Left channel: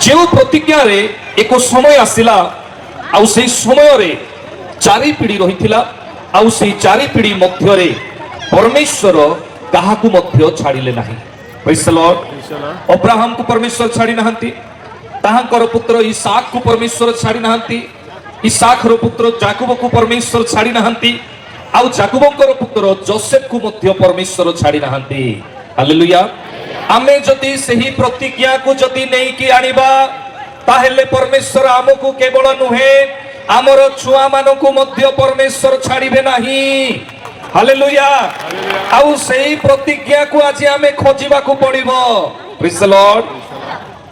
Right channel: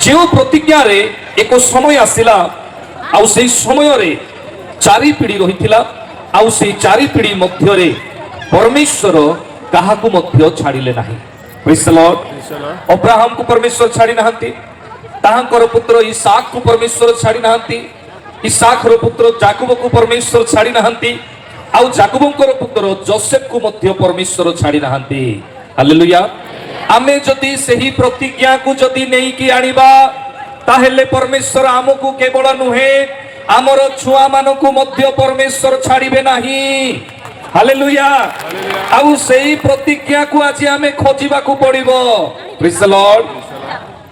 जो प्रतिज्ञा रे एक समय आसिला आउ से समय रे चारि पीढ़ी रही आउ से चारि पीढ़ी मध्य रे परमेश्वर काहाकू मध्य छाड़िले नाही। Praise the Lord. अब्राहम को परमेश्वर छाड़ी नाहंती, ताहांकर पुत्र इसहाक को परमेश्वर छाड़ी नाहंती, इसहाक रो पुत्र याकूब को परमेश्वर छाड़ी नाहंती, आउ याकूबकर पुत्र जोसेफ को मध्य परमेश्वर छाड़ी नाहंती। हालेलुया। आमे जदि सही प्रतिज्ञा को जदि नहीं कि आनिबा ताहेले परमेश्वर आमको केवल नुहे आमर छुआ मानकु मध्य परमेश्वर छाड़िबे नाही। हालेलुया। आउ सही प्रतिज्ञा को आज आमे खोजिबा को पड़िबो। Praise the Lord.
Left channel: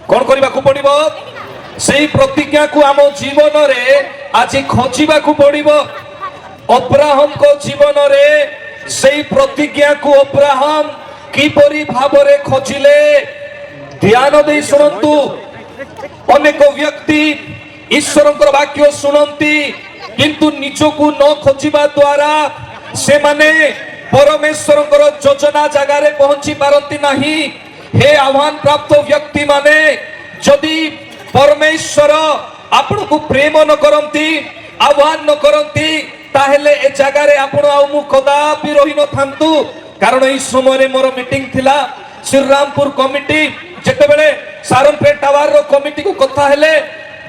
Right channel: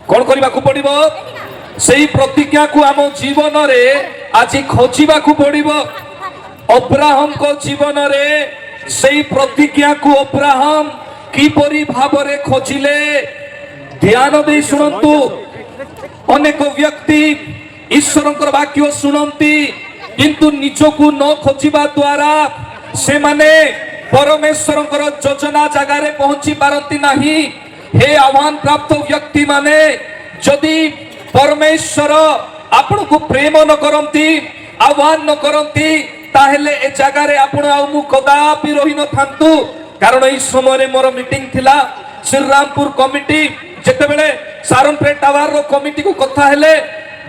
कोन करिबा को पड़िबो? सही प्रतिज्ञा को आम जीवन रे आज खोजिबा को पड़िबो। अब्राहम को जीवन रे सही प्रतिज्ञा को अब्राहम किपरि भावरे खोजिले ध्यान दे शुणंतु। अनेक व्यक्ति ईश्वरंकर वाक्य शुणंती किंतु निजको न खोजिबा द्वारा से माने परमेश्वरंकर योजना जगह रे पहुंची पारंती नाही। हे आह्वान प्राप्त व्यक्ति माने जदि परमेश्वर आपण को प्रेम न करंती आह्वान न करंती ताहेले ए जगह रे आपण आ मु कदापि रहि न थांतु। कारण इस समय मोर मीटिंग थिला श्रीरामपुर कमिटी जेतेबेले सारनपेट टावर रो कमिटी को कथा हेले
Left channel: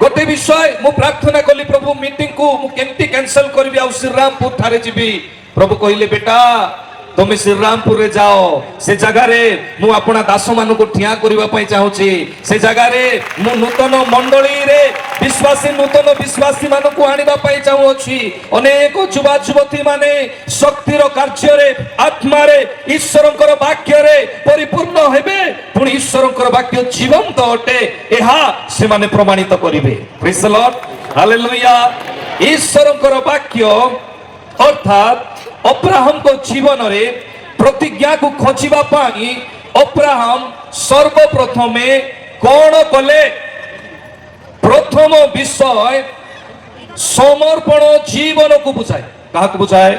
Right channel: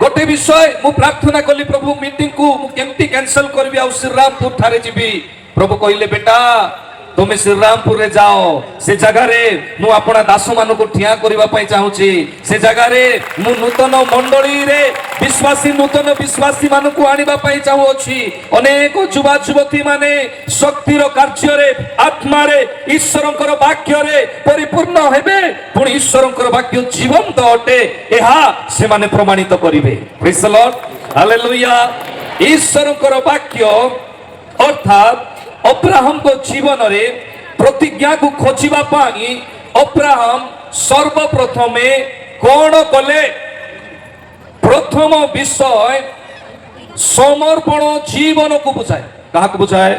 गोटे विषय मु प्रार्थना कली प्रभु मीटिंग को मु केमती कैंसिल करबी आ श्रीरामपुर थारे जीबी। प्रभु कहिले बेटा तुम श्रीरामपुर रे जाओ से जगह रे मु अपना दास मान को ठिया करबा पई चाहूची। से जगह रे मु नूतन मंडली रे विश्वासी नूतन विश्वासी मान को आनिबा पई चाहूची। अनेक युवा युवती माने शक्तिर कार्य रे आत्मा रे ईश्वरंकर वाक्य रे परिपूर्ण हेबे पुनी ईश्वरंकर वाक्य जीवंत अटे एहा से माने प्रमाणित करिवे। Praise the Lord. हालेलुया। ईश्वरंकर वाक्य अर्थात अब्राहम को जीवन रे प्रतिज्ञा को खोजिबा पाई अब्राहम सर्वप्रथमे कौन कले? प्रथम विषय समर्पण जीवन को बुझाए। कहा को बुझाए?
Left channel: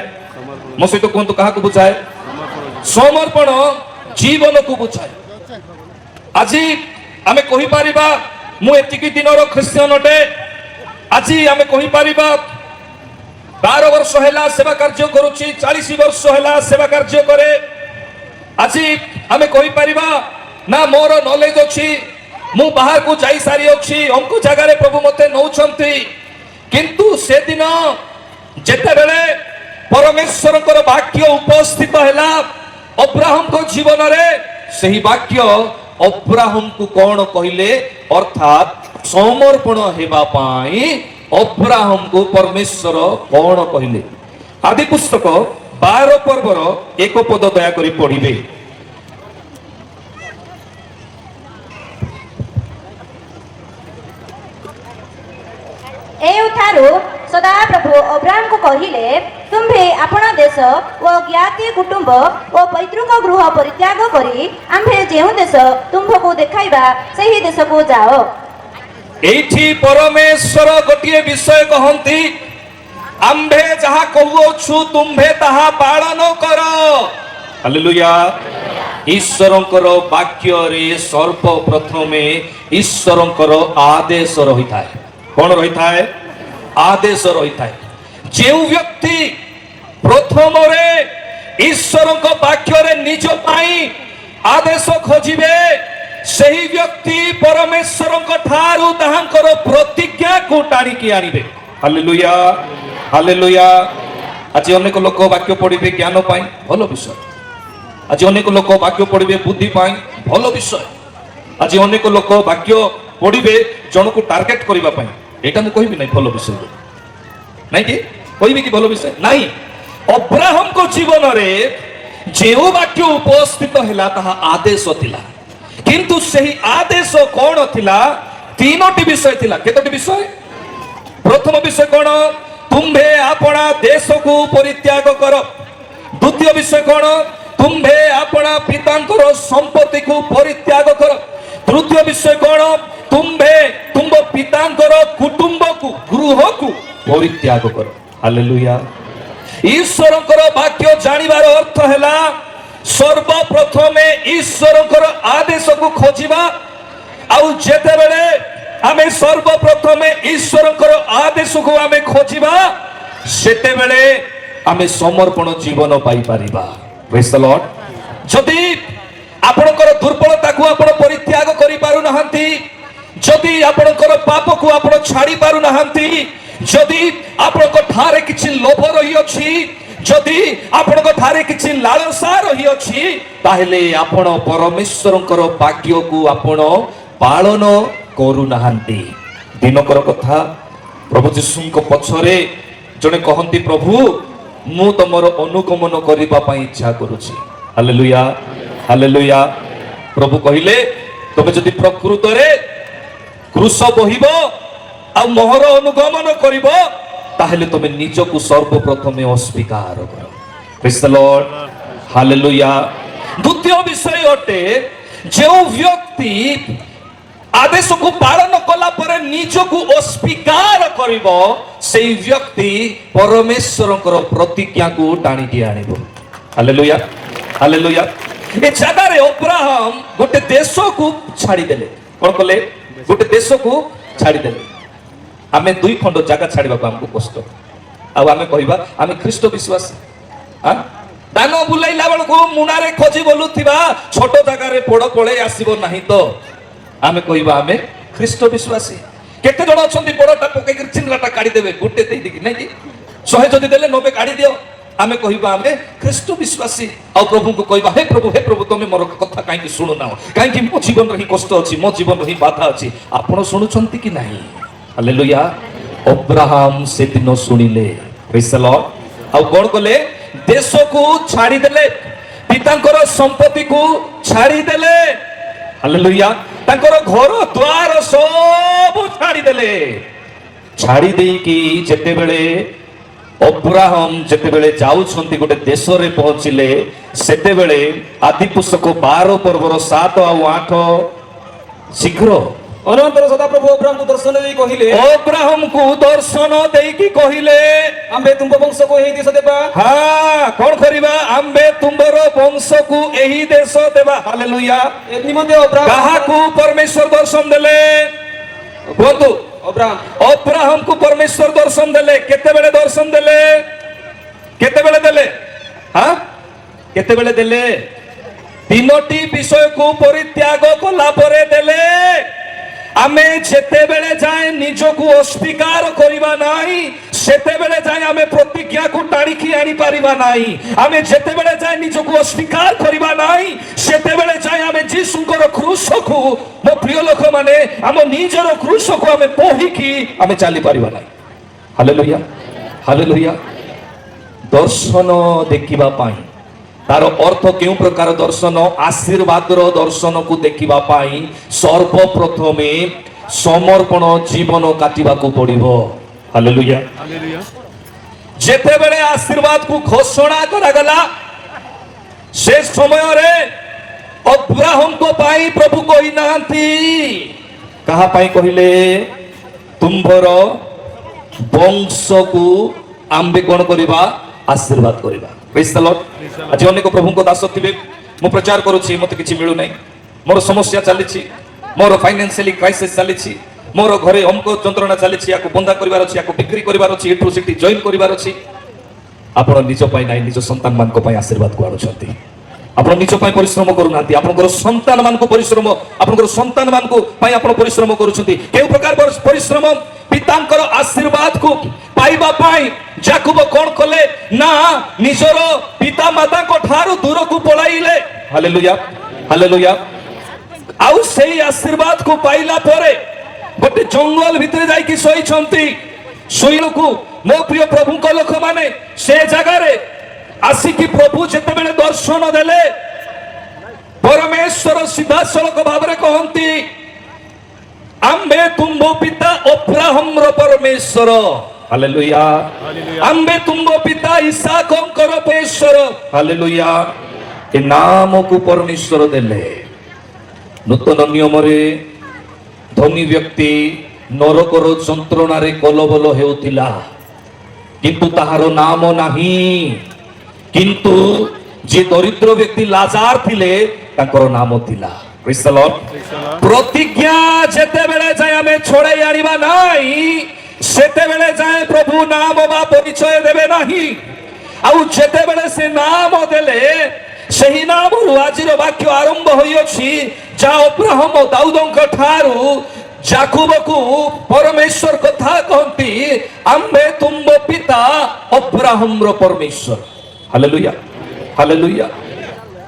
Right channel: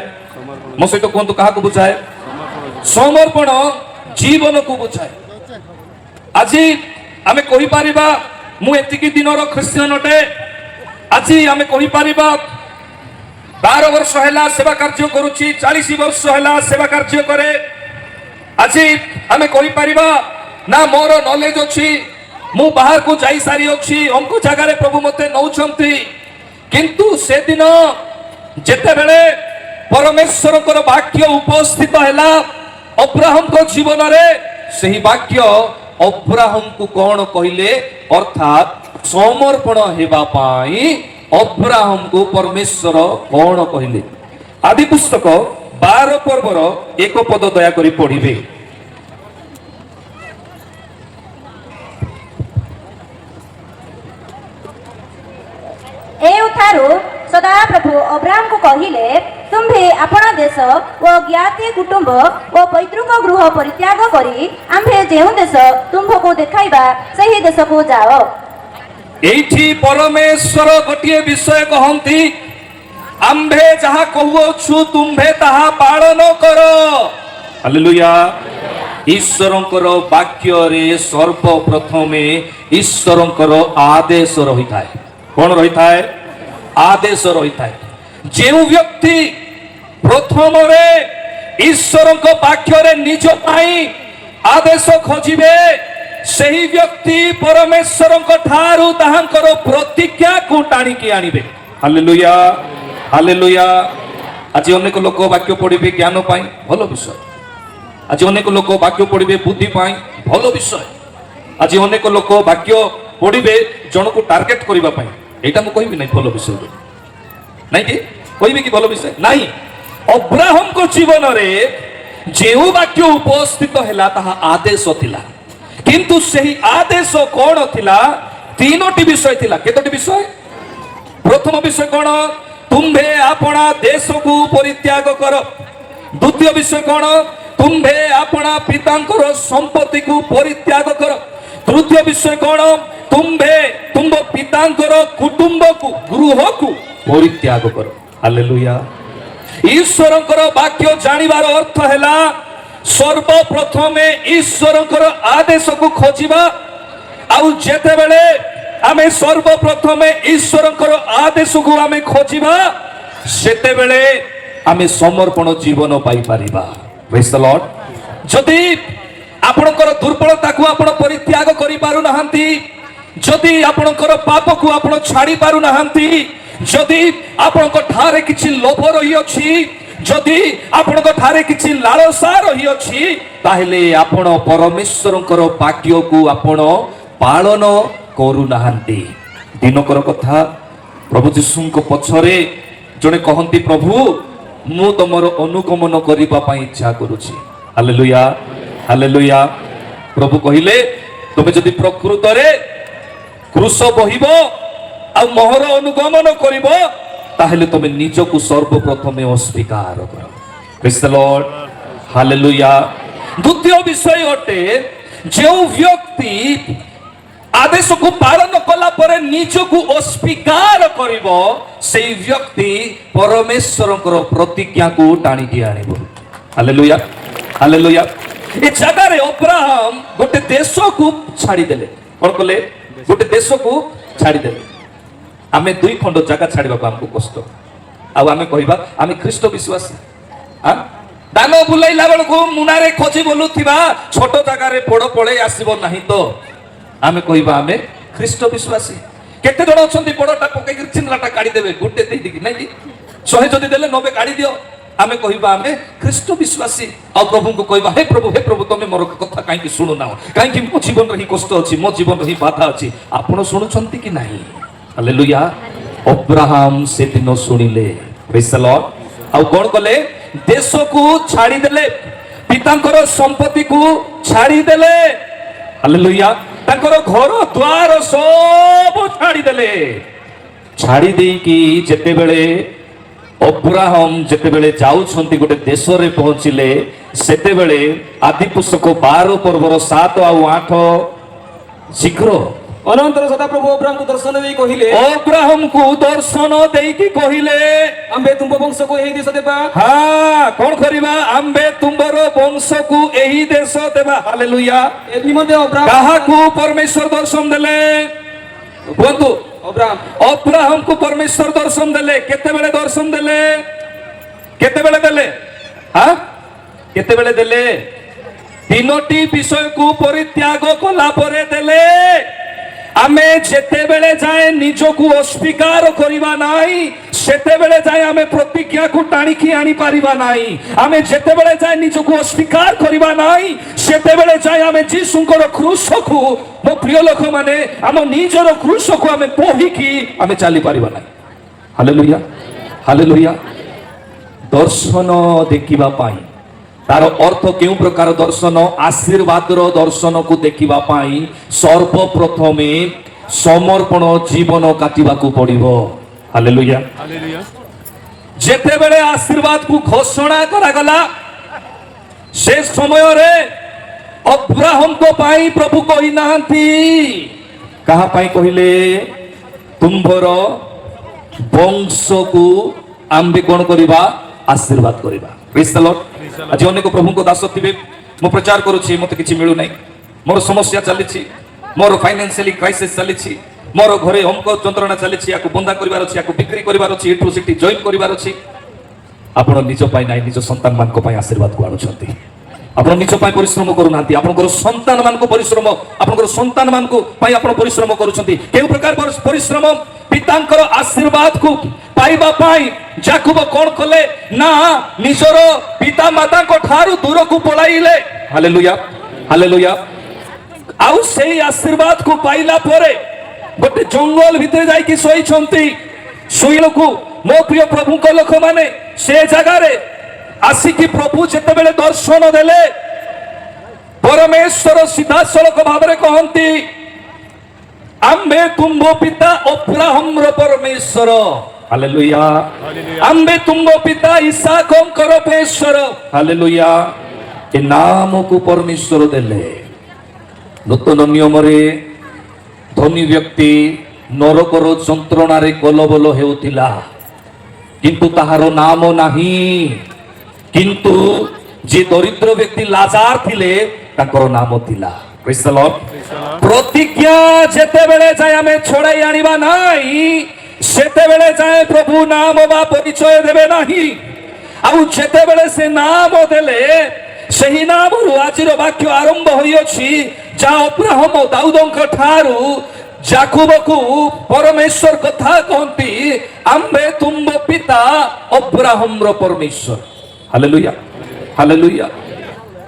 मो सहित कहतु कहा को बुझाए? समर्पण जीवन को बुझाए। आज आमे कहि परिबा मु एतिकी दिनर ख्रिस्टियन अटे। आज आमे कहि परिबा 12 वर्ष हैला सेवा कार्य करूची, 40 वर्ष हैला सेवा कार्य करे। आज आमे कहि परिबा ना मोर नॉलेज अछि, मु बाहर को जाई सारी अछि, हमको जगह रे प्रभु मते नौछंती। किंतु से दिन जेते बेले परमेश्वरकर वाक्य उपस्थित हैला अब्राहम को जीवन रे सही वाक्य अब्राहम को कौन कहिले? अर्थात समर्पण हेबा पाई अब्राहम को परमेश्वर कौन कहिले? आदि पुस्तक 12 पर्वर 1 पद दया करी पढ़िबे। एउठारु सदा प्रभु अब्राहम को कहिले तुम्भे आपण देश ओ ज्ञाति कुटुंब ओ पैतृक गृह परित्याग करी आम्भे जेउ देश तुम्भको देखाइबा सही देश को जाओ। एठी परमेश्वर गोटे विषय कहंती ଆମ୍ଭେ ଯାହା କହୁଅଛୁ ତୁମ୍ଭେ ତାହା ପାଳନ କର। ହାଲେଲୁୟା। ଈଶ୍ୱରଙ୍କର ବାକ୍ୟରେ ସର୍ବପ୍ରଥମେ ଈଶ୍ୱରଙ୍କର ଆଦେଶ ରହିଥାଏ। କଣ ରହିଥାଏ? ଆଦେଶ ରହିଥାଏ। ଯେଉଁ ବ୍ୟକ୍ତି ପ୍ରଥମରେ ଈଶ୍ୱରଙ୍କ ବାକ୍ୟରେ ନିଜ ପାଇଁ ଆଦେଶ ଖୋଜିବେ, ସେହି ବ୍ୟକ୍ତି ପରମେଶ୍ୱରଙ୍କ ଠାରୁ ତାହାଙ୍କର ପ୍ରତିଜ୍ଞାକୁ ଟାଣିକି ଆଣିବେ। Hallelujah, hallelujah. ଆଜି ଅନେକ ଲୋକ ବାକ୍ୟ ପଢିବେ ଜ୍ଞାନ ପାଇଁ, ଭଲ ବିଷୟ। ଆଜି ଅନେକ ଲୋକ ବାକ୍ୟ ପଢିବେ ବୁଦ୍ଧି ପାଇଁ, ଭଲ ବିଷୟ। ଆଜି ଅନେକ ଲୋକ ବାକ୍ୟ ପଢିବେ ଜଣକୁ ଟାର୍ଗେଟ କରିବା ପାଇଁ, ଏଇଟା ମୁଁ କହିବି ନାହିଁ ଭଲ ବିଷୟ ନାଇଁ କି? କହିବି କି ଭଲ ବିଷୟ? ନାହିଁ। ଅବ୍ରାହମଙ୍କ ଜୀବନରେ ଯେଉଁ ବାକ୍ୟ ଉପସ୍ଥିତ ହେଲା ତାହା ଆଦେଶ ଥିଲା, କିନ୍ତୁ ସେହି ଆଦେଶ କଣ ଥିଲା? ତିନୋଟି ବିଷୟ ଥିଲା। କେତୋଟି ବିଷୟ? ପ୍ରଥମ ବିଷୟ କଣ? ତୁମ୍ଭେ ଆପଣା ଦେଶକୁ ପରିତ୍ୟାଗ କର। ଦ୍ୱିତୀୟ ବିଷୟ କଣ? ତୁମ୍ଭେ ଆପଣା ପିତାଙ୍କର ସମ୍ପତ୍ତିକୁ ପରିତ୍ୟାଗ କର। ତୃତୀୟ ବିଷୟ କଣ? ତୁମ୍ଭେ ତୁମ୍ଭ ପିତାଙ୍କର କୁଟୁମ୍ବକୁ ଗୃହକୁ ପରିତ୍ୟାଗ କର। ହାଲେଲୁୟା। ଈଶ୍ୱରଙ୍କର ବାକ୍ୟ ଜାଣିବାର ଅର୍ଥ ହେଲା ସର୍ବପ୍ରଥମେ ଈଶ୍ୱରଙ୍କର ଆଦେଶକୁ ଖୋଜିବା। ଆଉ ଯେତେବେଳେ ଆମେ ସର୍ବପ୍ରଥମେ ଈଶ୍ୱରଙ୍କର ଆଦେଶକୁ ଆମେ ଖୋଜିବା, ସେତେବେଳେ ଆମେ ସମର୍ପଣ ଜୀବନ ପାଇପାରିବା। ପ୍ରେଜ୍ ଦ ଲର୍ଡ। ଯଦି ଆପଣଙ୍କର ଦୁର୍ବଳତାକୁ ଆପଣ ପରିତ୍ୟାଗ କରିପାରୁନାହାନ୍ତି, ଯଦି ଆପଣଙ୍କର ପାପକୁ ଆପଣ ଛାଡ଼ି ପାରୁନାହାନ୍ତି, ଯଦି ଆପଣଙ୍କ ଠାରେ କିଛି ଲୋଭ ରହିଅଛି, ଯଦି ଆପଣଙ୍କ ଠାରେ କିଛି ଲାଳସା ରହିଅଛି, ତାହେଲେ ଆପଣ ପରମେଶ୍ୱରଙ୍କର ବାକ୍ୟକୁ ଆପଣ ପାଳନ କରୁନାହାନ୍ତି। ଦିନକର କଥା, ପ୍ରଭୁ ଯୀଶୁଙ୍କ ପଛରେ ଜଣେ କହନ୍ତି, ପ୍ରଭୁ ମୁଁ ତମର ଅନୁଗମନ କରିବା ପାଇଁ ଇଚ୍ଛା କରୁଛି। Hallelujah, hallelujah. ପ୍ରଭୁ କହିଲେ, ତୁମେ ଯଦି ପ୍ରକୃତରେ କୃଷ ବହିବ ଆଉ ମୋହର ଅନୁଗମନ କରିବ, ତାହେଲେ ତୁମେ ନିଜକୁ ସର୍ବପ୍ରଥମେ ଅସ୍ୱୀକାର କର। ପ୍ରେଜ୍ ଦ ଲର୍ଡ, ହାଲେଲୁୟା। ଦ୍ୱିତୀୟ ବିଷୟ ଅଟେ, ଯେଉଁ ବ୍ୟକ୍ତି ଆଦେଶକୁ ପାଳନ କଲା ପରେ ନିଜକୁ ଅସ୍ୱୀକାର କରିବ, ସେଇ ବ୍ୟକ୍ତି ପରମେଶ୍ୱରଙ୍କର ପ୍ରତିଜ୍ଞାକୁ ଟାଣିକି ଆଣିବ। Hallelujah, hallelujah. ଏ ଜାଗାରେ ଅବ୍ରାହମ ଗୋଟେ ଦେଶକୁ ଛାଡ଼ିଦେଲେ। କଣ କଲେ? ଗୋଟେ ଦେଶକୁ ଛାଡ଼ିଦେଲେ। ଆମେ ଦୁଇ ଖଣ୍ଡ ଜାଗା ଛାଡ଼ିବାକୁ ଆମକୁ କଷ୍ଟ, ଆଉ ଆମେ କହିବା ଆମେ ଖ୍ରୀଷ୍ଟ ବିଶ୍ୱାସୀ। ଦାନ ବୁଲାଇଲା ବେଳକୁ ମୁଣାରେ ଖୋଜି ବୋଲୁଥିବା ଛୋଟ ଜାଗାରେ ପୋଡ଼ ପଳେଇ ଆସିବ ନାହିଁ ତ ଆମେ କହିବା ଆମେ ଖ୍ରୀଷ୍ଟ ବିଶ୍ୱାସୀ। କେତେ ଜଣ ଅଛନ୍ତି ପୋଡ଼ଟା ପକେଇକି ଚିହ୍ନଟା କାଢିଦେବେ, ଗୋଟେ ଦେଇକି ନାଇଁ କି? 100 ଯଦି ଦେଲେ 90 କାଢି ଦିଅ, ଆମେ କହିବା ଆମେ ଖ୍ରୀଷ୍ଟ ବିଶ୍ୱାସୀ। ଆଉ ପ୍ରଭୁଙ୍କୁ କହିବା, ହେ ପ୍ରଭୁ ତମେ ମୋର କଥା କାହିଁକି ଶୁଣୁନାହ? କାହିଁକି ମୋ ଜୀବନରେ ହିଁ କଷ୍ଟ ଅଛି, ମୋ ଜୀବନରେ ହିଁ ବାଧା ଅଛି। ଆପଣ ଶୁଣୁଛନ୍ତି କି ନାହିଁ? ହାଲେଲୁୟା। ଅବ୍ରାହମ ସେଦିନ ଶୁଣିଲେ। ପ୍ରେଜ୍ ଦ ଲର୍ଡ। ଆଉ କଣ କଲେ? ଦେଶକୁ ଛାଡ଼ିଦେଲେ, ପିତାଙ୍କର ସମ୍ପତ୍ତିକୁ ଛାଡ଼ିଦେଲେ। ହାଲେଲୁୟା। ତାଙ୍କର ଘର ଦ୍ୱାର ସବୁ ଛାଡ଼ିଦେଲେ। ଛାଡ଼ି ଦେଇକି ଯେତେବେଳେ ଅବ୍ରାହମ ଯେତେବେଳେ ଯାଉଛନ୍ତି ଗୋଟେ ଦେଶରେ ପହଞ୍ଚିଲେ, ସେତେବେଳେ ଆଦି ପୁସ୍ତକ 12 ପର୍ବର 7 ଆଉ 8 ଶୀଘ୍ର ଅନନ୍ତର ସଦାପ୍ରଭୁ ଅବ୍ରାହମକୁ ଦର୍ଶନ ଦେଇ କହିଲେ, ଅବ୍ରାହମକୁ ଦର୍ଶନ ଦେଇକି କହିଲେ, ଆମ୍ଭେ ତୁମ୍ଭ ବଂଶକୁ ଏହି ଦେଶ ଦେବା। କଣ କରିବା? ଆମ୍ଭେ ତୁମ୍ଭର ବଂଶକୁ ଏହି ଦେଶ ଦେବା। ହାଲେଲୁୟା। ଏ ନିମନ୍ତେ ଅବ୍ରାହମ କାହାକୁ ପରମେଶ୍ୱର ଦର୍ଶନ ଦେଲେ? କୁହନ୍ତୁ। ଅବ୍ରାହମକୁ ପରମେଶ୍ୱର ଦର୍ଶନ ଦେଲେ। କେତେବେଳେ ଦର୍ଶନ ଦେଲେ? କେତେବେଳେ ଦେଲେ? କେତେବେଳେ ଦେଲେ? ତିନୋଟି ବିଷୟକୁ ପରିତ୍ୟାଗ କଲା ପରେ ଦେଲେ। ଆମେ ଯେତେବେଳେ ଯାଏ ନିଜକୁ ଅସ୍ୱୀକାର କରିବା ନାହିଁ, ସେତେବେଳେ ଯାଏ ଆମେ ପ୍ରତିଜ୍ଞାକୁ ଟାଣିକି ଆଣିପାରିବା ନାହିଁ। ଆମେ ଯେତେବେଳେ ଯାଏ ନିଜକୁ ଅସ୍ୱୀକାର କରିବା ନାହିଁ, ସେତେବେଳେ ଯାଏ ଆମେ ଯୀଶୁଙ୍କର କ୍ରୁଶକୁ, ମୋ ପ୍ରିୟ ଲୋକମାନେ, ଆମ ନିଜର କ୍ରୁଶକୁ ଆମେ ବୋହିକି ଆମେ ଚାଲିପାରିବା ନାହିଁ। Hallelujah, hallelujah. ଦର୍ଶନ ଦେଖିବା ପାଇଁ, ତାର ଅର୍ଥ କେଉଁ ପ୍ରକାର ଦର୍ଶନ? ଆଶୀର୍ବାଦର ଦର୍ଶନକୁ ଦେଖିବା ପାଇଁ ସର୍ବପ୍ରଥମେ ସମର୍ପଣ ଜୀବନ କାଟିବାକୁ ପଡିବ। Hallelujah, hallelujah. ଯେତେବେଳେ ଆଶୀର୍ବାଦକୁ ଘୋଷଣା କରାଗଲା, ସେ ସମୟରେ ଅବ୍ରାହମଙ୍କ ପାଇଁ ପ୍ରଭୁ କହିନାହାନ୍ତି। କାହା ପାଇଁ କହିଲେ? ତୁମ୍ଭର ବଂଶକୁ आंबे कौन करिबा आशीर्वाद करिबा प्रेज द लॉर्ड आज अनेक प्रभु को दास थिबे मो प्रचार करूची मते किछि मिलु नै मोर समस्या चलीछि मोर फाइनेंशियली क्राइसिस चलीछि मोर घरे हमको यंत्रणा चलीछि याको बंदा करिवार अछि याको बिक्री करिवार अछि एठु सेठी जॉइन करिवार अछि आपण निज पाई नाही निज संतान मान को पाई आशीर्वाद को आनुछंती आपण निज पाई परिश्रम करूनांती आपनकर संतान मान को परिश्रम आपनकर संतान मान को पाई आपण परिश्रम करूछंती केउ प्रकार परिश्रम पितांकर आशीर्वाद को पाइबा पाई जाकुब कोन कले ना निजर पिता माता को ठारू दूर को पळाइले हालेलुया हालेलुया आउ सेही आशीर्वाद को पाइला परे गोटे जंगल भितर जाई कि सोई छंती सोइलकु मो प्रिय प्रभु को लोक माने से जगह रे आसी कि प्रभु जेते बेले दर्शन देले परमेश्वर सीधा सड़क भाव रे कहंती आम्बे तुमो पिता अब्राहम रो परमेश्वर हालेलुया आम्बे तुमो पिता इसहाक कर परमेश्वर हालेलुया ए नाम को परमेश्वर देले नूतन नियम रे धनी व्यक्ति नरकर यंत्रणा रे कलबल हेउथिला किंतु ताहार नाम नाही किंतु जे दरिद्र व्यक्ति लाजार थिले ताकर नाम थिला प्रेज द लॉर्ड प्रतिज्ञा जेते बेले जाय हमें छोड़ाई आनिबा नाही सेते बेले जाय प्रभु नाम बा परिचय देबे नाही आउ जेते बेले से नाम देले सही नाम आजिर वाक्य आरंभ होई अछि जा अब्राहम दाऊदंक ठारू जाकुब को परमेश्वर कथा कहती आम्बे तुमो पिता अब्राहम रो परमेश्वर हालेलुया हालेलुया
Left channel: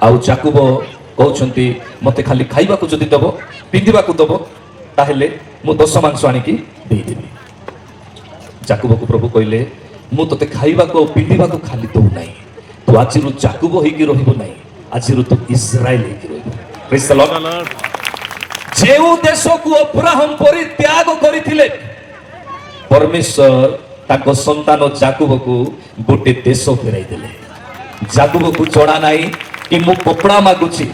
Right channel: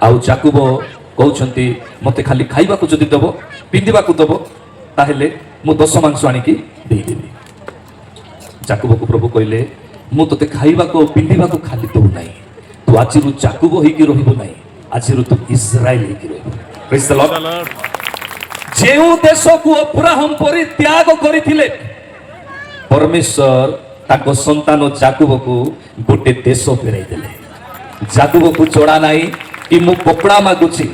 आउ जाकुब कहउछंती मते खाली खाइबा को जदी दबो पिंदिबा को दबो ताहेले मु 10 मांस आनी की देई देबी जाकुब को प्रभु कहले मु तते खाइबा को पिंदिबा को खाली देउ नाही तू आजिरु जाकुब होई की रहिबो नाही आजिरु तू इस्राएल होई की रहिबो प्रेज द लॉर्ड जेउ देश को अब्राहम परित्याग करिथिले परमेश्वर ताको संतान जाकुब को गोटे देश फेराई देले जाकुब को जणा नाही कि मु कपड़ा मागुची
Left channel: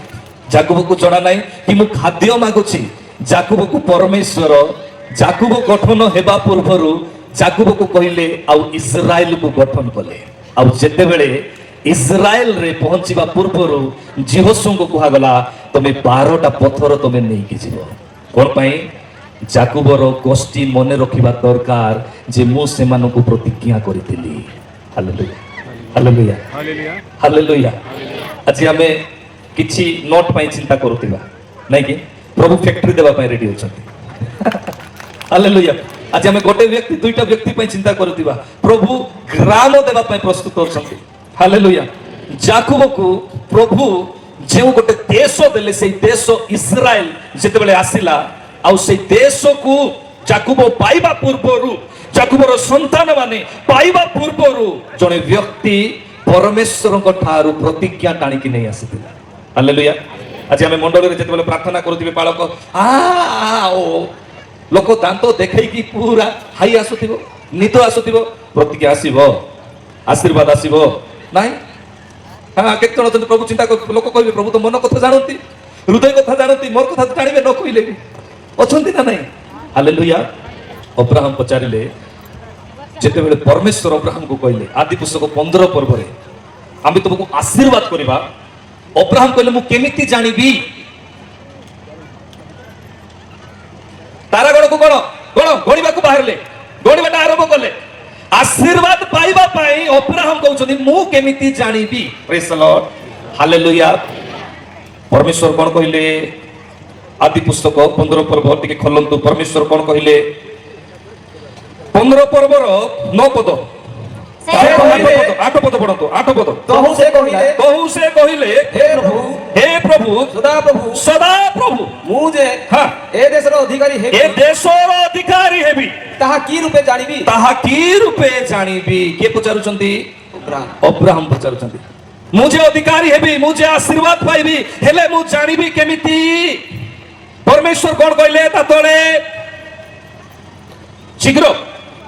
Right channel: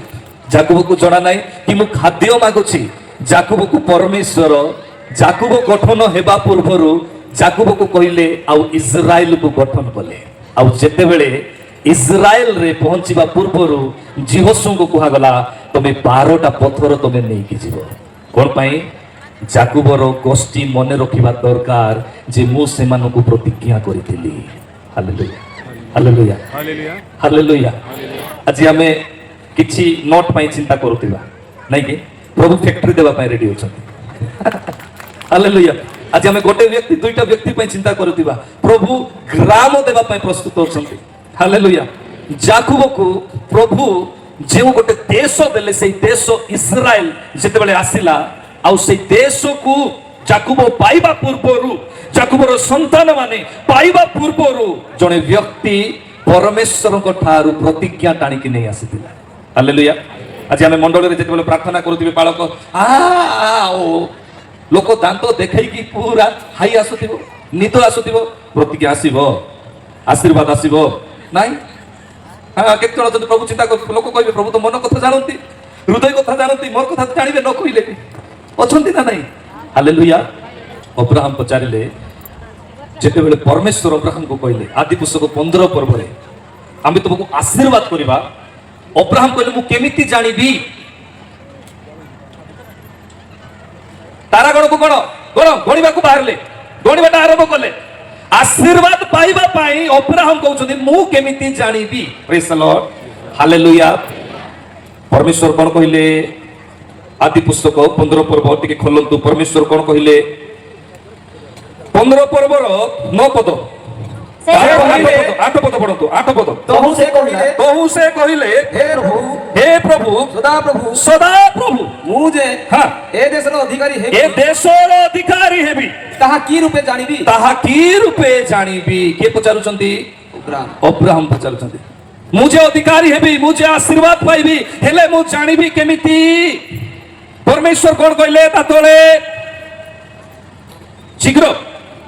जाकुब को जणा नाही कि मु खाद्य मागुची जाकुब को परमेश्वर जाकुब गठन हेबा पूर्वरु जाकुब को कहिले आ इस्राएल को गठन कले आ जेते बेले इस्राएल रे पहुंचीबा पूर्वरु जीवसु को कहा गला तमे 12टा पत्थर तमे नै कि जीव कोन पई जाकुबर गोष्ठी मने रखिबा दरकार जे मु से मानो को प्रतिज्ञा करिथिली हालेलुया हालेलुया हालेलुया हालेलुया आज हमें किछि नोट पई चिंता करूतिबा नै कि प्रभु फैक्ट्री देबा पई रेडी होछथि हालेलुया आज हमें गोटे व्यक्ति दुईटा व्यक्ति पई चिंता करूतिबा प्रभु ग्राम देबा पई प्रस्तुत होछथि हालेलुया जाकुब को प्रभु जे गोटे देश देले से देश इस्राएल जेते बेले आसिला आ से देश को जाकुब पाइबा पूर्वरु जाकुबर संतान माने पाइबा पूर्वरु जने व्यक्ति परमेश्वर को ठारू प्रतिज्ञा टाणी कि नहीं आसीतिला हालेलुया आज हमें मंडल रे जेते बेले प्रार्थना करूतिबे बालक आ ओ लोक दांत देखै कि पूरा हाई आसुतिबो नित आसुतिबो प्रतिज्ञा आसीबो आशीर्वाद आसीबो नाही हाँ केते जण अछंती प्रभु चिंता कर लोक कहबे प्रभु तो मन कथा जानती हृदय कथा जानती मोर कथा जानिबे न कहिले भी अछंती ना नाही हालेलुया अब्राहम पचारिले जेते बेले परमेश्वर अब्राहम को कहले आदि पुस्तक 15 पर्व रे आमे तुमको आशीर्वाद करबा अब्राहम कहले मु केमिति जानिबी तारा गण को गण गणिबा को बाहरले गणिबाटा आरंभ कले आशीर्वाद पाइबा पाई अब्राहम कहउछथि मु केमिति जानिबी प्रेज द लॉर्ड हालेलुया परमेश्वर कोन कहिले आदि पुस्तक 15 पर्व टिके खोलंतु परमेश्वर कोन कहिले 15 पर्वर 9 पद 8 पद पढंतु 8 पद तहु से कहिले हे प्रभु सदा प्रभु मुझे हां ए देशर अधिकारी हे ए देशर अधिकारी हेबी ताहा की रूपे जानिबी के पचारुचंती अब्राहम पचारुचंती मुझे अधिकारी हेबी मुझे आशीर्वाद पाइबी हेले मु जानिबी केमिति परमेश्वर कोन कहले ता तळे शीघ्र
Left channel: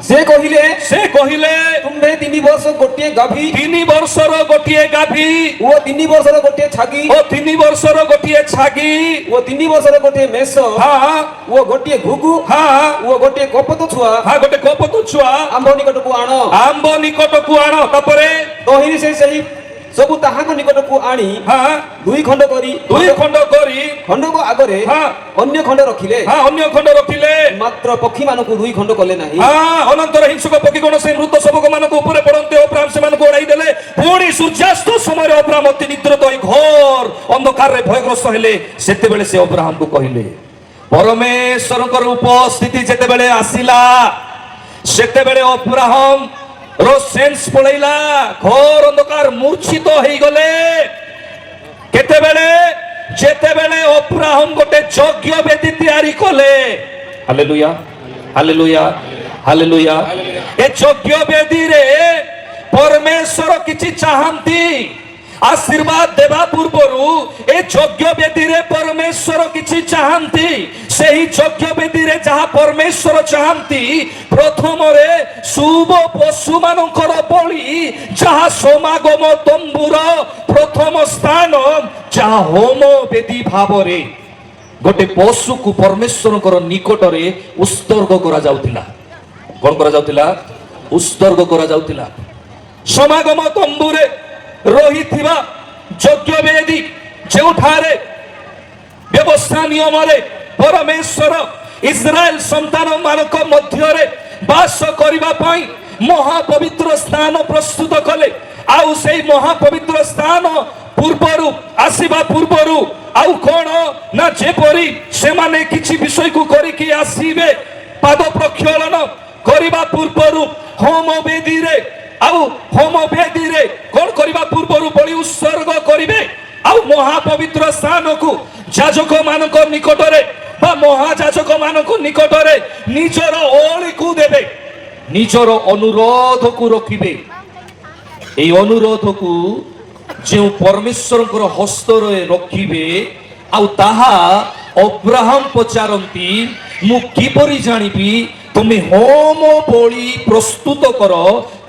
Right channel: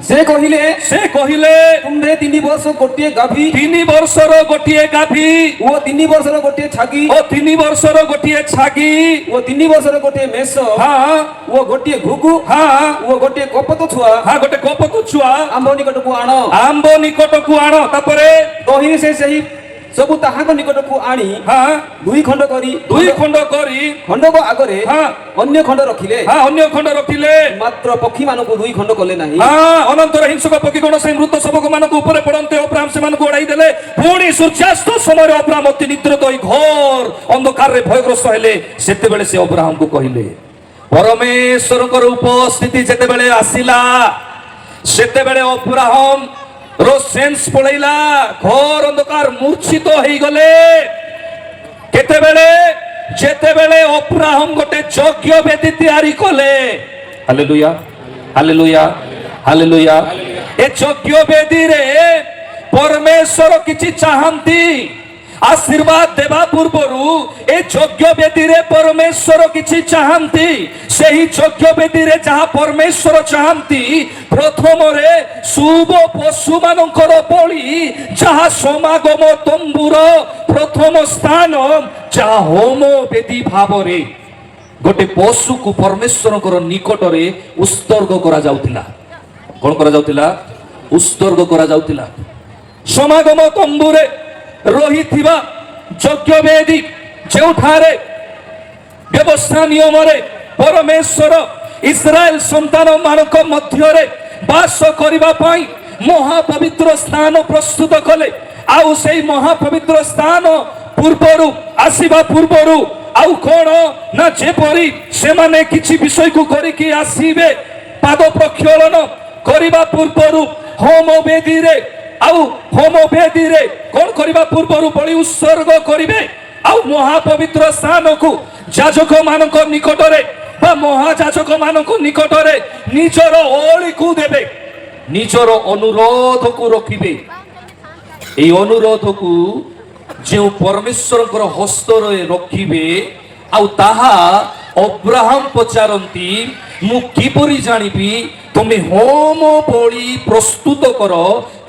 ସେ କହିଲେ ତୁମେ 3 ବର୍ଷ ଗୋଟିଏ ଗାଭୀ 3 ବର୍ଷର ଗୋଟିଏ ଗାଭୀ ଓ 3 ବର୍ଷର ଗୋଟିଏ ଛାଗି ଓ 3 ବର୍ଷର ଗୋଟିଏ ଛାଗି ଓ 3 ବର୍ଷର ଗୋଟିଏ ମେଷ ହଁ ଓ ଗୋଟିଏ ଘୁଘୁ ହଁ ଓ ଗୋଟିଏ କପୋତ ଛୁଆ ହଁ ଗୋଟେ କପୋତ ଛୁଆ ଆମ୍ଭ ନିକଟକୁ ଆଣ। ଆମ୍ବ ନିକଟକୁ ଆଣ। ତାପରେ କହି ସେ ସେହି ସବୁ ତାହାଙ୍କ ନିକଟକୁ ଆଣି ହଁ 2 ଖଣ୍ଡ କରି 2 ଖଣ୍ଡ କରି ଖଣ୍ଡକ ଆଗରେ ହଁ ଅନ୍ୟ ଖଣ୍ଡ ରଖିଲେ, ହଁ ଅନ୍ୟ ଖଣ୍ଡ ରଖିଲେ। ମାତ୍ର ପକ୍ଷୀମାନଙ୍କୁ 2 ଖଣ୍ଡ କଲେ ନାହିଁ। ହଁ ଅନନ୍ତର ହିଂସକ ପକ୍ଷୀ କଣ ସେ ମୃତ ଶବକ ମାନଙ୍କ ଉପରେ ପଡନ୍ତେ ଅବ୍ରାହମ ସେମାନଙ୍କୁ ଉଡାଇ ଦେଲେ। ପୁଣି ସୂର୍ଯ୍ୟାସ୍ତ ସମୟରେ ଅବ୍ରାହମ ଅତି ନିଦ୍ରିତ ହୋଇ ଘୋର ଅନ୍ଧକାରରେ ଭୟଗ୍ରସ୍ତ ହେଲେ। ସେତେବେଳେ ସେ ଅବ୍ରାହମକୁ କହିଲେ, ପରମେଶ୍ୱରଙ୍କର ଉପସ୍ଥିତି ଯେତେବେଳେ ଆସିଲା ସେତେବେଳେ ଅବ୍ରାହମ ର ସେନ୍ସ ପଳେଇଲା। ଘୋର ଅନ୍ଧକାର ମୂର୍ଚ୍ଛିତ ହେଇଗଲେ। କେତେବେଳେ? ଯେତେବେଳେ ଅବ୍ରାହମ ଗୋଟେ ଯଜ୍ଞ ବେଦୀ ତିଆରି କଲେ। Hallelujah hallelujah hallelujah. ଏ ଯଜ୍ଞ ବେଦୀରେ ପରମେଶ୍ୱର କିଛି ଚାହାନ୍ତି। आशीर्वाद देवा पूर्वरु ए यज्ञ वेदी रे परमेश्वर किछि चाहंती। सेही यज्ञ वेदी रे जहा परमेश्वर चाहंती प्रथम रे शुभ पशु मानकर बलि जहा समागम तंबुर प्रथम स्थान जहा होम वेदी भाव रे गोटे पशु को परमेश्वर निकट रे उत्सर्ग करा जाउतिला। कोन करा जाउतिला? उत्सर्ग करा जाउतिला। समागम तंबुरे रही थिबा यज्ञ वेदी जेउठारे व्यवस्था नियम रे परमेश्वर इस्राएल संतान मानक मध्य रे वास करिबा पई महापवित्र स्थान प्रस्तुत कले। आउ सेही महापवित्र स्थान पूर्वरु आसीबा पूर्वरु आउ कोन ना जेपरी से माने किछि विषय को करिकि आसीबे पाद प्रक्षालन करिबा पूर्वरु होम वेदी रे आउ होम वेदी रे कोन करिबा पूर्वरु बलि उत्सर्ग करिवे। आउ महापवित्र स्थान को याजक मानक निकट रे बा महायाजक मानक निकट रे निजर ओळी को देबे, निजर अनुरोध को रखिबे। ए अनुरोध को जे परमेश्वर हस्त रे रखिबे। आउ ताहा अब्राहम पचारंती मु किपरि जानिबी तुमे होम बलि प्रस्तुत कर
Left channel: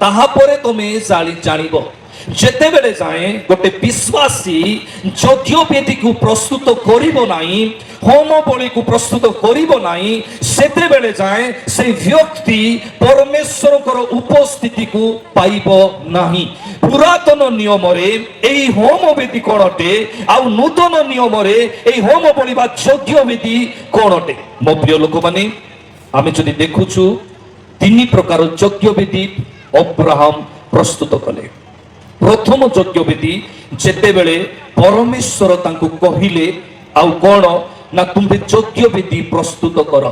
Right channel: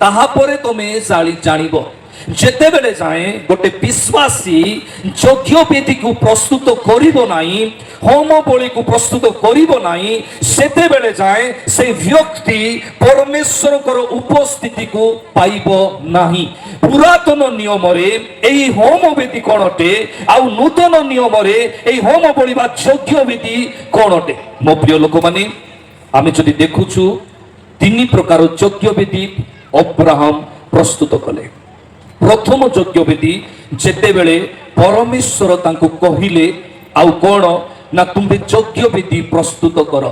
ताहा परे तुमे जानिबो। जेते बेले जाए गोटे विश्वासी यज्ञ वेदी को प्रस्तुत करिबो नाही, होम बलि को प्रस्तुत करिबो नाही, सेते बेले जाए से व्यक्ति परमेश्वर उपस्थिति को पाइबो नाही। पुरातन नियम रे एही होम वेदी कोनटे आउ नूतन नियम रे एही होम बलि बा यज्ञ वेदी कोनटे। मो प्रिय लोक माने आमे जदि देखुछु 3 प्रकार यज्ञ वेदी अब्राहम प्रस्तुत कले। प्रथम यज्ञ वेदी जेते बेले परमेश्वर तांको कहिले आउ कोन ना तुमे यज्ञ वेदी प्रस्तुत कर।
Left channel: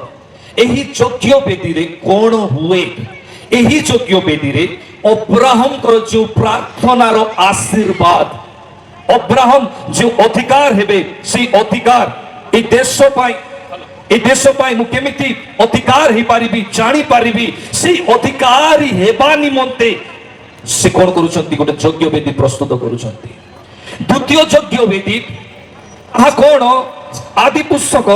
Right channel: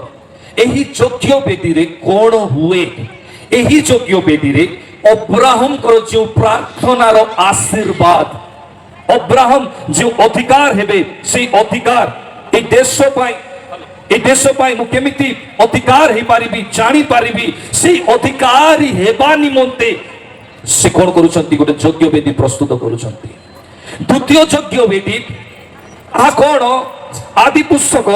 एही यज्ञ वेदी रे कोन हुए? एही यज्ञ वेदी रे अब्राहम कर जो प्रार्थनार आशीर्वाद अब्राहम जो अधिकार हेबे से अधिकार ए देश पाई ए देश पाई मु केमिति अधिकार हे पारिबी जानि पारिबी से अधिकारी हेबा निमंते से कोन करूछंती गोटे यज्ञ वेदी प्रस्तुत करूछंती। द्वितीय यज्ञ वेदी आ कोन आदि पुस्तक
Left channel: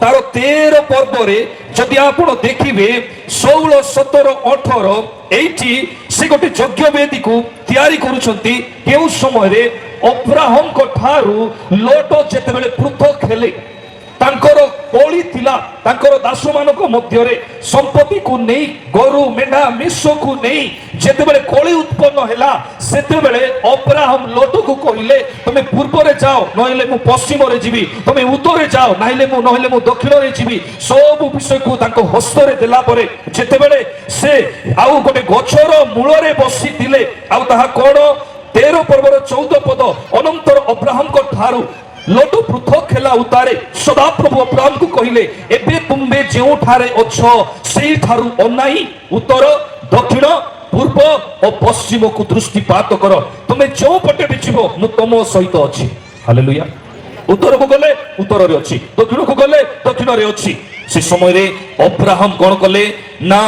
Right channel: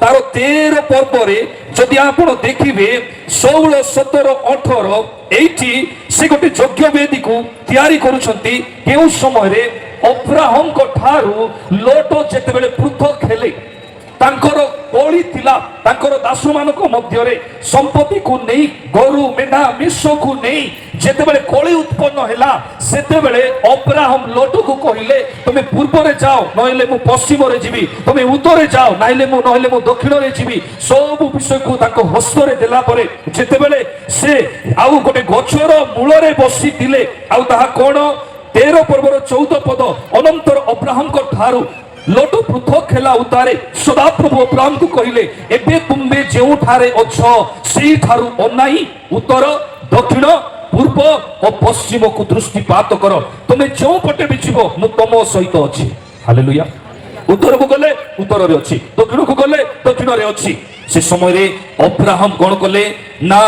तार 13 पर्व रे जदि आपण देखिबे 16 17 18 एठी से गोटे यज्ञ वेदी को तयारी करूछंती। केउ समय रे अब्राहम को ठारू लोट जेते बेले पृथक हेले तांकर कोली थिला तांकर दासु मानक मध्य रे संपत्ति को नहीं गरु मेना मिसो को नहीं जेते बेले कोली उत्पन्न हैला सेते बेले अब्राहम लोट को कहिले तुमे पूर्व रे जाओ नहिले मु पश्चिम रे जीवी, तुमे उत्तर रे जाओ नहिले मु दक्षिण रे जीवी। सब विषय को तांको हस्त रे देला परे जेते बेले से आउ गोटे गछर मूल रे बसी थिले आउ ताहा कोन 13 पर्वर 14 पद अनंतर अब्राहम को ठारू लोट पृथक हेला उतारे सदाप्रभु अब्राहम को कहिले एबे तुमे जेउ ठारे अछो सेही ठारू अनाई उत्तर दक्षिण पूर्व और पश्चिम को दृष्टिपात कर। तुमे जो पटे बिछिबो मु तम सहित अछि। हालेलुया। उत्तर को गले उत्तर रे अछि, दक्षिण को गले दक्षिण रे अछि। से समय रे अब्राहम कोन कले ना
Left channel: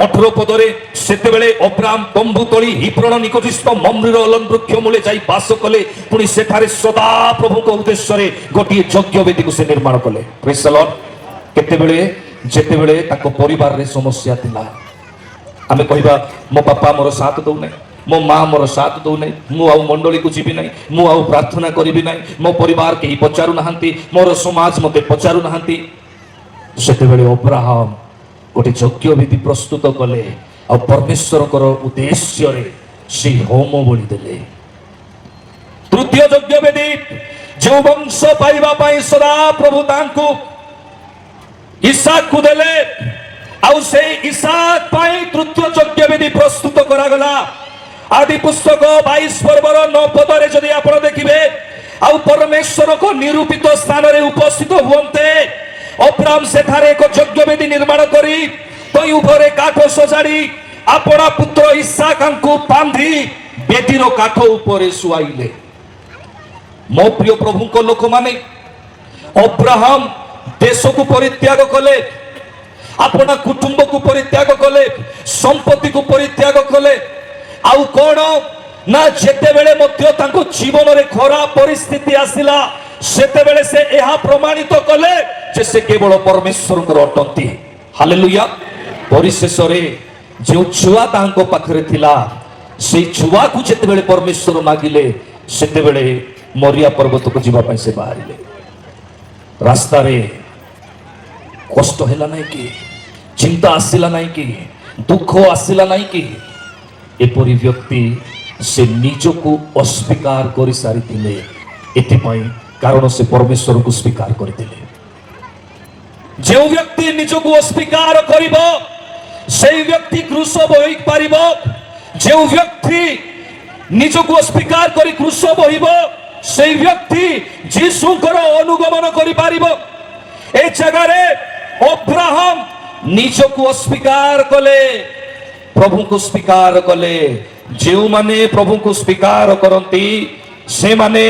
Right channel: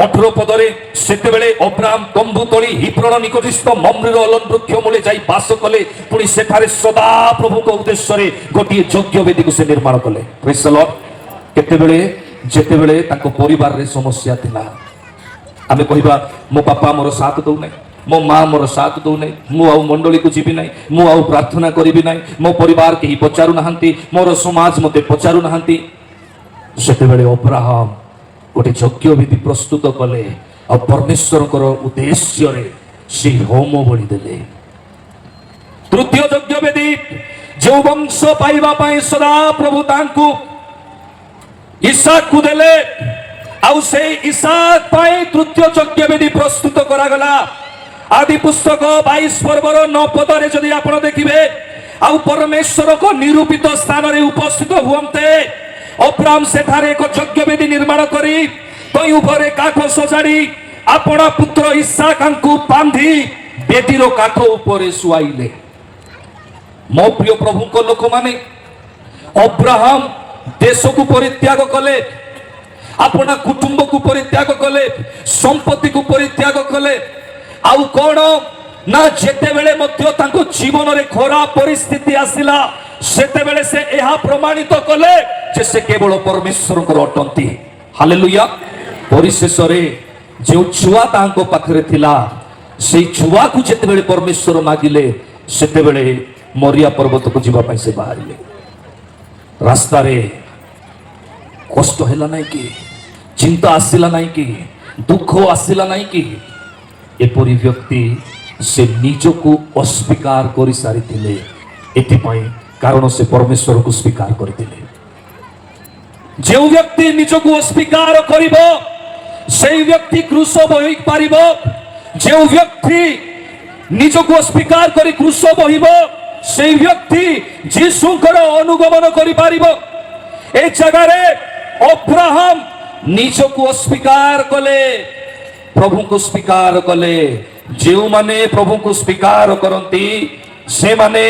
18 पदरे सेते बेले अब्राहम तंबू तली हिब्रोन निकटस्थ मम्रेर अलन वृक्ष मूले जाई वास कले। पुनी सेठारे सदा प्रभु को उद्देश्य रे गोटी यज्ञ वेदी को से निर्माण कले। Praise the Lord. केते बेले जेते बेले ताको परिवार रे समस्या थिला ଆମେ କହିବା ମୋ ବାପା ମୋର ସାଥ ଦଉନାହିଁ, ମୋ ମା ମୋର ସାଥ ଦଉନାହିଁ, ମୁଁ ଆଉ ମଣ୍ଡଳୀକୁ ଯିବି ନାହିଁ, ମୁଁ ଆଉ ପ୍ରାର୍ଥନା କରିବି ନାହିଁ, ମୋ ପରିବାର କେହି ପଚାରୁନାହାନ୍ତି, ମୋର ସମାଜ ମୋତେ ପଚାରୁନାହାନ୍ତି। ସେତେବେଳେ ଅବ୍ରାହମ ଗୋଟେ ଯଜ୍ଞ ବିଧି ପ୍ରସ୍ତୁତ କଲେ ଆଉ ପରମେଶ୍ୱରଙ୍କର ଉଦ୍ଦେଶ୍ୟରେ ସେଇ ହୋମ ବଳି ଦେଲେ। ତୃତୀୟ ଯଜ୍ଞ ବେଦୀ ଯେଉଁ ବଂଶ ପାଇବା ପାଇଁ ସଦା ପ୍ରଭୁ ତାଙ୍କୁ ଇସାକକୁ ଦେଲେ ଆଉ ସେଇ ଇସାକ ପାଇଁ ତୃତୀୟ ଯଜ୍ଞ ବିଧି ପ୍ରସ୍ତୁତ କରାଗଲା। ଆଦି ପୁସ୍ତକ 22 ପର୍ବର 9 ପଦରେ ଯଦି ଆପଣ ଦେଖିବେ ଆଉ ପରମେଶ୍ୱରଙ୍କ ନିରୂପିତ ସ୍ଥାନରେ ଉପସ୍ଥିତ ହୁଅନ୍ତେ, ଅବ୍ରାମ ସେଠାରେ ଏକ ଯଜ୍ଞ ବେଦୀ ନିର୍ମାଣ କରି ତଇ ଉପରେ କାଠ ସଜାଡ଼ି ଆପଣା ପୁତ୍ର ଇସାକଙ୍କୁ ବାନ୍ଧି ବେଦୀର କାଠ ଉପରେ ଶୁଆଇଲେ। ମୋ ପ୍ରିୟ ପ୍ରଭୁଙ୍କ ଲୋକମାନେ, ଅବ୍ରାହମ ଦେଶକୁ ପରିତ୍ୟାଗ କଲେ, ଆପଣା କୁଟୁମ୍ବକୁ ପରିତ୍ୟାଗ କଲେ, ସମ୍ପତ୍ତିକୁ ପରିତ୍ୟାଗ କଲେ। ଆଉ କଣ ନା ଯେତେବେଳେ ମଧ୍ୟ ତାଙ୍କ ଜୀବନରେ ଖରାପ ପରିସ୍ଥିତି ଆସିଲା, ସେତେବେଳେ ସେ ଏହା ପ୍ରମାଣିତ କଲେ ଯେ ସେ କେବଳ ପରମେଶ୍ୱରଙ୍କର ଅଟନ୍ତି। ହାଲେଲୁୟା। ପରିଶେଷରେ ଯେଉଁ ଛୁଆ ତାଙ୍କ ପାଖରେ ଥିଲା, ସେଇ ଛୁଆକୁ ଯେତେବେଳେ ପରମେଶ୍ୱର ମାଗିଲେ, ସେତେବେଳେ ମରିଆ ପର୍ବତକୁ ଯିବା ପାଇଁ ସେ ବାହାରିଲେ। ରାସ୍ତାରେ କଷ୍ଟ ହେଲା ନାହିଁ କି, ଚିନ୍ତା ଆସିଲା ନାହିଁ କି, ଦୁଃଖ ଆସିଲା ନାହିଁ କି? ଏପରି ବ୍ୟକ୍ତି ସେ ନିଜକୁ ଅସ୍ୱୀକାର କରିସାରିଥିଲେ। ଏଥିପାଇଁ କାରଣ ସେ ପରମେଶ୍ୱରକୁ ସ୍ୱୀକାର କରିଥିଲେ। ଯେଉଁ ବ୍ୟକ୍ତି ନିଜକୁ ଅସ୍ୱୀକାର କରିବ সেই ব্যক্তি ক্রুশ বহি পারিব। যে ব্যক্তি নিজକୁ অস্বীকার করে ক্রুশ বহিব সেই ব্যক্তি যিশুଙ୍କର অনুগমন କରିପାରିବ। এই জায়গাରେ অব্রাহাম ନିଜକୁ অস্বীকার কলে, প্রভুଙ୍କୁ স্বীকার কলে। ଯେଉଁମାନେ ପ୍ରଭୁଙ୍କୁ ସ୍ୱୀକାର କରନ୍ତି ସେମାନେ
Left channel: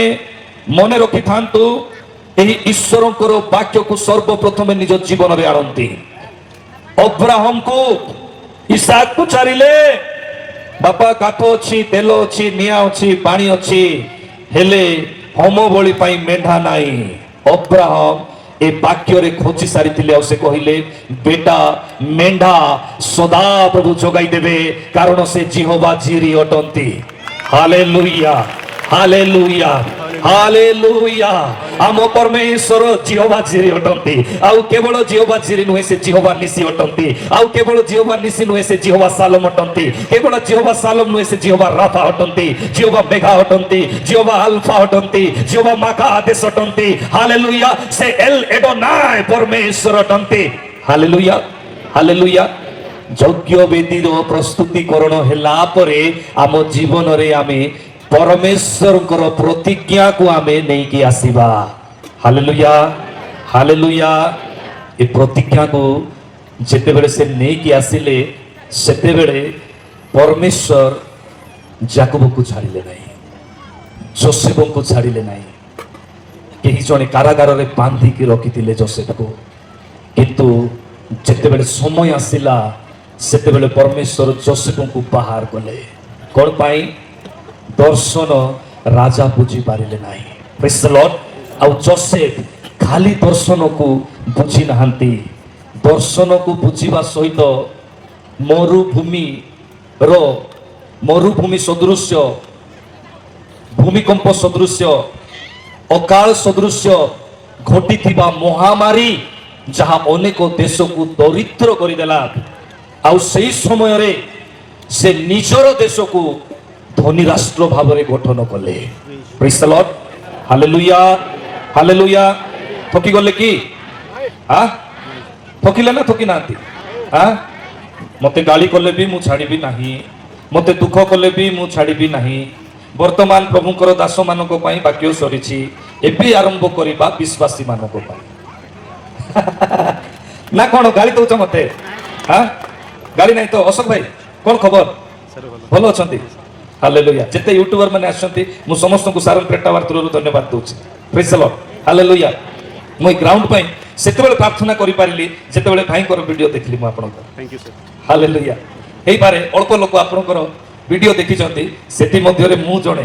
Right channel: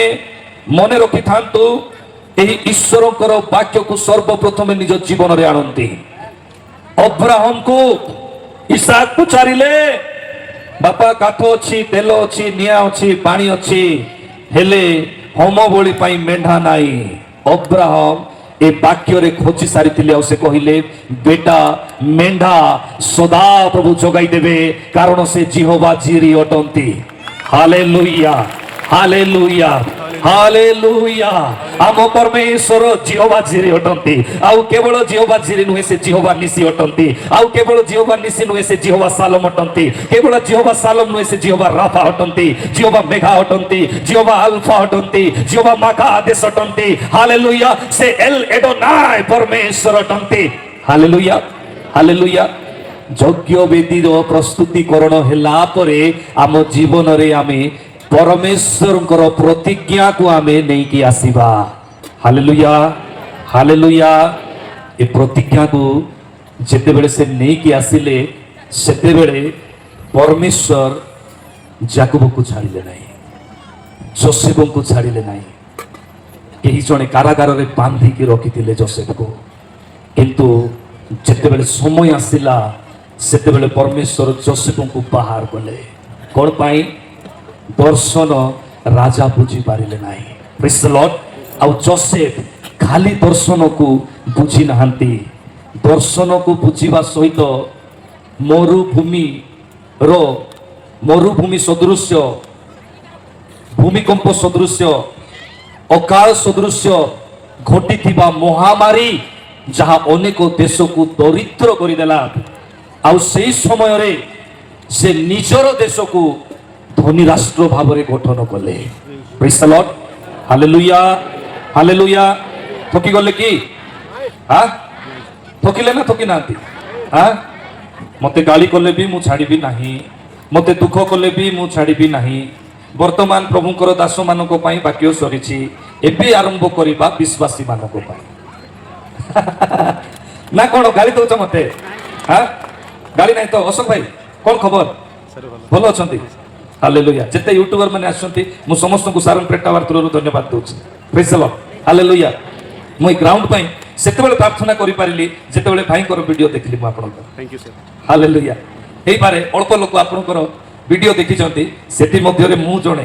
ମନେ ରଖିଥାନ୍ତୁ, ଏହି ଈଶ୍ୱରଙ୍କର ବାକ୍ୟକୁ ସର୍ବପ୍ରଥମେ ନିଜ ଜୀବନରେ ଆଣନ୍ତି। ଅବ୍ରାହମକୁ ଇସାକ ପଚାରିଲେ, ବାପା କାଠ ଅଛି, ତେଲ ଅଛି, ନିଆଁ ଅଛି, ପାଣି ଅଛି, ହେଲେ ହୋମ ବଳି ପାଇଁ ମେଣ୍ଢା ନାହିଁ। ଅବ୍ରାହମ ଏ ବାକ୍ୟରେ ଖୋଜି ସାରିଥିଲେ ଆଉ ସେ କହିଲେ, ବେଟା ମେଣ୍ଢା ସଦା ପ୍ରଭୁ ଯୋଗାଇ ଦେବେ, କାରଣ ସେ ଜିହୋଭା ଜିରି ଅଟନ୍ତି। Hallelujah, hallelujah, hallelujah. ଆମ ପରମେଶ୍ୱର ଜିହୋଭା ଜିରି ଅଟନ୍ତି। ଆଉ କେବଳ ଜିହୋଭା ଜିରି ନୁହେଁ, ସେ ଜିହୋଭା ନିସି ଅଟନ୍ତି। ଆଉ କେବଳ ଜିହୋଭା ନିସି ନୁହେଁ, ସେ ଜିହୋଭା ସାଲମ ଅଟନ୍ତି। କେବଳ ଜିହୋଭା ସାଲମ ନୁହେଁ, ସେ ଜିହୋଭା ରାଫା ଅଟନ୍ତି। ଜିହୋଭା ମେଘା ଅଟନ୍ତି, ଜିହୋଭା ଆଲଫା ଅଟନ୍ତି, ଜିହୋଭା ମାକା ଆଦେଶ ଅଟନ୍ତି। ହାଲେଲୁୟା। ସେ ଏଲ୍ ଏଡୋନାଇ ପରମେଶ୍ୱର ଅଟନ୍ତି। Hallelujah, hallelujah. ଯଜ୍ଞ ବେଦୀର ପ୍ରସ୍ତୁତିକରଣ ହେଲା ପରେ ଆମ ଜୀବନରେ ଆମେ ପରମେଶ୍ୱରଙ୍କର ପ୍ରତିଜ୍ଞାକୁ ଆମେ ନେଇକି ଆସିବା। Hallelujah, hallelujah. ଏ ପ୍ରତିଜ୍ଞାକୁ ଯେତେବେଳେ ସେ ନେଇକି ଆସିଲେ, ସେତେବେଳେ ପରମେଶ୍ୱର ଯାକୋବକୁ ଛାଡ଼ିଲେ ନାହିଁ, ଯୋସେଫଙ୍କୁ ଛାଡ଼ିଲେ ନାହିଁ। କେହି ଜଣେ କାରାଗାରରେ ବାନ୍ଧିକି ରଖିଥିଲେ ଯୋସେଫକୁ, କିନ୍ତୁ ଯେତେବେଳେ ସମୟ ଆସିଲା ସେତେବେଳେ ପରମେଶ୍ୱର ଯୋସେଫଙ୍କୁ ବାହାର କଲେ। କ'ଣ ପାଇଁ? ଦର୍ଶନ ରାଜା ବୁଝି ପାରିଲେ ନାହିଁ। ପ୍ରେଜ୍ ଦ ଲର୍ଡ। ଆଉ ଯୋସେଫ ଖାଲି ଦର୍ଶନକୁ ବୁଝି ନାହାନ୍ତି, ଦର୍ଶନକୁ ବୁଝିବା ସହିତ ମରୁଭୂମି ସଦୃଶ୍ୟ, ଭୂମିକମ୍ପ ସଦୃଶ୍ୟ, ଅକାଳ ସଦୃଶ୍ୟ ଘଟିଥିବା ମହାମାରୀ ଯାହା ଅନେକ ଦେଶକୁ ଦରିଦ୍ର କରିଦେଲା, ଆଉ ସେହି ସମୟରେ ସେ ନିଜର ଦେଶକୁ ଧନୀ ରାଷ୍ଟ୍ର ଭାବରେ ଗଠନ କଲେ। ପ୍ରେଜ୍ ଦ ଲର୍ଡ। Hallelujah, hallelujah. ଠକି ଗଲେ କି? ଠକିଲେ ନା ଠକି ନାହାନ୍ତି? ମତେ ଗାଳି କଲେ ବି ମୁଁ ଛାଡ଼ିବି ନାହିଁ, ମତେ ଦୁଃଖ କଲେ ବି ମୁଁ ଛାଡ଼ିବି ନାହିଁ। ବର୍ତ୍ତମାନ ପ୍ରଭୁଙ୍କର ଦାସମାନଙ୍କ ପାଇଁ ବାକ୍ୟ ସରିଛି, ଏବେ ଆରମ୍ଭ କରିବା ବିଶ୍ୱାସୀ ମାନଙ୍କ ପାଇଁ। ନା କ'ଣ ଗାଳି ଦଉଛ ମତେ? ଗାଳି ନାହିଁ ତ? ଅଶୋକ ଭାଇ କ'ଣ ଖବର? ଭଲ ଅଛନ୍ତି? ହାଲେଲୁୟା। ଯେତେ ୟୁଟ୍ୟୁବର ମାନେ ଆସିଛନ୍ତି ମୁଁ ସମସ୍ତଙ୍କୁ ସାରନ ପ୍ରେଟ ଟାୱାର ଥ୍ରୋରୁ ଧନ୍ୟବାଦ ଦଉଛି। ପ୍ରେଜ୍ ଦ ଲର୍ଡ। ହାଲେଲୁୟା। ମୁଁ ଏ ଗ୍ରାଉଣ୍ଡ ପାଇଁ ସେତେବେଳେ ପ୍ରାର୍ଥନା କରିପାରିଲି ଯେତେବେଳେ ଭାଇଙ୍କର ଭିଡ଼ିଓ ଦେଖିଲି ମୁଁ ଆପଣଙ୍କର। ହାଲେଲୁୟା। ହେଇପାରେ ଅଳ୍ପ ଲୋକ ଆପଣଙ୍କର ଭିଡ଼ିଓ ଦେଖିଛନ୍ତି, ସେଥିମଧ୍ୟରେ ମୁଁ ଜଣେ।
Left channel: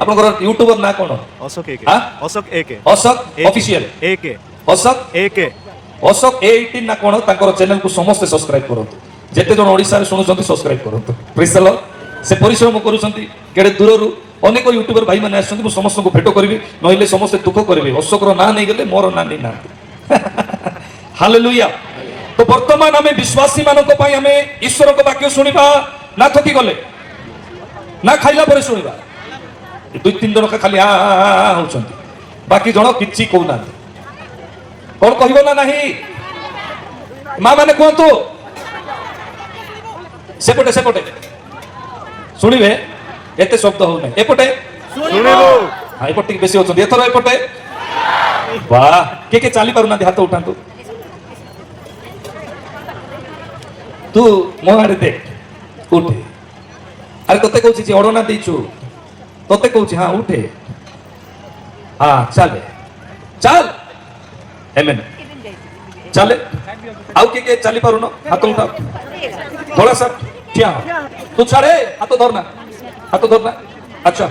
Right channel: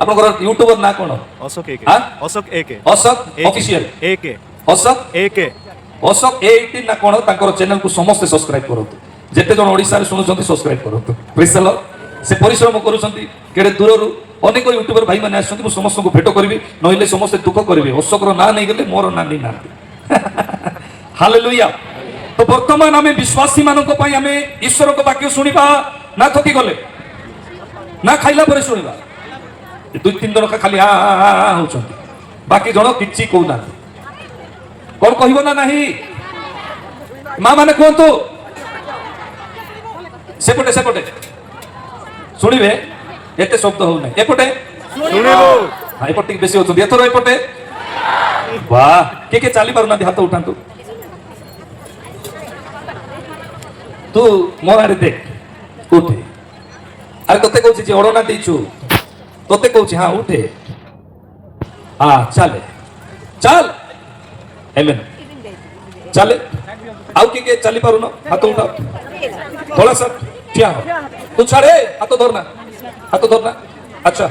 ଆପଣଙ୍କର ୟୁଟ୍ୟୁବର ନାଁ କ'ଣ? ଅଶୋକ ଏକେ। ଅଶୋକ ଏକେ। ଅଶୋକ ଅଫିସିଆଲ ଏକେ। ଅଶୋକ ଏକେ। ଅଶୋକ A18 ନା କ'ଣ ତାଙ୍କର ଚ୍ୟାନେଲକୁ ସମସ୍ତେ ସବସ୍କ୍ରାଇବ କରନ୍ତୁ। ଯେତେ ଜଣ ଓଡ଼ିଶାରେ ଶୁଣୁଛନ୍ତି ସବସ୍କ୍ରାଇବ କରନ୍ତୁ ପ୍ରେଜ୍ ଦ ଲର୍ଡ ସେ ପରିଶ୍ରମ କରୁଛନ୍ତି କେଡ଼େ ଦୂରରୁ ଅନେକ ୟୁଟ୍ୟୁବର ଭାଇମାନେ ଆସୁଛନ୍ତି ମୁଁ ସମସ୍ତଙ୍କୁ ଭେଟ କରିବି ନହେଲେ ସମସ୍ତେ ଦୁଃଖ କରିବେ ଅଶୋକର ନାଁ ନେଇଗଲେ ମୋର ନାଁ ନେଇନାହାନ୍ତି ହାଲେଲୁୟା ତ ବର୍ତ୍ତମାନ ଆମେ ବିଶ୍ୱାସୀ ମାନଙ୍କ ପାଇଁ ଆମେ ଈଶ୍ୱରଙ୍କ ବାକ୍ୟ ଶୁଣିବା ନା ଥକି ଗଲେ ନା ଖାଇଲା ପରେ ଶୁଣିବା ଦୁଇ ତିନି ଜଣ ଖାଲି ହା ହା ହା ହା ହଉଛନ୍ତି ବାକି ଜଣ କିଛି କହୁନାହାନ୍ତି କଣ କହିବ ନା ନାହିଁ ମା ମାନେ କୁହନ୍ତୁ ସେପଟେ ସେପଟେ ଶୁଣିବେ ଏତେ ଶବ୍ଦ ହଉନାହିଁ ଏପଟେ ହଁ ଏପଟେ ଟିକେ ବେଶୀ ହଉଛନ୍ତି ଏଥର ଏପଟେ ବାଃ କିଏ ଚାଲି ପାରୁନାହାନ୍ତି ହାତ ଉଠାନ୍ତୁ ତୁ ମୋ ଆଡେ ଦେଖ ଉଠେ ଆରେ ତତେ କହୁଛି ଯେ ଅଡନା ଦେଇଛୁ ତତେ କହୁଛି ହଁ ଉଠେ ହଁ ଚାଲେ ଚାଲ ଏମେନ୍ ଚାଲେ ଆଉ କିଏ ଚାଲି ପାରୁନ ହାତ ଉଠା थोड़ा सा क्या हो तू छाड़े हाथ धरना अच्छा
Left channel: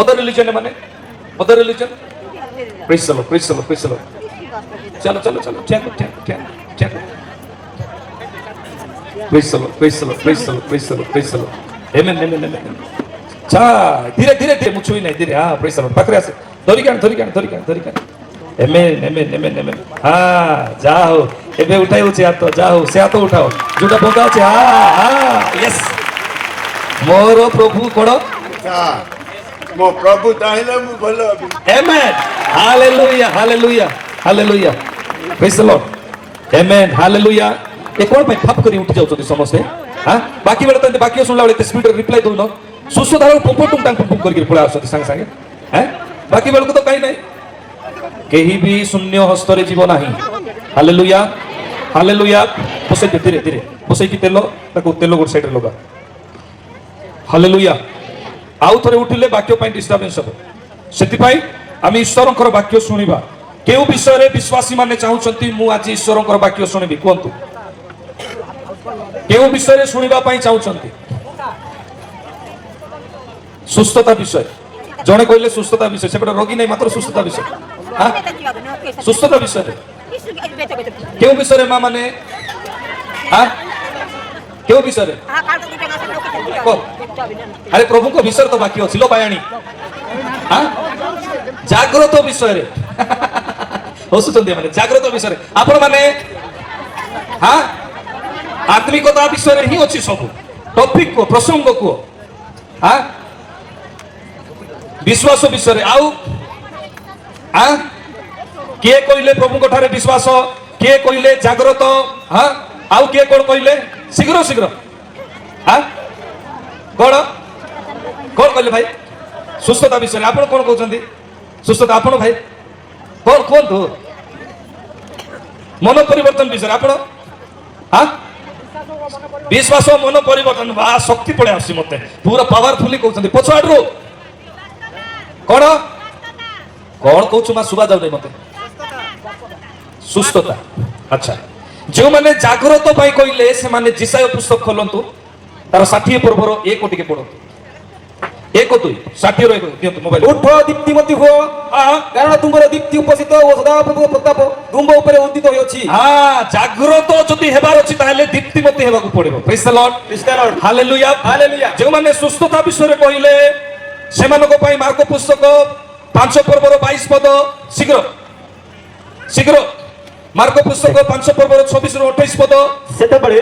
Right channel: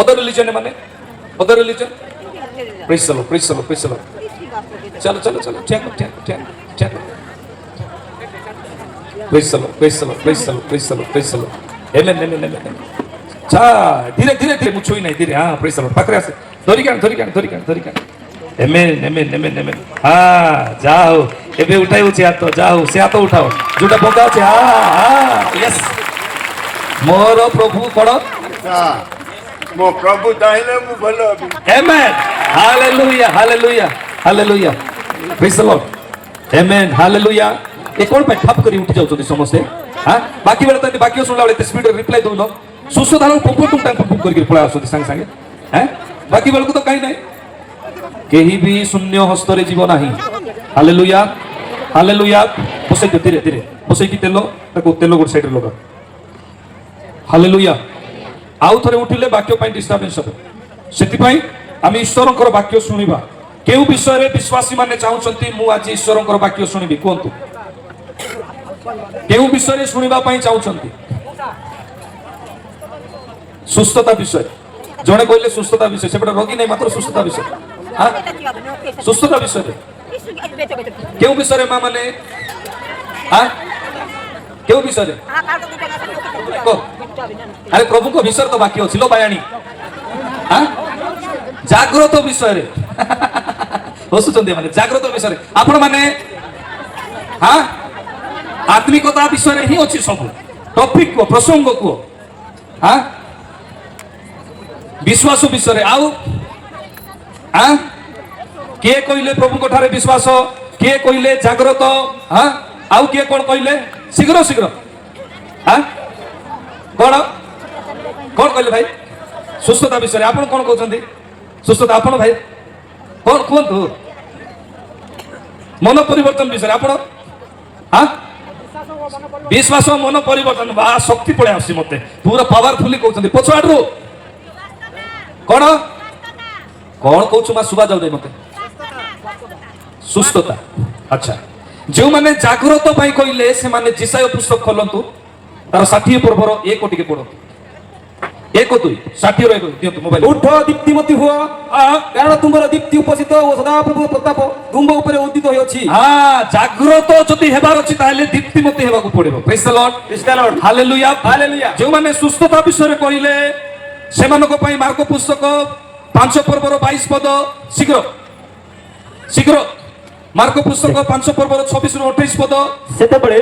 अदर रिलीजन है माने other religion praise the Lord चलो चलो चलो ठीक प्रेज द लॉर्ड आमेन चा धीरे धीरे मुछुई नहीं धीरे हां प्रेज द लॉर्ड पकड़े से धरी कान आमेन हां जाओ एबे उठाई उची हाथ जाओ से हाथ उठाओ जोटा बोका আছে यस मोर प्रभु कोड मो प्रभु चाहिले मु भलो amen hallelujah praise the Lord amen hallelujah ए कोन पे ठप करी उठी जाउछथि समस्ते हां बाकी बेले त बाकी सुनला बेले स्पीड रिप्लाई दउनो सुसुधार पुम करके पळा आछथि संग संगे हैं बाकी बेले को तो काई नाही केही भी शून्य हस्तरे जीव नाही हालेलुया बसे धीरे धीरे बसे की तेल ताको तेल गोट साइड लगा हालेलुया आउ थरे उठिले वाक्य पई डिस्टर्बेंस हो सेति पई आमी ईश्वरंकर वाक्य सुनिबा केउ विषय रे विश्वासी माने चाहुचंती मु आज ईश्वरंकर वाक्य सुनिबी कोंतु केउ विषय रे सुनिबा पई चाहुचंती सुस्थता विषय जणे कहले सुस्थता विषय सेपटे रोगी नै मात्र सुस्थता विषय हां सुस्थता विषय क्यों विषय मां माने हां क्यों विषय अरे प्रभु को विषय तो बाकी अछि लो बायाणी हां जागृत विषय रे होसुचंदी माने जागृत विषय आपण माने हां आत्मिकता विषय रे ही अछि सब टॉपिक को प्रसंग को हां विश्वास विषय रे आउ हां के कहले प्रभु को ठारे विश्वास के कहले जागृत हां आउ के कोन कहले शीघ्र हां कोन कहले भाई सुस्थता विषय आपण कोन कहउछंती सुस्थता आपण भाई कोन दू मन परिवर्तन विषय आपण हां विश्वास मन परिवर्तन बा शक्ति पड़े आसी मते पूरा पावरफुली कहउछंती पछाडरो कोन कौन कहूँ माँ सुबह जाऊ मत सुस्थता अच्छा जो मैंने जागृत कहले से माने जिसाय पुस्तक खोलतु तार 60 पर्वर 1 टिके पढ़ो 1 2 60 दियंतु मोबाइल उठ दीप्तिमती हो कारण तुमर दीप्ति उपस्थित ओ सदा प्रभु प्रताप तुम ऊपर उदित होय अछि हां जागृत जति हेबार अछि ताले दीप्तिमती हेबाकू पड़िबो प्रेज द लॉर्ड हालेलुया जो माने सुस्थता विषय कहले से मानको पई मार्क पुस्तक 5 पर्वर 22 पद शीघ्र मार्क पुस्तक 5 पर्वर 26 रु 28 पद सेते बळे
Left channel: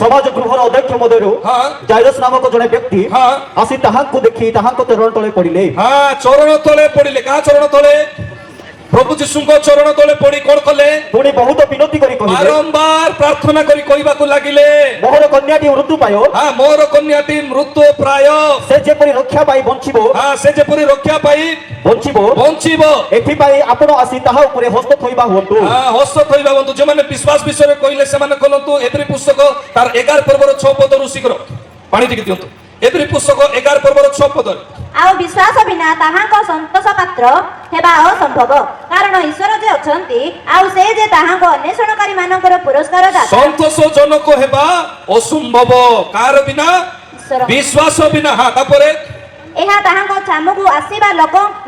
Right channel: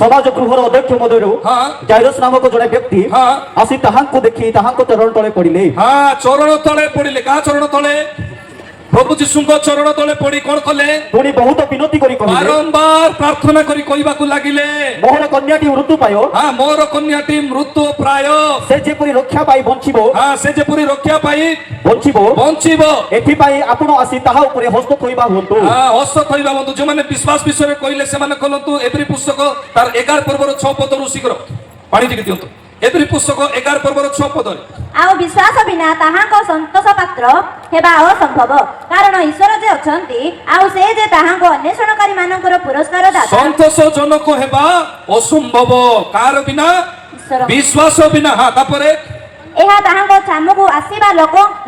समाज गृहर अध्यक्ष मधुरु जाइरस नामक जने व्यक्ति आसी ताहाको देखि ताहाको चरण तळे पडिले चरण तळे पडिले का चरण तळे प्रभु जीशुଙ୍କ चरण तळे पडी कोन कले पुणी बहुत विनती करी कहिले बारंबार प्रार्थना करी कहबाकू लागिले मोर कन्याटी मृत्यु पायो मोर कन्याटी मृत्यु प्राय से जेपरि रक्षा पाई बंचिबो से जेपरि रक्षा पाई बंचिबो एथि पाई आपण आसी ताहा ऊपर हस्त थोइबा होंतु हस्त थोइबा होंतु जे माने विश्वास विषय कहले से माने कहलंतु एवरी पुस्तक तार 11 पर्वर 6 पद रु शीघ्र पानी टिके दियंतु एवरी पुस्तक 11 पर्वर 6 पद आ विश्वास बिना ताहाको संतोष पात्र हेबा असंभव कारण ईश्वर जे अछंती आ से जे ताहाको अन्वेषणकारी मानकर पुरस्कार दाता संतोष जनक हेबा असंभव कार बिना विश्वास बिना हां तापरे एह ଏହା ତାହାଙ୍କ ଛାମକୁ ଆସିବା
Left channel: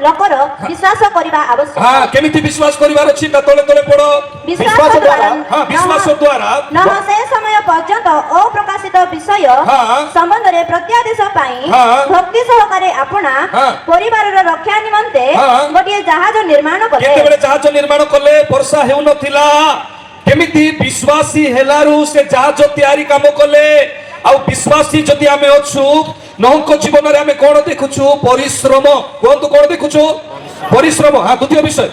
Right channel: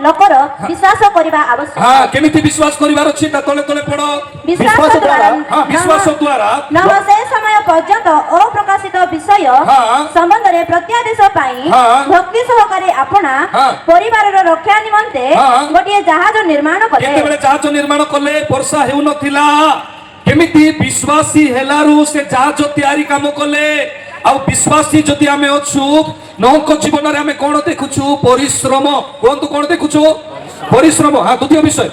ଲୋକର ବିଶ୍ୱାସ କରିବା ଆବଶ୍ୟକ। ହଁ କେମିତି ବିଶ୍ୱାସ କରିବାର ଅଛି ତା ତଳେ ତଳେ ପଡ ବିଶ୍ୱାସ ଦ୍ୱାରା ହଁ ବିଶ୍ୱାସ ଦ୍ୱାରା ନହ ସେ ସମୟ ପର୍ଯ୍ୟନ୍ତ ଅପ୍ରକାଶିତ ବିଷୟ ହଁ। ସମ୍ବନ୍ଧରେ ପ୍ରତ୍ୟାଦେଶ ପାଇଁ ହଁ। ଭକ୍ତି ସହକାରେ ଆପଣା ହଁ। ପରିବାରର ରକ୍ଷା ନିମନ୍ତେ ହଁ। ଗୋଟିଏ ଜାହାଜ ନିର୍ମାଣ କଲେ। କେତେବେଳେ ଜାହାଜ ନିର୍ମାଣ କଲେ ବର୍ଷା ହେଉନଥିଲା କେମିତି ବିଶ୍ୱାସୀ ହେଲାରୁ ସେ ଜାହାଜ ତିଆରି କାମ କଲେ ଆଉ ବିଶ୍ୱାସୀ ଯଦି ଆମେ ଅଛୁ ନହଙ୍କ ଜୀବନରେ ଆମେ କଣ ଦେଖୁଛୁ ପରିଶ୍ରମ କୁହନ୍ତୁ କଣ ଦେଖୁଛୁ ପରିଶ୍ରମ ହଁ ଦ୍ୱିତୀୟ ବିଷୟ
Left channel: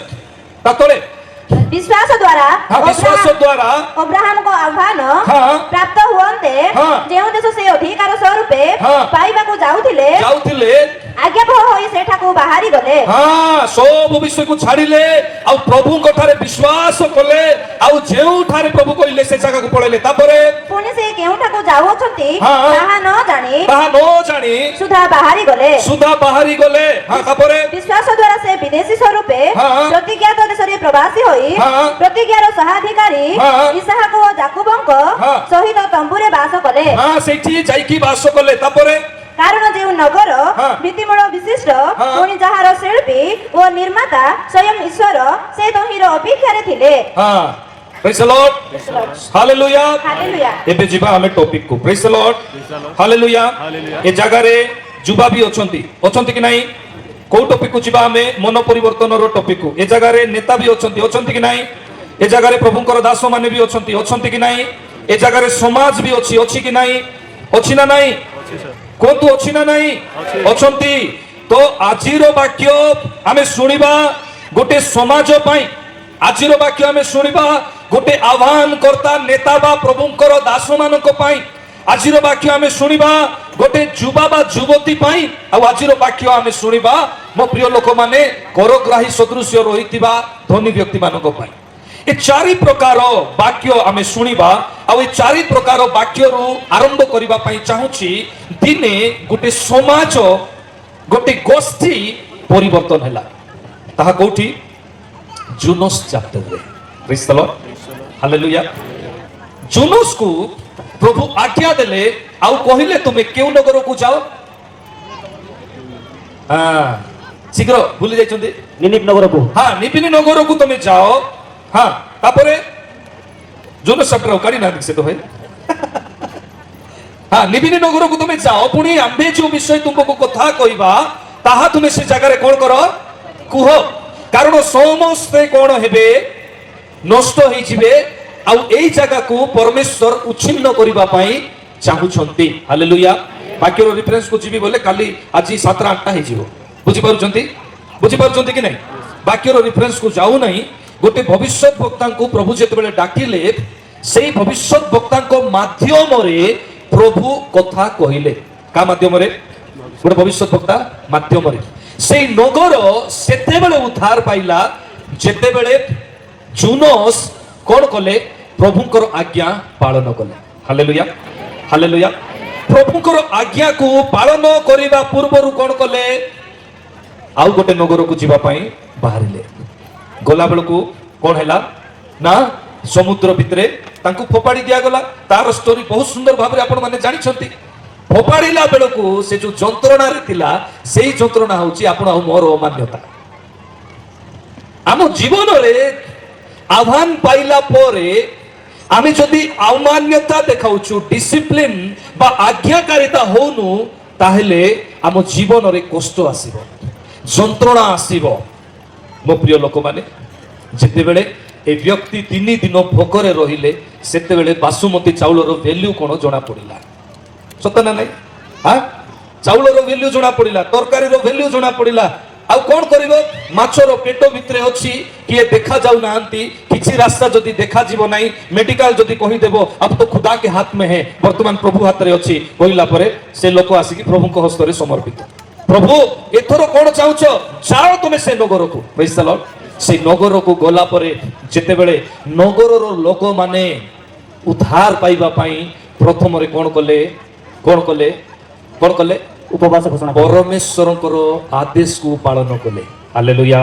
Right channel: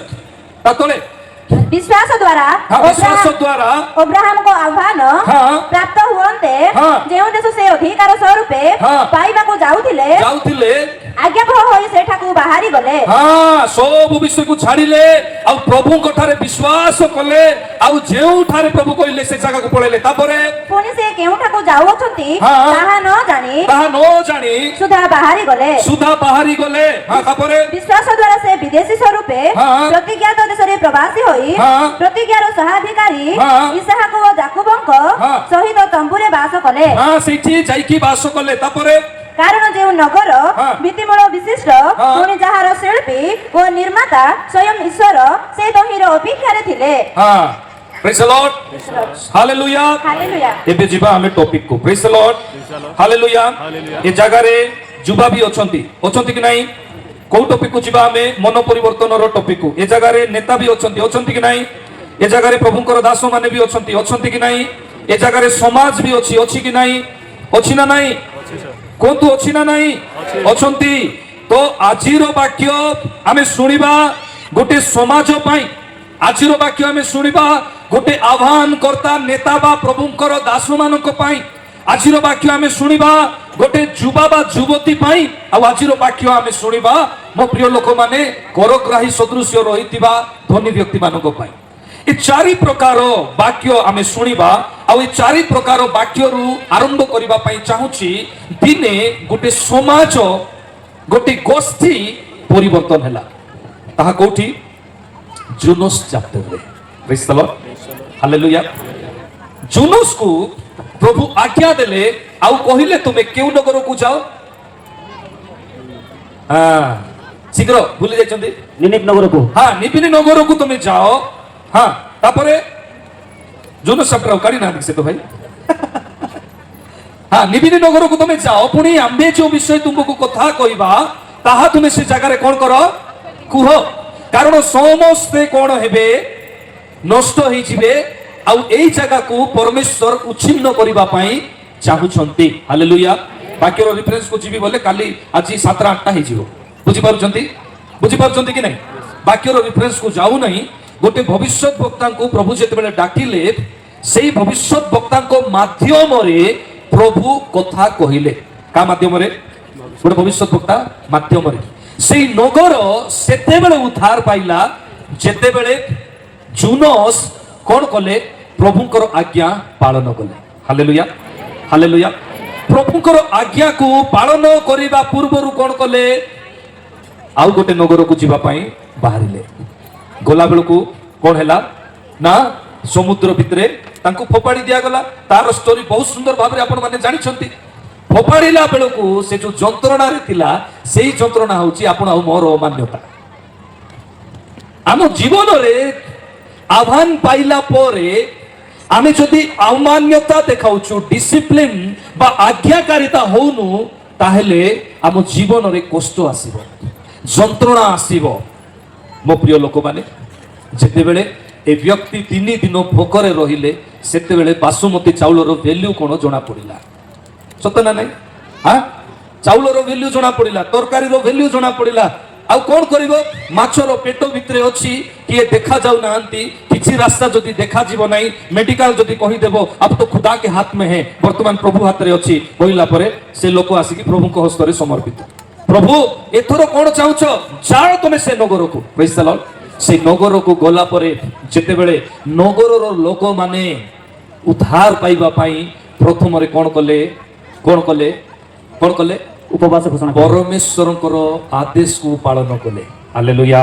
ତା ତଳେ ବିଶ୍ୱାସ ଦ୍ୱାରା ହଁ ବିଶ୍ୱାସ ଦ୍ୱାରା ଅବ୍ରାହମଙ୍କ ଆହ୍ୱାନ ହଁ। ପ୍ରାପ୍ତ ହୁଅନ୍ତେ ହଁ। ଯେଉଁ ଦେଶ ସେ ଅଧିକାର ସ୍ୱରୂପେ ହଁ। ପାଇବାକୁ ଯାଉଥିଲେ ଆଜ୍ଞାବହ ହୋଇ ସେଠାକୁ ବାହାରି ଗଲେ। ହଁ ସବୁ ବିଷୟକୁ ଛାଡ଼ିଲେ ଆଉ ପ୍ରଭୁଙ୍କ ଠାରେ ବିଶ୍ୱାସ କଲେ ଆଉ ଯେଉଁଠାରେ ପ୍ରଭୁ କହିଲେ ସେ ଜାଗାକୁ ପଳେଇଲେ ତାପରେ ପୁଣି ସେ କେଉଁଠାକୁ ଯାଉଅଛନ୍ତି ହଁ। ତାହା ନ ଜାଣି ତାହା ନ ଜାଣି ସୁଧା ବାହାରି ଗଲେ। ସୁଧା ବାହାରି ଗଲେ ହଁ ତାପରେ ବିଶ୍ୱାସ ଦ୍ୱାରା ସେ ବିଦେଶୀ ସ୍ୱରୂପେ ହଁ। ପ୍ରତିଜ୍ଞାତ ଦେଶରେ ପ୍ରବାସୀ ହୋଇ ହଁ। ପ୍ରତିଜ୍ଞାର ସହାଧିକାରୀ ହଁ। ଇସାହାକ ଓ ଯାକୁବଙ୍କ ହଁ। ସହିତ ତମ୍ବୁରେ ବାସ କଲେ। ହଁ ସେଇଠି ଯାଇକି ବାସ କଲେ ତାପରେ କାରଣ ଯେଉଁ ନଗର ହଁ। ଭିତ୍ତିମୂଳ ବିଶିଷ୍ଟ ହଁ। ପୁଣି ଯାହାର ଶିଳ୍ପୀ ଓ ନିର୍ମାତା ସ୍ୱୟଂ ଈଶ୍ୱର ସେ ତହିଁର ଅପେକ୍ଷାରେ ଥିଲେ। ହଁ ପ୍ରେଜ୍ ଦ ଲର୍ଡ ହାଲେଲୁୟା ହାଲେଲୁୟା। ଏବେ ଯିବା ଆମେ ଟପିକ କୁ ପ୍ରେଜ୍ ଦ ଲର୍ଡ ହାଲେଲୁୟା ହାଲେଲୁୟା। ଏ ଜାଗାରେ ଯୁବା ବି ଅଛନ୍ତି କି ନାହିଁ କୋଉ ଟପିକ କୁ ଯିବା ଆମେ ମନ ପରିବର୍ତ୍ତନର ଟପିକ କୁ ଏ ଜାଗାରେ ନେତା ବି ଅଛନ୍ତି କି ନାହିଁ ଏ ଜାଗାରେ ପ୍ରଭୁଙ୍କର ଦାସ ମାନେ ବି ଅଛନ୍ତି କି ନାହିଁ ଏ ଜାଗାରେ ସମାଜ ବି ଅଛି କି ନାହିଁ ଅଛି ନା ନାହିଁ କୁହନ୍ତୁ ଅଛି ନା ନାହିଁ ଅଛନ୍ତି ତ ଆଜିର ବାକ୍ୟ ଆମେ ଶୁଣିବା ଗୋଟେ ସମାଜ ପାଇଁ ଆଜିର ବାକ୍ୟ ଆମେ ଶୁଣିବା ଗୋଟେ ଆହ୍ୱାନ କର୍ତ୍ତା ନେତା ବା ପ୍ରଭୁଙ୍କର ଦାସ ମାନଙ୍କ ପାଇଁ ଆଜିର ବାକ୍ୟ ଆମେ ଶୁଣିବା ଗୋଟେ ଯୁବା ବା ଯୁବତୀ ପାଇଁ ଆଉ ଆଜିର ବାକ୍ୟ ଆମେ ଶୁଣିବା ମୋ ପ୍ରିୟ ଲୋକମାନେ କରଗ୍ରାହୀ ସଦୃଶ୍ୟ ରହିଥିବା ଧନୀ ବ୍ୟକ୍ତି ମାନଙ୍କ ପାଇଁ ଏ ଚାରି ପ୍ରକାର ବାକ୍ୟ ଆମେ ଶୁଣିବା ଆଉ ଏ ଚାରି ପ୍ରକାର ବାକ୍ୟରୁ ଆରମ୍ଭ କରିବା ପାଇଁ ଚାହୁଁଛି ଦିନେ ଗୋଟେ ସମାଜ ଗୋଟେ ଗୋଷ୍ଠୀ ପରିବର୍ତ୍ତନ ହେଲା ତାହା କୋଉଠି ଜୁନସ୍ ଚାପ୍ଟରରେ ପ୍ରେଜ୍ ଦ ଲର୍ଡ ହାଲେଲୁୟା ଜୁନସ୍କୁ ପ୍ରଭୁ ଆଜ୍ଞା ଦେଲେ ଆଉ କହିଲେ ତୁମେ କେଉଁ ନଗରକୁ ଯାଅ ଶୀଘ୍ର ଭୁଲି ଯାଇଛନ୍ତି ନିନିବ ନଗରକୁ ହଁ ନିବିନି ନଗରକୁ ତୁମେ ଯାଅ ହଁ ତାପରେ ଜୁନସ୍ ଚାପ୍ଟର କାଢି ନାହାନ୍ତି ସେ ତ ଭାଇ ହଁ ନିବିନି ନଗରକୁ ତୁମେ ଯାଅ ପୁଣି ଆମ୍ଭେ ଯୋଉ ବିଷୟ ତୁମକୁ କଥା କହିବା ତାହା ତୁମେ ସେ ଜାଗାରେ କଣ କର କୁହ କାରଣ ସମସ୍ତେ କଣ ହେବେ ନଷ୍ଟ ହେଇଯିବେ ଆଉ ଏଇ ଜାଗାକୁ ପରମେଶ୍ୱର ଉଚ୍ଛିନ୍ନ କରିବା ପାଇଁ ଚାହୁଁଛନ୍ତି ହାଲେଲୁୟା ବାକ୍ୟର ରେଫରେନ୍ସ କୁ ଯିବି ବୋଲେ କାଲି ଆଜି 7ଟା 8ଟା ହେଇଯିବ ବୁଝିପାରୁଛନ୍ତି କି ନାହିଁ ବାକ୍ୟର ରେଫରେନ୍ସ କୁ ଯାଉ ନାହିଁ ଗୋଟେ ଭବିଷ୍ୟତ ବକ୍ତାଙ୍କୁ ପ୍ରଭୁ ଯେତେବେଳେ ଡାକିଲେ ସେଇ ଭବିଷ୍ୟତ ବକ୍ତାଙ୍କ ମାଧ୍ୟମରେ ପ୍ରଭୁ କଥା କହିଲେ କା ମାଧ୍ୟମରେ ଗୋଟେ ଭବିଷ୍ୟତ ବକ୍ତା ମାଧ୍ୟମରେ ସେଇ ନଗର ସେତେବେଳେ ଉଦ୍ଧାର ପାଇଲା ଯେତେବେଳେ ଜୁନସ୍ କଣ କଲେ ପ୍ରଭୁଙ୍କର ଆଜ୍ଞା ପାଳନ କଲେ ହାଲେଲୁୟା ହାଲେଲୁୟା ପ୍ରଭୁଙ୍କର ଆଜ୍ଞାକୁ ପାଳନ କରିବା ପୂର୍ବରୁ କଣ କଲେ ଆଉ ଗୋଟେ ନଗରକୁ ଯିବା ପାଇଁ ବାହାରିଲେ ଗଲା ବେଳକୁ କଣ ହେଲା ନା ସମୁଦ୍ର ଭିତରେ ତାଙ୍କୁ ଫୋପାଡ଼ି ଦିଆଗଲା ତାର ଷ୍ଟୋରି ବହୁତ ସୁନ୍ଦର ଭାବରେ ଆପଣ ମାନେ ଜାଣିଛନ୍ତି ଫୋପାଡ଼ିଲା ବେଳକୁ ସେ ଯୋଉ ଯନ୍ତ୍ରଣାରେ ଥିଲା ସେଇ ଯନ୍ତ୍ରଣା ହଉଛି ଆପଣ ଆଉ ମୋର ମାନ୍ୟତା ଆମ ଜୀବନରେ ଆହ୍ୱାନ ପାଇଲା ପରେ ଆମେ ଯଦି ଅମାନ୍ୟତା ଦେଖାଉଛୁ ଡିସିପ୍ଲିନ ବା ଆଜ୍ଞାକାରିତା ହଉନୁ ତାହେଲେ ଆମ ଜୀବନରେ କଷ୍ଟ ଆସିବ ଯନ୍ତ୍ରଣା ଆସିବ ମୋ ପ୍ରିୟ ଲୋକମାନେ ଯେତେବେଳେ ଏ ବ୍ୟକ୍ତି 3 ଦିନ ଭୋକରେ ରହିଲେ ସେତେବେଳେ ବାସୁମତୀ ଚାଉଳର ଭ୍ୟାଲ୍ୟୁ କଣ ଜଣା ପଡିଲା ସତ ନା ନାହିଁ ଚାଉଳର ଭ୍ୟାଲ୍ୟୁ ଜଣା ପଡିଲା ତରକାରୀର ଭ୍ୟାଲ୍ୟୁ ଜଣା ପଡିଲା ଆଉ କଣ କରିବ ମାଛର ପେଟ ଭିତରେ ଅଛି କିଏ ଦେଖା ଯାଉ ନାହାନ୍ତି କିଛି ରାସ୍ତା ଯଦି ଦେଖାଯିବ ନାହିଁ ମେଡିକାଲ ଯଦି କହିଦେବ ଆପ ତ ଖୁଦା କେ ହାତ ମେ ହେ ବର୍ତ୍ତମାନ ପ୍ରଭୁ ହାତରେ ଅଛି କହିଲା ପରେ ସେ ଲୋକ ଆସିକି ପ୍ରଭୁଙ୍କ ହସ୍ତରେ ସମର୍ପିତ ପ୍ରଭୁ ଏଥର କଣ ଚାହୁଁଛ ଯାଅ ତୁମେ ସେ ନଗରକୁ ପ୍ରେଜ୍ ଦ ଲର୍ଡ ସେ ନଗରକୁ ଗଲା ପରେ ଯେତେବେଳେ ନଗରର ଲୋକମାନେ ଉଦ୍ଧାର ପାଇବା ପାଇଁ ପ୍ରଥମରେ କଣ କଲେ ଉପବାସ ଘୋଷଣା କଲେ। ପରମେଶ୍ୱରଙ୍କର ଆଦେଶକୁ ପାଳନ କଲେ ହାଲେଲୁୟା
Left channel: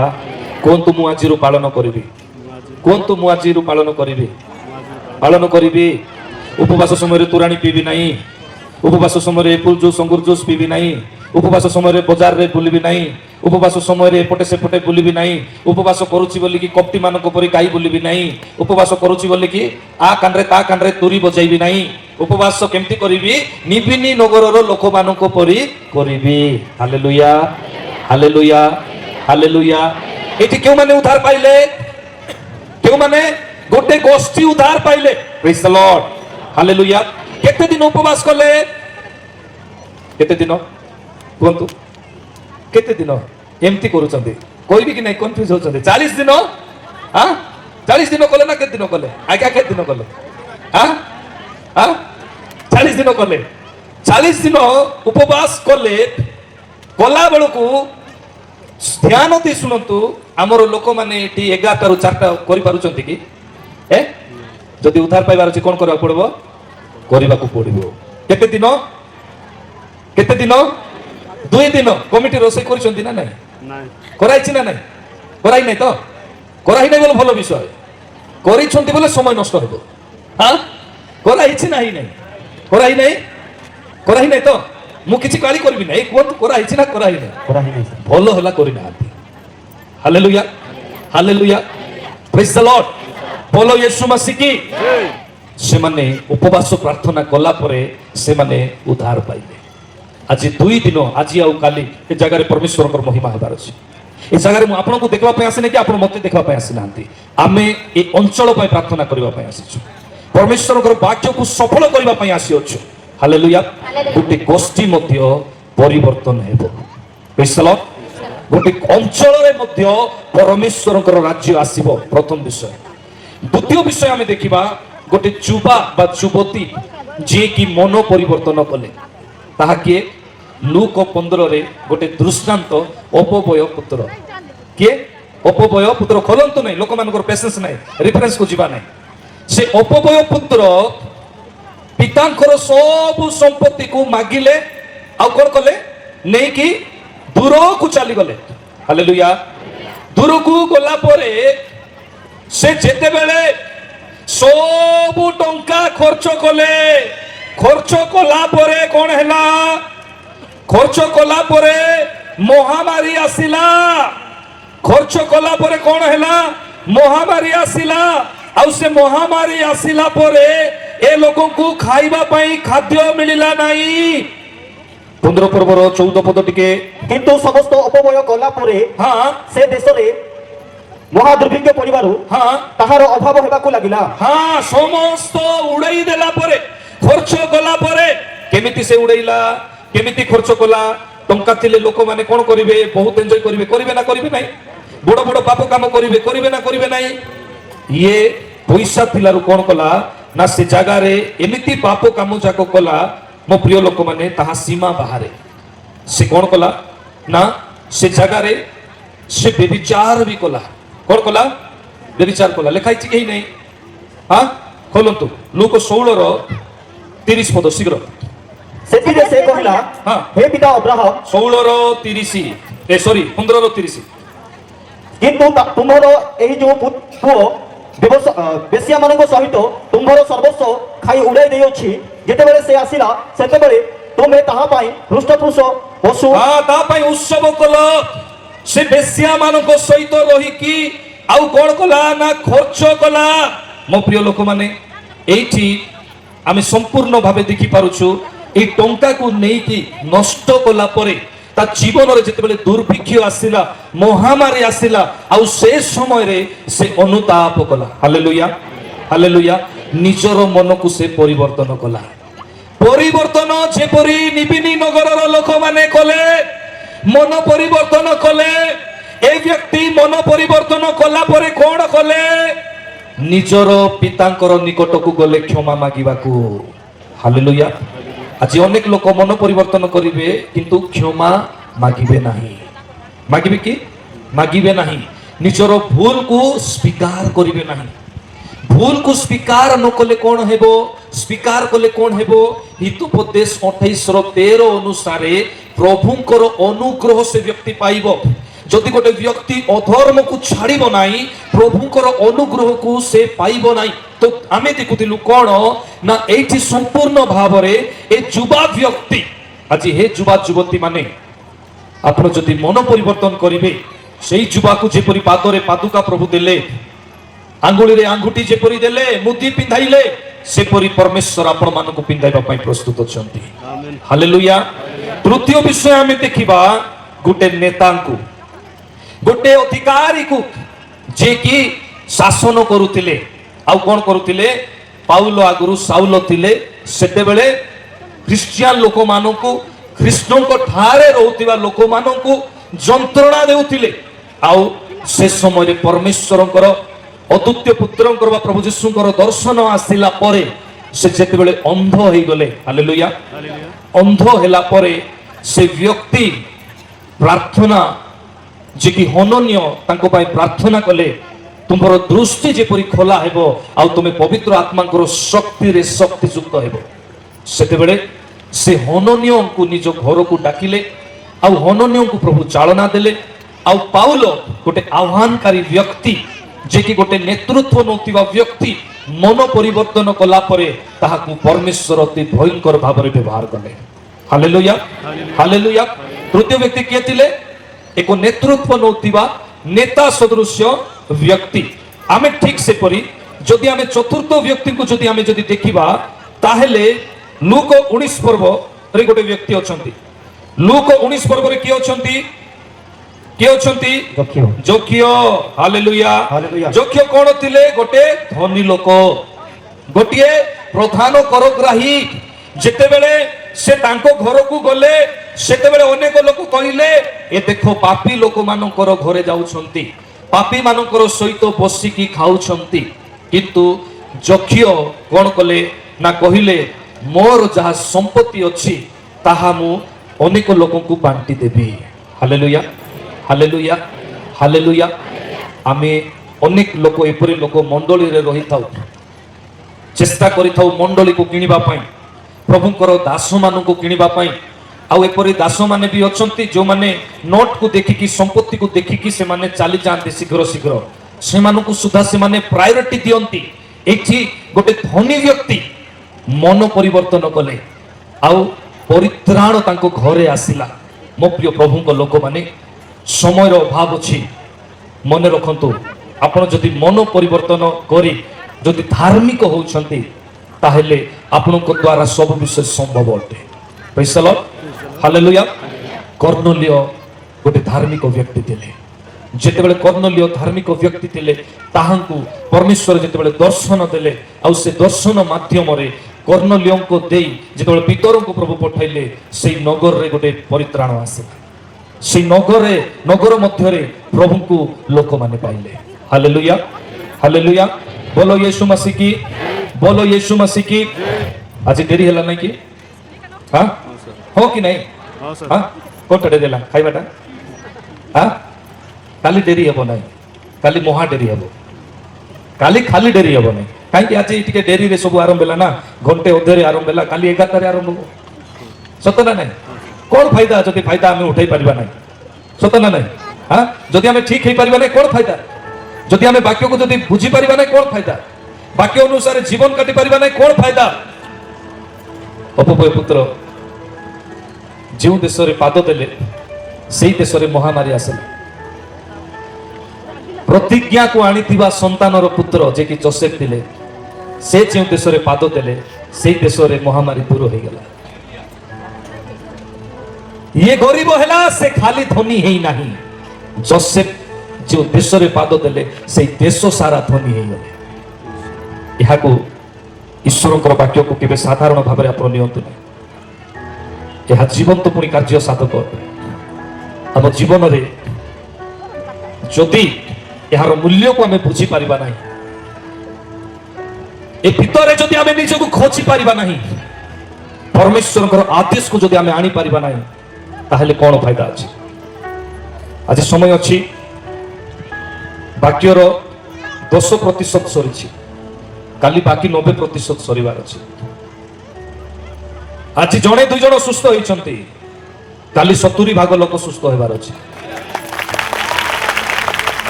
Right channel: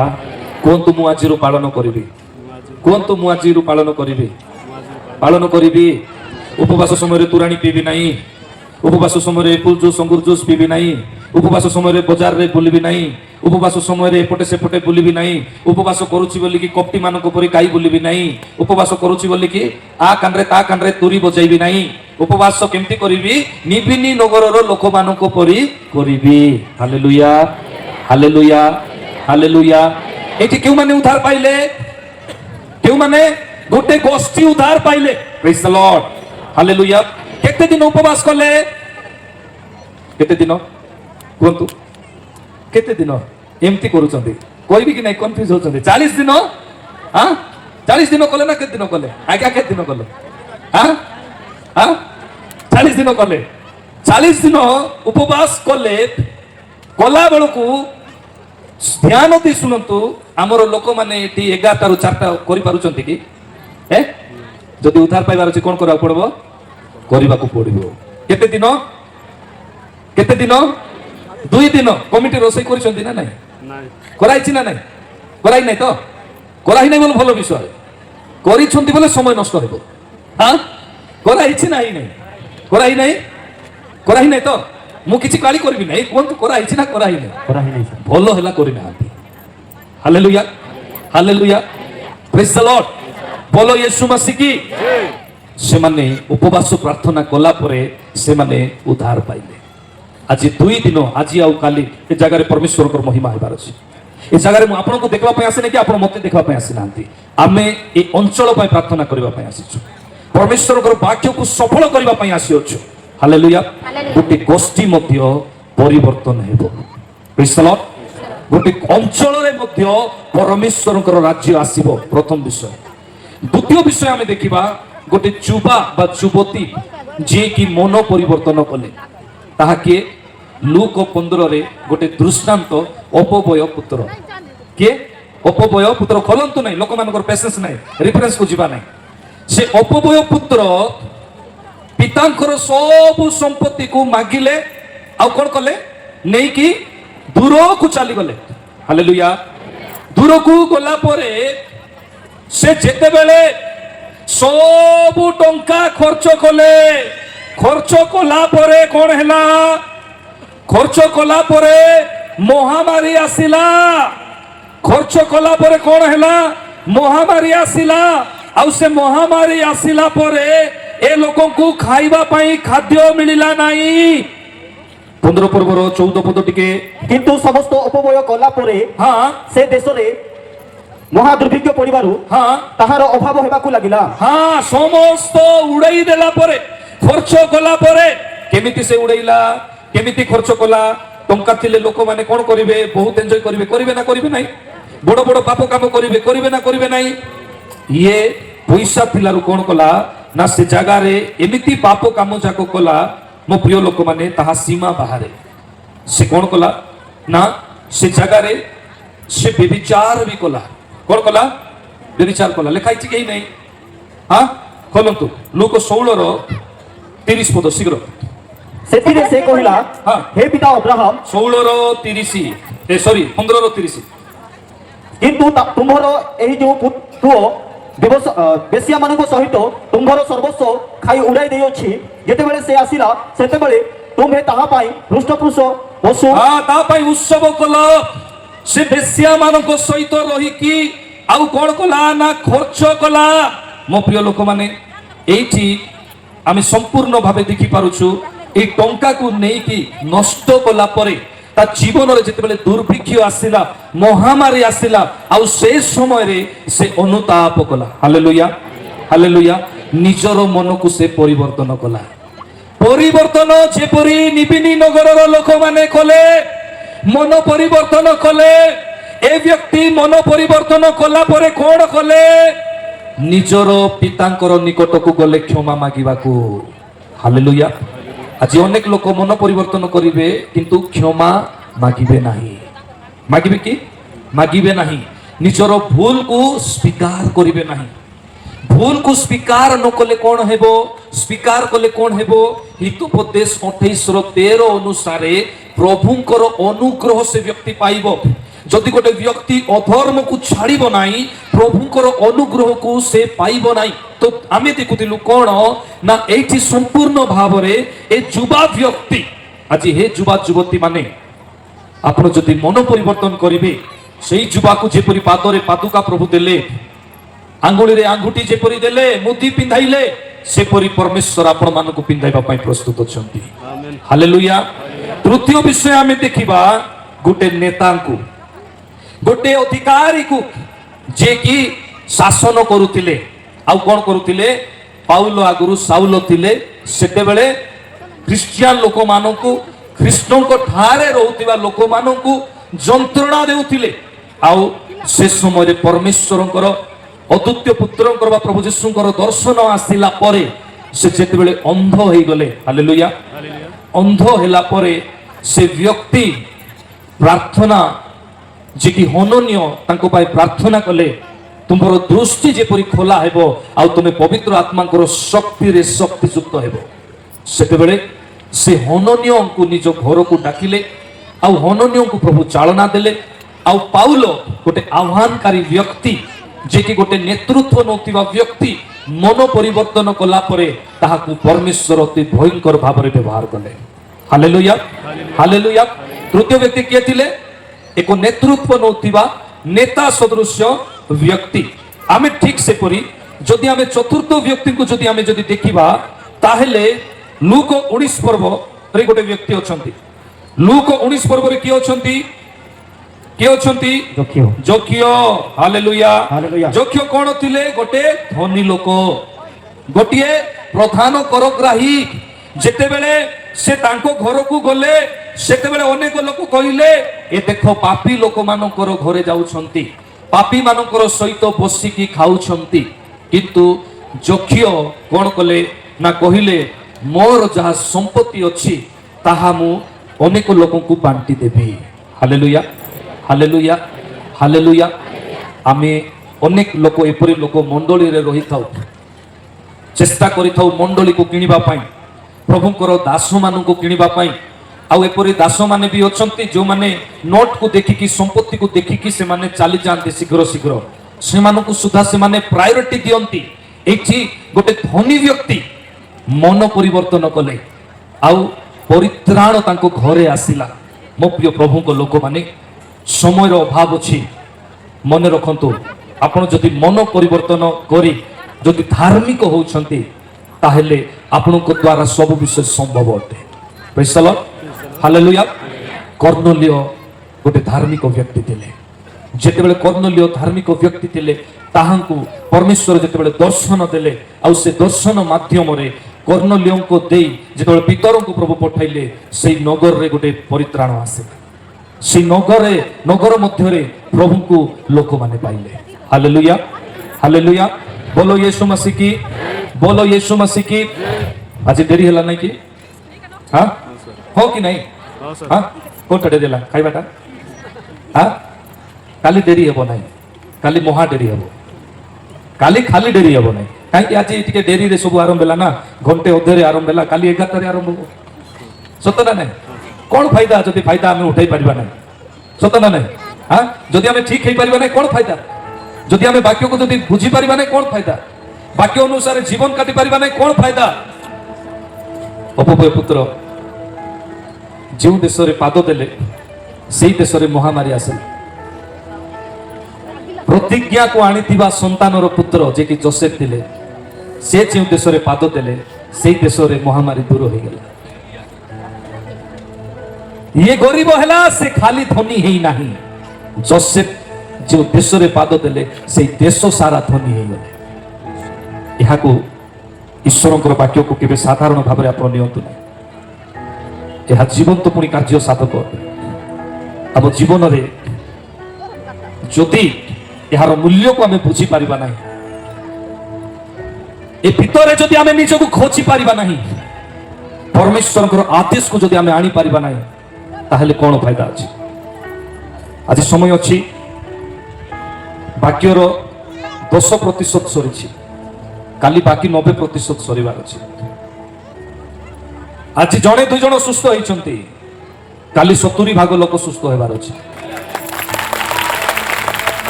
କୁହନ୍ତୁ ମୁଁ ଆଜିରୁ ପାଳନ କରିବି କୁହନ୍ତୁ ମୁଁ ଆଜିରୁ ପାଳନ କରିବି ଉପବାସ ସମୟରେ ତୋରାଣି ପିଇବି ନାହିଁ ଉପବାସ ସମୟରେ ଏପୁଲ ଜୁସ୍ ଅଙ୍ଗୁର ଜୁସ୍ ପିଇବି ନାହିଁ ଉପବାସ ସମୟରେ ବଜାରରେ ବୁଲିବି ନାହିଁ, ଉପବାସ ସମୟରେ ଏପଟେ ସେପଟେ ବୁଲିବି ନାହିଁ, ଉପବାସ କରୁଛି ବୋଲିକି କପଟି ମାନଙ୍କ ପରି ଗାଈ ବୁଲିବି ନାହିଁ, ଉପବାସ କରୁଛି ବୋଲିକି ଆ କାନରେ ତା କାନରେ ତୁରୀ ବଜାଇବି ନାହିଁ, ଉପବାସ କେମିତି କରିବି ନିବିନି ନଗରର ଲୋକମାନଙ୍କ ପରି କରିବି। Hallelujah, hallelujah, hallelujah. ଏଠି କେଉଁମାନେ ଉଦ୍ଧାର ପାଇଲେ? କେଉଁମାନେ? ଗୋଟେ ଗୋଷ୍ଠୀ ଉଦ୍ଧାର ପାଇଲେ। ପ୍ରେଜ୍ ଦ ଲର୍ଡ, ହାଲେଲୁୟା। କେତେ ଦିନ ଉପବାସ କଲେ? କେତେ ଦିନ କୁହନ୍ତୁ? କେତେ ଦିନ ଏମିତି କରୁଛନ୍ତି? କହିବି କି ନାହିଁ? କନଫ୍ୟୁଜ ହଉଛନ୍ତି। 40 ଦିନ। ହଁ, 40 ଦିନ କଲେ ନା କେତେ ଦିନ କଲେ? ଆଜ୍ଞା କେତେ ଦିନ କଲେ? ହଁ, 40 ଦିନ କଲେ। 40 ଦିନ ଉପବାସ କଲେ। କଲା ବେଳକୁ ଧ୍ୟାନ ଦେଇ ଶୁଣନ୍ତୁ, ଆମର ଲୋକମାନେ ଏଠି 11ଟାରୁ 4ଟା କରିପାରୁଛନ୍ତି କି? ଯଦି ଉଦ୍ଧାର ପାଇବାର ଅଛି କଣ କରିବାକୁ ପଡିବ? କରିବାକୁ ପଡିବ। କେତେ ଦିନ? କେତେ ଦିନ? 2 ଦିନ। କମିଟି ରୋଷେଇ କରିଛନ୍ତି ନା ନାହିଁ? କରାଇଛି ନା ନାହିଁ? କରାଇ ନାହିଁ ତ? କରାଇ ନାହିଁ ବୋଲେ ଭଲ ବିଷୟ। କରିଛନ୍ତି ବୋଲେ ସମୟ ନଷ୍ଟ ହେବ। ହଁ, କରାଇଛି ନାହିଁ? ନାହିଁ କରାଇ ନାହିଁ? କରାଇ ନାହିଁ ତ? ମୁଁ କିଛି ଗାଳି କରିବି ନାହିଁ। କୁହନ୍ତୁ କରାଇଛି ନା କରାଇ ନାହିଁ? କରାହେଇନି। ଭଲ ହେଲା କରିନାହାନ୍ତି। ହାଲେଲୁୟା, ହାଲେଲୁୟା, ପ୍ରେଜ୍ ଦ ଲର୍ଡ। ବୋଲ ୟୀଶୁ ମସିହ କି। ସେମାନେ ଉପବାସ ପ୍ରାର୍ଥନା କଲା ପରେ ସେମାନେ ଉଦ୍ଧାର ପାଇଲେ। ଆଜି 2 ଦିନ, ଆଜି ଆଉ କାଲି ଏ ଜାଗାରେ ପରମେଶ୍ୱରଙ୍କର ମହିମା ହେବାର ଅଛି। ଏ ଜାଗାରେ ମୁଁ ଆପଣଙ୍କୁ ଦେଖିବା ପାଇଁ ଆସିନି କି ଆପଣ ମୋତେ ଦେଖିବା ପାଇଁ ଆସିନାହାନ୍ତି। ଆମେ ଏ ଅଞ୍ଚଳ ପାଇଁ ପ୍ରାର୍ଥନା କରିବା ପାଇଁ ଆସିଛୁ। ପରମେଶ୍ୱରଙ୍କର ବାକ୍ୟକୁ ସଫଳ କରିବା ପାଇଁ ଆସିଅଛୁ। ହାଲେଲୁୟା। ଗୋଟେ ଗୋଷ୍ଠୀ ମଧ୍ୟ ପରିବର୍ତ୍ତନ ହେବ। ପ୍ରେଜ୍ ଦ ଲର୍ଡ। ଗୋଟେ ଅଞ୍ଚଳରେ ମଧ୍ୟ ପରମେଶ୍ୱରଙ୍କର ରାଜ୍ୟ ଆସିବ। ପ୍ରଥମ ବିଷୟ। ଦ୍ୱିତୀୟ ବିଷୟ ଆମେ ଦେଖିବା ଗୋଟେ ଯୁବା ବା ଯୁବତୀ ଯିଏକି ମନ ପରିବର୍ତ୍ତନ କଲେ। ତାହା କିଏ? ଲୁକ 15ରେ ଗୋଟେ ଦୃଷ୍ଟାନ୍ତ, ଅପବୟ ପୁତ୍ର। କିଏ? ଅପବୟ ପୁତ୍ର। ଖୋଲନ୍ତୁ ନାହିଁ, ଲୋକମାନଙ୍କର ପେସେନ୍ସ ନାହିଁ, ରେଫରେନ୍ସକୁ ଯିବା ନାହିଁ। ସେ ଅପବୟ ପୁତ୍ର ପିତାଙ୍କର ସବୁ ସମ୍ପତ୍ତିକୁ ମାଗିଲେ, ଆଉ କଣ କଲେ? ନେଇକି ଦୂରକୁ ଚାଲିଗଲେ। ହାଲେଲୁୟା। ଦୂରକୁ ଗଲା ପରେ ସେ ଯେତେବେଳେ ସବୁ ଟଙ୍କା ଖର୍ଚ୍ଚ କଲେ, ଖର୍ଚ୍ଚ କଲା ପରେ କଣ ହେଲା? ଖର୍ଚ୍ଚ କଲା ପରେ ମହାମାରୀ ଆସିଲା। ଖର୍ଚ୍ଚ କଲା ପରେ କଣ ହେଲା? ମହାମାରୀ ଆସିଲା। ଆଉ ସେ ମହାମାରୀ ଆସିଲା ପରେ ଏ ଲୋକଙ୍କୁ ଖାଇବା ପାଇଁ ଖାଦ୍ୟ ମିଳିଲା ନାହିଁ। 15 ପର୍ବର 14 ପଦ ଟିକେ। କିନ୍ତୁ ସମସ୍ତ ଅପବ୍ୟୟ କଲା ପରେ ହଁ, ସେ ଦେଶରେ ମହାଦୁର୍ଭିକ୍ଷ ପଡ଼ିବାରୁ ତାହାର ଅଭାବ ହେବାକୁ ଲାଗିଲା। ହଁ, ସମସ୍ତ ଉଡେଇ ଦେଲା ପରେ, ଖର୍ଚ୍ଚ କଲା ପରେ କେମିତି ସେ ଉଡେଇଲା? କେମିତି ଖର୍ଚ୍ଚ କଲା? ଟଙ୍କା ଥିଲେ ଲୋକମାନେ କଣ କରିବେ? ବହୁତ ଏନ୍ଜୟ କରିବେ। କରିବେ ନା କରିବେ ନାହିଁ? ବଡ ବଡ ପାପ କାମ କରିବେ। କରିବେ ନା କରିବେ ନାହିଁ? ଇଏ ପଇସା ଥିଲାରୁ କଣ କଲା ନା ସେ ଜାଗାରେ ଏମିତି ପାପ କାମ ଯାକ କଲା, ମୋ ପ୍ରିୟ ଲୋକମାନେ, ତାହା ସୀମା ବାହାରେ। ସେ କଣ କଲା ନା ସେ ଜାଗାରେ ସେ ବ୍ୟଭିଚାର ବି କଲା। କଣ କଲା? ବ୍ୟଭିଚାର କଲା। ଲେଖା ହେଇଛି କେହି ନାହିଁ? ହଁ, ଖୋଲନ୍ତୁ ଲୁକ 16ର 30 ପଦ ଶୀଘ୍ର। ସେଥିରେ ସେ କହିଲା, ହଁ। ହେ ପିତା ଅବ୍ରାହମ, 16ର 30 15ର 30। କିନ୍ତୁ ତୁମ୍ଭର ଏହି ଯେଉଁ ପୁଅ ବେଶ୍ୟାମାନଙ୍କ ସହିତ ତୁମ୍ଭର ସର୍ବସ୍ୱ ଖାଇ ଉଡ଼ାଇ ଦେଇଅଛି। ଯେତେବେଳେ ସେ ଆସିଲା ସେତେବେଳେ ତୁମେ ତାହା ପାଇଁ ହୃଷ୍ଟପୃଷ୍ଟ ପଶୁ ତା ପାଇଁ ଉତ୍ସବ କଲ। ସେ ବେଶ୍ୟା ମାନଙ୍କ ସହିତ ରହିକି ଆଉ କଣ କଲା ନା ଖର୍ଚ୍ଚ କଲା। ମୋ ପ୍ରିୟ ଲୋକମାନେ, ଏଇଠି ଆମେ ସମ୍ପୂର୍ଣ୍ଣ ଭାବେ ଦେଖିପାରୁଛୁ এই ଟଙ୍କାକୁ ନେଇକି ନଷ୍ଟ କଲା ପରେ ତା ଜୀବନରେ ଯେତେବେଳେ ଦୁର୍ଭିକ୍ଷ ଆସିଲା, ମହାମାରୀ ଆସିଲା, ଆଉ ସେ ସମୟରେ ସେ ଅନୁତାପ କଲା। Hallelujah, hallelujah. ନିଜର ମନକୁ ସେ ପରିବର୍ତ୍ତନ କଲା। ପରିବର୍ତ୍ତନ ଯେପରି ନିବିନି ନଗରର ଲୋକମାନେ କଲେ, ମନ ପରିବର୍ତ୍ତନ କଲେ। ଏ ବ୍ୟକ୍ତି ମନ ପରିବର୍ତ୍ତନ କଲା ପରେ କଣ କଲେ? ନିଜର ପିତାଙ୍କର ନିକଟକୁ ଗଲେ କ୍ଷମା ମାଗିବାକୁ। ହାଲେଲୁୟା। ଆଜି ଅନେକ ଲୋକ ମନ ପରିବର୍ତ୍ତନ କରିବେ କିନ୍ତୁ କ୍ଷମା ମାଗିବେ ନାହିଁ। ମାଗିବେ କି? ମାଗିବେ ନାହିଁ। ନିଜର ଭୁଲକୁ ସ୍ୱୀକାର କରିବେ ନାହିଁ। ଭୁଲକୁ ସ୍ୱୀକାର ନ କଲେ କଣ ହେବ? ସ୍ୱୀକାର କଲେ କଣ ହେବ? ହିତୋପଦେଶ 28ର 13 ଅନୁସାରେ ପ୍ରଭୁଙ୍କର ଅନୁଗ୍ରହ ସେ ବ୍ୟକ୍ତି ପାଇବ। ଯଦି ଗୋଟେ ବ୍ୟକ୍ତି ଅଧର୍ମକୁ ଛାଡ଼ିବ ନାହିଁ, ପ୍ରଭୁଙ୍କର ଅନୁଗ୍ରହକୁ ସେ ପାଇବ ନାହିଁ। ତ ଆମେ ଦେଖୁଥିଲୁ କଣ ନା ଏଇଠି ସମ୍ପୂର୍ଣ୍ଣ ଭାବରେ ଏ ଯୁବା ବ୍ୟକ୍ତି আজি হে যুবা যুবতী মানে ଆପଣ ଯଦି ମନ ପରିବର୍ତ୍ତନ କରିବେ ସେଇ ଯୁବାକୁ ଯେପରି ପାଦରେ ପାଦୁକା ପ୍ରଭୁ ଦେଲେ ଆଙ୍ଗୁଳିରେ ଆଙ୍ଗୁଠି ଯେପରି ଦେଲେ ମୁଦି ପିନ୍ଧାଇଲେ ସେପରି ପରମେଶ୍ୱର ଆପଣମାନଙ୍କୁ ପିନ୍ଧାଇବା ପାଇଁ ପ୍ରସ୍ତୁତ ଅଛନ୍ତି Amen. ହାଲେଲୁୟା ତୃତୀୟ ବିଷୟ ଆମେ ଦେଖିବା ଗୋଟେ ନେତାଙ୍କୁ ଗୋଟେ ଅଧିକାରୀକୁ ଯେ କି ଶାସନ କରୁଥିଲେ ଆଉ କ'ଣ କରୁଥିଲେ ପାଉଲ ଆଗରୁ ସାଉଲ ଥିଲେ ସେତେବେଳେ ଖ୍ରୀଷ୍ଟିଆନ ଲୋକମାନଙ୍କୁ କୃଷ୍ଣଙ୍କ ଠାରେ ରହୁଥିବା ଲୋକମାନଙ୍କୁ ଯନ୍ତ୍ରଣା ଦେଉଥିଲେ ଆଉ ସେ ସମୟରେ ପରମେଶ୍ୱରଙ୍କର ଅଦ୍ୱିତୀୟ ପୁତ୍ରଙ୍କର ବା ପ୍ରଭୁ ଯୀଶୁଙ୍କର ଦର୍ଶନ ଆସିଲା ପରେ ସେ ଯେତେବେଳେ ଅନ୍ଧ ହେଇଗଲେ ହାଲେଲୁୟା Hallelujah. ଅନ୍ଧ ହେଲା ପରେ ସେ ବ୍ୟକ୍ତି ପ୍ରାର୍ଥନା ଯେ କି ହନନୀୟ ତାଙ୍କ ପାଇଁ ପ୍ରାର୍ଥନା କଲେ ତୁମର ଦୃଷ୍ଟି ଯେପରି ଖୋଲା ହେବ ଆଉ ତୁମେ ପବିତ୍ର ଆତ୍ମାଙ୍କର ଶକ୍ତିରେ ଶକ୍ତିଯୁକ୍ତ ହେବ ସେତେବେଳେ ସେ ହନନୀୟଙ୍କୁ ନିଜ ଘରକୁ ଡାକିଲେ ଆଉ ହନନୀୟଙ୍କୁ ପ୍ରଭୁ ଚାଳନା ଦେଲେ ଆଉ ପାଉଲ ଗୋଟେ ଆହ୍ୱାନକାରୀ ବ୍ୟକ୍ତି ଯେ କି ଗୋଟେ ନେତୃତ୍ୱ ନେଉଥିବା ବ୍ୟକ୍ତି ମନ ପରିବର୍ତ୍ତନ କଲା ପରେ ତାହାକୁ ପରମେଶ୍ୱର ଅତି ଭୟଙ୍କର ଭାବରେ ବ୍ୟବହାର କଲେ ହାଲେଲୁୟା ହାଲେଲୁୟା ତୃତୀୟ ବ୍ୟକ୍ତି କିଏ ଥିଲେ ଏକ ନେତୃତ୍ୱ ନେଉଥିବା ନେତା ସଦୃଶ୍ୟ ବ୍ୟକ୍ତି ଆମେ ଠିକ ସେପରି ଯଦି ଆମେ ଚତୁର୍ଥ ବ୍ୟକ୍ତିଙ୍କୁ ଯଦି ଦେଖିବା ତାହେଲେ ଲୁକ 19 ପର୍ବରେ ଗୋଟେ ବ୍ୟକ୍ତି ଅଛନ୍ତି ଲୁକ 19 ପର୍ବରେ କିଏ ଅଛନ୍ତି ଯକ୍ଷ। ଯୋଗ୍ୟ ହାଲେଲୁୟା ହାଲେଲୁୟା। ଯୋଗ୍ୟ କ'ଣ ଥିଲେ ଗୋଟେ ଧନୀ ଲୋକ ଗୋଟିଏ ପ୍ରଧାନ କରଗ୍ରାହୀ ଯେତେବେଳେ ସେ ତାଙ୍କ ଘରକୁ ଗଲେ ସେତେବେଳେ ଅନେକ ଲୋକ କହିଲେ ଏ ଦେଖ ପାପୀ ଲୋକମାନଙ୍କର ଘରେ ଯାଉଛନ୍ତି ପାପୀ ମାନଙ୍କର ସହିତ ବସିକି ଖାଉଛନ୍ତି କିନ୍ତୁ ଯକ୍ଷ କ'ଣ କଲେ ନା କହିଲେ ମୋର ଯାହା ସମ୍ପତ୍ତି ଅଛି ତାହା ମୁଁ ଅନେକ ଲୋକଙ୍କୁ ବାଣ୍ଟି ଦେବି ହାଲେଲୁୟା ହାଲେଲୁୟା ହାଲେଲୁୟା ଆମେ ଅନେକ ଲୋକ ଏପରି ଲୋକ ମଣ୍ଡଳୀରେ ରହିଥାଉ ଚେଷ୍ଟା କରିଥାଉ ମଣ୍ଡଳୀକୁ କିଣିବା ପାଇଁ ପ୍ରଭୁଙ୍କର ଦାସମାନଙ୍କୁ କିଣିବା ପାଇଁ ଆଉ ଏପରି ଦାସମାନେ ବି ଅଛନ୍ତି ଯେଉଁମାନେ ନୋଟକୁ ଦେଖିକି ସମ୍ପତ୍ତିକୁ ଦେଖିକି ସେମାନେ ଚାଲିଯାଆନ୍ତି ଶୀଘ୍ର ଶୀଘ୍ର ସେମାନଙ୍କୁ ସୁଦ୍ଧା ସେମାନେ ପ୍ରାୟୋରିଟି ଦିଅନ୍ତି ଏଠି ଗୋଟେ ଧନୀ ବ୍ୟକ୍ତି ମନ ପରିବର୍ତ୍ତନ କଲେ ଆଉ ପରିତ୍ରାଣ ତାଙ୍କ ଘରେ ଆସିଲା ମୋ ପ୍ରିୟ ପ୍ରଭୁଙ୍କ ଲୋକମାନେ ସମୟର ଅଭାବ ଅଛି ମନେ ରଖନ୍ତୁ ଆପଣ ଯଦି ମନ ପରିବର୍ତ୍ତନ କରି ଯଦି ଧାର୍ମିକ ହେଉଛନ୍ତି ତାହେଲେ ଆପଣଙ୍କ ଦ୍ୱାରା ସବୁ ବିଷୟ ସମ୍ଭବ ଅଟେ ପ୍ରେଜ୍ ଦ ଲର୍ଡ ହାଲେଲୁୟା କର୍ଣ୍ଣଲିୟ ଗୋଟେ ଧାର୍ମିକ ବ୍ୟକ୍ତି ଥିଲେ ଯେତେବେଳେ କର୍ଣ୍ଣଲିୟ ଧାର୍ମିକ ବ୍ୟକ୍ତି ଥିଲେ ତାହାଙ୍କୁ ପରମେଶ୍ୱର ଯେତେବେଳେ ଦର୍ଶନ ଦେଲେ ଆଉ ସେ ଦର୍ଶନ ମାଧ୍ୟମରେ କର୍ଣ୍ଣଲିୟଙ୍କୁ ଦେଇ ଯେତେବେଳେ ପିତରଙ୍କୁ ପ୍ରଭୁ ପଠାଇଲେ ସେଇ ନଗରରେ ଗୋଟେ ପରିତ୍ରାଣ ଆସିଲା ସେଇ ନଗର ମଧ୍ୟରେ ପ୍ରଭୁଙ୍କୁ ଲୋକମାନେ ପାଇଲେ ହାଲେଲୁୟା ହାଲେଲୁୟା ବୋଲୋ ୟୀଶୁ ମसीह की बोलो यीशु मसीह की आज देरी होला नहीं कि हाँ हो कि नहीं हाँ सर हाँ कौन पढ़े देला खाइबाटा हाँ काली देरी हेबो नहीं काली महा देरी हेबो काली खाली देरी हेबो नहीं कहीं आज टिके डेरी रे सब आरंभ होला ना घंटे अधेरे आरंभ होला काली 11 रे आरंभ हो सत ना नहीं कौन फायदा जदि फायदा हमें उठाई परिबा नहीं सत ना नहीं हाँ जदि हमें ठीक हे परिबा नहीं कौन फायदा जदि हमें वाक्य को जदि बुझी परिबा नहीं कौन फायदा वाक्य अनुसार जीवन काटी परिबा नहीं कौन फायदा अपभय पुत्र जो देश रे पाद देले सेई देश रे महामारी आसले प्रतिज्ञा को आनीथिबा संतानर पुत्र जे कि जोसेफ थिले से जो देश रे पाद देले सेई देश रे महामारी दूर हो गला ये गरीब हला से खाली धनी ही नहीं जोसेफ जो देश रे पाद देले से देश सारा धनी हो गले यह ईश्वर वाक्य को केवे साधारण भाव में आप नियंतु यह जीवंत पुणी कार्य साधक आम जीवन में जदि यार मूल्य को आम बुझी पारिबा नहीं ए भितर जदि आम निजक खोजी पारिबा नहीं परमेश्वर आदेश को जदि आम आनी पारिबा नहीं ताहले कौन फायदा अच्छी आज समय अच्छी वाक्यर 10% सरी काली बाकी 90% सरीबार अच्छी आज जड़े दुई जन सुस्थ होती काली 70 भाग लोक सुस्थ होबार अच्छी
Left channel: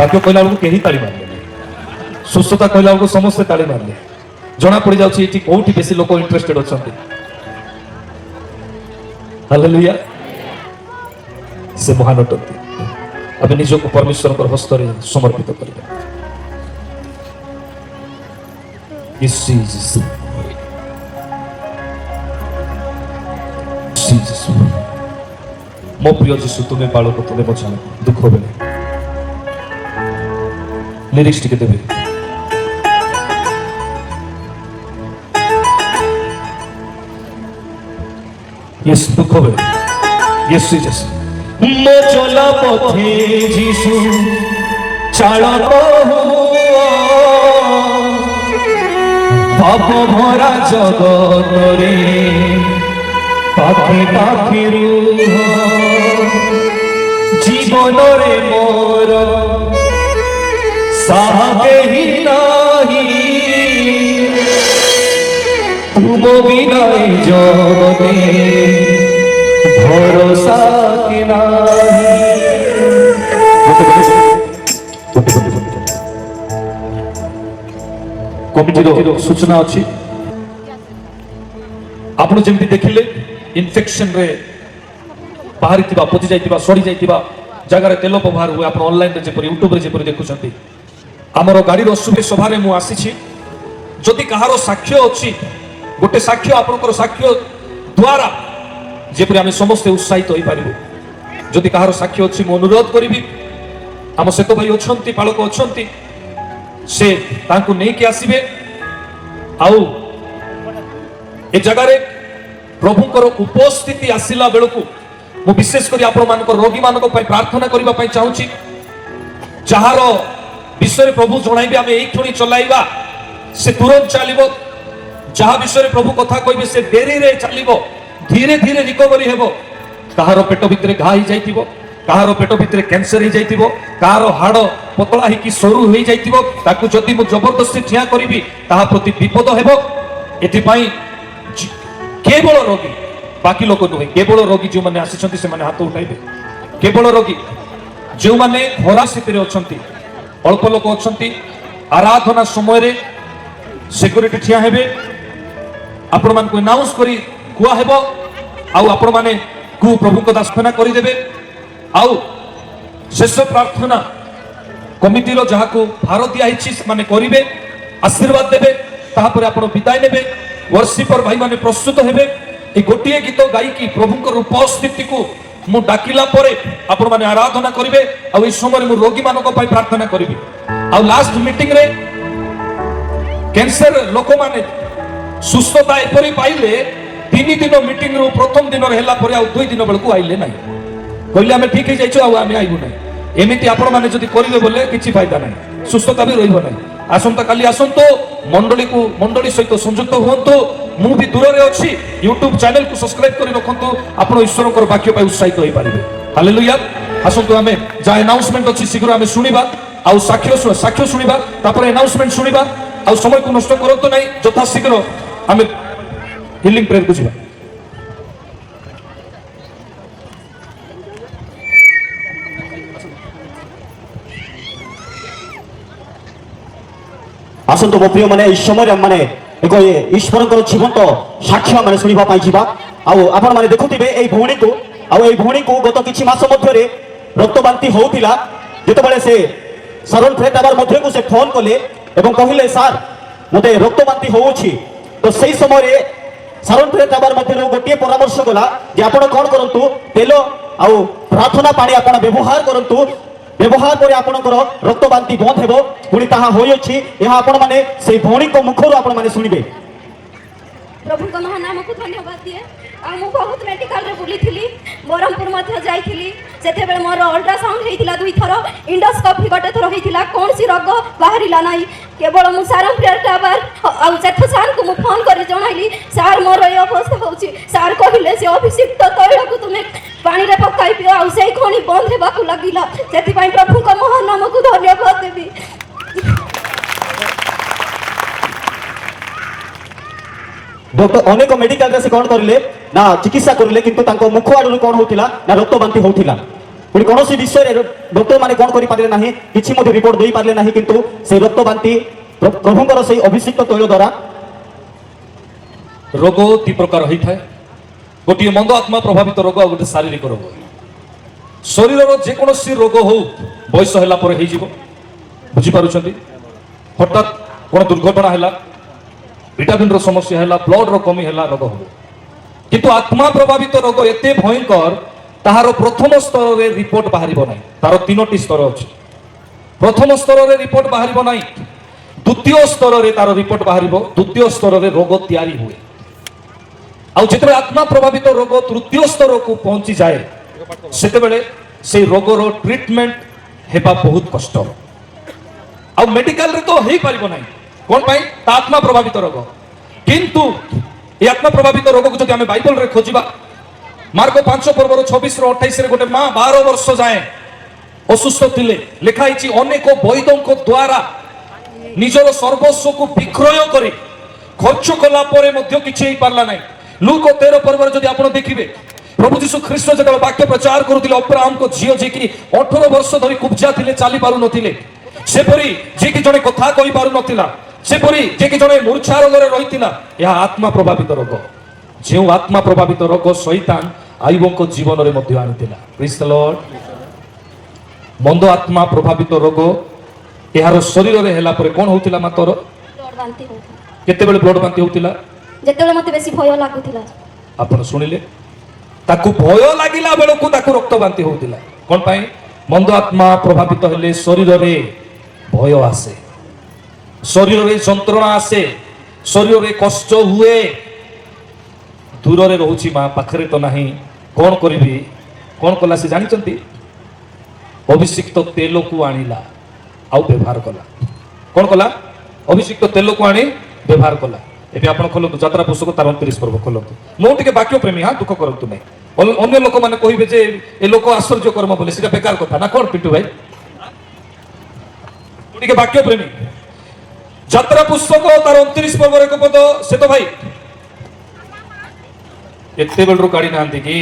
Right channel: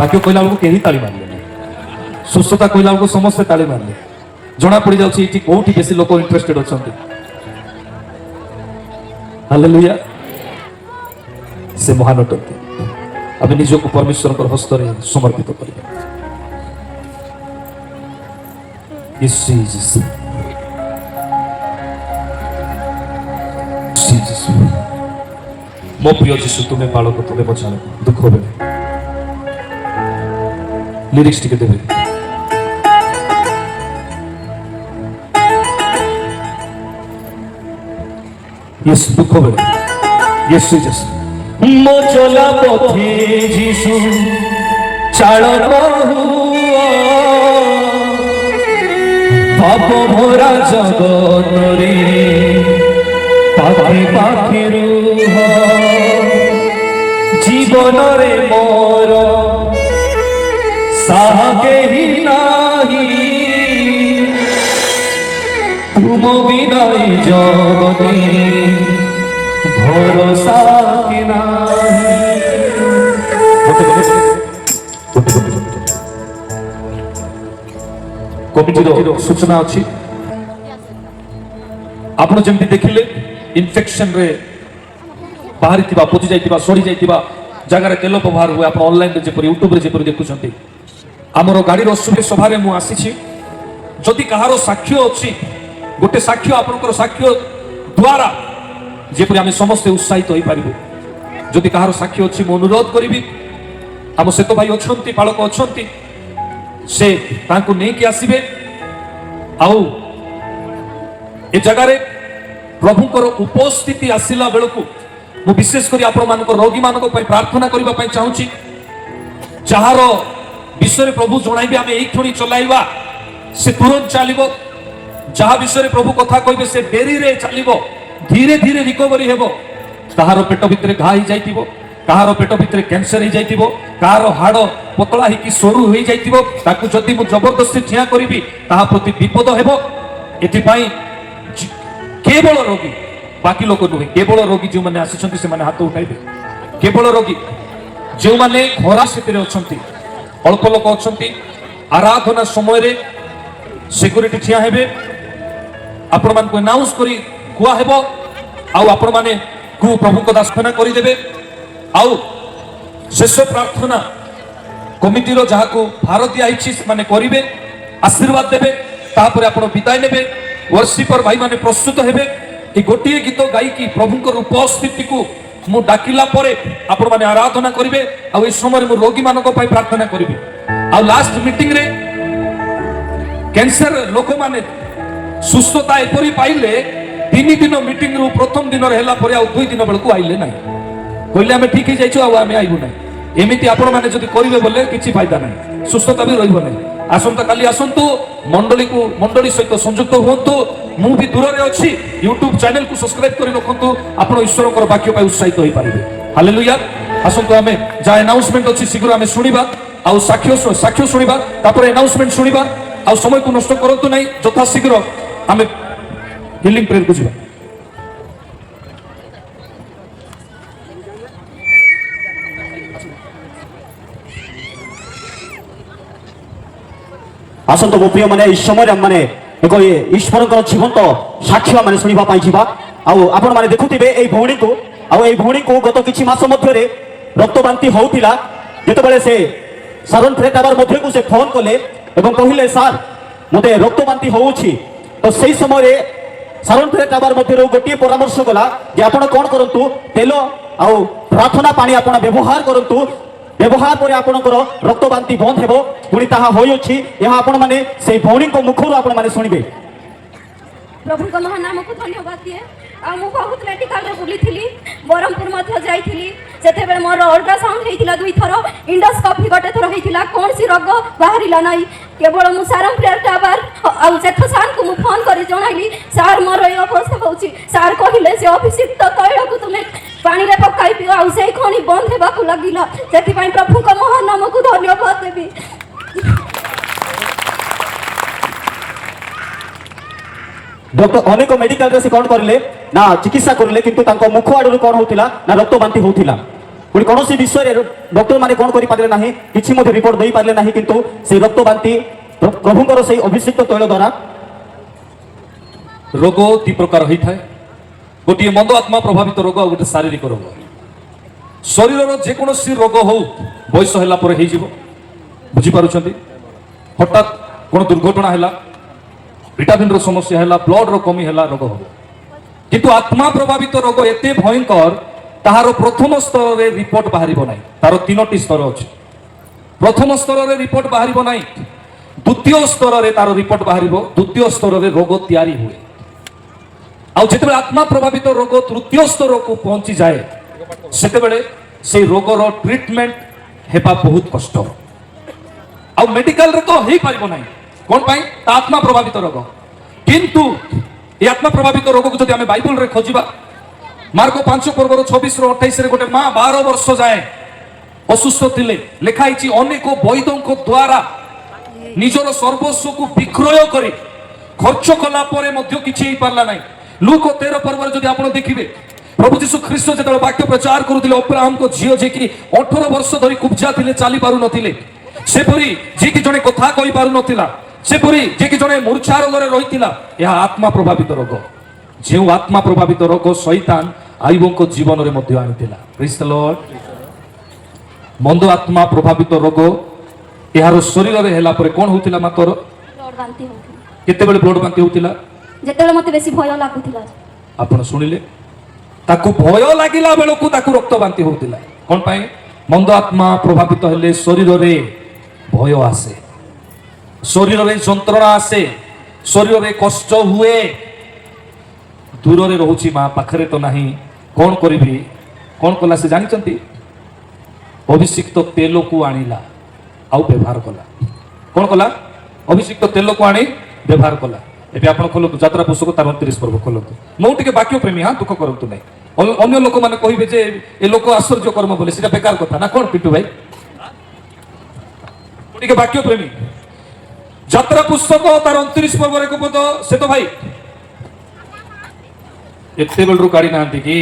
वाक्य कहला बेलू कहीं ताली मारले सुस्थता कहला बेलू समस्ते ताली मारले जना पड़ जाऊँगी कौटी बेसी लोक इंटरेस्टेड अच्छा ହାଲେଲୁୟା। ସେ ମହାନ ଅଟନ୍ତି। ଆମେ ନିଜକୁ ପରମେଶ୍ୱରଙ୍କ ହସ୍ତରେ ସମର୍ପିତ କରିବା। Yes, Jesus. Jesus. ମୋ ପ୍ରିୟ ଯୀଶୁ ତୁମେ ବାଳକ ତୁମେ ମଜା ଦୁଃଖ ବେଳେ ଲିରିକ୍ସ ଟିକେ ଦେବେ। Yes, দুঃখ ବେଳେ Yes, Jesus. ମୋ ଚଲା ପଥେ ଯୀଶୁ ଚାଳକ ପାପ ଭରା ଜଗତରେ ପାଖେ ପାଖେ ରୁହ ଜୀବନରେ ମୋର ସାହା କେହି ନାହିଁ ତୁମ ବିନା ଏ ଜଗତେ ଭରସା କି ନାହିଁ। କମିଟିର ସୂଚନା ଅଛି। ଆପଣ ଯେମିତି ଦେଖିଲେ ଇନଫେକ୍ସନରେ ବାହାରିଥିବା ପଚି ଯାଇଥିବା ସରି ଯାଇଥିବା ଜାଗାରେ ତେଲ ବ୍ୟବହାର ହୁଏ। ଆପଣ ଅନଲାଇନରେ ଯେପରି ୟୁଟ୍ୟୁବରେ ଯେପରି ଦେଖୁଛନ୍ତି। ଆମର ଗାଡ଼ିର ସଭାରେ ମୁଁ ଆସିଛି। ଯଦି କାହାର ସାକ୍ଷ୍ୟ ଅଛି ଗୋଟେ ସାକ୍ଷ୍ୟ ଆପଣଙ୍କର ସାକ୍ଷ୍ୟ ଦ୍ୱାରା ଯେପରି ଆମେ ସମସ୍ତେ ଉତ୍ସାହିତ ହୋଇପାରିବୁ। ଯଦି କାହାର ସାକ୍ଷ୍ୟ ଅଛି ମୁଁ ଅନୁରୋଧ କରିବି ଆମ ସେତ ଭାଇ ଅଛନ୍ତି ପାଳକ ଅଛନ୍ତି ସେ ତାଙ୍କୁ ନେଇକି ଆସିବେ। ଆଉ ଏ ଜାଗାରେ ପ୍ରଭୁଙ୍କର ଉପସ୍ଥିତି ଆସିଲା ବେଳକୁ ମୁଁ ବିଶେଷ କରି ଆପଣମାନଙ୍କ ରୋଗୀମାନଙ୍କ ପାଇଁ ପ୍ରାର୍ଥନା କରିବା ପାଇଁ ଚାହୁଁଛି। ଯାହାର ବିଷୟରେ ପ୍ରଭୁ ଜଣାଇବେ ଆମେ ଏଇ କ୍ଷଣି ଚଲାଇବା ସେ ତୁରନ୍ତ ଚାଲିବ। ଯାହା ବିଷୟରେ ପ୍ରଭୁ କଥା କହିବେ ସେ ଡେରିରେ ଚାଲିବ। ଧୀରେ ଧୀରେ ରିକଭରି ହେବ। କାହାର ପେଟ ଭିତରେ ଘା ହେଇଯାଇଥିବ କାହାର ପେଟ ଭିତରେ କ୍ୟାନ୍ସର ହେଇଯାଇଥିବ କାହାର ହାଡ଼ ପତଳା ହେଇକି ସରୁ ହେଇଯାଇଥିବ ତାକୁ ଯଦି ମୁଁ ଜବରଦସ୍ତି ଠିଆ କରିବି ତାହା ପ୍ରତି ବିପଦ ହେବ। ଏଥିପାଇଁ କେବଳ ରୋଗୀ ବାକି ଲୋକ ନୁହେଁ କେବଳ ରୋଗୀ ଯେଉଁମାନେ ଆସିଛନ୍ତି ସେମାନେ ହାତ ଉଠାଇବେ। କେବଳ ରୋଗୀ ଯେଉଁମାନେ ଖରା ସ୍ଥିତିରେ ଅଛନ୍ତି ଅଳ୍ପ ଲୋକ ଅଛନ୍ତି ଆରାଧନା ସମୟରେ ସିକ୍ୟୁରିଟି ଠିଆ ହେବେ। ଆପଣମାନଙ୍କୁ ଆନାଉନ୍ସ କରି କୁହା ହେବ ଆଉ ଆପଣମାନେ ପ୍ରଭୁଙ୍କ ଦାସନା କରିଦେବେ। ଆଉ ଶେଷ ପ୍ରାର୍ଥନା କମିଟିର ଯାହାକୁ ଭାର ଦିଆହେଇଛି ସେମାନେ କରିବେ ଆଶୀର୍ବାଦ ଦେବେ। ତାପରେ ଆପଣ ବିଦାୟ ନେବେ। ବର୍ଷିପର ଭାଇମାନେ ପ୍ରସ୍ତୁତ ହେବେ। ଏ ଗୋଟିଏ ଗୀତ ଗାଇକି ପ୍ରଭୁଙ୍କର ଉପସ୍ଥିତିକୁ ମୁଁ ଡାକିଲା ପରେ ଆପଣମାନେ ଆରାଧନା କରିବେ। ଆଉ এই ସମୟରେ ମୁଁ ରୋଗୀମାନଙ୍କ ପାଇଁ ପ୍ରାର୍ଥନା କରିବି। ଆଉ ଲାଷ୍ଟ ମିଟିଂରେ କ୍ୟାନ୍ସର ଲୋକମାନେ ସୁସ୍ଥତା ଏପରି ପାଇଲେ 3 ଦିନ ମିଟିଂରୁ ପ୍ରଥମ ଦିନରେ ହେଲା ପରେ ଆଉ 2 ଦିନ ବେଳକୁ ଆଇଲେ ନାହିଁ। କହିଲେ ଆମେ ଠିକ ହେଇଯାଇଛୁ ଆଉ ଆମେ ଆଇବୁ ନାହିଁ। ଏମିତି ଆପଣମାନେ ଯଦି କରିବେ ବୋଲେ କିଛି ଫାଇଦା ନାହିଁ ସୁସ୍ଥତା ବି ରହିବ ନାହିଁ। ଆସନ୍ତା କାଲି ଆସନ୍ତୁ ମଣ୍ଡଳୀ ସହିତ ସଂଯୁକ୍ତ ହୁଅନ୍ତୁ। ମୁଁ ବି ଦୂରରେ ଅଛି ୟୁଟ୍ୟୁବ ଚ୍ୟାନେଲକୁ ସବସ୍କ୍ରାଇବ କରି ରଖନ୍ତୁ। ଆପଣ ଈଶ୍ୱରଙ୍କର ବାକ୍ୟ ପାଇଁ ଉତ୍ସାହିତ ହୋଇପାରିବେ। ହାଲେଲୁୟା। ଆସନ୍ତୁ ଆମେ ଯାହା ଆନାଉନ୍ସମେଣ୍ଟ ଅଛି ଶୀଘ୍ର ଆମେ ଶୁଣିବା ଆଉ ସାକ୍ଷ୍ୟ ଶୁଣିବା ତାପରେ ଆନାଉନ୍ସମେଣ୍ଟ ଶୁଣିବା। ଆଉ সময়କୁ ନଷ୍ଟ କରନ୍ତୁ ନାହିଁ ଯଥାଶୀଘ୍ର ଆମେ ହିଲିଂ ପ୍ରେୟରକୁ ଯିବା। ଆସନ୍ତୁ ମୋ ପ୍ରିୟ ମାନେ ଏହି ସମୟରେ ମାନେ ଏକ ଈଶ୍ୱରଙ୍କର ଜୀବନ୍ତ ସାକ୍ଷ୍ୟ ମାନେ ଶୁଣିବା ପାଇଁ ଯିବା। ଆଉ ଆପଣମାନେ ଦେଖୁଥିବେ ଏହି ଭଉଣୀକୁ ଗତ କିଛି ମାସ ମଧ୍ୟରେ ରକ୍ତବାନ୍ତି ହେଉଥିଲା। ଯେତେବେଳେ ସେ ସାଧନ ଫେରେଟାବାର ମଧ୍ୟକୁ ସେ ଫୋନ କଲେ ଏବଂ କହିଲେ ସାର୍ ମୋତେ ରକ୍ତବାନ୍ତି ହେଉଛି ତ ସେହି ସମୟରେ ସାଧନ ଫେରେଟାବାର ମଧ୍ୟରୁ ଗୋଟିଏ ପରାମର୍ଶ ଗଲା ଯେ ଆପଣ କ'ଣ କରନ୍ତୁ ତେଲ ଆଉ ପ୍ରାର୍ଥନା ପାଣି ଆପଣ ବ୍ୟବହାର କରନ୍ତୁ। ବ୍ୟବହାର ପରେ ଆପଣଙ୍କର ରକ୍ତବାନ୍ତି ବନ୍ଦ ହେବ। ପୁଣି ତାହା ହୋଇଅଛି। ଏହା ଆପଣମାନେ ସେହି ଭଉଣୀଙ୍କ ମୁଖରୁ ଆପଣମାନେ ଶୁଣିବେ। ପ୍ରଭୁଙ୍କ ମହାନାମକୁ ଧନ୍ୟବାଦ ଦିଏ। ଆଉ ମୁଁ ବହୁତ ମେଡିକାଲରେ ବୁଲିଥିଲି ବ୍ରହ୍ମପୁର ମଧ୍ୟ ଯାଇଥିଲି। ସେତେବେଳେ ମୋର ଅଲ୍ଟ୍ରାସାଉଣ୍ଡ ହେଇଥିଲା 2 ଥର ଇଣ୍ଡୋସ୍କୋପି ଗୋଟେ ଥର ହେଇଥିଲା କୌଣସି ରୋଗ ବାହାରିଲା ନାହିଁ। କେବଳ ମୁଁ ସାରମ୍ ପ୍ରେୟାର ଟାୱାର ଆଉ ସେଠ ସାର୍ଙ୍କୁ ମୁଁ ଫୋନ କରି ଜଣାଇଲି ସାର୍ ମୋର এই ଅବସ୍ଥା ହେଉଛି। ସାର୍ କହିଲେ ସେ ଅଭିଷିକ୍ତ ତୈଳକୁ ତୁମେ ପାଣିରେ ପକାଇ ଦିଅ ଆଉ ସେଇ ଖଣି ବନ୍ଦ ହେବାକୁ ଲାଗିଲା। ସେଥିପାଇଁ ପ୍ରଭୁଙ୍କ ମହାନାମକୁ ଧନ୍ୟବାଦ ଦେବି। डॉक्टर अनेक मेडिकल से कौन करले ना चिकित्सा करले किंतु तांको मुख आडू कौन होतिला ना रक्तबांती होतिला। पुणी कौन विषय डॉक्टर माने कौन करि पारले नाही किछि मध्ये रिपोर्ट देई पारले नाही किंतु से रक्तबांती प्रभुଙ୍କର ସେହି ଅଭିଷିକ୍ତ ତୈଳ ଦ୍ୱାରା ରୋଗ 2 ପ୍ରକାର ହୋଇଥାଏ। ଗୋଟିଏ ମନ୍ଦ ଆତ୍ମା ପ୍ରଭାବିତ ରୋଗ ଆଉ ଗୋଟେ ଶାରୀରିକ ରୋଗ। ଶରୀରର ଯେକୌଣସି ରୋଗ ହଉ ବୟସ ହେଲା ପରେ ହେଇଯିବ, ବୁଝିପାରୁଛନ୍ତି? ହଠାତ୍ କ'ଣ ଦୁର୍ଘଟଣା ହେଲା, ଭିଟାମିନ୍ର ସମସ୍ୟା ହେଲା, ବ୍ଲଡର କମି ହେଲା, ରୋଗ ହବ। କିନ୍ତୁ ଆତ୍ମା ପ୍ରଭାବିତ ରୋଗ ଏତେ ଭୟଙ୍କର, ତାହାର ପ୍ରଥମ ସ୍ତରରେ ରିପୋର୍ଟ ବାହାରିବ ନାହିଁ। ତାର 3ଟି ସ୍ତର ଅଛି। ପ୍ରଥମ ସ୍ତରରେ ରିପୋର୍ଟ ବାହାରିବ ନାହିଁ, ଦ୍ୱିତୀୟ ସ୍ତରରେ ତାର ରିପୋର୍ଟ ବାହାରିବ, ଦ୍ୱିତୀୟ ସ୍ତରରେ ରୋଗ ତିଆରି ହୁଏ। ଆଉ ଯେତେବେଳେ ଆତ୍ମା ପ୍ରଭାବିତ ରୋଗ ତୃତୀୟ ସ୍ତରକୁ ପହଞ୍ଚିଯାଏ, ସେତେବେଳେ ସେଇ ରୋଗର ଟ୍ରିଟମେଣ୍ଟ ହେବା ବହୁତ କଷ୍ଟ। ଆଉ ମେଡିକାଲରେ ତ ହେଇପାରିବ ନାହିଁ। କ'ଣ ପାଇଁ? ତା ଆତ୍ମା ପ୍ରଭାବିତ ରୋଗ। କିନ୍ତୁ এই আত্মা প্রভাবিত রোগকে যদি আমি বাইবেলরে খোঁজিবা, মার্ক 5:26-28 গোটে মা 12 বর্ষ যায় অসুস্থ ଥିଲେ। লেখা হয়েছি অনেক বৈদ্যଙ୍କ দ্বারা নিজের সর্বস্বকে বিক্রয় করে খরচ কলা পরে মধ্য কিছু হয়ে পারলা নাই। লুক 13 পর্বরে যদি আপনার দেখবে, প্রভু যীশু খ্রিস্ট যেতবে বাক্য প্রচার করুলে অব্রাহামଙ୍କ ঝিও যে কি 18 বর্ষ ধরি কুবজা ଥିଲେ, চালি পারু নথিলে, সেপরি যে কি জনে কথা কই পারু নথিলা, সেপরি যে কি জনে মূর্ছা রোগরে রহিলা। ଏହା আত্মা প্রভাবিত রোগ। যে আত্মা প্রভাবিত রোগ শৈতান আইবଙ୍କ জীবନରେ ମଧ୍ୟ আনিଥିଲା। Praise the Lord. মন্দ আত্মা প্রভাবিত রোগ এହାର শরীରରେ ହେଲା ପରେ কোন হଉଥିଲା? ମାତର ବ୍ଲଡ୍ ବାନ୍ତି ହଉଥିଲା। କେତେବେଳେ ବ୍ଲଡ ବାନ୍ତି ହଉଥିଲା? ଯେତେବେଳେ ମତେ ବେଶୀ ଭୟ ଲାଗୁଥିଲା। ଆପଣ ଶୁଣିଲେ, ତାକୁ ଭୟ ଲାଗିଲା ବେଳକୁ ତାକୁ ରକ୍ତ ବାନ୍ତି ହଉଥିଲା। କ'ଣ ପାଇଁ? ମନ୍ଦ ଆତ୍ମା ପ୍ରଭାବିତ ହେଲେ ଶରୀରରେ ଭୟ ଆସେ, ଶରୀରରେ ଯନ୍ତ୍ରଣା ଆସେ, ଶରୀରରେ କଷ୍ଟ ହୁଏ। ଦୂରରେ ରହୁଛି ମା, ପାଖରେ ତ ନାହିଁ, କ'ଣ କରିବି? କ'ଣ କଲା ସେ ଜାଣିଛନ୍ତି? ଅଭିଷିକ୍ତ ତେଲକୁ ଆଣିଲା ଆଉ ବ୍ୟବହାର କଲା। କ'ଣ କଲା? ଅଭିଷିକ୍ତ ତେଲକୁ ଆଣି ବ୍ୟବହାର କଲା। ଏବେ ଆପଣ ଖୋଲନ୍ତୁ ଯାତ୍ରା ପୁସ୍ତକ ତାର 29 ପର୍ବ ଖୋଲନ୍ତୁ। ମୁଁ ଟିକେ ବାକ୍ୟ ପ୍ରେମୀ, ହଁ, ଦୁଃଖ କରନ୍ତୁ ନାହିଁ। ଅନ୍ୟ ଲୋକମାନେ କହିବେ ଯେ ଏ ଲୋକ ଆଶ୍ଚର୍ଯ୍ୟ କର୍ମ ବୋଲି, ସେଟା ବେକାର କଥା ନା। କ'ଣ ପିଣ୍ଟୁ ଭାଇ? ମୁଁ ଟିକେ ବାକ୍ୟ ପ୍ରେମୀ। ଯାତ୍ରା ପୁସ୍ତକ ତାର 29 ପର୍ବର 1 ପଦ, ସେ ତ ଭାଇ ଏତେ ବେଳରୁ କାଢି ନାହାନ୍ତି କି?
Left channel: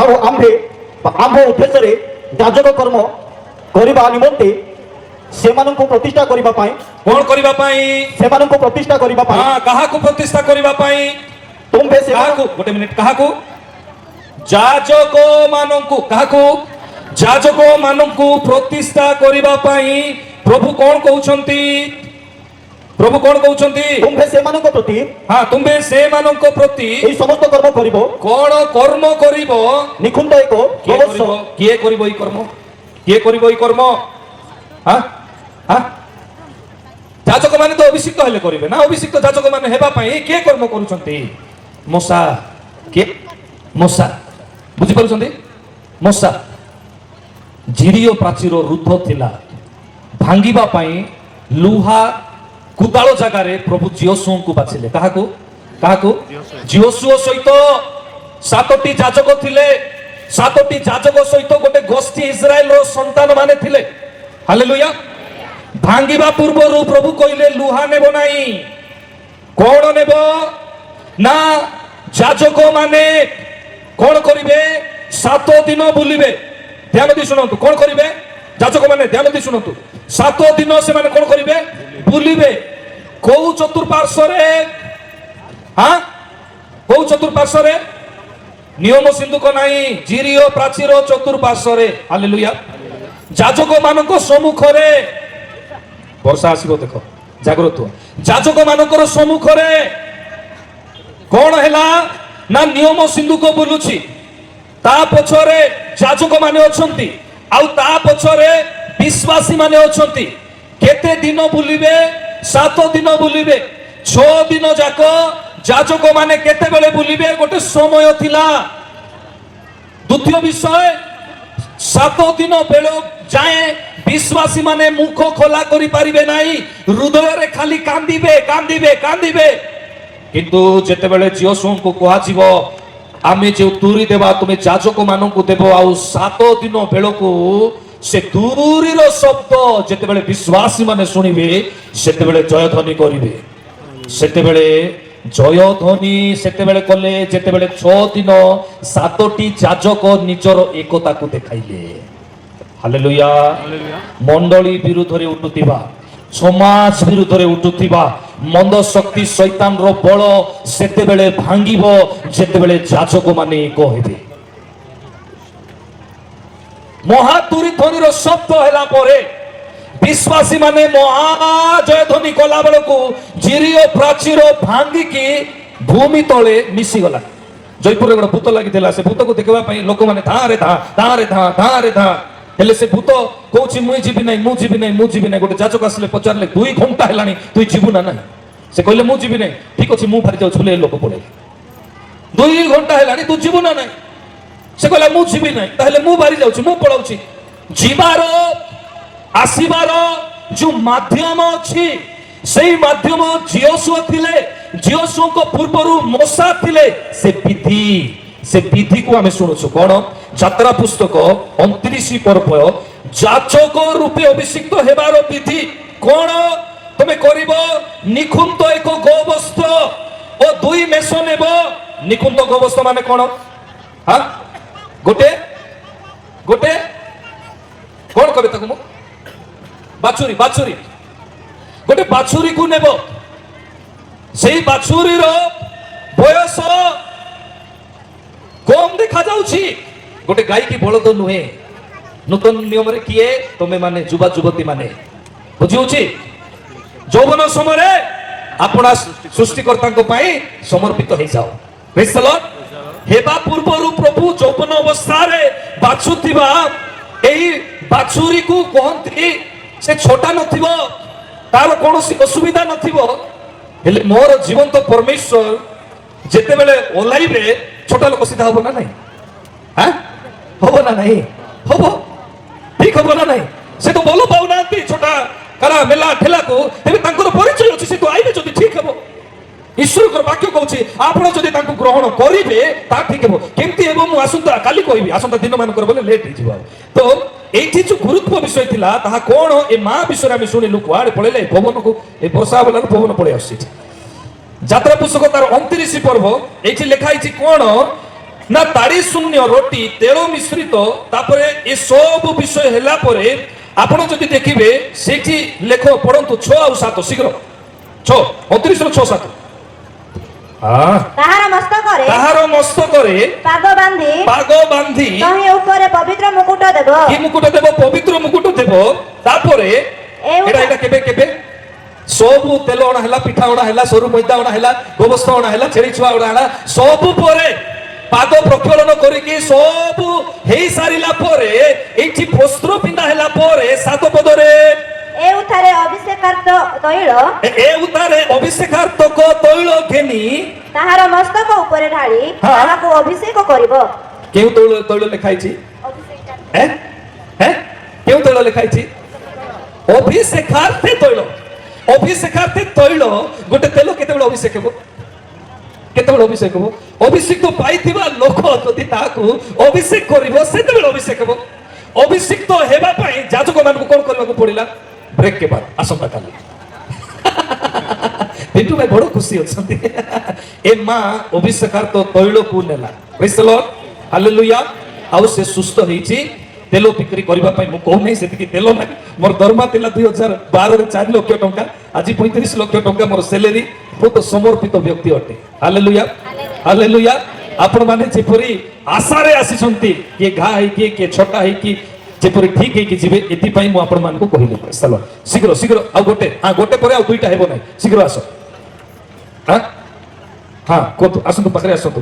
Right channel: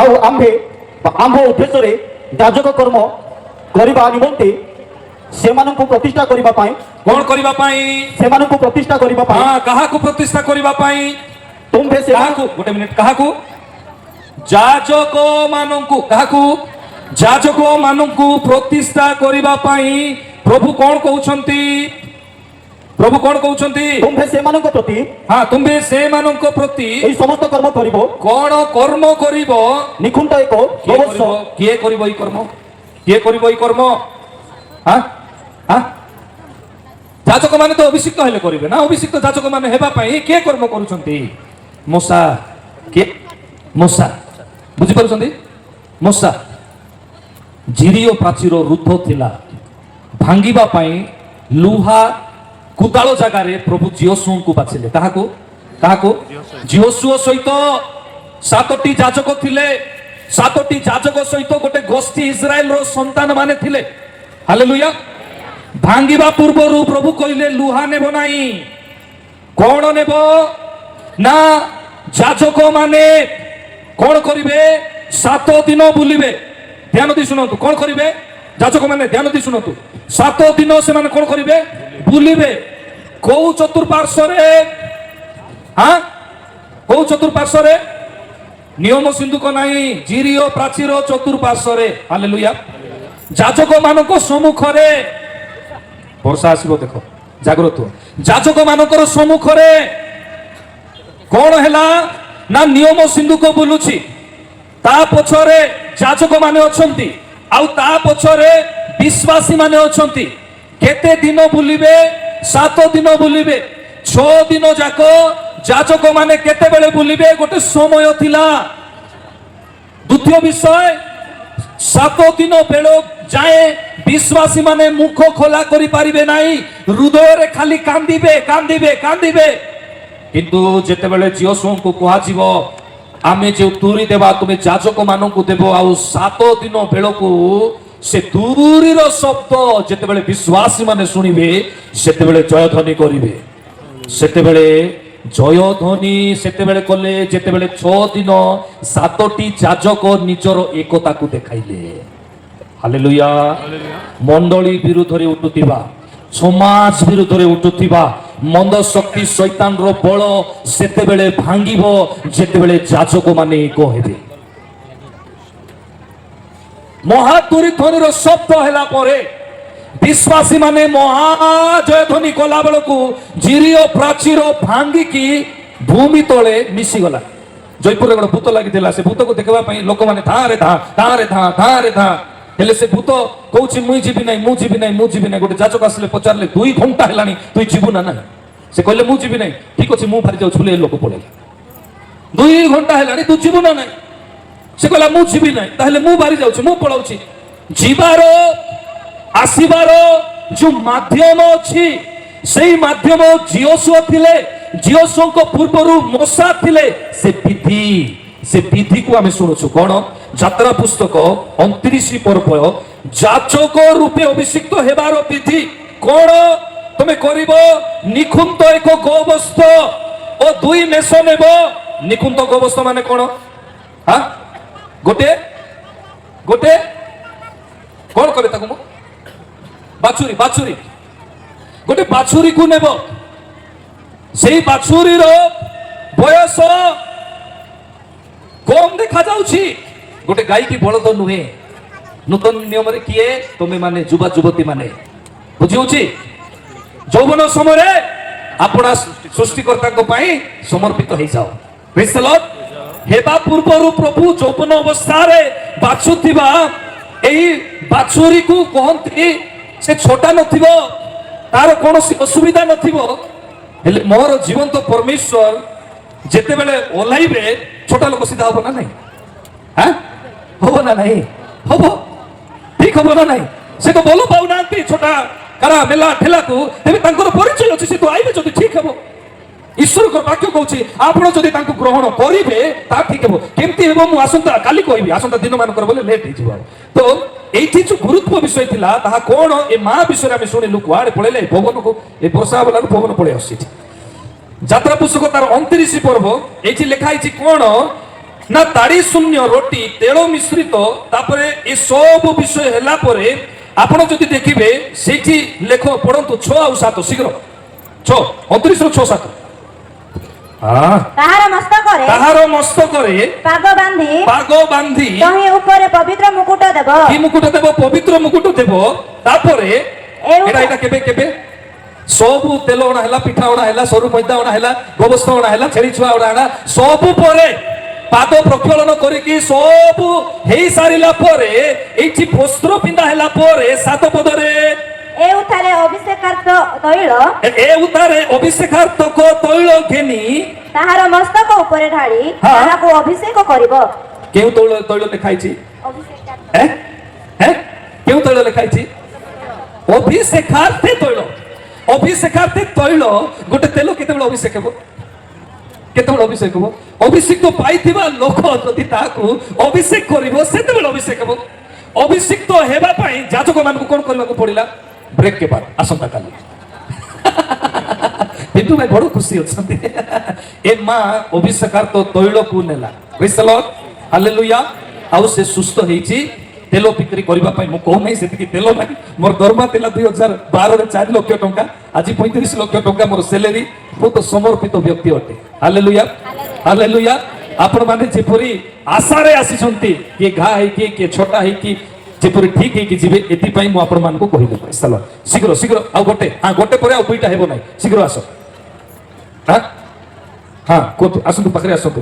ଆଉ ଆମ୍ଭ ଉଦ୍ଦେଶ୍ୟରେ ଯାଜକ କର୍ମ କରିବା ନିମନ୍ତେ ସେମାନଙ୍କୁ ପ୍ରତିଷ୍ଠା କରିବା ପାଇଁ, କ'ଣ କରିବା ପାଇଁ? ସେମାନଙ୍କୁ ପ୍ରତିଷ୍ଠା କରିବା ପାଇଁ ହଁ, କାହାକୁ ପ୍ରତିଷ୍ଠା କରିବା ପାଇଁ? ତୁମ୍ଭେ କାହାକୁ? ଗୋଟେ ମିନିଟ, କାହାକୁ? ଯାଜକ ମାନଙ୍କୁ। କାହାକୁ? ଯାଜକ ମାନଙ୍କୁ ପ୍ରତିଷ୍ଠା କରିବା ପାଇଁ ପ୍ରଭୁ କ'ଣ କହୁଛନ୍ତି? ପ୍ରଭୁ କ'ଣ କହୁଛନ୍ତି? ତୁମ୍ଭେ ସେମାନଙ୍କ ପ୍ରତି, ହଁ, ତୁମେ ସେମାନଙ୍କ ପ୍ରତି ଏହି ସମସ୍ତ କର୍ମ କରିବ। କ'ଣ କର୍ମ କରିବ? ନିଖୁଣ୍ଟ ଏକ କିଏ କରିବ? କିଏ କରିବ ଏଇ କର୍ମ? କିଏ କରିବ ଏଇ କର୍ମ? ହଁ, ହଁ, ଯାଜକ ମାନେ ତ ଅଭିଷିକ୍ତ ହେଲେ କରିବେ ନା। ଅଭିଷିକ୍ତ ଯାଜକ ମାନେ ହେବା ପାଇଁ କିଏ କର୍ମ କରୁଛନ୍ତି? ମୂଷା। କିଏ? ମୂଷା। ବୁଝିପାରୁଛନ୍ତି? ମୂଷା। ଜିରିୟ ପ୍ରାଚୀର ରୁଦ୍ଧ ଥିଲା, ଭାଙ୍ଗିବା ପାଇଁ ଲୁହା କୁଦାଳ ଜାଗାରେ ପ୍ରଭୁ ଜିଓସୁଙ୍କୁ ବାଛିଲେ। କାହାକୁ? କାହାକୁ? ଜିଓସୁଅ ସହିତ 7ଟି ଯାଜକ ଥିଲେ। 7ଟି ଯାଜକ ସହିତ ଗୋଟେ ଗୋଷ୍ଠୀ ଇସ୍ରାଏଲର ସନ୍ତାନ ମାନେ ଥିଲେ। ହାଲେଲୁୟା। ଭାଙ୍ଗିବା ପୂର୍ବରୁ ପ୍ରଭୁ କହିଲେ ଲୁହା ନେବ ନାହିଁ। କ'ଣ ନେବ? ନା, ଯାଜକ ମାନେ କ'ଣ କରିବେ? 7 ଦିନ ବୁଲିବେ। ଧ୍ୟାନ ଦେଇ ଶୁଣନ୍ତୁ, କ'ଣ କରିବେ? ଯାଜକ ମାନେ ଧ୍ୟାନ ଦେଇ ଶୁଣନ୍ତୁ। 7 ଦିନ ସେମାନେ କ'ଣ କରିବେ? ବୁଲିବେ। କୋଉ ଚତୁଃପାର୍ଶ୍ୱରେ? ହଁ, କୋଉ ଚତୁଃପାର୍ଶ୍ୱରେ? ନିୟମ ସିନ୍ଧୁକ ନାହିଁ, ଜିରିୟ ପ୍ରାଚୀର ଚତୁଃପାର୍ଶ୍ୱରେ। ହାଲେଲୁୟା। ଯାଜକ ମାନଙ୍କ ସମ୍ମୁଖରେ, ବର୍ଷା ଆସିବ ଦେଖ, ଜାଗ୍ରତ। ଯାଜକ ମାନଙ୍କର ସମ୍ମୁଖରେ କ'ଣ ହେଲା? ନା, ନିୟମ ସିନ୍ଧୁକ ବୁଲୁଛି, ତା ପଛରେ ଯାଜକ ମାନେ ଅଛନ୍ତି, ଆଉ ତା ପଛରେ ବିଶ୍ୱାସୀ ମାନେ ଅଛନ୍ତି। କେତେ ଦିନ ବୁଲିବେ? 7 ଦିନ ବୁଲିବେ। 6 ଦିନ ଯାକ ଯାଜକ ମାନେ କେତେବେଳେ ବୁଲିବେ? ଗୋଟେ ସମୟ ଥିଲା। ଦ୍ୱିତୀୟ ବିଷୟ, 7 ଦିନ ବେଳ ଯାଏ ବିଶ୍ୱାସୀ ମାନେ ମୁଖ ଖୋଲା କରିପାରିବେ ନାହିଁ। ହୃଦୟରେ ଖାଲି କାନ୍ଦିବେ, କାନ୍ଦିବେ, କାନ୍ଦିବେ। କିନ୍ତୁ ଯେତେବେଳେ ଜିଓସୁଙ୍କୁ କୁହାଯିବ ଆମେ ଯେଉଁ ତୁରୀ ଦେବା ତୁମେ ଯାଜକ ମାନଙ୍କୁ ଦେବ, ଆଉ 7 ଦିନ ବେଳକୁ ସେ ତୁରୀର ଶବ୍ଦ ଯେତେବେଳେ ବିଶ୍ୱାସୀ ମାନେ ଶୁଣିବେ, ସେତେବେଳେ ଜୟଧ୍ୱନି କରିବେ। ସେତେବେଳେ ଜୟଧ୍ୱନି ସେତେବେଳେ କଲେ ଯେତେବେଳେ 6 ଦିନ 7ଟି ଯାଜକ ନିଜର ଏକତାକୁ ଦେଖାଇଲେ। ହାଲେଲୁୟା। ମଣ୍ଡଳୀ ବିରୁଦ୍ଧରେ ଉଠୁଥିବା, ସମାଜ ବିରୁଦ୍ଧରେ ଉଠୁଥିବା ମନ୍ଦ ଶକ୍ତି ଶୈତାନର ବଳ ସେତେବେଳେ ଭାଙ୍ଗିବ ଯେତେବେଳେ ଯାଜକ ମାନେ କହିବେ। ମହାତୁରୀ ଧ୍ୱନିର ଶବ୍ଦ ହେଲା ପରେ ବିଶ୍ୱାସୀ ମାନେ ମହାଜୟ ଧ୍ୱନି କଲା ବେଳକୁ ଜିରିୟ ପ୍ରାଚୀର ଭାଙ୍ଗିକି ଭୂମି ତଳେ ମିଶିଗଲା। ଜୟପୁରରେ ଗୋଟେ ଭୂତ ଲାଗିଥିଲା, ସେ ଭୂତକୁ ଦେଖିବା ପାଇଁ ଲୋକମାନେ ଧାଁରେ ଧାଁ ଧାଁରେ ଧାଁ ଧାଁରେ ଧାଁ ହେଲେ ସେ ଭୂତ କହୁଛି ମୁଁ ଯିବି ନାହିଁ, ମୁଁ ଯିବି ନାହିଁ, ମୁଁ ଯିବି ନାହିଁ। ଗୋଟେ ଯାଜକ ଆସିଲେ ପଚାରିଲେ 2 ଘଣ୍ଟା ହେଲାଣି ତୁଇ ଯିବୁ ନା ନାହିଁ? ସେ କହିଲେ ମୁଁ ଯିବି ନାହିଁ। ଠିକ ଅଛି ମୁଁ ବାହାରି ଯାଉଛି ବୋଲି ଏ ଲୋକ ପଳେଇଲେ। 2 ଘଣ୍ଟା ହେଲାଣି ତୁ ଯିବୁ ନା ନାହିଁ? ସେ କହିଲା ମୁଁ ଯିବି ନାହିଁ। ତାହେଲେ ମୁଁ ବାହାରି ଯାଉଛି, ମୁଁ ପଳାଉଛି। ଯିବାର ଆସିବାର ଯୋଉ ମାଧ୍ୟମ ଅଛି ସେଇ ମାଧ୍ୟମ ଜିୟୋଶୁଆ ଥିଲେ, ଜିୟୋଶୁଆଙ୍କ ପୂର୍ବରୁ ମୋଶା ଥିଲେ। ସେ ବିଧିକୁ ଆମେ ଶୁଣୁଛୁ କଣ? ଯାତ୍ରା ପୁସ୍ତକ 29 ପର୍ବ ଯାଚକ ରୂପେ ଅଭିଷିକ୍ତ ହେବାର ବିଧି କଣ? ତମେ କରିବ ନିଖୁନ୍ତ ଏକ ଗୋବସ୍ତ ଓ 2 ମେଷ ନେବ। ନିଖୁନ୍ତ ଗୋବସ୍ତ ମାନେ କଣ? ଗୋଟେ କଣ କରେ ତାକୁ? ମୁଁ ବାଛୁରୀ ଗୋଟେ ବାଛୁରୀକୁ ନେବ। ସେଇ ବାଛୁରୀର ବୟସ କମ ଦେଖାଯାଉଛି। ଗୋଟେ ଗାଈ କି ବଳଦ ନୁହେଁ। ନୂତନ ନିୟମରେ କିଏ? ତମେ ମାନେ ଯୁବା ଯୁବତୀ ମାନେ ବୁଝି ହଉଛି। ଯୌବନ ସମୟରେ ଆପଣା ସୃଷ୍ଟିକର୍ତ୍ତାଙ୍କ ପାଇଁ ସମର୍ପିତ ହେଇଯାଅ। Praise the Lord। ହେବା ପୂର୍ବରୁ ପ୍ରଭୁ ଯୌବନ ଅବସ୍ଥାରେ ବାଛୁଥିବା ଏହି ବାଛୁରୀକୁ କହନ୍ତି ସେ ଛୋଟା ନଥିବ, ତାର କୌଣସି ଅସୁବିଧା ନଥିବ। ହେଲେ ମୋର ଜୀବନ୍ତ ପରମେଶ୍ୱର ଯେତେବେଳେ ଓହ୍ଲାଇବେ ଛୋଟ ଲୋକ ସିଧା ହବ ନା ନାହିଁ? ହବ ନା ନାହିଁ? ହବ, ଠିକ ହବ ନା ନାହିଁ? ସେ ତ ଭଲ ପାଉନାହାନ୍ତି ଛୋଟା କାରା ମେଲା ଠେଲାକୁ। ତେବେ ତାଙ୍କର ପରିଚୟ ଅଛି, ସେ ତ ଆଇବେ ଯଦି ଠିକ ହେବ। ଈଶ୍ୱରଙ୍କର ବାକ୍ୟ କହୁଛି ଆପଣ ଯଦି ତାଙ୍କୁ ଗ୍ରହଣ କରିବେ ତା ଠିକ ହେବ। କେମିତି ହେବ ମୁଁ ଆସନ୍ତା କାଲି କହିବି, ଆସନ୍ତା ଦିନ ମାନଙ୍କର ବୋଲେ ଲେଟ୍ ହେଇଯିବ। ତ এইটি যে গুরুত্ব বিষয় লা তাহা কোন এ মা বিষয়ে আমি শুনিলু কুয়াড়ে পড়েলে ভবনকু এই বর্ষা বেলার ভবন পড়ে আসছে। যাত্রা পুস্তক তার 29 পর্ব এইটি লেখা হয়েছে কোন না তাড়ি শূন্য রোটি তেল মিশ্রিত। তারপরে এ সব বিষয় হেলা পরে আপন যদি দেখিবে সেইটি লেখ পড়ন্তু 6 আর 7 শীঘ্র 6 29 ରୁ 6 7 ତାହାର ମସ୍ତକରେ ପାଗ ବାନ୍ଧି ତହିଁ ଉପରେ ପବିତ୍ର ମୁକୁଟ ଦେବ। କି ମୁକୁଟ ଦେବ? ପବିତ୍ର ମୁକୁଟ ଦେବ। ତାପରେ ଏଇଟା କେବେ ସବୁ ତେଲ ଅଣା ହେଲା, ପିଠା ଅଣା ହେଲା, ସରୁ ମଇଦା ଅଣା ହେଲା, ଗୋବସ୍ତ ଅଣା ହେଲା, ଛେଳି ଛୁଆ ଅଣା ସବୁ ପରେ ପାଦ ପ୍ରକ୍ଷାଳନ କରିକି ସବୁ ହେଇ ସାରିଲା ପରେ ଏଇଠି ବସ୍ତ୍ର ପିନ୍ଧା ହେଲା ପରେ 7 ପଦରେ ଏଉଠାରେ ଅଭିଷେକାର୍ତ୍ତକ ତୈଳ ଘେନି ତାହାର ମସ୍ତକ ଉପରେ ଢାଳି ତାହାକୁ ଅଭିଷେକ କରିବ। କେଉଁ ତୈଳ ଲେଖା ହେଇଛି? କେଉଁ ତୈଳ ଲେଖା ହେଇଛି? ଅଭିଷେକାର୍ତ୍ତେ ତୈଳ। ଅଭିଷେକାର୍ତ୍ତେ ତୈଳ ଗୋଟେ ତେଲ କେତେବେଳେ ଅଭିଷେକ ହେବ? କେତେବେଳେ ଅଭିଷେକ ହେବ? ଅଭିଷେକ ପାଇଥିବା ଲୋକ ଯଦି ତାହାକୁ ଅଭିଷେକ କରିବ ସେତେବେଳେ ଅଭିଷେକ ହେବ। ଅଭିଷିକ୍ତ ହେବା ପାଇଁ ଯାଜକ ମାନଙ୍କୁ କଣ କରିବାକୁ ପଡିଲା? ବ୍ରେକ୍ କେ ବାଦ ଆସନ୍ତା କାଲି ପିଣ୍ଟୁ ଭାଇ ବଡ ଖୁସି ଅଛନ୍ତି। ଏ ମା ଅଭିଷେକାର୍ତ୍ତ ତୈଳକୁ ନେଲା। ପ୍ରେଜ୍ ଦ ଲର୍ଡ, ହାଲେଲୁୟା। ଆଉ ସେ ସୁସ୍ଥ ହେଇଛି। ତେଲ ବିକ୍ରି କରିବା ପାଇଁ ମୁଁ କହୁ ନାହିଁ ସେତିକି ତେଲ ନାହିଁ। ମୋର ଦରମା ଥିଲା 2012 ରେ 4 ଲକ୍ଷ ଟଙ୍କା, ଆଜି 35 ଲକ୍ଷ ଟଙ୍କା ମୋର ସେଲେରୀ। ବହୁତ ସମର୍ପିତ ବ୍ୟକ୍ତି ଅଟେ। Hallelujah, hallelujah. ଆପଣ ମାନେ ଯେପରି ଆଶାରେ ଆସିଛନ୍ତି, କିଏ ଘା ହେଇକି କିଏ ଛୋଟା ହେଇକି ଯେପରି ଠିକ ହେଇକି ଯିବେ, ଏଥିପାଇଁ ମୁଁ ଆପଣ ମାନଙ୍କୁ କହିଲି। ଶୀଘ୍ର ଶୀଘ୍ର ଆଉ ଗୋଟେ ପରେ ଆଉ 2ଟା ହେବ ନାହିଁ। ଶୀଘ୍ର ଆସ। କୁହନ୍ତୁ, ଆସନ୍ତୁ, ପାଖରେ ଆସନ୍ତୁ।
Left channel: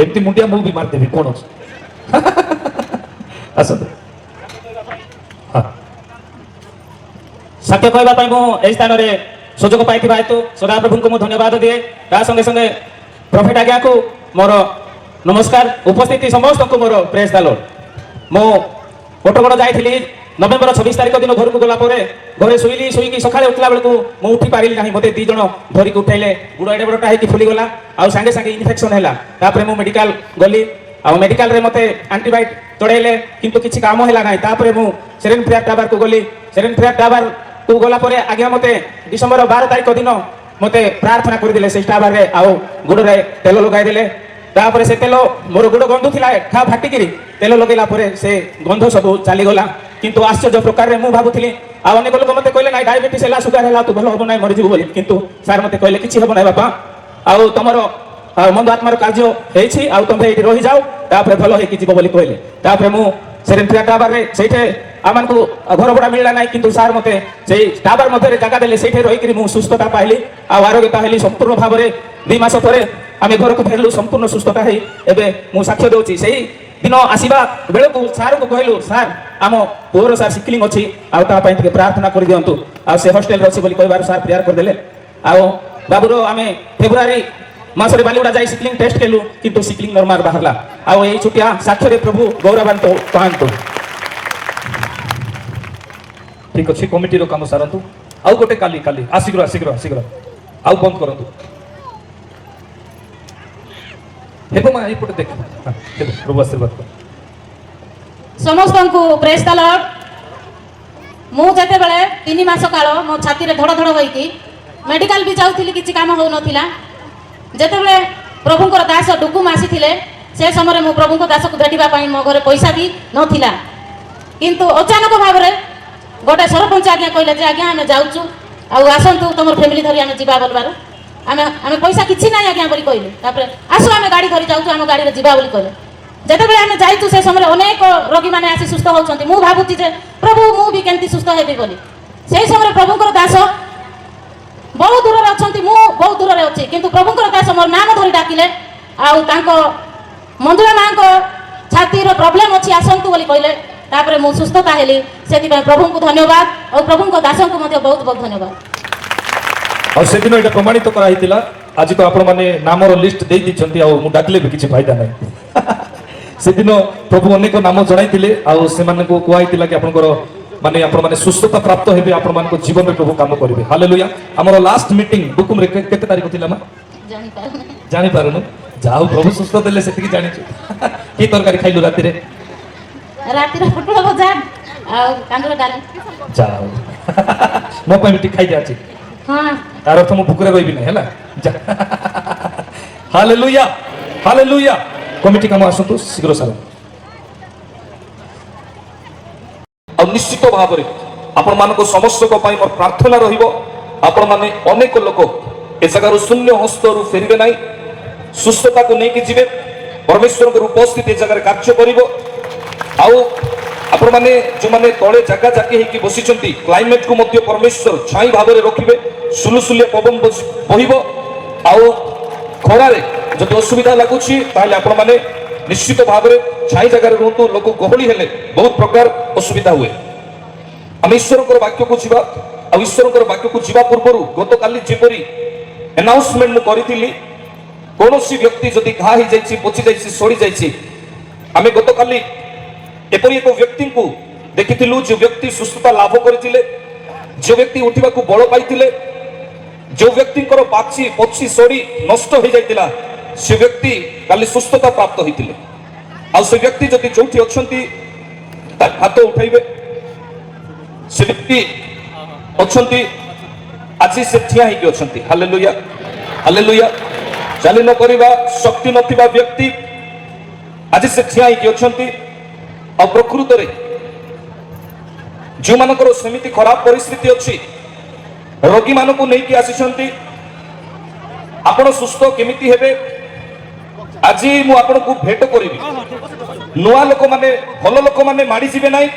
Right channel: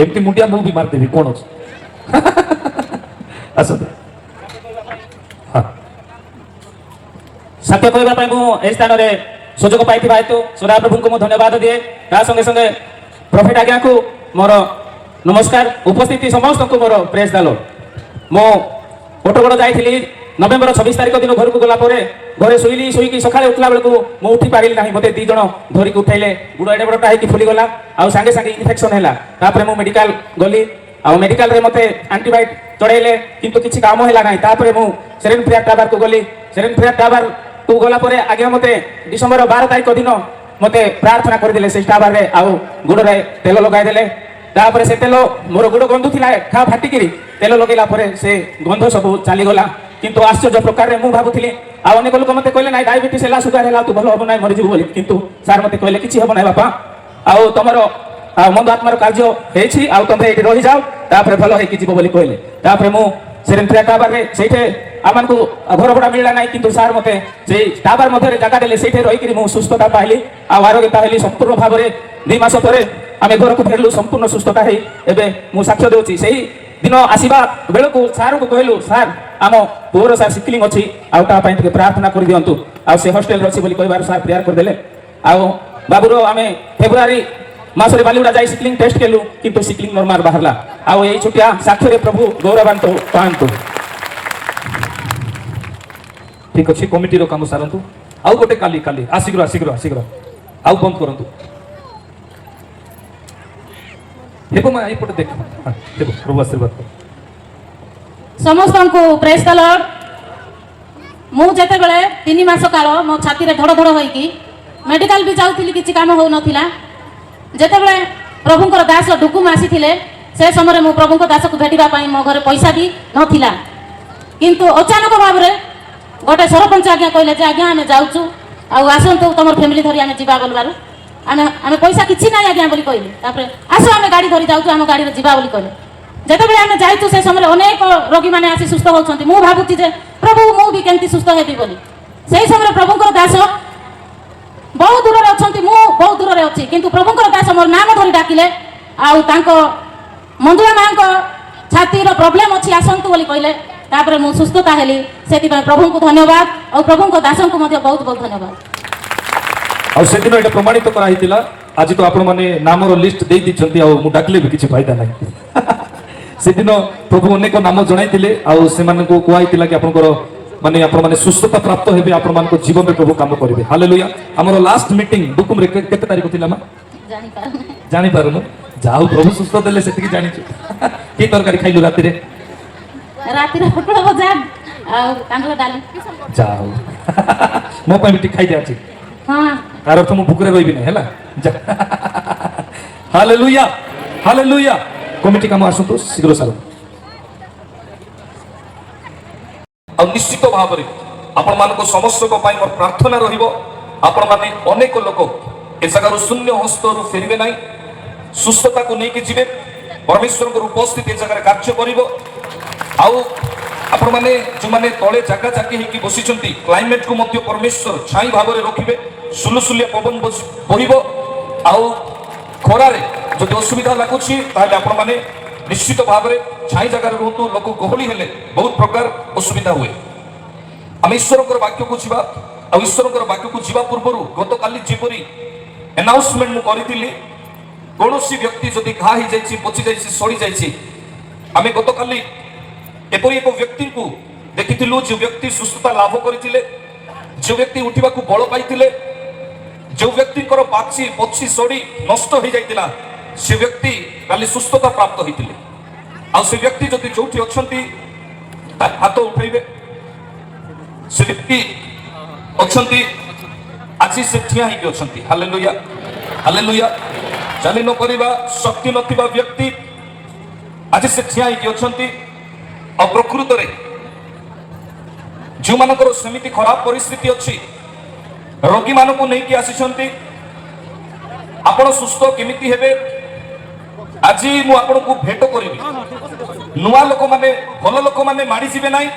ଏମିତି ମୁଣ୍ଡିଆ ମୁଁ ବି ମାରିଦେବି, କଣ ଅଛି? ଆସନ୍ତୁ। ସତ୍ୟ କହିବା ପାଇଁ ମୁଁ ଏହି ସ୍ଥାନରେ ସୁଯୋଗ ପାଇଥିବା ହେତୁ ସଦାପ୍ରଭୁଙ୍କୁ ମୁଁ ଧନ୍ୟବାଦ ଦିଏ। ତା ସଙ୍ଗେ ସଙ୍ଗେ ପ୍ରଫେଟ ଆଜ୍ଞାକୁ ମୋର ନମସ୍କାର। ଉପସ୍ଥିତି ସମସ୍ତଙ୍କୁ ମୋର ପ୍ରେଜ୍ ଦ ଲର୍ଡ। ମୁଁ କୋଟଗଡ଼ ଯାଇଥିଲି ନଭେମ୍ବର 26 ତାରିଖ ଦିନ ଘରକୁ ଗଲା ପରେ ଘରେ ଶୋଇକି ସକାଳେ ଉଠିଲା ବେଳକୁ ମୁଁ ଉଠି ପାରିଲି ନାହିଁ। ମୋତେ 2 ଜଣ ଧରିକି ଉଠେଇଲେ। ଗୁଡ଼ ଏଡ଼େ ବଡ଼ଟା ହେଇକି ଫୁଲିଗଲା, ଆଉ ସାଙ୍ଗେ ସାଙ୍ଗେ ଇନଫେକ୍ସନ୍ ହେଲା। ତାପରେ ମୁଁ ମେଡିକାଲ ଗଲି, ଆଉ ମେଡିକାଲରେ ମୋତେ ଆଣ୍ଟିବାୟୋଟିକ୍ ଚଢ଼େଇଲେ, କିନ୍ତୁ କିଛି କାମ ହେଲା ନାହିଁ। ତାପରେ ମୁଁ ସେରେନ୍ ଫ୍ରିୟାର ଟାବାରକୁ ଗଲି। ସେରେନ୍ ଫ୍ରିୟାର ଟାବାରକୁ ଗଲା ପରେ ଆଜ୍ଞା ମୋତେ ଡିସେମ୍ବର 12 ତାରିଖ ଦିନ ମୋତେ ପ୍ରାର୍ଥନା କରିଦେଲେ ସେଇ ଟାବାରରେ, ଆଉ ଗୋଡ଼ରେ ତେଲ ଲଗାଇଦେଲେ। ତାପରେ ସେ ତେଲ ମୋର ଗୋଡ଼ ଗନ୍ଧୁଥିଲା, ଫାଟିକିରି ତେଲ ଲଗେଇଲା ପରେ ସେ ଗନ୍ଧ ସବୁ ଚାଲିଗଲା। কিন্তু ଆଶ୍ଚର୍ଯ୍ୟ ପ୍ରକାରରେ ମୁଁ ଭାବୁଥିଲି ଆଉ ଅନେକ ଲୋକ ମୋତେ କହିଲେ ନାଇଁ ଡାଇବେଟିସ୍ ହେଲା ସୁଗାର ହେଲା ତୁ ଭଲ ହବ ନାହିଁ ମରିଯିବୁ ବୋଲି କିନ୍ତୁ ସାର୍ ମୋତେ କହିଲେ କିଛି ହବ ନାହିଁ ବାପା ଆଉ ତମର ମନ୍ଦ ଆତ୍ମାର କାର୍ଯ୍ୟ ହେଇଛି ଆଉ ତମେ ଏଇଠି ରହିଯାଅ ତାପରେ ଭଲ ହେଇକି ଯିବ ବୋଲି କହିଲେ ତାପରେ ମୁଁ ସେରେନ୍ଟ୍ରିଆ ଟାବାରରେ ସେଇଠି ଆମକୁ ଘର ଭଡ଼ା ମିଳିଲା ନାହିଁ କିନ୍ତୁ ସାର୍ ମୋତେ ସେଇ ଟାବାର ମଧ୍ୟରେ ଜାଗା ଦେଲେ ସେଇଠି ରହିକିରି ମୁଁ ସୁସ୍ଥତା ପାଇଲି ଆଉ ଆରୋଗ୍ୟ ପାଇଲି ସମ୍ପୂର୍ଣ୍ଣ ଭାବରେ 2 ମାସ ପରେ ଆମେ ଘରକୁ ଫେରିଲୁ ସମ୍ପୂର୍ଣ୍ଣ ସୁସ୍ଥତା ହେଇ ଏବେ ମୁଁ ସାକ୍ଷ୍ୟ ଦେଉଛି ସେଇ ଦିନ ଆସିବା ବେଳକୁ ସାର୍ଙ୍କୁ କହିଲୁ ସାର୍ ଆମ ପୁଅର ସାର୍ ସିକଲିଂ ଅଛି ଆଉ ତା ପାଇଁ ଟିକେ ପ୍ରାର୍ଥନା କରିଦିଅନ୍ତୁ ଆଉ ସେ ହଷ୍ଟେଲରେ ଅଛି ବୋଲି କହିବାରୁ ସାର୍ ପ୍ରେୟାର କରିଦେଲେ ଆଉ ବାବୁର ଆମେ ଫେବୃଆରୀ ମାସରେ ବାଲିଗୁଡ଼ା ଯାଇ ସିକଲିଂ ଟେଷ୍ଟ କଲୁ କିନ୍ତୁ ସିକଲିଂ ନର୍ମାଲ ବାହାରିଲା ଆଉ ଏଇ ଛୋଟିଆ ସାକ୍ଷ୍ୟରେ ପ୍ରଭୁ ଗୌରବାନ୍ୱିତ ପାଆନ୍ତୁ ঠিক ଅଛି କମିଟିର କାମ ସାରନ୍ତୁ ଆଉ ଗୋଟେ କାଲି ଶୀଘ୍ର ଆଉ ବନ୍ଦ କରନ୍ତୁ ହେବ ମା ଏଇପଟେ ଦେଖ ପ୍ରଭୁ ଆଶୀର୍ବାଦ କର ସମସ୍ତଙ୍କୁ ପ୍ରେଜ୍ ଦ ଲର୍ଡ ମୁଁ ଯେତେବେଳେ 3 ମାସ କାଳ ମୋ ଛାତିରେ ଧଡ଼ ଧଡ଼ ହୋଇକି ମେଡିକାଲ ବି ଯାଉଥିଲି କିଛି କାମ ହେଉନଥିଲା ଯେତେବେଳେ ପ୍ରଭୁଙ୍କର ଦାସ ଡୁକୁମ ଆସିଥିଲେ ସେ ସମୟରେ ମୁଁ ପ୍ରଭୁଙ୍କ ଦାସକୁ ଭେଟିବା ପାଇଁ ମୋ ଘରେ ପଇସା ବି ନଥିଲା କିନ୍ତୁ ଅଚାନକ ଭାବରେ ଗୋଟେ ସରପଞ୍ଚ ଆଜ୍ଞା କହିଲେ ଯେ ଆଜ୍ଞା ଆମେ ଯାଉଛୁ ଆଉ ଆସନ୍ତୁ ତମର ଫ୍ୟାମିଲି ଧରି ଆମେ ଯିବା ବୋଲବାରୁ ଆମେ ପଇସା କିଛି ନାହିଁ ଆଜ୍ଞା ବୋଲି କହିଲେ ତାପରେ ଆସ ଆମେ ଗାଡ଼ି ଧରି ଯାଉଛୁ ଆମ ଗାଡ଼ିରେ ଯିବା ବୋଲି କହିଲେ ଯେତେବେଳେ ଆମେ ଯାଇଛୁ ସେ ସମୟରେ ଅନେକ ରୋଗୀମାନେ ଆସି ସୁସ୍ଥ ହେଉଛନ୍ତି ମୁଁ ଭାବୁଛି ଯେ ପ୍ରଭୁ ମୁଁ ବି କେମିତି ସୁସ୍ଥ ହେବି ବୋଲି ସେହି ସମୟରେ ପ୍ରଭୁଙ୍କର ଦାସ ବହୁତ ଦୂରରେ ଅଛନ୍ତି ମୁଁ ବହୁତ ଦୂରରେ ଅଛି କିନ୍ତୁ ପ୍ରଭୁଙ୍କର ଦାସ ମୋର ନାମ ଧରି ଡାକିଲେ ଆଉ ତାଙ୍କ ମଞ୍ଜୁଳା ମାଙ୍କ ଛାତିର ପ୍ରୋବ୍ଲେମ୍ ଅଛି ଆସନ୍ତୁ ବୋଲି କହିଲେ ତାପରେ ମୁଁ ସୁସ୍ଥତା ହେଲି ସେଥିପାଇଁ ପ୍ରଭୁଙ୍କୁ ଧନ୍ୟବାଦ ଆଉ ପ୍ରଭୁଙ୍କ ଦାସଙ୍କୁ ମଧ୍ୟ ବହୁତ ବହୁତ ଧନ୍ୟବାଦ ଆଉ ସେଦିନ ଏଇଟା ପ୍ରମାଣିତ କରାଯାଇଥିଲା ଆଜି ତ ଆପଣମାନେ ନାମର ଲିଷ୍ଟ ଦେଇ ଦେଇଛନ୍ତି ଆଉ ମୁଁ ଡାକିଲେ ବି କିଛି ଫାଇଦା ନାହିଁ ସେଦିନ ପ୍ରଭୁ ଅନେକ ନାମ ଜଣାଇଥିଲେ ଆଉ ସେମାନଙ୍କୁ କୁହାଯାଇଥିଲା କି ଆପଣଙ୍କର ମାନେ ଆପଣମାନେ ସୁସ୍ଥତା ପ୍ରାପ୍ତ ହେବେ ଆପଣମାନଙ୍କ ଜୀବନରେ ପ୍ରଭୁ କାମ କରିବେ ହାଲେଲୁୟା ଆମର ଲାଷ୍ଟ ମିଟିଂ ଡୁକୁମରେ କେତେ ତାରିଖ ଥିଲା ମା ଜାଣିପାରୁନୁ ଯାଉ ପ୍ରଭୁ ସୁସ୍ଥ ଦେଲେ ସେତିକି ଜାଣିଛୁ କି ତରକାରୀ ଖାଇଲୁ ରାତିରେ ପୋଟଳ ଭଜା ଆଉ କାଙ୍କୁଡ଼ି ଡାଲି ଯାଉ ମୋ ପାଇଁ ବି ଟିକେ ଖାଇଦିଆ ଅଛି ହଁ ତାର ଅର୍ଥ ମୁଁ ଭୁକରେ ରହିବିନି ହେଲା ହାଲେଲୁୟା କମିଟି କାମ ଆସନ୍ତୁ ଶୀଘ୍ର ସାର ଆଉ ନିଶ୍ଚିତ ଭାବରେ ଆପଣମାନଙ୍କ ସମସ୍ତଙ୍କ ପାଇଁ ମୋର ପ୍ରାର୍ଥନା ରହିବ ଆପଣମାନେ ଅନେକ ଲୋକ ଏ ଜାଗାରୁ ଶୂନ୍ୟ ହସ୍ତରୁ ଫେରିବେ ନାହିଁ ସୁସ୍ଥତାକୁ ନେଇକି ଯିବେ ପରମେଶ୍ୱରଙ୍କର ଉପସ୍ଥିତି ଏ ଜାଗାରେ କାର୍ଯ୍ୟ କରିବ ଆଉ ଆପଣମାନେ ଯେଉଁମାନେ ତଳେ ଜାଗା ଜାକି ହେଇକି ବସିଛନ୍ତି କ୍ଲାଇମେଟକୁ ମଧ୍ୟ ପରମେଶ୍ୱର ଛାଇ ଭାବରେ ରଖିବେ ସୁଲୁସୁଲିଆ ପବନ ବହିବ ଆଉ ଖରାରେ ଯଦି ଅସୁବିଧା ଲାଗୁଛି ତାହେଲେ ଆପଣମାନେ ନିଶ୍ଚିତ ଭାବରେ ଛାଇ ଜାଗାରେ ରୁହନ୍ତୁ ଲୋକ ଗହଳି ହେଲେ ବହୁତ ପ୍ରକାର ଅସୁବିଧା ହୁଏ ଆମେ ଈଶ୍ୱରଙ୍କର ବାକ୍ୟକୁ ଯିବା ଆଉ ଈଶ୍ୱରଙ୍କର ବାକ୍ୟକୁ ଯିବା ପୂର୍ବରୁ ଗତକାଲି ଯେପରି ଆନାଉନ୍ସମେଣ୍ଟ ମୁଁ କରିଥିଲି କୌଣସି ବ୍ୟକ୍ତି ଯଦି ଘା ହେଇଯାଇଛି ପଚି ଯାଇଛି ସଡ଼ି ଯାଇଛି ଆମେ ଗତକାଲି ଏପରି ଏକ ବ୍ୟକ୍ତିଙ୍କୁ ଦେଖିଥିଲୁ ଯେ ବ୍ୟକ୍ତି ସୁସ୍ଥତା ଲାଭ କରିଥିଲେ যে ব্যক্তি উঠিବାକୁ বଳ ପାଇଥିଲେ ଯେଉଁ ବ୍ୟକ୍ତିଙ୍କର ପାଚି ପଚି ସଡ଼ି ନଷ୍ଟ ହେଇଯାଇଥିଲା ସେ ବ୍ୟକ୍ତି କାଲି ସୁସ୍ଥତା ପ୍ରାପ୍ତ ହୋଇଥିଲେ ଆଉ ସେ ବ୍ୟକ୍ତି ଯଦି ଯୋଉଠି ଅଛନ୍ତି ତା ହାତ ଉଠାଇବେ ସେ ବ୍ୟକ୍ତି ଅଛନ୍ତି ଆଜି ସେ ଠିଆ ହେଇକି ଅଛନ୍ତି ହାଲେଲୁୟା ଚାଲି ନ କରିବା ଶକ୍ତି ନଥିବା ବ୍ୟକ୍ତି ଆଜି ସେ ଠିଆ ହେଇକି ଅଛନ୍ତି ଆଉ ପ୍ରକୃତରେ ଯେଉଁମାନଙ୍କର ସେମିତି ଖରାପ ପରିସ୍ଥିତି ଅଛି ରୋଗୀମାନଙ୍କୁ ନେଇକି ଆସିଛନ୍ତି ଆପଣ ସୁସ୍ଥ କେମିତି ହେବେ ଆଜି ମୁଁ ଆପଣଙ୍କୁ ଭେଟ କରିବି ନୂଆ ଲୋକମାନେ ଭଲ ଲୋକମାନେ ମାଡ଼ିଯିବେ ନାହିଁ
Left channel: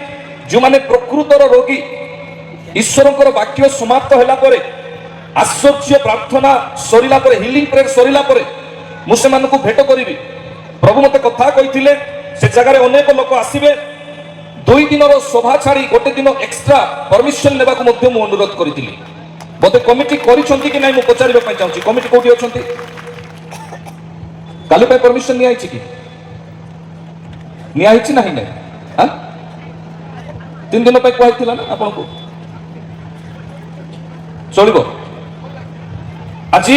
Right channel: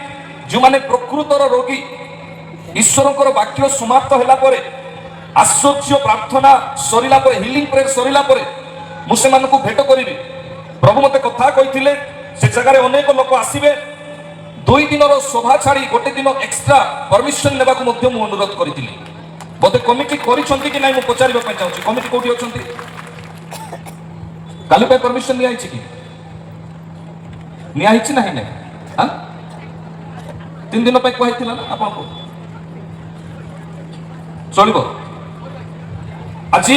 ଯେଉଁମାନେ ପ୍ରକୃତର ରୋଗୀ ଈଶ୍ୱରଙ୍କର ବାକ୍ୟ ସମାପ୍ତ ହେଲା ପରେ ଆଶ୍ଚର୍ଯ୍ୟ ପ୍ରାର୍ଥନା ସରିଲା ପରେ ହିଲିଂ ପ୍ରେୟର ସରିଲା ପରେ ମୁଁ ସେମାନଙ୍କୁ ଭେଟ କରିବି ପ୍ରଭୁ ମୋତେ କଥା କହିଥିଲେ ସେ ଜାଗାରେ ଅନେକ ଲୋକ ଆସିବେ 2 ଦିନର ସଭା ଛାଡ଼ି ଗୋଟେ ଦିନ ଏକ୍ସଟ୍ରା ପରମିଶନ ନେବାକୁ ମଧ୍ୟ ମୁଁ ଅନୁରୋଧ କରିଥିଲି ବୋଧେ କମିଟି କରିଛନ୍ତି କି ନାହିଁ ମୁଁ ପଚାରିବା ପାଇଁ ଚାହୁଁଛି କମିଟି କୋଉଠି ଅଛନ୍ତି କାଲି ପାଇଁ ପରମିଶନ ନିଆହେଇଛି କି ନିଆହେଇଛି ନାହିଁ ନା 3 ଦିନ ପାଇଁ କୁହାଯାଇଥିଲା ନା ଆପଣଙ୍କୁ ଚଳିବ ଆଜି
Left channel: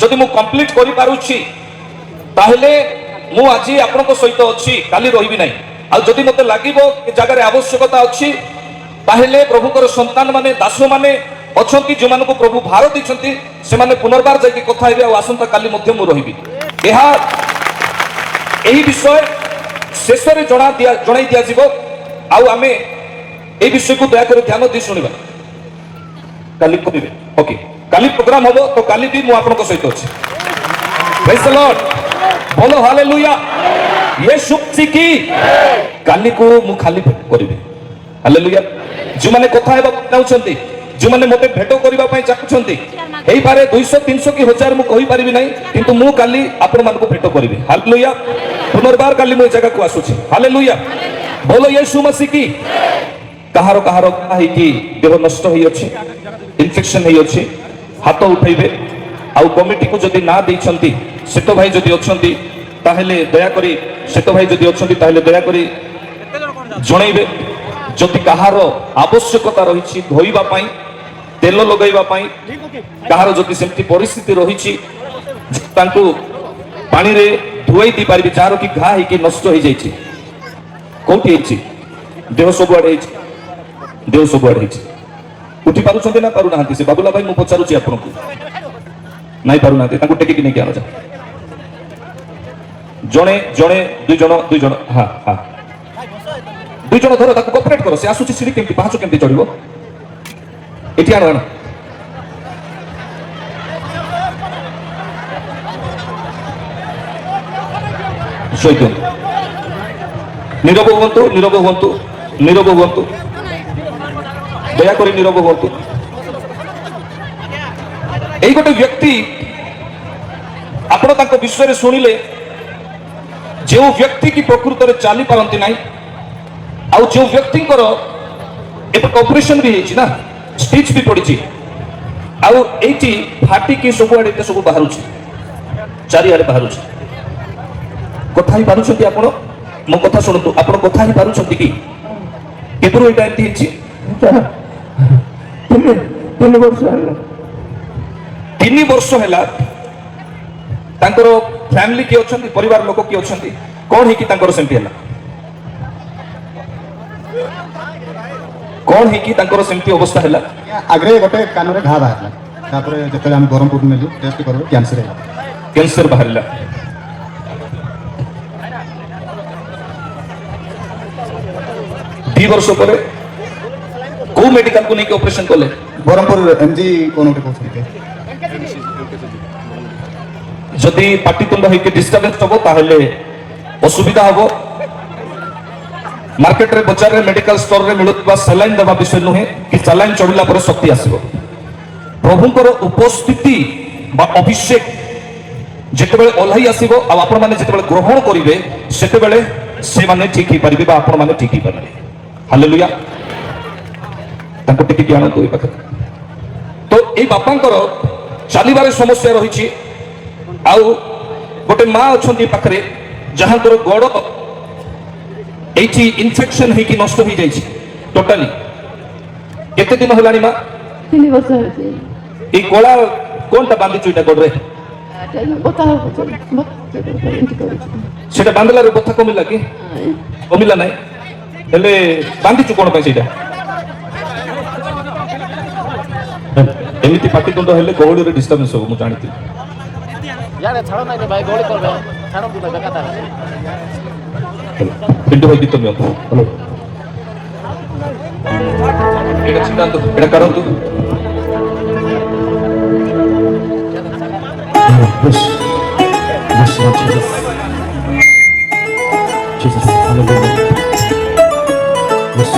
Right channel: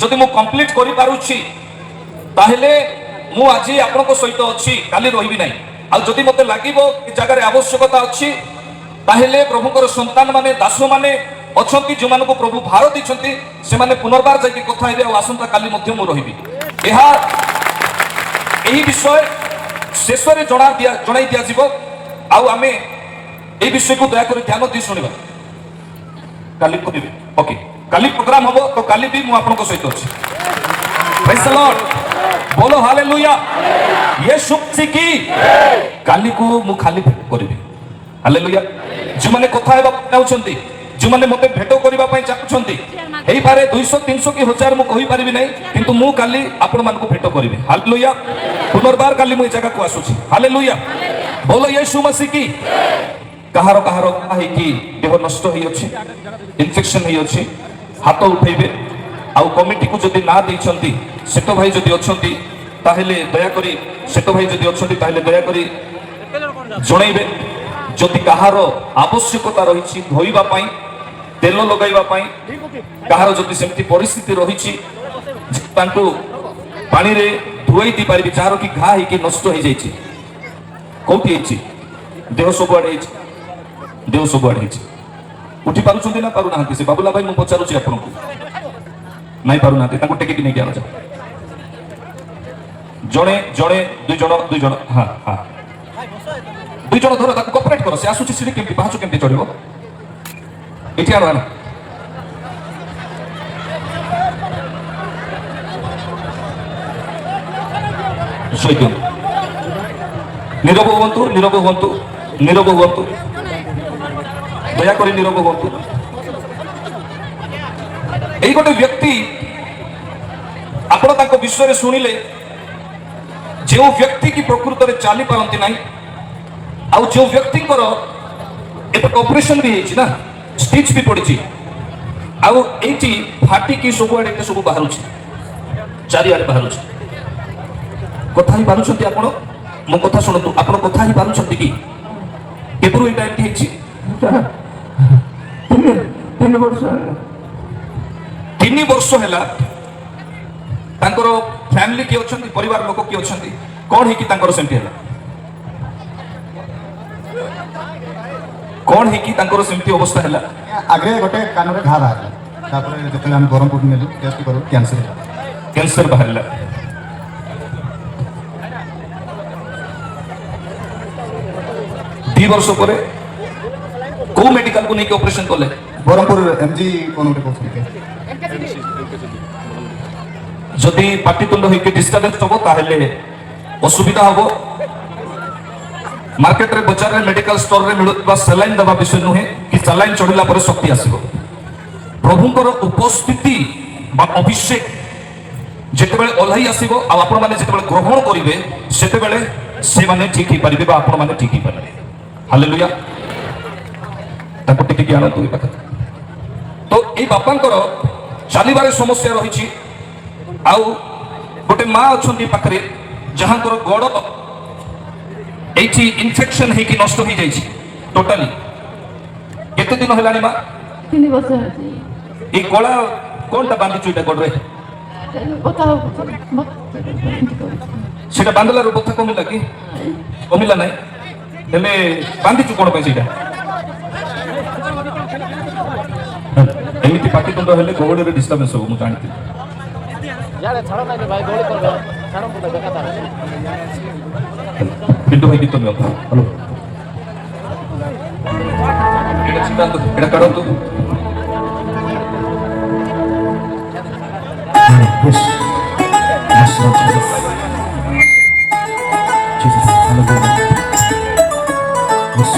ଯଦି ମୁଁ କମ୍ପ୍ଲିଟ କରିପାରୁଛି ତାହେଲେ ମୁଁ ଆଜି ଆପଣଙ୍କ ସହିତ ଅଛି କାଲି ରହିବି ନାହିଁ ଆଉ ଯଦି ମୋତେ ଲାଗିବ ଏ ଜାଗାରେ ଆବଶ୍ୟକତା ଅଛି ତାହେଲେ ପ୍ରଭୁଙ୍କର ସନ୍ତାନ ମାନେ ଦାସ ମାନେ ଅଛନ୍ତି ଯେଉଁମାନଙ୍କୁ ପ୍ରଭୁ ଭାର ଦେଇଛନ୍ତି ସେମାନେ ପୁନର୍ବାର ଯାଇକି କଥା ହେବେ ଆଉ ଆସନ୍ତା କାଲି ମଧ୍ୟ ମୁଁ ରହିବି ଏହି ବିଷୟ ଶେଷରେ ଜଣାଇ ଦିଆଯିବ ଆଉ ଆମେ এই বিষয়କୁ ଦୟାକରି ଧ୍ୟାନ ଦେଇ ଶୁଣିବା। କାଲି କହିବେ ଓକେ, କାଲି ପ୍ରୋଗ୍ରାମ ହବ ତ କାଲି ବି ମୁଁ ଆପଣଙ୍କ ସହିତ ଅଛି। Praise the Lord, ବୋलो ହାଲେଲୁୟା। ୟେଶୁ କି କାଲିକୁ ମୁଁ ଖାଲି କରିବି। ହାଲେଲୁୟା। ଯେଉଁମାନେ କଥା ହେବାକୁ ଚାହୁଁଛନ୍ତି, ଯେଉଁମାନେ ମୋତେ ଭେଟ କରିବା ପାଇଁ ଚାହୁଁଛନ୍ତି, ହେଇପାରେ 200 300 କି 1000 ମୁଁ କହିପାରିବି ନାହିଁ, କିନ୍ତୁ ମୁଁ କାଲି ଆପଣମାନଙ୍କୁ ଭେଟ କରିବି। ହାଲେଲୁୟା। ପୁନର୍ବାର କାଲି ମୁଁ ଏ ଜାଗାକୁ ଆସୁଛି। ହାଲେଲୁୟା। ବୋଲୋ ୟେଶୁ ମସିହ କି। କାହାର କାହାର ହେଇକି ଦେହ ନଷ୍ଟ ହେଇଅଛି, ଇନଫେକ୍ସନ ହେଇଅଛି, ହାତ ଉଠେଇବେ। ଆଉ କମିଟିକୁ ଯଦି ନାଁ ଦେଇଛନ୍ତି, ସେତ ଭାଇ ଯଦି ଅଛନ୍ତି ତାହେଲେ ଦୟାକରି, ସେତ ଭାଇ ଯଦି ଅଛନ୍ତି ତାହେଲେ ଦୟାକରି ଜଣାଇବେ। ଯଦି କାହାର ଆବଶ୍ୟକତା ରହିଛି ଧୋଇବା ପାଇଁ, ତେଲ ଲଗାଇବା ପାଇଁ, କାହାର ଯଦି ସେମିତି ପରିସ୍ଥିତି ରହିଛି ତାଙ୍କୁ ପାଣିରେ ଧୋଇ ଦେଇପାରିବେ, ଯାହାର କି ଘା ହେଇକି ନଷ୍ଟ ହେଇଯାଇଛି। କୋଉଠି ହେଇଛି? ଦେହ ସବୁଆଡେ ହେଇଛି, ଦେହ ସବୁଆଡେ ହେଇଛି। ଉଠି ପାରୁଛନ୍ତି ନା ପାରୁନାହାନ୍ତି? ସେ ବାବୁଲା ଭାଇ ମୁଁ ପଚାରୁଛି ଆପଣଙ୍କୁ, ନାଇଁ ପାରୁନାହାନ୍ତି, ତାଙ୍କୁ ଟେକିକି ନେଇକି ଆଣୁଛ। ଜଣେ ଜଣେ ଦୁଇ ଜଣ ଦୁଇ ଜଣ, ହଁ ହଁ, ଦୁଇ ଜଣ ଧର, ତାକୁ କୋପରେଟ୍ କର। ସେ ଆସୁଛି ସିଡ଼ି କେମିତି, ପାହାଚ କେମିତି ଚଢିବ? ଏଠି ଆଣ, ଆଣ। ଶୋଇଦିଅନ୍ତୁ। ନୀରବ ହୁଅନ୍ତୁ, ନୀରବ ହୁଅନ୍ତୁ, ନୀରବ ହୁଅନ୍ତୁ, ଦୟାକରି ନୀରବ ହୁଅନ୍ତୁ। ଏଇ ଗୋଟେ ବ୍ୟକ୍ତି, ଆପଣ ତାଙ୍କ ବିଷୟରେ ଶୁଣିଲେ, ଯେଉଁ ବ୍ୟକ୍ତି କି ପ୍ରକୃତରେ ଚାଲି ପାରନ୍ତି ନାହିଁ, ଆଉ ଯେଉଁ ବ୍ୟକ୍ତିଙ୍କର ଏବେ ଅପରେସନ ବି ହେଇଛି ନା, ଷ୍ଟିଚ୍ ବି ପଡିଛି, ଆଉ ଏଇଠି ଫାଟିକି ସବୁଆଡେ ଏତେ ସବୁ ବାହାରୁଛି, ଚାରିଆଡେ ବାହାରୁଛି। କଥା ହିଁ ପାରୁଛନ୍ତି ଆପଣ? ମୋ କଥା ଶୁଣନ୍ତୁ, ଆପଣ କଥା ହିଁ ପାରୁଛନ୍ତି କି? କେବଳ ଏଇଟା ଏମିତି ହେଇଛି? 3 ବର୍ଷ ହେଲା। ତାଙ୍କର ଫ୍ୟାମିଲି କିଏ ଅଛନ୍ତି, ପରିବାର ଲୋକ କିଏ ଅଛନ୍ତି? କଣ ହେଇକି ତାଙ୍କର ସେମିତି ହେଲା? କଣ ହେଇକି ତାଙ୍କର ସେମିତି ଅବସ୍ଥା ହେଲା? ଆଗରେ ଗୋଟେ କାନରେ ଘା ବାହାରିଲା, ତାପରେ ଯେତେବେଳେ ଆମେ ବ୍ରହ୍ମପୁର ନେଲୁ ଟେଷ୍ଟ କଲୁ, କ୍ୟାନ୍ସର ହେଲା। କ୍ୟାନ୍ସର ବାହାରିଲା। ଦି ବର୍ଷ ପରେ କୋଉ ମେଡିକାଲକୁ ନେଇକି ଅପରେସନ କଲେ? ବ୍ରହ୍ମପୁର MG କଣ କହୁଛନ୍ତି? ଯଦି ପାଟିତୁଣ୍ଡ ହେଇକି ଡିଷ୍ଟର୍ବାନ୍ସ ହବ ତାହେଲେ ଅସୁବିଧା ହବ। ମାର୍କେଟରେ, ବଜାରରେ, ମେଡିକାଲ ଷ୍ଟୋରରେ ମିଳୁଥିବା ସାଲାଇନ୍ ଦେବା ବିଷୟ ନୁହେଁ କି ସାଲାଇନ୍ ଚଢିଲା ପରେ ଶକ୍ତି ଆସିବ। ପ୍ରଭୁଙ୍କର ଉପସ୍ଥିତି ବା ଅଭିଷେକ ଯେତେବେଳେ ଓହ୍ଲାଇ ଆସିବ ଆଉ ଆପଣମାନେ ଯେତେବେଳେ ଗ୍ରହଣ କରିବେ, ସେତେବେଳେ ସେମାନେ ଠିକ ହେଇପାରିବେ ବା ଆପଣମାନେ ଠିକ ହେଇପାରିବେ। ହାଲେଲୁୟା। ତାଙ୍କୁ ଟିକେ ଆଣନ୍ତୁ ଏ କଥା। ତ ଏଇ ବାପାଙ୍କର ଚାଲିବାରେ ସମସ୍ୟା ରହିଛି, ଆଉ ଗୋଟେ ମା ଅଛନ୍ତି ପାଖରେ ଯାହାଙ୍କର ଗୋଡ এইটি ইনফেকশন ହେଇକି নষ্ট ହେଇଯାଇଛି ଟୋଟାଲି। କେତେ ଦିନ ହେଲାଣି ମା? 3 ବର୍ଷ ହେଉଛି। এই কলা কোনটা বাঁধিଛୁ এটা গোড়রে? সেটা বাঁধলার কথা কমিলা কি? কমিলা নাই, ହେଲେ ବାନ୍ଧିଛୁ কোন ପାଇଁ ସେଇଟା? ଏମିତି ପାଟିତୁଣ୍ଡ ହେଲେ ଗହଳିରେ ଡିଷ୍ଟର୍ବାନ୍ସ ହବ, ମୁଁ ଜାଣିଥିଲି। ପିଣ୍ଟୁ ଭାଇ ଗୀତ ନିଅନ୍ତୁ। ହ୍ୟାଲୋ, ଏଇଟା ଚିନ୍ତାନ୍ତୁ, ଏଇଟା କରନ୍ତୁ। Yes. Yes, Lord Jesus. Jesus, hallelujah. Yes.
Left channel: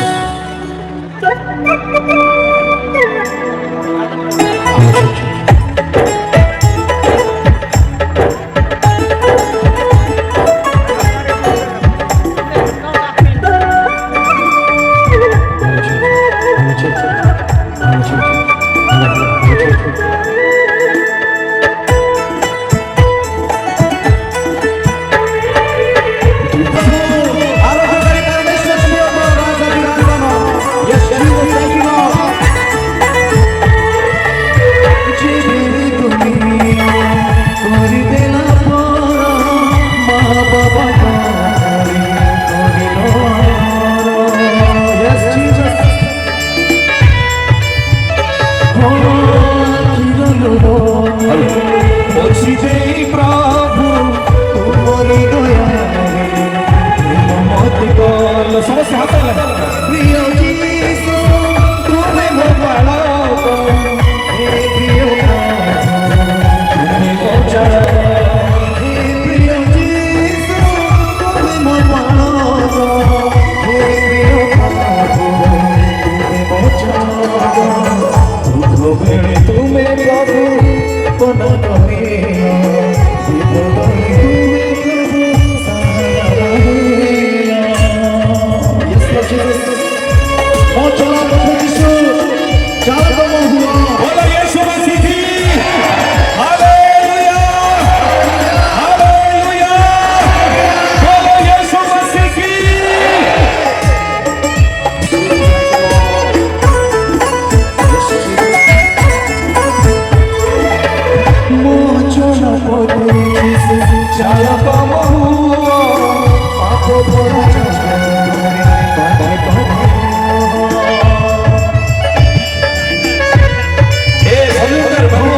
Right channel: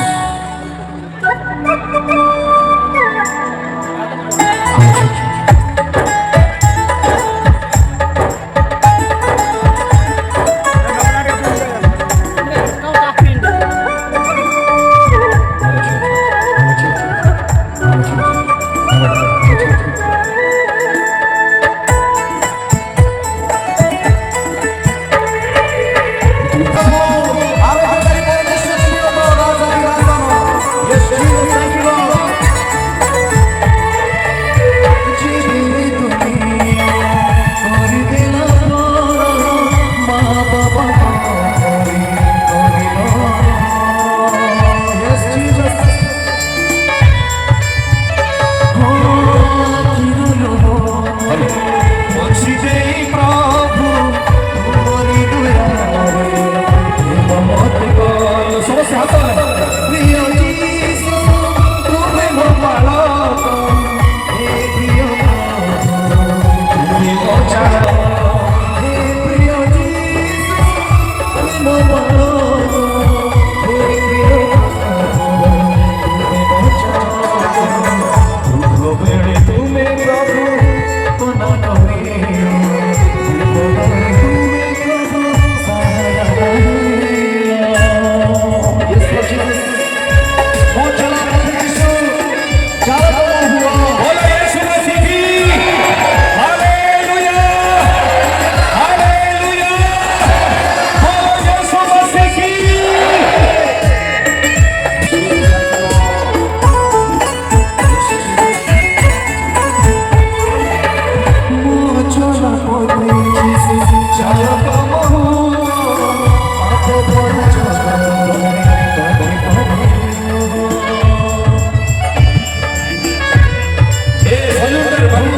ए सल्यूटर बाबू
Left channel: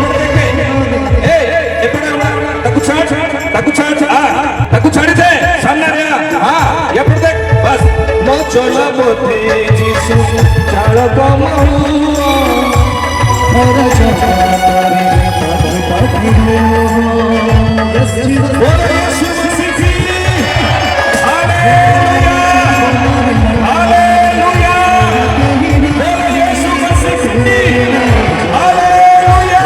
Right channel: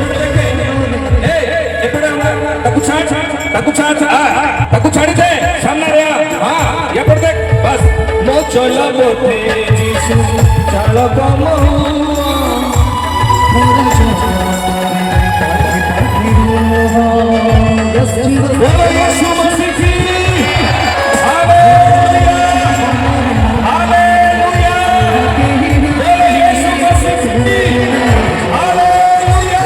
एपटे देखे एपटे ताकू छाड़ दे सामने रे हां एपटे देख बस ମୋ ଚଲା ବୋତେ ଯିଶୁ ଚାଳ बोलो यीशु मसीह की हालेलुया हालेलुया बोलो यीशु मसीह की हालेलुया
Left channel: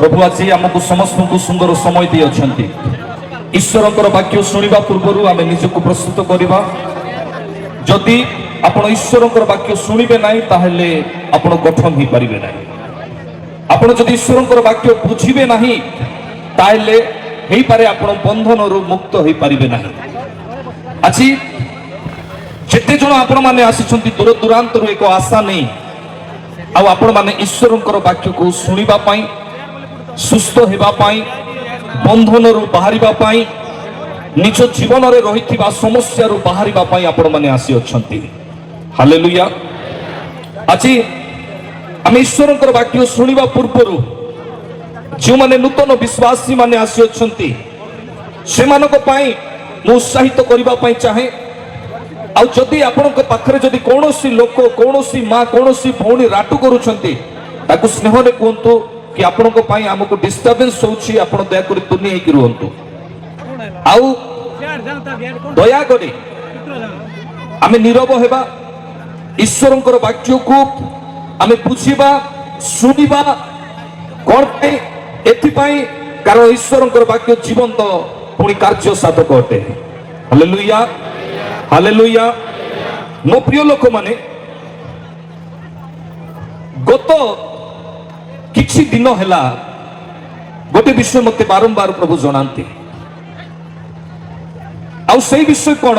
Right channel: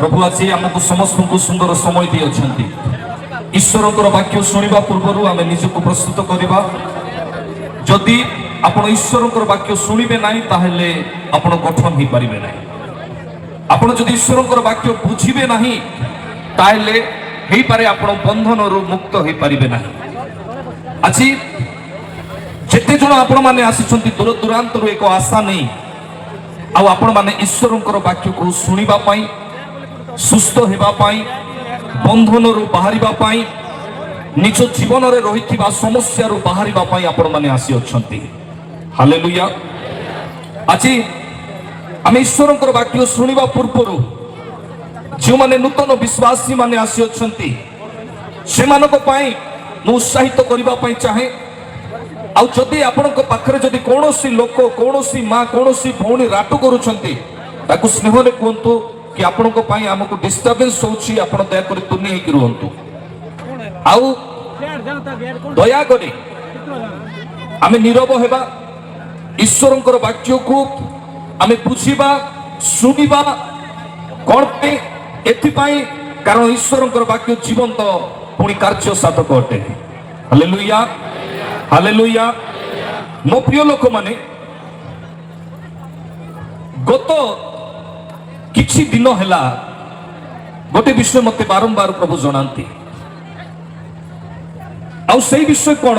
प्रभु आज आमको समस्त को सुंदर समय दी अच्छी ईश्वर वाक्य शुणा पूर्व आम निजक प्रस्तुत करवा जदि आपण ईश्वर वाक्य शुणे ना ताहले आपण गठन हो पारे ना आपण जदि ईश्वर वाक्य बुझे ना ताहले हो पारे आपण बंधन मुक्त हो पारे ना आज जेते जन आपण मैंने आसी दूर दूरांत एक आशा नहीं आपण मैंने ईश्वर वाक्य को शुणा सुस्थ होगापाई बंधन बाहर निज जीवन में रही समस्या बाहर आपण मैंने आसी अच्छा हालेलुया आज आम ईश्वर वाक्य शुणा पूर्व जो मैंने नूतन विश्वासी माने आसी अच्छा से उत्साहित करने चाहे आदि आपण पाखे जदि कौन लोक कौन माँ कौन भौणी राटु कर स्नेह कहतु कि आपण आमको डिस्टर्बेंस होची आपण दयाकर तुनी होकर रुहतु आउ दया करे आमे नीरव हेबा ईश्वर वाक्य को आमे बुझिबा सुनिबा कौन पे एथिपाई कारण ईश्वर वाक्य जीवंत पुणी कार्य साधक अटे हालेलुया हालेलुया मो प्रिय लोक माने गत किछि दिन हैला गोटे विषय मते बारंबार प्रभु जनांती आउ से विषय कौन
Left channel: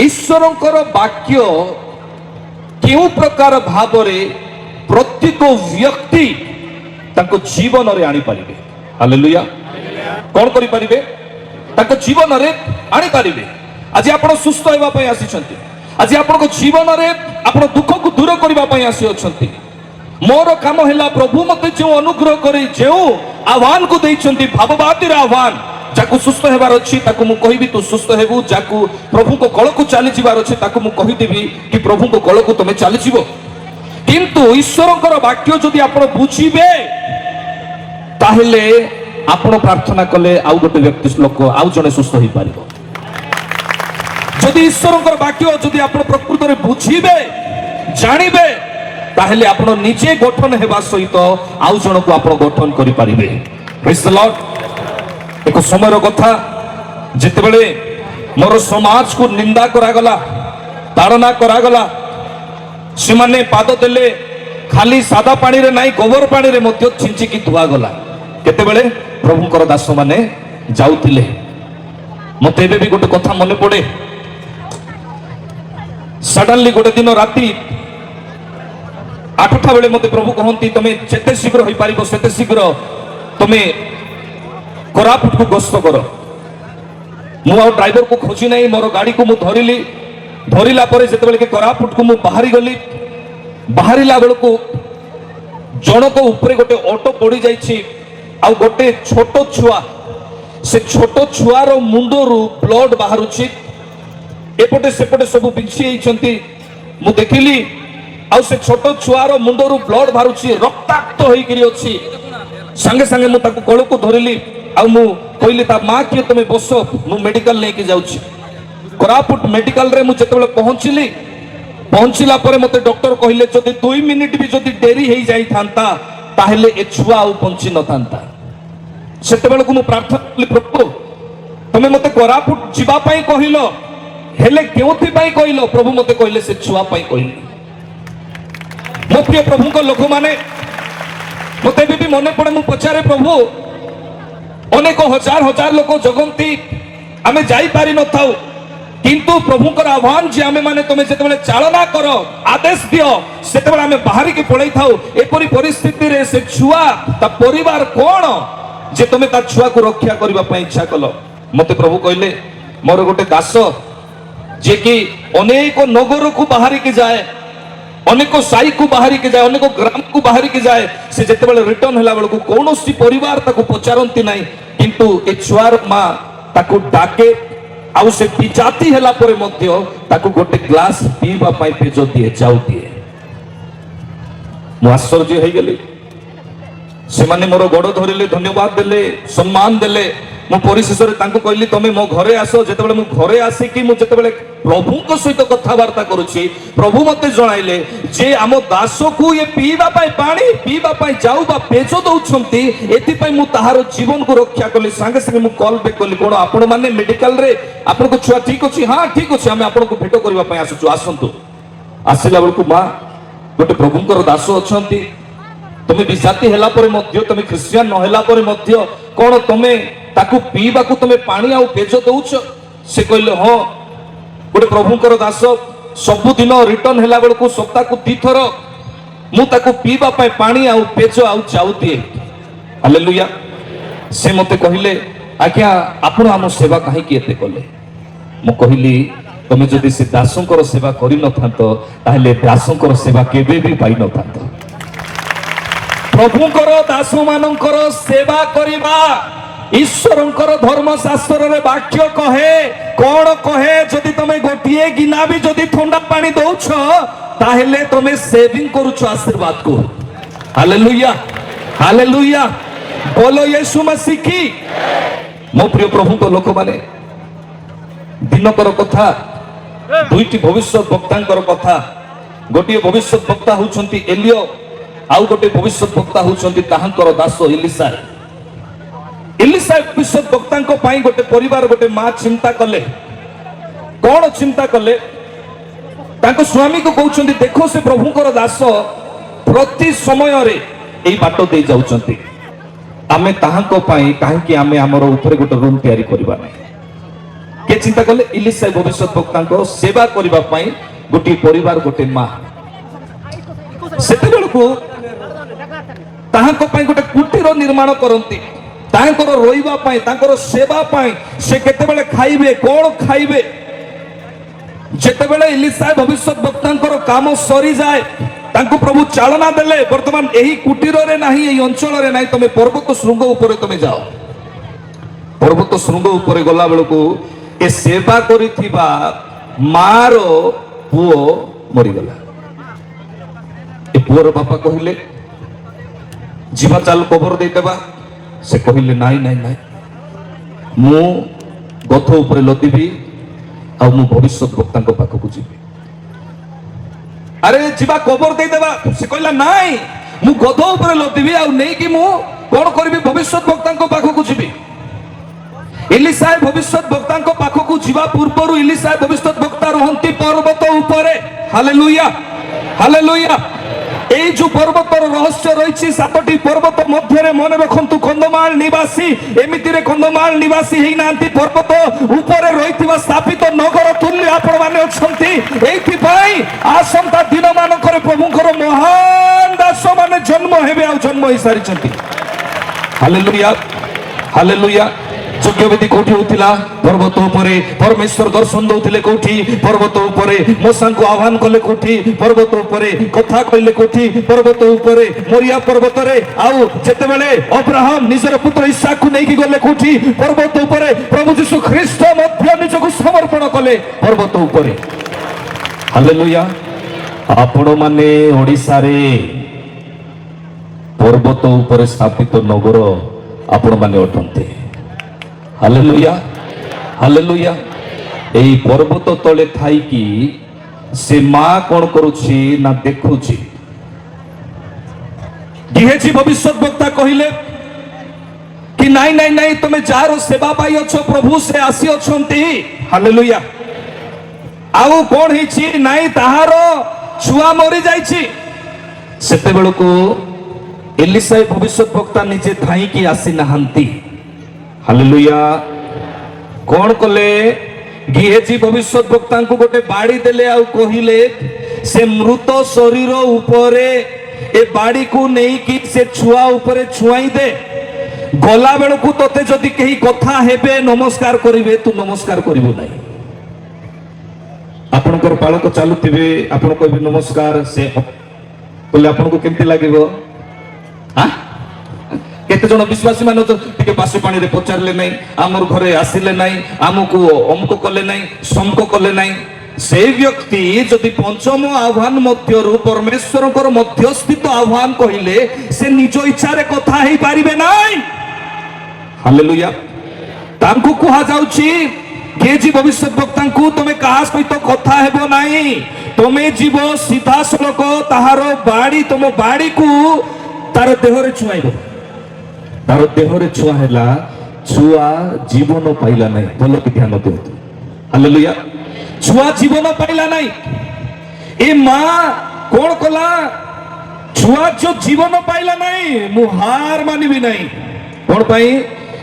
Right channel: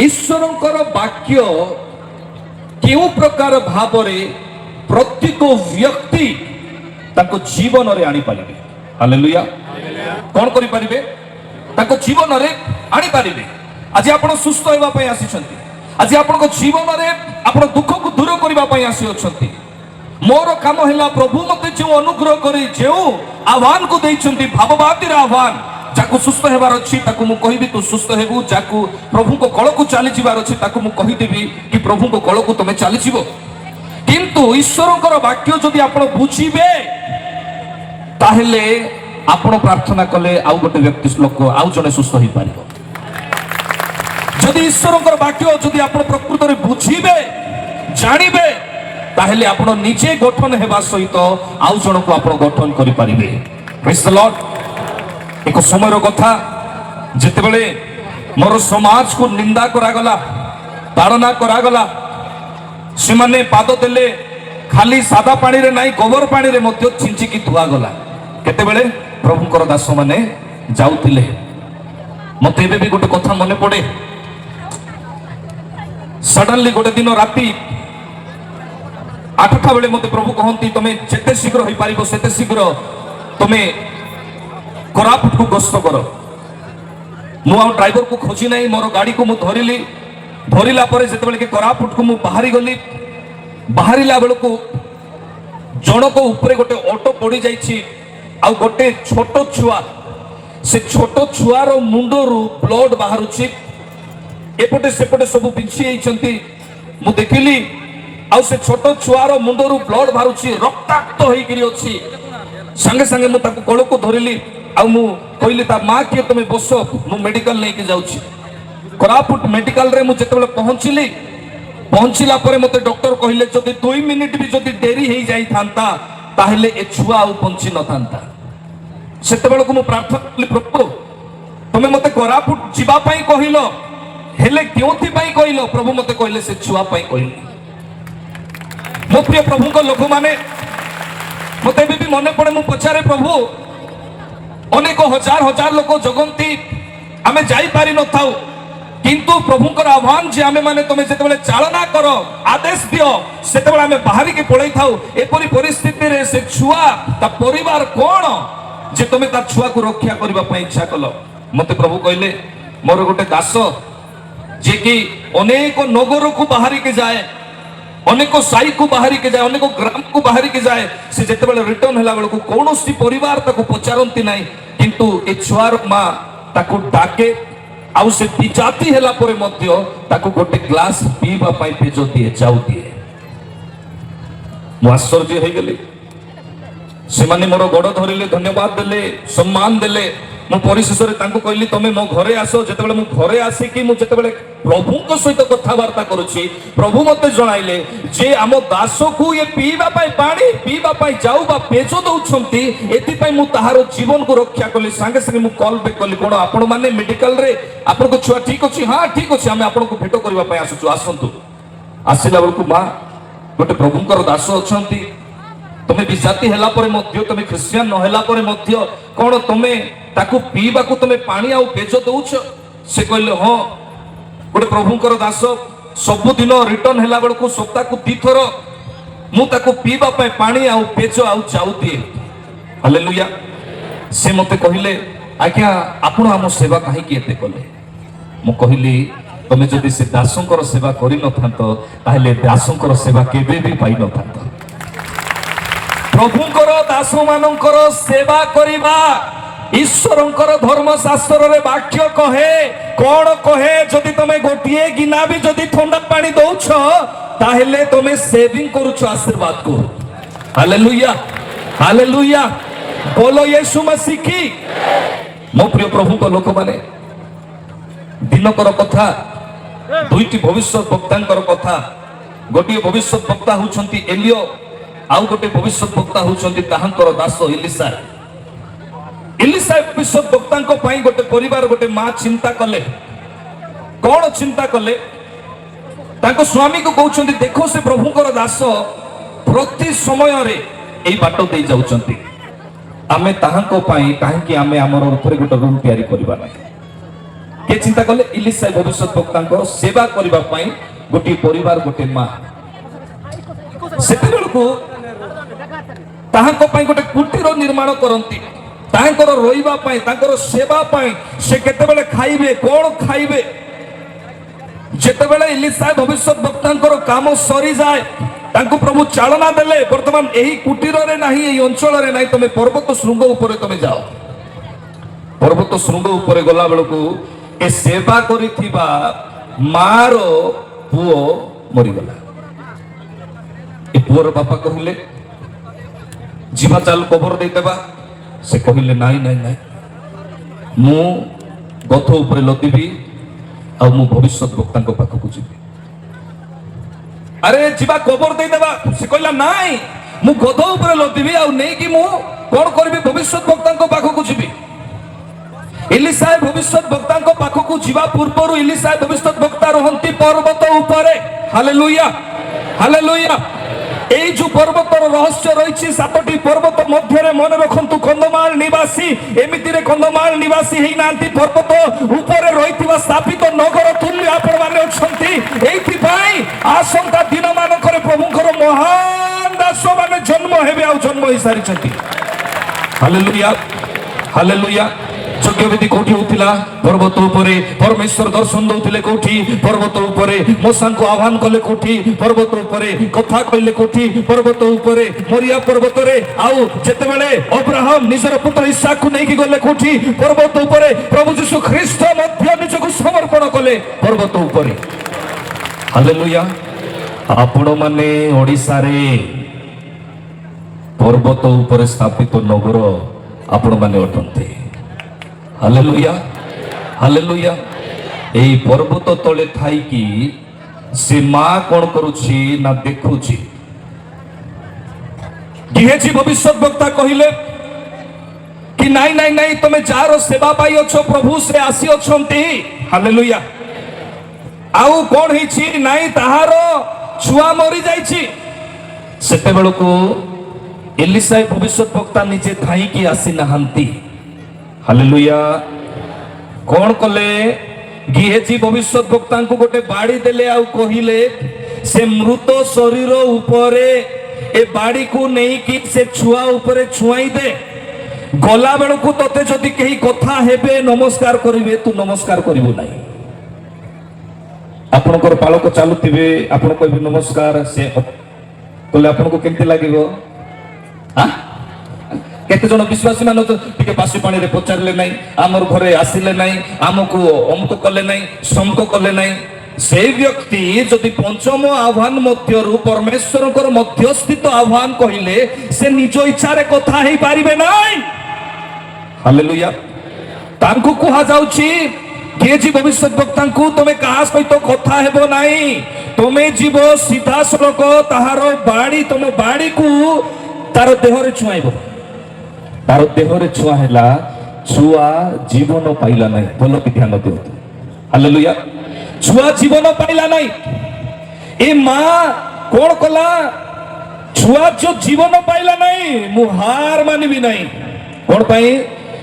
ईश्वरंकर वाक्य केउ प्रकार भावरे प्रत्येक व्यक्ति ताको जीवन रे आनी पारिबे हालेलुया कौन करि पारिबे ताको जीवन रे आनी पारिबे आज आपण सुस्थ हेबा पई आसीछंती आज आपण जीवन रे आपण दुख को दूर करबा पई आसी अछंती मोर काम हैला प्रभु मते जो अनुग्रह करी जो आह्वान को देइछंती भाववादीर आह्वान जाकु सुस्थ हेबार अछि ताकु मु कहिबी तू सुस्थ हेबु जाकु प्रभु को कळ को चली जिबार अछि ताकु मु कहि देबी कि प्रभु को कळ को तमे चली जिवो किंतु ईश्वरकर वाक्य जदि आपण बुझिबे ताहले ଆପଣ ପ୍ରାର୍ଥନା କଲେ ଆଉ ଗୋଟେ ବ୍ୟକ୍ତି ଲୋକ ଆଉ ଜଣେ ସୁସ୍ଥ ହେଇପାରିବ। ଯଦି ଈଶ୍ୱରଙ୍କର ବାକ୍ୟ ଯଦି ଆପଣ ପ୍ରକୃତରେ ବୁଝିବେ ଜାଣିବେ ତାହେଲେ ଆପଣ ନିଜେ ଗଠନ ହେବା ସହିତ ଆଉ ଜଣକୁ ଆପଣ ଗଠନ କରିପାରିବେ। Praise the Lord। ଏକ ସମୟର କଥା ଯେତେବେଳେ ମୋର ସମାଜକୁ ନିନ୍ଦା କରାଗଲା ତାଡ଼ନା କରାଗଲା ସେମାନେ ପାଦ ଦେଲେ ଖାଲି ସାଦା ପାଣିରେ ନାହିଁ ଗୋବର ପାଣିରେ ମଧ୍ୟ ଛିଞ୍ଚିକି ଧୁଆଗଲା। କେତେବେଳେ ପ୍ରଭୁଙ୍କର ଦାସମାନେ ଯାଉଥିଲେ। ମତେ ଏବେ ବି ଗୋଟେ କଥା ମନେ ପଡେ। ସଡନଲି ଗୋଟେ ଦିନ ରାତି 8ଟା ବେଳେ ମତେ ପ୍ରଭୁ କହନ୍ତି ତମେ ଯେତେ ଶୀଘ୍ର ହେଇପାରିବ ସେତେ ଶୀଘ୍ର ତମେ କୋରାପୁଟକୁ ଗସ୍ତ କର। ମୁଁ ଆଉ ଡ୍ରାଇଭରକୁ ଖୋଜି ନାହିଁ ମୋର ଗାଡ଼ିକୁ ମୁଁ ଧରିଲି। ଧରିଲା ପରେ ଯେତେବେଳେ କି କୋରାପୁଟକୁ ମୁଁ ବାହାରି ଗଲି ବାହାରିଲା ବେଳକୁ ଜଣକ ଉପରେ ଗୋଟେ ଅଟୋ ପଡ଼ି ଯାଇଛି ଆଉ ଗୋଟେ ଛୋଟ ଛୁଆ ସେ ଛୋଟ ଛୁଆର ମୁଣ୍ଡରୁ ବ୍ଲଡ ବାହାରୁଛି ଏପଟେ ସେପଟେ ସବୁ ବିଞ୍ଚି ହେଇଛନ୍ତି। ମୁଁ ଦେଖିଲି ଆଉ ସେ ଛୋଟ ଛୁଆର ମୁଣ୍ଡରୁ ବ୍ଲଡ ବାହାରୁଛି ରକ୍ତାକ୍ତ ହେଇକିରି ଅଛି। ସାଙ୍ଗେ ସାଙ୍ଗେ ମୁଁ ତାକୁ କୋଳକୁ ଧରିଲି ଆଉ ମୁଁ କହିଲି ତା ମା କିଏ ତମେ ବସ ମୁଁ ମେଡିକାଲ ନେଇକି ଯାଉଛି। କୋରାପୁଟ ମେଡିକାଲରେ ମୁଁ ଯେତେବେଳେ ପହଞ୍ଚିଲା ପରେ ମତେ ଡକ୍ଟର କହିଲେ ଯଦି 2 ମିନିଟ ବି ଯଦି ଡେରି ହେଇଯାଇଥାନ୍ତା ତାହେଲେ ଏ ଛୁଆ ଆଉ ବଞ୍ଚି ନଥାନ୍ତା। ସେତେବେଳକୁ ମୁଁ ପ୍ରାର୍ଥନା କଲି ପ୍ରଭୁ ତମେ ମତେ କୋରାପୁଟ ଯିବା ପାଇଁ କହିଲ ହେଲେ କେଉଁଥିପାଇଁ କହିଲ? ପ୍ରଭୁ ମତେ କହିଲେ ସେ ଛୁଆ ପାଇଁ କହିଲେ। ମୋ ପ୍ରିୟ ପ୍ରଭୁଙ୍କ ଲୋକମାନେ ମତେ ଏବେ ବି ମନେ ପଡେ ମୁଁ ପଚାରେ ପ୍ରଭୁ ଅନେକ ହଜାର ହଜାର ଲୋକ ଜଗନ୍ତି ଆମେ ଯାଇପାରି ନଥାଉ କିନ୍ତୁ ପ୍ରଭୁଙ୍କର ଆହ୍ୱାନ ଯେ ଆମେ ମାନେ ତମେ ଯେତେବେଳେ ଚାଳନା କର ଆଦେଶ ଦିଅ ସେତେବେଳେ ଆମେ ବାହାରିକି ପଳେଇ ଥାଉ। ଏପରି ପରିସ୍ଥିତିରେ ସେ ଛୁଆ ତା ପରିବାର କଣ ଯେ ତମେ ତା ଛୁଆକୁ ରକ୍ଷା କରିବା ପାଇଁ ଇଚ୍ଛା କଲ? ମତେ ପ୍ରଭୁ କହିଲେ ମୋର ଗୋଟେ ଦାସ ଯେ କି ଅନେକ ନଗରକୁ ବାହାରିକି ଯାଏ ଅନେକ ସାଇକୁ ବାହାରିକି ଯାଏ ଅନେକ ଗ୍ରାମକୁ ବାହାରିକି ଯାଏ ସେ ଯେତେବେଳେ ରିଟର୍ନ ହେଲା ବେଳକୁ କୌଣସି ପରିବାର ତାକୁ ପଚାରନ୍ତି ନାହିଁ କିନ୍ତୁ ଏ ଛୁଆର ମା ତାକୁ ଡାକେ ଆଉ ସେ ବିଜାତି ହେଲା ପରେ ମଧ୍ୟ ତାକୁ ଗୋଟେ ଗ୍ଲାସ ପିଇବା ପାଇଁ ପେଜ ଦିଏ ଚାଉ ଦିଏ। ମୁଁ ଆଶ୍ଚର୍ଯ୍ୟ ହେଇଗଲି। ସେମାନେ ମୋର ଗୋଡ଼ ଧରିଲେ ଧନ୍ୟବାଦ ଦେଲେ ସମ୍ମାନ ଦେଲେ। ମୁଁ ପରିଶେଷରେ ତାଙ୍କୁ କହିଲି ତମେ ମୋ ଘରେ ଆସ। ଯେତେବେଳେ ମୁଁ ଘରେ ଆସିକି ମୁଁ ଯେତେବେଳେ ପ୍ରଭୁଙ୍କ ସହିତ କଥାବାର୍ତ୍ତା କରୁଛି ପ୍ରଭୁ ମତେ ଜଣାଇଲେ ଯେ ଆମ ଦାସକୁ ଇଏ ପିଇବା ପାଇଁ ପାଣି ପିଇବା ପାଇଁ ଯାଉ ବା ପେଜ ଦଉଛନ୍ତି ଏଥିପାଇଁ ମୁଁ ତାହାର ଜୀବନକୁ ରକ୍ଷା କଲି। ସାଙ୍ଗେ ସାଙ୍ଗେ ମୁଁ କଲ୍ ବ୍ୟାକ୍ କଲି କଣ ଆପଣ ମାନେ ମେଡିକାଲରେ ଆପଣଙ୍କ ଛୁଆ ଠିକ ଅଛି? ହଁ ଠିକ ଅଛି ଆମେ ଆପଣଙ୍କୁ ଭେଟ କରିବା ପାଇଁ ଆସୁଛୁ ଆସନ୍ତୁ। ଆସିଲା ବେଳକୁ ମା ଗୋଟେ ପ୍ରଭୁଙ୍କର ଦାସ ଅଛନ୍ତି ତମେ ବିଜାତି ହେଲା ପରେ ମଧ୍ୟ ତମେ ଖ୍ରୀଷ୍ଟିଆନ ନ ହେଲା ପରେ ମଧ୍ୟ କଣ ତମେ ତାକୁ ପିଇବାକୁ ତମେ ପାଣି ଆଉ ପେଜ ଦଉଛ? ସେ କହିଲେ ହଁ ଗୋଟେ ପ୍ରଭୁଙ୍କର ଦାସ ସବୁଦିନ ରିଟର୍ନ ହେଲା ବେଳକୁ ସପ୍ତାହକୁ 2 ଥର ମୁଁ ତାକୁ ପିଇବା ପାଇଁ ପାଣି ଆଉ ପେଜ ଆଉ ଚାଉ ଦିଏ। ହାଲେଲୁୟା। ସେ ମତେ କହିଲେ ଆଜ୍ଞା ଆପଣ ଆମ ସେବା କାହିଁକି ଏତେ କଲେ? ମୁଁ କହିଲି ତମେ ଯଦି ସେ ଦାସଙ୍କର ସେବା କରିନଥାନ୍ତ ତାହେଲେ ଦାସଙ୍କର ସେବା କେବେ ବି ପାଇନଥାନ୍ତ। ପ୍ରଭୁଙ୍କର ଦାସ ମାନଙ୍କର ସେବା କରିବା ଈଶ୍ୱରଙ୍କର ଧର୍ମଶାସ୍ତ୍ରରେ ବାକ୍ୟ କହେ କଣ କହେ? ଯଦି ତମେ ଗୋଟିଏ ଗିନା ବି ଯଦି ଥଣ୍ଡା ପାଣି ଦଉଛ ତାହେଲେ ତମେ ସେଭିଂ କରୁଛ ଆଶୀର୍ବାଦକୁ। ହାଲେଲୁୟା ହାଲେଲୁୟା ବୋଲ ୟୀଶୁ ମसीହ କି। ମୋ ପ୍ରିୟ ପ୍ରଭୁଙ୍କ ଲୋକମାନେ ଦିନକର କଥା ଦୁଇଟି ଭବିଷ୍ୟତ ବକ୍ତାଙ୍କର କଥା। ଗୋଟିଏ ଭବିଷ୍ୟତ ବକ୍ତା ହଉଛନ୍ତି ଏଲିୟ ଆଉ ଗୋଟେ ଭବିଷ୍ୟତ ବକ୍ତା ହଉଛନ୍ତି ତାହାଙ୍କର ଦାସ ଏଲିସା। ଏଲିସା ଭବିଷ୍ୟତ ବକ୍ତାଙ୍କ ପାଇଁ ଗୋଟେ ପରିବାର ଗୋଟେ ମା ଚିନ୍ତା କଲେ। କଣ ଚିନ୍ତା କଲେ? ତାଙ୍କ ସ୍ୱାମୀକୁ କହୁଛନ୍ତି ଦେଖ ସେ ପ୍ରଭୁଙ୍କର ଦାସ ପ୍ରତି ସମୟରେ ଏଇ ବାଟ ଦେଇ ଯାଉଛନ୍ତି ଆମେ ତାହାଙ୍କ ପାଇଁ କାହିଁକି ଆମେ ଆମର ଉପରେ ଗୋଟେ ରୁମ୍ ତିଆରି କରିବା ନାହିଁ? କେ ଚିନ୍ତା କଲେ? ଏଲିସା ଭବିଷ୍ୟତ ବକ୍ତାଙ୍କ ସେବା କରିବା ପାଇଁ ଗୋଟିଏ ପରିବାର ଗୋଟେ ମା ସେତେବେଳକୁ ତାହାଙ୍କ ପାଇଁ ଗୋଟେ କୁଟୀର ନିର୍ମାଣ କରନ୍ତି ତାଙ୍କର ରହିବା ପାଇଁ ତାଙ୍କର ସେବା ପାଇଁ। ସେ କେତେବେଳେ ଖାଇବେ କଣ ଖାଇବେ? ଯେତେବେଳେ ଏଲିସା ଭବିଷ୍ୟତ ବକ୍ତାଙ୍କର କାମ ସରିଯାଏ ତାଙ୍କୁ ପ୍ରଭୁ ଚାଳନା ଦେଲେ ବର୍ତ୍ତମାନ ଏହି କୁଟୀରରେ ନାହିଁ ଏହି ଅଞ୍ଚଳରେ ନାହିଁ ତମେ ପର୍ବତ ଶୃଙ୍ଗ ଉପରେ ତମେ ଯାଅ। ପର୍ବତ ଶୃଙ୍ଗ ଉପରେ ଗଲା ବେଳକୁ ଏ ସେବା କରିଥିବା ମାର ପୁଅ ମରିଗଲା। ଏ ପୁଅର ବାପା କହିଲେ ଯିବା ଚାଲ କବର ଦେଇଦେବା। से कहले नाई नाई नाई मु गथ ऊपर लदिबी आ मु भविष्य वक्ता पाखक जीवी अरे जीवा कबर दे देबा से कहला नाई मु गध ऊपर लदिबी आ नै कि मु कोन करबी भविष्य वक्ता पाखक जीवी इलिशा भविष्य वक्ता पाखक जीवा पूर्व इलिशा भविष्य वक्ता रहंती पर्वत ऊपर हालेलुया हालेलुया এই যে পর্বতর রহস্য রয়েছে সাতটি পর্বত মধ্যে মনে রাখন্তু কন্ধমাল নিবাসী এমিতিরে কন্ধমাল নিবাসী হেই নান্তি পর্বত উপরে রইতিবা স্থাপিত নগর তুল্য আপন মানে অছন্তি এইথিপাই আসন্তা দিন মানকরে প্রভুଙ୍କର মহান দাস মানে জন্ম হেবে আর জন্ম হই সারিছন্তি हालेलुया हालेलुया यज्ञवेदी कोठी होतिला पर्वत उपरे परमेश्वर दर्शन दउथिले कोठी पर्वत उपरे मूसा को आह्वान कले कोठी पर्वत उपरे कथा कहले कोठी पर्वत उपरे मोरिया पर्वत रे आउ जेते बेले अब्राहम निजर पुत्र इसहाक को नेकी गले कोठी पर्वत उपरे प्रभु यीशु ख्रीष्ट मध्य निजको समर्पण कले पर्वत उपरे हालेलुया आपण माने ओडिसा रे पर्वत उपरे स्थापित नगर आपण माने अटंते हालेलुया हालेलुया एई पर्वत तले थाई कि से मां कोन करूछि ना देखुछि गेहेजी भविष्य वक्ता कहिले कि नाई नाई नाई तमे जार सेवा पाई अछो प्रभु से आसी अछंती हालेलुया आउ कोन हिछि नाई ताहार छुआ मरि जाईछि सेते बेलको एलिशा भविष्य वक्ता निजे थाई कि आसी नहांती हालेलुया कोन कले गेहेजी भविष्य वक्ता को गोटे बाड़ी देले आउ कहिले से मृत शरीर उपरे ए बाड़ी को नहीं कि से छुआ उपरे छुआई दे गला बेलकु तते जदि केही कथा हेबे नमस्कार करिवे तू नमस्कार करिवो नाही आपणकर पालक चालुथिबे आपण कहबे नमस्कार से बोले आपनको केमती लागिवो हां केते जन विश्वासी मान तो टिके पासे पानी रे पचारले नाही आमर घरे आसिले नाही आमको अमको कले नाही समको कले नाही से व्यक्ति जदि पंचम आह्वान मध्यरु परमेश्वरकर मध्यस्थित आह्वान कहिले से निज इच्छा रे कथा हे पारिबे नाही हालेलुया तांको कहा जाउची गेहेजी भविष्य वक्ता को तमे कहा सहित कथा हेबो नाही तमे जीव सीधा सलक ताहार बाड़ी तुम बाड़ी को तार देह रे छुआइबो तार देह रे छुआ हैला छुआ जीवन पाइला नहीं बोलो कि ध्यान दियो हालेलुया छुआ जीवन पाइला नहीं ए मां कोन कला छुआ जो जीवन पाइला नहीं मु हार मानिबी नहीं कोन पाई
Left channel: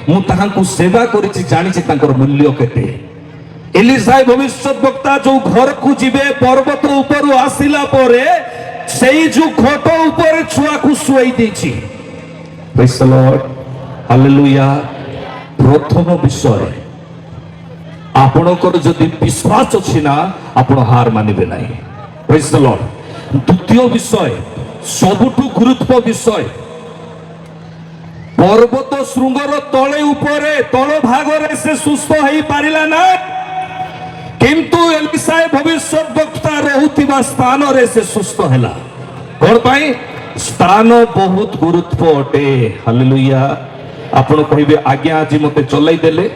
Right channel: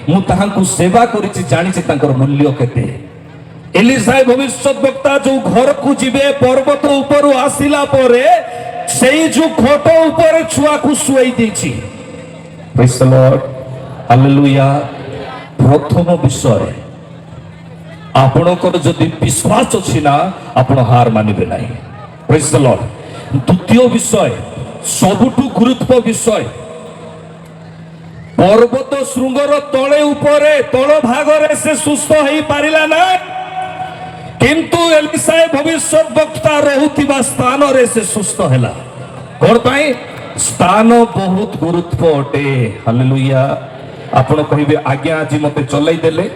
मु ताहांकु सेवा करिछि जानिछि तांकर मूल्य केते एलिशा भविष्य वक्ता जो घर को जीवे पर्वत ऊपर आसिला परे सेई जो खट ऊपर छुआ को सुई देछि प्रेज द लॉर्ड हालेलुया प्रथम विषय आपणकर जदि विश्वास अछि ना आपण हार मानिबे नाही प्रेज द लॉर्ड द्वितीय विषय सबुठु गुरुत्व विषय पर्वत श्रृंगर तले ऊपरे तळ भागरे से सुस्थ हेई पारिला ना किंतु एलिशा भविष्य वक्ता रहुतिबा स्थान रे से सुस्थ हैला कोन पाई स्थान बहुत गुरुत्व अटे हालेलुया आपण कहिबे आज्ञा आज मते चलाई देले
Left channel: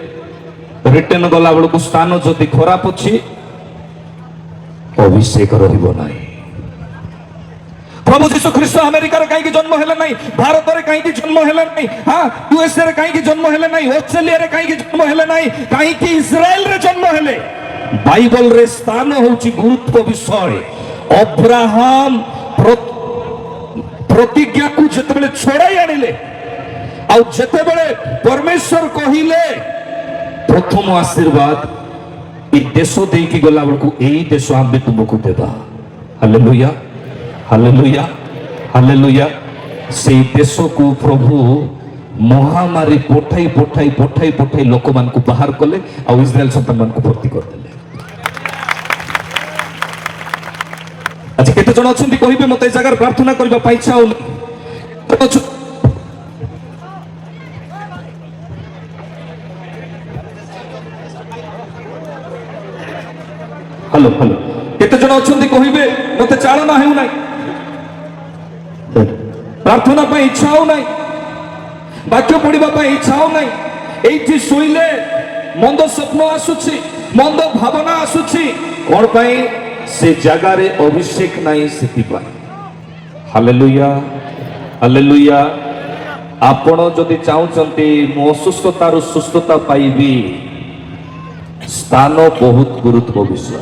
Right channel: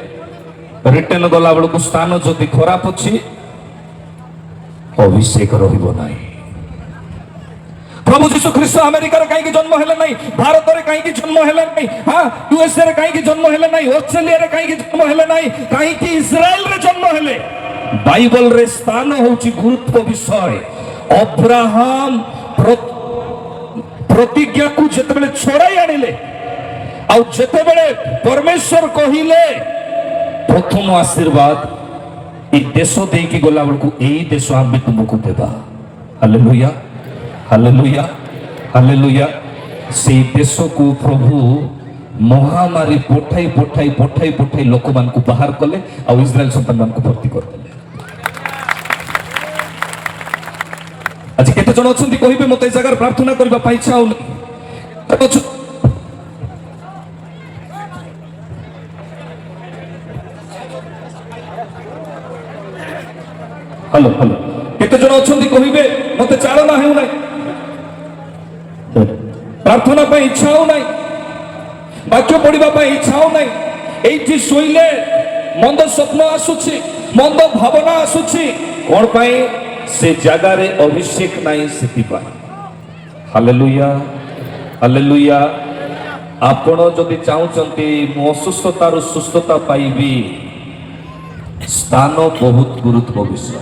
रिटर्न गला बेलको स्थान जदि खराब अछि अभिषेक रहिबो नाही प्रभु यीशु ख्रीष्ट अमेरिका रे काई जन्म हेले नहीं भारत रे काई जन्म हेले नहीं हां यूएसए रे काई जन्म हेले नहीं ऑस्ट्रेलिया रे काई जन्म हेले नहीं काई कि इस्राएल रे जन्म हेले बाइबल रे स्थान होची गुरुत्व विषय अब्राहम प्रतिज्ञा को जेतेबेले छोड़ाई आनिले आ जेतेबेले परमेश्वर कहिले प्रथम आशीर्वाद ए देश देकी गला बेलको एई देश आबे तुमको देबा हालेलुया हालेलुया हालेलुया से देश को प्रभु महामारी पठाई पठाई पठाई पठाई लोक मान को बाहर कले आ इस्राएल संतान मान को भर्ती कर देले आज केते जण अछंती कहिबे मते जगह प्रार्थना करबा पाई इच्छा होले हेलो हेलो केते जण अछंती कहिबे मते चालना हेउ नाही प्रार्थना पाई इच्छा हो नाही ବାକ୍ୟ ପଢିବା ପାଇଁ ଇଚ୍ଛା ହଉନାହିଁ। ଏଇଠି ଶୋଇଲେ ମନ୍ଦ ସ୍ୱପ୍ନ ଆସୁଛି, ମନ୍ଦ ଭାବନା ଆସୁଛି। କଣ ପାଇଁ? ସେ ଜାଗାରେ ଅଭିଷେକ ନାହିଁ ସେଥିପାଇଁ। Hallelujah, hallelujah. ଆପଣ ଯଦି ଚାହୁଁଛନ୍ତି ମୁଁ ଅସୁସ୍ଥତାରୁ ସୁସ୍ଥତା ପାଇବି, ସ୍ଥାନ ବହୁତ ଗୁରୁତ୍ୱ ବିଷୟ।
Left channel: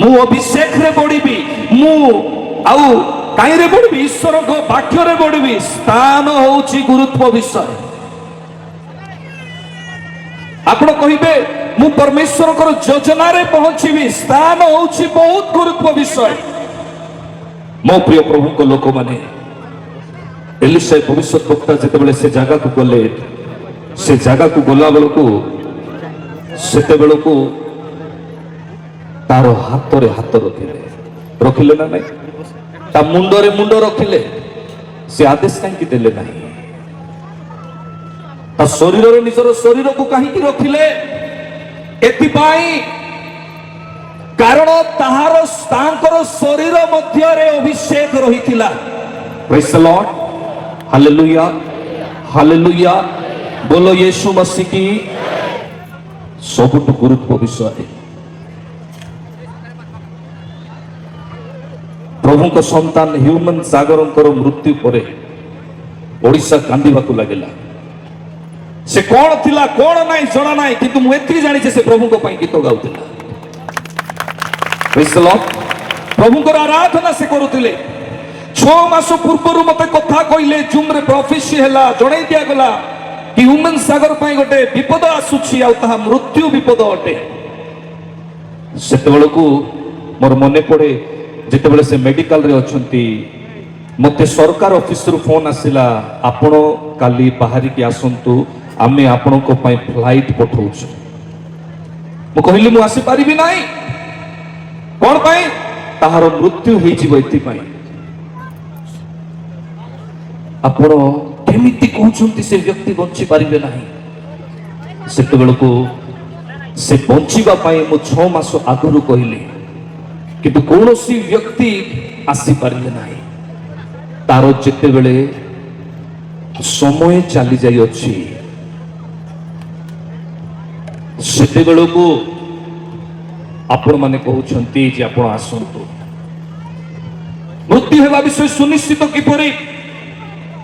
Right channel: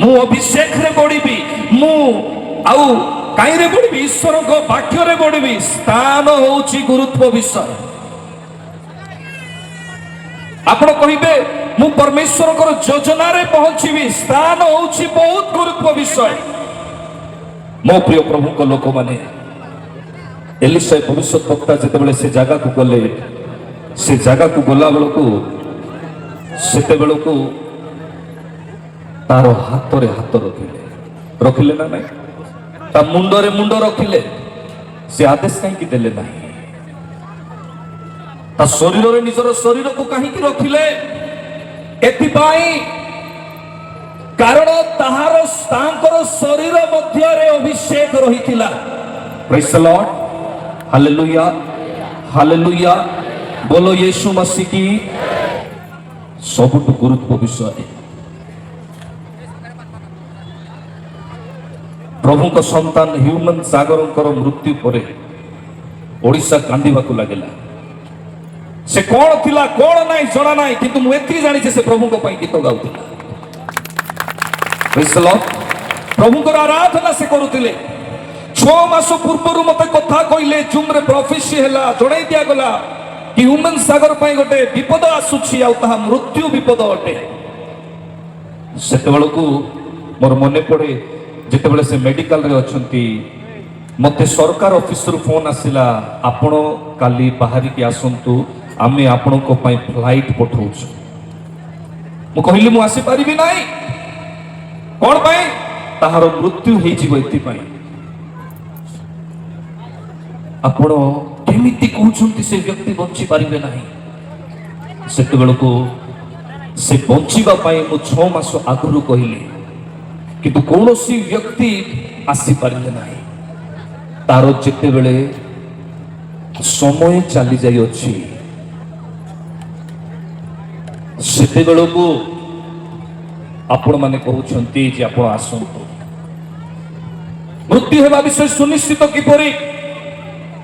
ମୁଁ ଅଭିଷେକରେ ବଢିବି, ମୁଁ ଆଉ କାହିଁରେ ବଢିବି? ଈଶ୍ୱରଙ୍କ ବାକ୍ୟରେ ବଢିବି। ସ୍ଥାନ ହଉଛି ଗୁରୁତ୍ୱ ବିଷୟ। ଆପଣ କହିବେ ମୁଁ ପରମେଶ୍ୱରଙ୍କର ଯୋଜନାରେ ପହଞ୍ଚିବି, ସ୍ଥାନ ହଉଛି ବହୁତ ଗୁରୁତ୍ୱ ବିଷୟ। ମୋ ପ୍ରିୟ ପ୍ରଭୁଙ୍କ ଲୋକମାନେ, ଏଲିଶା ଭବିଷ୍ୟତ ବକ୍ତା ଯେତେବେଳେ ସେ ଜାଗାକୁ ଗଲେ, ସେ ଜାଗାକୁ ଗଲା ବେଳକୁ ସେତେବେଳକୁ ତାର ହାତରେ ହାତ ରଖିଲେ ନା ନାଇଁ? ତା ମୁଣ୍ଡରେ ମୁଣ୍ଡ ରଖିଲେ। ସେ ଆଦେଶ କାହିଁକି ଦେଲେ ନାହିଁ? ତା ଶରୀରରେ ନିଜର ଶରୀରକୁ କାହିଁକି ରଖିଲେ? ଏଥିପାଇଁ କାରଣ ତାଙ୍କର ଶରୀର ମଧ୍ୟରେ ଅଭିଷେକ ରହିଥିଲା। ପ୍ରେଜ୍ ଦ ଲର୍ଡ, ହାଲେଲୁୟା, ହାଲେଲୁୟା। ବୋଲ ୟୀଶୁ ମसीह की। ସବୁଠୁ ଗୁରୁତ୍ୱ ବିଷୟ। ପ୍ରଭୁଙ୍କ ସନ୍ତାନ ହ୍ୟୁମାନ ସାଗରଙ୍କର ମୃତ୍ୟୁ ପରେ ଓଡ଼ିଶା କାନ୍ଦିବାକୁ ଲାଗିଲା। ସେ କଣ ଥିଲା କଣ ନାହିଁ ଜଣା ନାହିଁ, କିନ୍ତୁ ମୁଁ ଏତିକି ଜାଣିଛି ସେ ପ୍ରଭୁଙ୍କ ପାଇଁ ଗୀତ ଗାଉଥିଲା। ପ୍ରେଜ୍ ଦ ଲର୍ଡ। ପ୍ରଭୁଙ୍କର ଆରାଧନା ସେ କରୁଥିଲେ। 6 ମାସ ପୂର୍ବରୁ ମତେ କଥା କହିଲେ, ଜୁମ୍ରେ ପ୍ରଫେସି ହେଲା, ଜଣାଇ ଦିଆଗଲା କି ହ୍ୟୁମାନ ସାଗର ପାଇଁ ଗୋଟେ ବିପଦ ଆସୁଛି, ଆଉ ତାହା ମୃତ୍ୟୁ ବିପଦ ଅଟେ। ସେତେବେଳକୁ ମୋର ମନେ ପଡେ ଯେତେବେଳେ ସେ ମେଡିକାଲରେ ଅଛନ୍ତି, ମତେ ସରକାର ଅଫିସରୁ ଫୋନ ଆସିଲା, ଆପଣ କାଲି ବାହାରିକି ଆସନ୍ତୁ, ଆମେ ଆପଣଙ୍କ ପାଇଁ ଫ୍ଲାଇଟ୍ ପଠାଉଛୁ। ମୁଁ କହିଲି ମୁଁ ଆସିପାରିବି ନାହିଁ। କଣ ପାଇଁ? ତାହାର ମୃତ୍ୟୁ ହେଇଯିବ ଏଥିପାଇଁ। ଆପଣ କେମିତି କହୁଛନ୍ତି ସେ ବ୍ୟକ୍ତି ବଞ୍ଚି ପାରିବେ ନାହିଁ? ସେତେବେଳକୁ ସେ ବଞ୍ଚିବା ପାଇଁ ମୁଁ 6 ମାସ ଆଗରୁ କହିଲି, କିନ୍ତୁ କୌଣସି ବ୍ୟକ୍ତି ଆସିପାରିଲେ ନାହିଁ। ତାର ଯେତେବେଳେ ସମୟ ଚାଲି ଯାଇଅଛି, ସେତେବେଳକୁ ଆପଣମାନେ କହୁଛନ୍ତି ଯେ ଆପଣ ଆସନ୍ତୁ। ମୃତ୍ୟୁ ହେବା ବିଷୟ ସୁନିଶ୍ଚିତ କିପରି?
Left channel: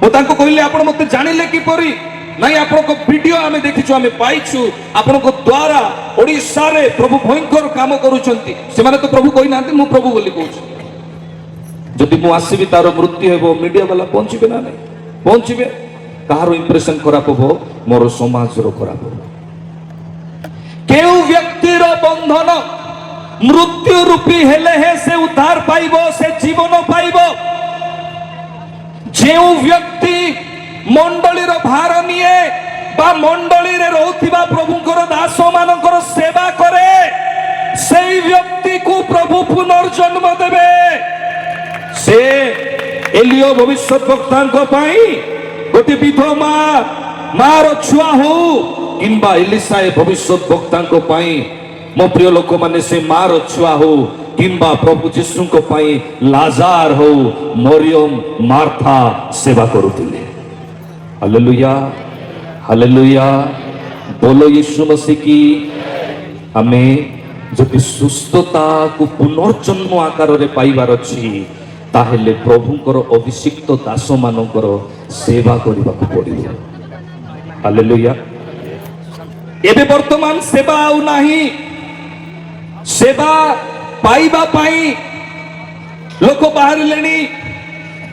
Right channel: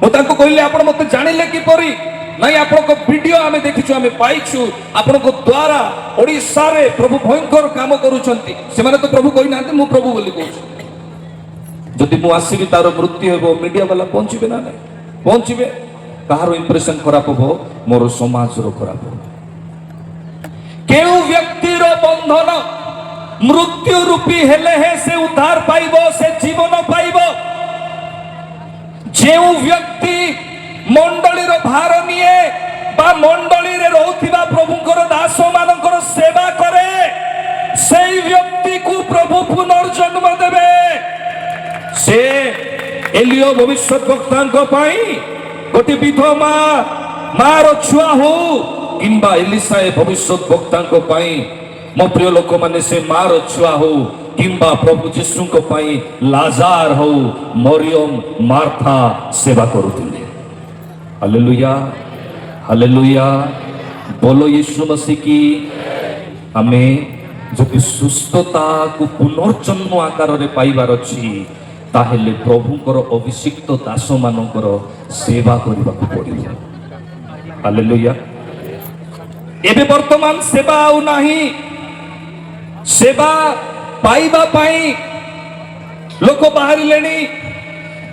ମୁଁ ତାଙ୍କୁ କହିଲି ଆପଣ ମତେ ଜାଣିଲେ କିପରି? ନାଇଁ, ଆପଣଙ୍କ ଭିଡିଓ ଆମେ ଦେଖିଛୁ, ଆମେ ପାଇଛୁ, ଆପଣଙ୍କ ଦ୍ୱାରା ଓଡ଼ିଶାରେ ପ୍ରଭୁ ଭୟଙ୍କର କାମ କରୁଛନ୍ତି। ସେମାନେ ତ ପ୍ରଭୁ କହିନାହାନ୍ତି, ମୁଁ ପ୍ରଭୁ ବୋଲି କହୁଛି। ଯଦି ମୁଁ ଆସିବି ତାର ମୃତ୍ୟୁ ହେବ, ମିଡିଆ ବାଲା ପହଞ୍ଚିବେ ନା ନାଇଁ? ପହଞ୍ଚିବେ। କାହାର ଇମ୍ପ୍ରେସନ ଖରାପ ହବ? ମୋର ସମାଜର ଖରାପ ହବ। କେଉଁ ବ୍ୟକ୍ତିର ବନ୍ଧନ ମୃତ୍ୟୁ ରୂପୀ ହେଲେ হে ସେ ଉଦ୍ଧାର ପାଇବ, ସେ ଜୀବନ ପାଇବ। ଯେଉଁ ବ୍ୟକ୍ତି ମଣ୍ଡଳୀର ଭାର ନିଏ ବା ମଣ୍ଡଳୀରେ ରହୁଥିବା ପ୍ରଭୁଙ୍କର ଦାସ ମାନଙ୍କର ସେବା କରେ, ସେଇ ବ୍ୟକ୍ତିକୁ ପ୍ରଭୁ ପୁନର୍ଜନ୍ମ ଦେବେ। ସେ ଏଲିୟ ଭବିଷ୍ୟତ ବକ୍ତାଙ୍କ ପାଇଁ ଗୋଟେ ବିଧବା ମାର ଛୁଆ ହଉ କିମ୍ବା ଏଲିଶା ଭବିଷ୍ୟତ ବକ୍ତାଙ୍କ ପାଇଁ, ମୋ ପ୍ରିୟ ଲୋକମାନେ, ସେ ମାର ଛୁଆ ହଉ କିମ୍ବା ପ୍ରଭୁ ଯୀଶୁଙ୍କ ପାଇଁ ଲାଜାର ହଉ, ମରିୟମ ମାର୍ଥା ସେବା କରୁଥିଲେ। Hallelujah, hallelujah. ବୋଲ ୟୀଶୁ ମसीह की। ଆମେ ଯଦି ସୁସ୍ଥତାକୁ ପୁନର୍ଜନ୍ମ ଆକାରରେ ପାଇବାର ଅଛି, ତାହେଲେ ପ୍ରଭୁଙ୍କର ଅଭିଷିକ୍ତ ଦାସ ମାନଙ୍କର ସେବା କରିବାକୁ ପଡ଼ିବ। ହାଲେଲୁୟା। ଏବେ ବର୍ତ୍ତମାନ ସେବା ଆଉ ନାହିଁ। ସେବା ପାଇବା ପାଇଁ ଲୋକ ବାହାରିଲେଣି।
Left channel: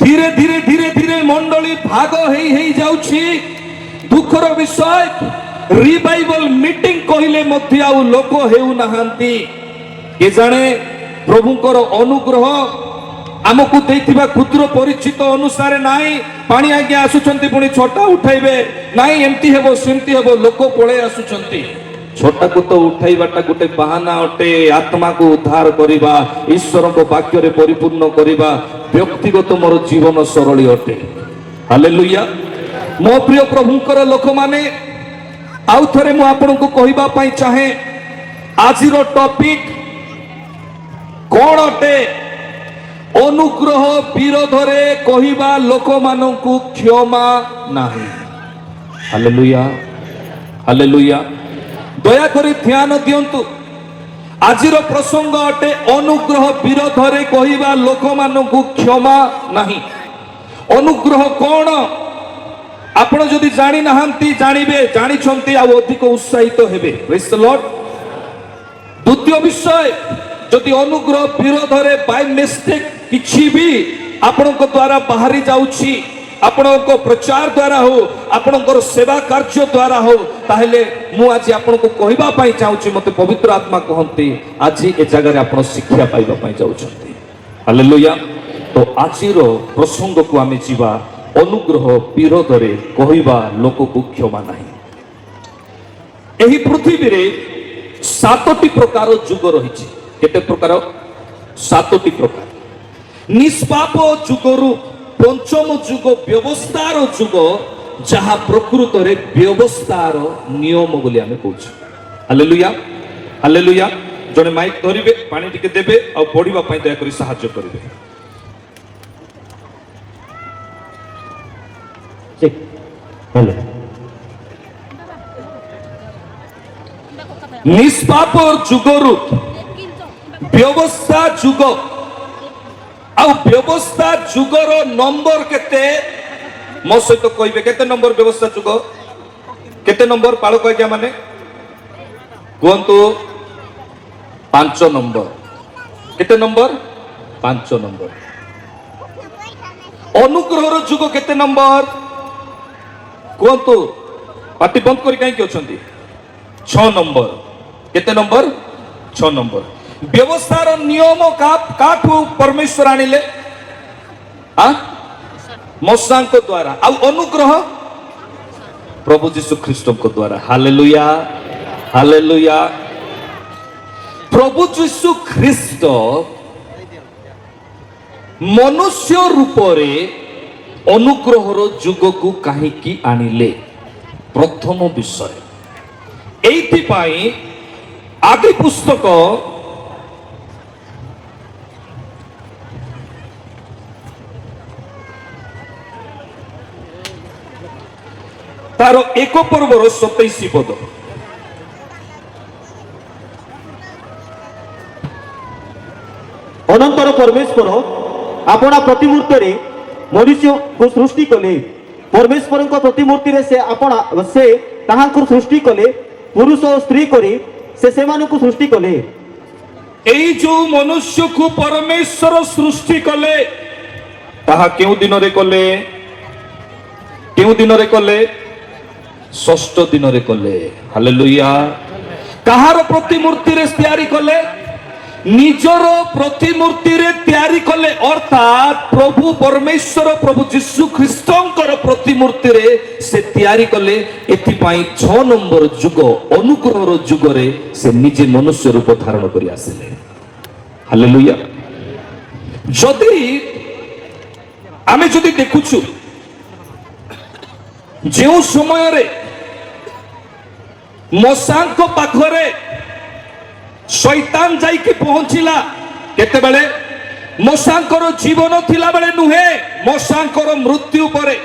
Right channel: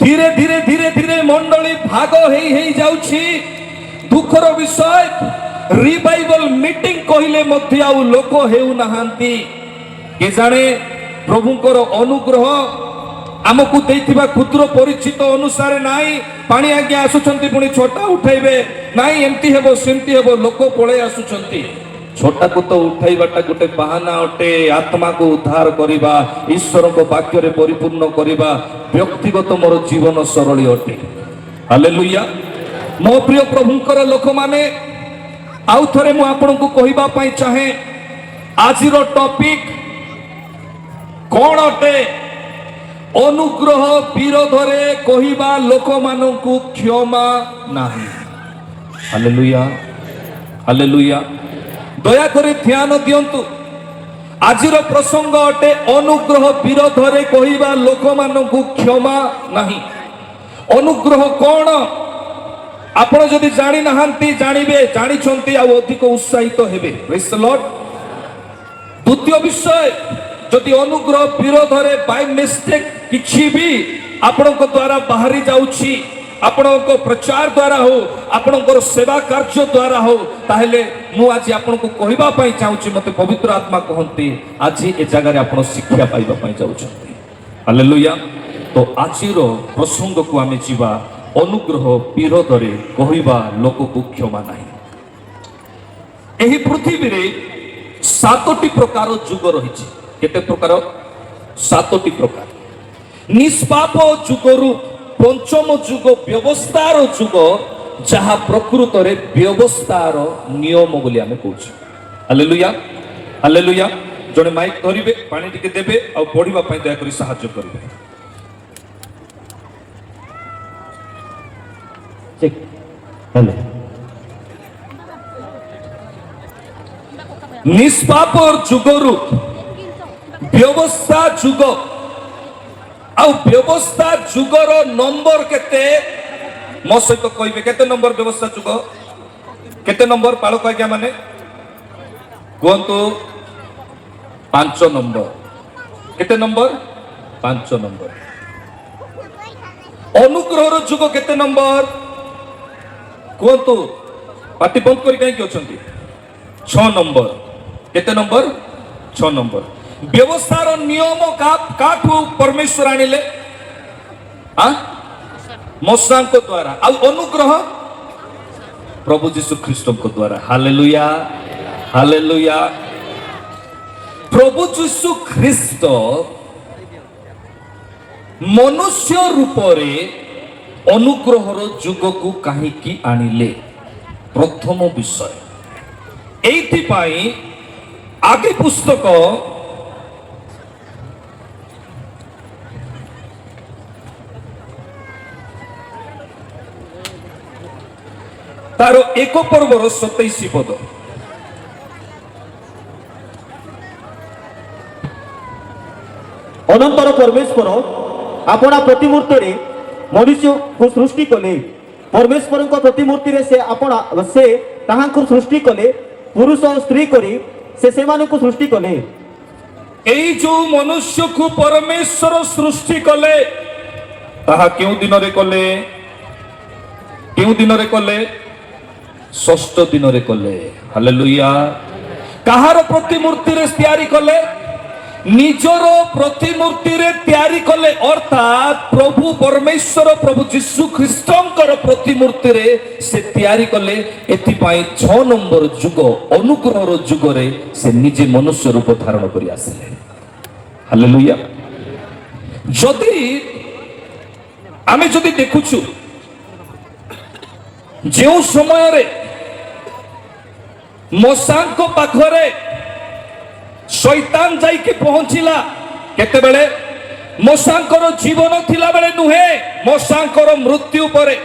ଧୀରେ ଧୀରେ ଧୀରେ ଧୀରେ ମଣ୍ଡଳୀ ଭାଗ ହେଇ ଯାଉଛି। ଦୁଃଖର ବିଷୟ, ରିଭାଇଭାଲ ମିଟିଂ କହିଲେ ମଧ୍ୟ ଆଉ ଲୋକ ହେଉନାହାନ୍ତି। କେଜାଣେ ପ୍ରଭୁଙ୍କର ଅନୁଗ୍ରହ ଆମକୁ ଦେଇଥିବା କ୍ଷୁଦ୍ର ପରିଚିତ ଅନୁସାରେ ନାହିଁ। ପାଣି ଆଜ୍ଞା ଆସୁଛନ୍ତି, ପୁଣି ଛୋଟା ଉଠାଇବେ, ନାଇଁ ଏମିତି ହେବ ସେମିତି ହେବ, ଲୋକ ପଳେଇ ଆସୁଛନ୍ତି। ଛୋଟାକୁ ତ ଉଠାଇବାଟା ଗୋଟେ ବାହାନା ଅଟେ। ଆତ୍ମାକୁ ଉଦ୍ଧାର କରିବା, ଈଶ୍ୱରଙ୍କ ବାକ୍ୟରେ ପରିପୂର୍ଣ୍ଣ କରିବା ବ୍ୟକ୍ତିଗତ ମୋର ଜୀବନ ସରଳୀ ଅଟେ। ହାଲେଲୁୟା। ମୋ ପ୍ରିୟ ପ୍ରଭୁଙ୍କର ଲୋକମାନେ, ଆଉ ଥରେ ମୁଁ ଆପଣଙ୍କୁ କହିବା ପାଇଁ ଚାହେଁ, ଆଜିର ଟପିକ କଣ ଅଟେ? ଅନୁଗ୍ରହ ବିରୋଧରେ କହିବା ଲୋକମାନଙ୍କୁ କ୍ଷମା ନାହିଁ। Hallelujah, hallelujah. ଦୟାକରି ଧ୍ୟାନ ଦିଅନ୍ତୁ, ଆଜିର ପ୍ରସଙ୍ଗ ଅଟେ ଅନୁଗ୍ରହ ବିରୋଧରେ କହିବା ଲୋକମାନଙ୍କୁ କ୍ଷମା ନାହିଁ। ଅନୁଗ୍ରହ କଣ? ଆପଣ ଯଦି ଜାଣି ନାହାନ୍ତି ଜାଣିବେ, ଜାଣିଛନ୍ତି ଆଉ ଅଧିକ ଉତ୍ସାହିତ ହେବେ। Praise the Lord। ଦ୍ୱିତୀୟ ବିଷୟ, ଯଦି ଅନୁଗ୍ରହ ବିରୋଧରେ ବାଇ ମିଷ୍ଟେକ୍ କିଛି ବି ଆପଣଙ୍କ ଦ୍ୱାରା ବାହାରି ଯାଉଛି, ଆପଣଙ୍କ ପ୍ରଚାର ଦ୍ୱାରା ହଉ, ଆପଣଙ୍କର ସେବା କାର୍ଯ୍ୟ ଦ୍ୱାରା ହଉ, ତାହେଲେ ମୁଁ ଆଜି ଆପଣଙ୍କୁ କହିବା ପାଇଁ ଚାହୁଁଛି, ମତେ ପବିତ୍ର ଆତ୍ମା କହନ୍ତି ଆଜି ଏ ଜାଗାରେ ଆପଣ ଶିକ୍ଷା ପାଇବା ପାଇଁ ଯାଉଛନ୍ତି। ହାଲେଲୁୟା। ତ ଆଜିର ପ୍ରସଙ୍ଗକୁ ଆମେ ଯିବା, ଅନୁଗ୍ରହ ବିରୋଧରେ କହିବା ଲୋକକୁ କ୍ଷମା ନାହିଁ। ଏହି ପୃଥିବୀରେ 7ଟି ପ୍ରକାର ଯୁଗ ରହିଛି। କେତେ ପ୍ରକାର? 7ଟି ପ୍ରକାର। ନିଷ୍ପାପ ଯୁଗରୁ ପଞ୍ଚମ ଯୁଗ ବ୍ୟବସ୍ଥାର ଯୁଗ, ଯାହା ପ୍ରକୃତରେ ବ୍ୟବସ୍ଥାର ନିୟମ ବୋଲି ଆମେ କହୁଛୁ। Hallelujah, hallelujah. ଜଣେ ମାଇକ୍ ଧରିବେ, ପାଣି ଟିକେ ଦେବେ, ଆଉ ପଢିବା ପାଇଁ ଦୟାକରି ସାହାଯ୍ୟ କରିବେ। ଠିକ୍ ହେଲେ ନିଷ୍ପାପ ଯୁଗରୁ ବ୍ୟବସ୍ଥା ଯୁଗ, ଆଉ ବ୍ୟବସ୍ଥା ଯୁଗର ନମ୍ବର କେତେ? ମୋ ସହିତ କହିବେ, କେତେ ନମ୍ବର ବ୍ୟବସ୍ଥା ଯୁଗ? କେତେ ନମ୍ବର ପାଳକ ଆଜ୍ଞା ମାନେ କୁହନ୍ତୁ? 5 ନମ୍ବର। କେତେ ନମ୍ବର? 5 ନମ୍ବର। ଅନୁଗ୍ରହର ଯୁଗ କେତେ ନମ୍ବର କୁହନ୍ତୁ? ପାଟି ବନ୍ଦ କରି କାହିଁକି ଅଛନ୍ତି? 6 ନମ୍ବର। କେତେ ନମ୍ବର? 6 ନମ୍ବର। ବ୍ୟବସ୍ଥାର ନିୟମ କାଠୁ ପରମେଶ୍ୱର ଆଣିଲେ? ମଶାଙ୍କ ଦ୍ୱାରା। ଆଉ ଅନୁଗ୍ରହ ପ୍ରଭୁ ଯୀଶୁ ଖ୍ରୀଷ୍ଟଙ୍କ ଦ୍ୱାରା। Hallelujah, hallelujah. ପ୍ରଭୁ ଯୀଶୁ ଖ୍ରୀଷ୍ଟ ମନୁଷ୍ୟ ରୂପରେ ଅନୁଗ୍ରହର ଯୁଗକୁ କାହିଁକି ଆଣିଲେ? ପ୍ରଥମ ବିଷୟ ଏଇଥିପାଇଁ ଆଦି ପୁସ୍ତକ ତାର 1 ପର୍ବର 27 ପଦ। ଅନନ୍ତର ପରମେଶ୍ୱର ଆପଣା ପ୍ରତିମୂର୍ତ୍ତିରେ ମନୁଷ୍ୟକୁ ସୃଷ୍ଟି କଲେ। ପରମେଶ୍ୱରଙ୍କ ପ୍ରତିମୂର୍ତ୍ତିରେ ସେ ତାହାଙ୍କୁ ସୃଷ୍ଟି କଲେ, ପୁରୁଷ ଓ ସ୍ତ୍ରୀ କରି ସେ ସେମାନଙ୍କୁ ସୃଷ୍ଟି କଲେ। ଏଇ ଯୋଉ ମନୁଷ୍ୟକୁ ପରମେଶ୍ୱର ସୃଷ୍ଟି କଲେ, ତାହା କେଉଁ ଦିନରେ କଲେ? କେଉଁ ଦିନରେ କଲେ? 6ଠ ଦିନରେ କଲେ। ହାଲେଲୁୟା। କାହାର ପ୍ରତିମୂର୍ତ୍ତିରେ ତିଆରି କଲେ? ନିଜର ପ୍ରତିମୂର୍ତ୍ତିରେ ତିଆରି କଲେ, ଅର୍ଥାତ୍ ପ୍ରଭୁ ପରମେଶ୍ୱର ପ୍ରଭୁ ଯୀଶୁ ଖ୍ରୀଷ୍ଟଙ୍କର ପ୍ରତିମୂର୍ତ୍ତିରେ ସେ ତିଆରି କଲେ। ଏଥିପାଇଁ 6 ନମ୍ବର ଯୁଗ, ଅନୁଗ୍ରହର ଯୁଗରେ ସେ ନିଜେ ମନୁଷ୍ୟ ରୂପ ଧାରଣ କରି ଆସିଲେ। ହାଲେଲୁୟା। ଆମେ ଯଦି ଦେଖୁଛୁ, ଯେଉଁ ସମୟରେ ମଶାଙ୍କ ପାଖରେ ଶୈତାନ ଯାଇକି ପହଞ୍ଚିଲା, କେତେବେଳେ? ମଶାଙ୍କର ଜୀବନ ଥିଲା ବେଳେ ନୁହେଁ, ମଶାଙ୍କର ମୃତ୍ୟୁ ପରେ।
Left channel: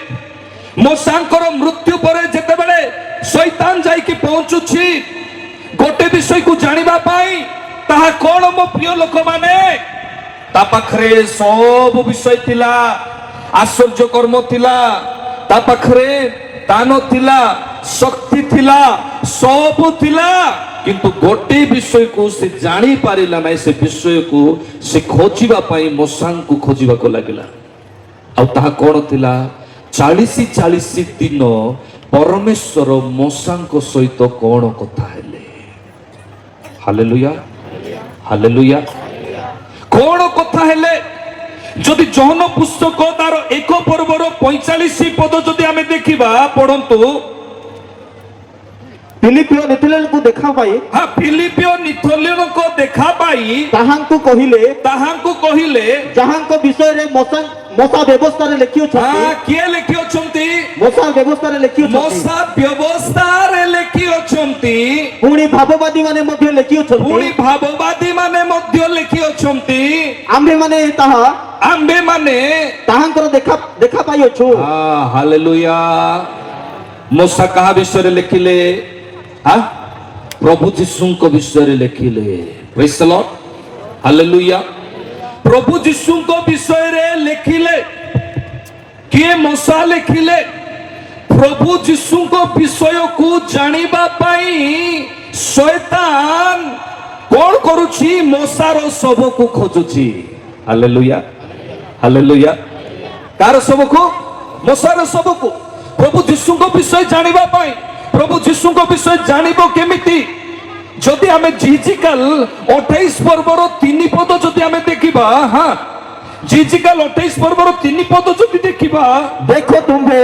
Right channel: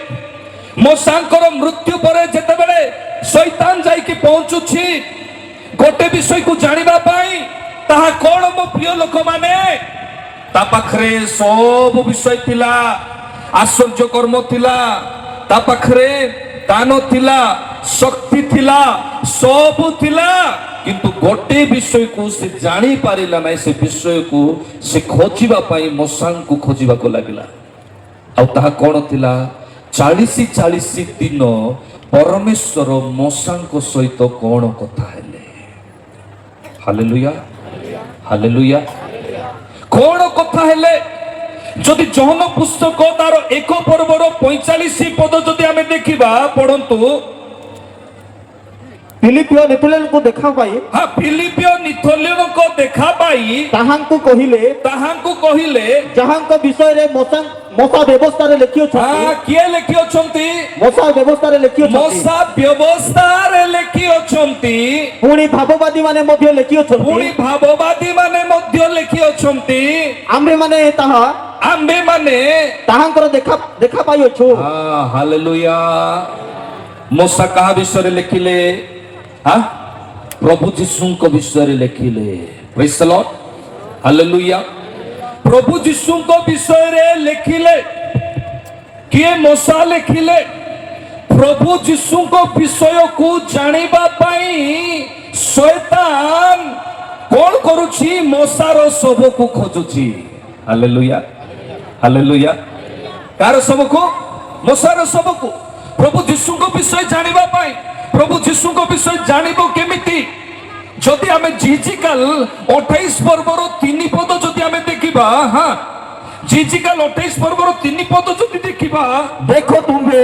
ମଶାଙ୍କର ମୃତ୍ୟୁ ପରେ ଯେତେବେଳେ ଶୈତାନ ଯାଇକି ପହଞ୍ଚୁଛି ଗୋଟେ ବିଷୟକୁ ଜାଣିବା ପାଇଁ, ତାହା କଣ ମୋ ପ୍ରିୟ ଲୋକମାନେ? ତା ପାଖରେ ସବୁ ବିଷୟ ଥିଲା, ଆଶ୍ଚର୍ଯ୍ୟ କର୍ମ ଥିଲା, ତା ପାଖରେ ଦାନ ଥିଲା, ଶକ୍ତି ଥିଲା, ସବୁ ଥିଲା, କିନ୍ତୁ ଗୋଟେ ବିଷୟକୁ ସେ ଜାଣି ପାରିଲା ନାହିଁ। ସେ ବିଷୟକୁ ସେ ଖୋଜିବା ପାଇଁ ମଶାଙ୍କୁ ଖୋଜିବାକୁ ଲାଗିଲା। ଆଉ ତାହା କଣ ଥିଲା? 40 ଦିନ ପରମେଶ୍ୱର ମଶାଙ୍କ ସହିତ କଣ କଥା ହେଲେ? Hallelujah, hallelujah. କଣ କଥା ହେଲେ? ଯଦି ଜହନ ପୁସ୍ତକ ତାର 1 ପର୍ବର 45 ପଦ ଯଦି ଆମେ ଦେଖିବା, ପଢନ୍ତୁ। ଫିଲିପିଓ ନେଥୁଲେଲଙ୍କୁ ଦେଖା ପାଇ ହଁ ଫିଲିପିଓ ନିଥୋଲିୟଙ୍କ ଦେଖା ପାଇ ତାହାଙ୍କୁ କହିଲେ ତାହାଙ୍କୁ କହିଲେ ଯାହାଙ୍କ ବିଷୟରେ ମଶା ବ୍ୟବସ୍ଥାରେ ଲେଖିଅଛନ୍ତି କିଏ ଲେଖି ଅଛନ୍ତି ମଶା ବ୍ୟବସ୍ଥାରେ ଲେଖିଅଛନ୍ତି ମଶା ବ୍ୟବସ୍ଥାରେ ଲେଖି ଅଛନ୍ତି ପୁଣି ଭାବବାଦୀ ମାନେ ମଧ୍ୟ ଲେଖିଅଛନ୍ତି ପୁଣି ଭାବବାଦୀ ମାନେ ମଧ୍ୟ ଲେଖି ଅଛନ୍ତି ଆମ୍ଭେମାନେ ତାହା ଆମ୍ଭେମାନେ ତାହାଙ୍କର ଦେଖା ପାଇଅଛୁ ହାଲେଲୁୟା ମୂଷା କାହା ବିଷୟରେ ଲେଖିଲେ ପ୍ରଭୁ ଯୀଶୁଙ୍କ ବିଷୟରେ ଲେଖିଲେ ପ୍ରେଜ୍ ଦ ଲର୍ଡ ହାଲେଲୁୟା ପ୍ରଭୁ ଯୀଶୁଙ୍କ ବିଷୟରେ ଲେଖିଲେ କିଏ ମଶା ଲେଖିଲେ ପ୍ରଭୁ ଯୀଶୁଙ୍କ ବିଷୟକୁ ଜାଣିବା ପାଇଁ ଶୈତାନ କଣ କରୁଛି ମଶାର ଶବକୁ ଖୋଜୁଛି ହାଲେଲୁୟା ହାଲେଲୁୟା କାର ଶବକୁ ମଶାର ଶବକୁ ପ୍ରଭୁ ଯୀଶୁଙ୍କ ବିଷୟ ଜାଣିବା ପାଇଁ ପ୍ରଭୁ ଯୀଶୁଙ୍କ ବିଷୟ ଜାଣିବ କେମିତି ଯଦି ଆମେ ଜିଜିକାଲ 28 ପର୍ବର 3 ପଦ ଯଦି ଆମେ ଦେଖିବା ଜିଜିକାଲ 28 ପର୍ବର 3 ପଦ ଯଦି ଦେଖିବା ଦେଖ ତୁମ୍ଭେ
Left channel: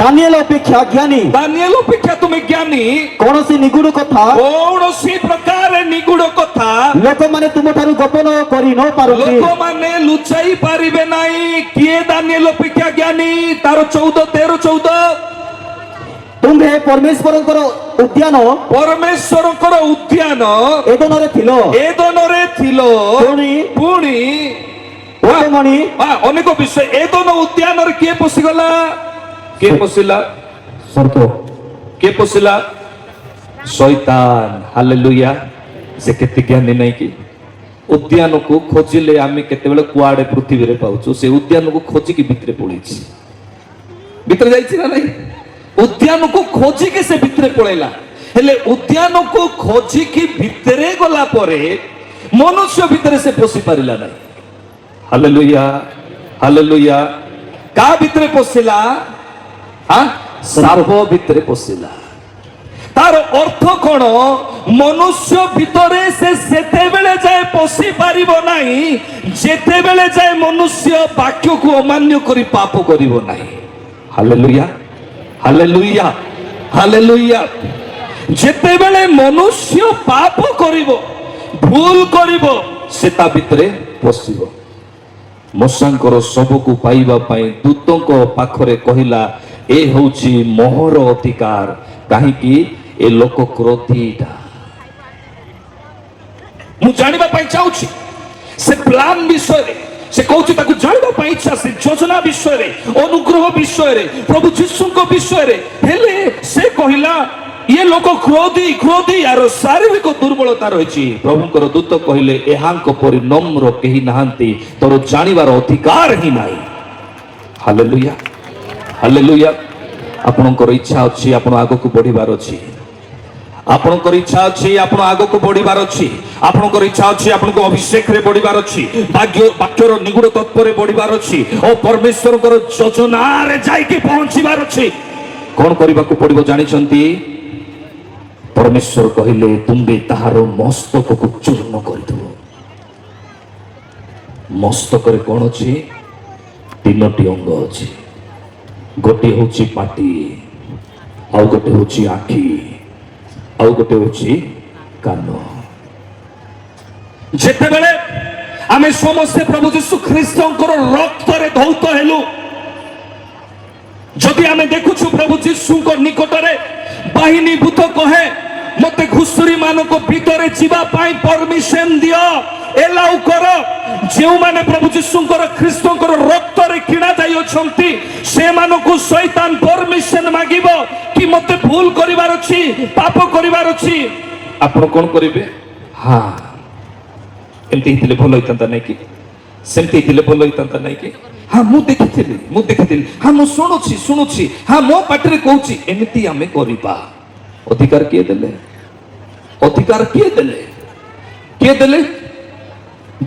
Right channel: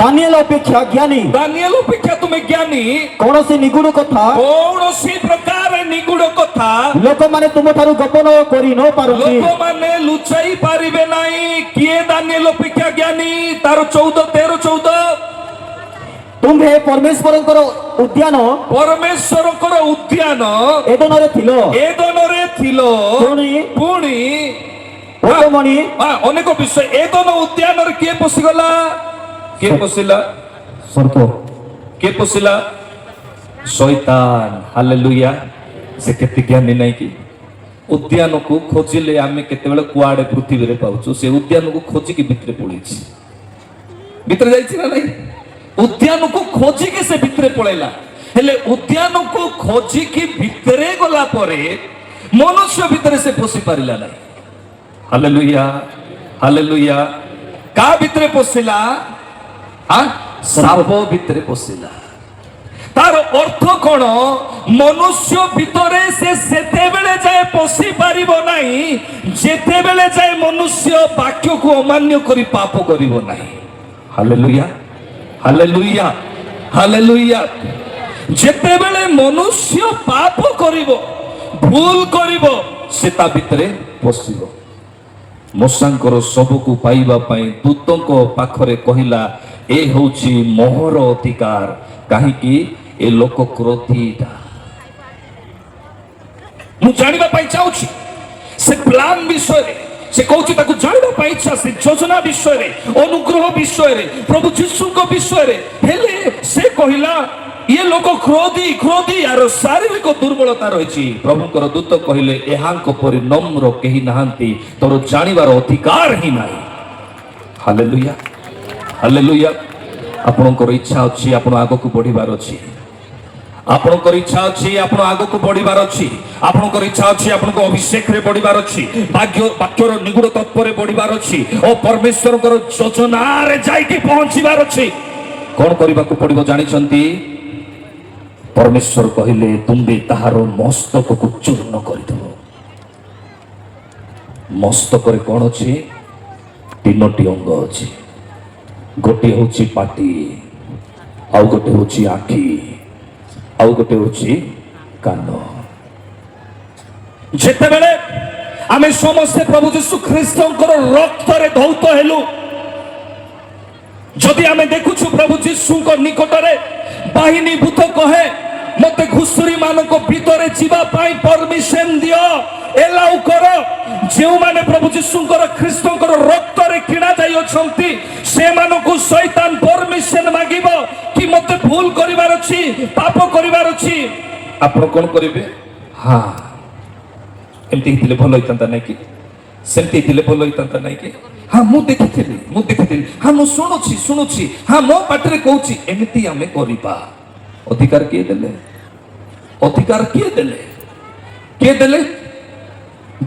ଦାନିଏଲ ଅପେକ୍ଷା ଜ୍ଞାନୀ ଦାନିଏଲ ଅପେକ୍ଷା ତୁମେ ଜ୍ଞାନୀ କୌଣସି ନିଗୁଡ କଥା କୌଣସି ପ୍ରକାର ନିଗୁଡ କଥା ଲୋକମାନେ ତୁମଠାରୁ ଗୋପନ କରି ନ ପାରନ୍ତି ଲୋକମାନେ ଲୁଚାଇ ପାରିବେ ନାହିଁ କିଏ ଦାନିଏଲ ଅପେକ୍ଷା ଜ୍ଞାନୀ ତାର 13 ତୁମ୍ଭେ ପରମେଶ୍ୱରଙ୍କର ଉଦ୍ୟାନ ଏଦନରେ ଥିଲ ପୁଣି ଓଟମଣି ଅନେକ ବିଷୟ ଏଦନ ଉଦ୍ୟାନରେ କିଏ ପଶିଗଲା ସର୍ପ କିଏ ପଶିଲା ଶୈତାନ ହାଲେଲୁୟା ସେ କେତେ ଜ୍ଞାନୀ ନାଇଁ କି ଉଦ୍ୟାନକୁ ଖୋଜିଲେ ଆମେ କେତେବେଳେ କୁଆଡେ ପୃଥିବୀରେ ପାଉଛୁ ସେ ଉଦ୍ୟାନକୁ ଖୋଜିକି ଭିତରେ ପଳେଇଛି ଭିତରେ ଯାଇଛି ନା ନାଇଁ ଉଦ୍ୟାନକୁ ଖୋଜିକି ସେ ଭିତରେ ପଳେଇଲା ହେଲେ ଉଦ୍ୟାନକୁ ଖୋଜିକି ଭିତରେ ଗଲା ପରେ ମନୁଷ୍ୟ ଭିତରେ ସେ ପଶି ପାରିଲା ନାହିଁ ହାଲେଲୁୟା ହାଲେଲୁୟା କାହା ଭିତରେ ପଶିଲା ସାପ ଭିତରେ ପଶିଲା ତାର ଅର୍ଥ କଣ ମନୁଷ୍ୟ ଭିତରେ ସେ ସେତେବେଳେ ଯାଏ ପଶି ପାରିବ ନାହିଁ ଯେତେବେଳେ ଯାଏ ମନୁଷ୍ୟ ବାକ୍ୟକୁ ଅମାନ୍ୟ କରି ପାପ କରିବ ନାହିଁ ହାଲେଲୁୟା ହାଲେଲୁୟା ହାଲେଲୁୟା ଯେତେବେଳେ ମନୁଷ୍ୟ ପାପ କରିବ ଭୁଲ କରିବ ସେ ତା ଭିତରେ ପଶିବ ମୂଷାଙ୍କର ଶବକୁ ପାଇବା ପାଇଁ ଦୂତଙ୍କ ପାଖରେ କହିଲା ଏ ହେଉଛି ମୋହର ଅଧିକାର କାହିଁକି ଏ ଲୋକ କ୍ରୋଧୀଟା ମୁଁ ଜାଣିବା ପାଇଁ ଚାହୁଁଛି ସେ ପ୍ଲାନ ବିଷୟରେ ସେ କହୁଛି ତାକୁ ଜାଣିବା ପାଇଁ ଇଚ୍ଛା ସେ ଯୋଜନା ବିଷୟରେ ଅନୁଗ୍ରହ ବିଷୟରେ ପ୍ରଭୁ ଯୀଶୁଙ୍କ ବିଷୟରେ ହେଲେ ସେ କହିଲା ଇଏ ଲୋକ କ୍ରୋଧୀ ଆର ଶାରୀରିକ ଦୁର୍ବଳତା ରହିଛି ପ୍ରଭୁଙ୍କର ଦୂତ କହିଲେ ଏହାଙ୍କ ପରି ନମ୍ର କେହି ନାହାନ୍ତି ତୋର ଜାଣିବାର ଅଧିକାର ହିଁ ନାହିଁ ହାଲେଲୁୟା ହାଲେଲୁୟା ଆପଣଙ୍କର ଇଚ୍ଛା ଅଛି ଆପଣ ଆଗକୁ ବଢିବାର ଅଛି ଆପଣଙ୍କର ଇଚ୍ଛା ଅଛି ଆପଣ ଆଗକୁ ବଢିବାର ଅଛି ଆପଣଙ୍କର ଇଚ୍ଛା ଅଛି ଆପଣଙ୍କୁ ଅଭିଷେକରେ ବଢିବାର ଅଛି ବାକ୍ୟର ନିଗୁଡ ତତ୍ତ୍ୱରେ ବଢିବାର ଅଛି ଓ ପରମେଶ୍ୱରଙ୍କର ଯୋଜନାରେ ଯାଇକି ପହଞ୍ଚିବାର ଅଛି କଣ କରିବାକୁ ପଡିବ ଜାଣିଛନ୍ତି ପରମେଶ୍ୱର କହିଲେ ତୁମ୍ଭେ ତାହାର ମସ୍ତକକୁ ଚୂର୍ଣ୍ଣ କରିଦେବ ମସ୍ତକରେ କଣ ଅଛି 3ଟି ଅଙ୍ଗ ଅଛି ଗୋଟିଏ ହେଉଛି ପାଟି ଆଉ ଗୋଟେ ହେଉଛି ଆଖି ଆଉ ଗୋଟେ ହେଉଛି କାନ ଯେତେବେଳେ ଆମେ ସମସ୍ତେ ପ୍ରଭୁ ଯୀଶୁ ଖ୍ରୀଷ୍ଟଙ୍କର ରକ୍ତରେ ଧୌତ ହେଲୁ ଯଦି ଆମେ ଦେଖୁଛୁ ପ୍ରଭୁ ଯୀଶୁଙ୍କ ନିକଟରେ ବାହିନୀ ଭୂତ କହେ ମତେ ଘୁଷୁରୀ ମାନଙ୍କ ଭିତରେ ଯିବା ପାଇଁ ପରମିଶନ ଦିଅ ଏଲାଉ କର ଯେଉଁମାନେ ପ୍ରଭୁ ଯୀଶୁଙ୍କର ଖ୍ରୀଷ୍ଟଙ୍କର ରକ୍ତରେ କିଣା ଯାଇଅଛନ୍ତି ସେମାନଙ୍କୁ ଶୈତାନ ପରମିଶନ ମାଗିବ କି ମତେ ଭୁଲ କରିବାର ଅଛି ପାପ କରିବାର ଅଛି ଆପଣ କଣ କରିବେ ଏମିତି ହେଇଥିଲେ ଭଲ ହେଇଥାନ୍ତା ନାଇଁ କି ସେମିତି ହେଇଥିଲେ ଭଲ ହେଇଥାନ୍ତା ନାଇଁ କି ମୁଁ ଦେଖିଥିଲି ମୁଁ ଶୁଣୁଛି ମୋ ପାଟିରେ କହୁଛି ଏମିତି ଆମେ କରିବା ଅଧିକାର କିଏ ଦେଲେ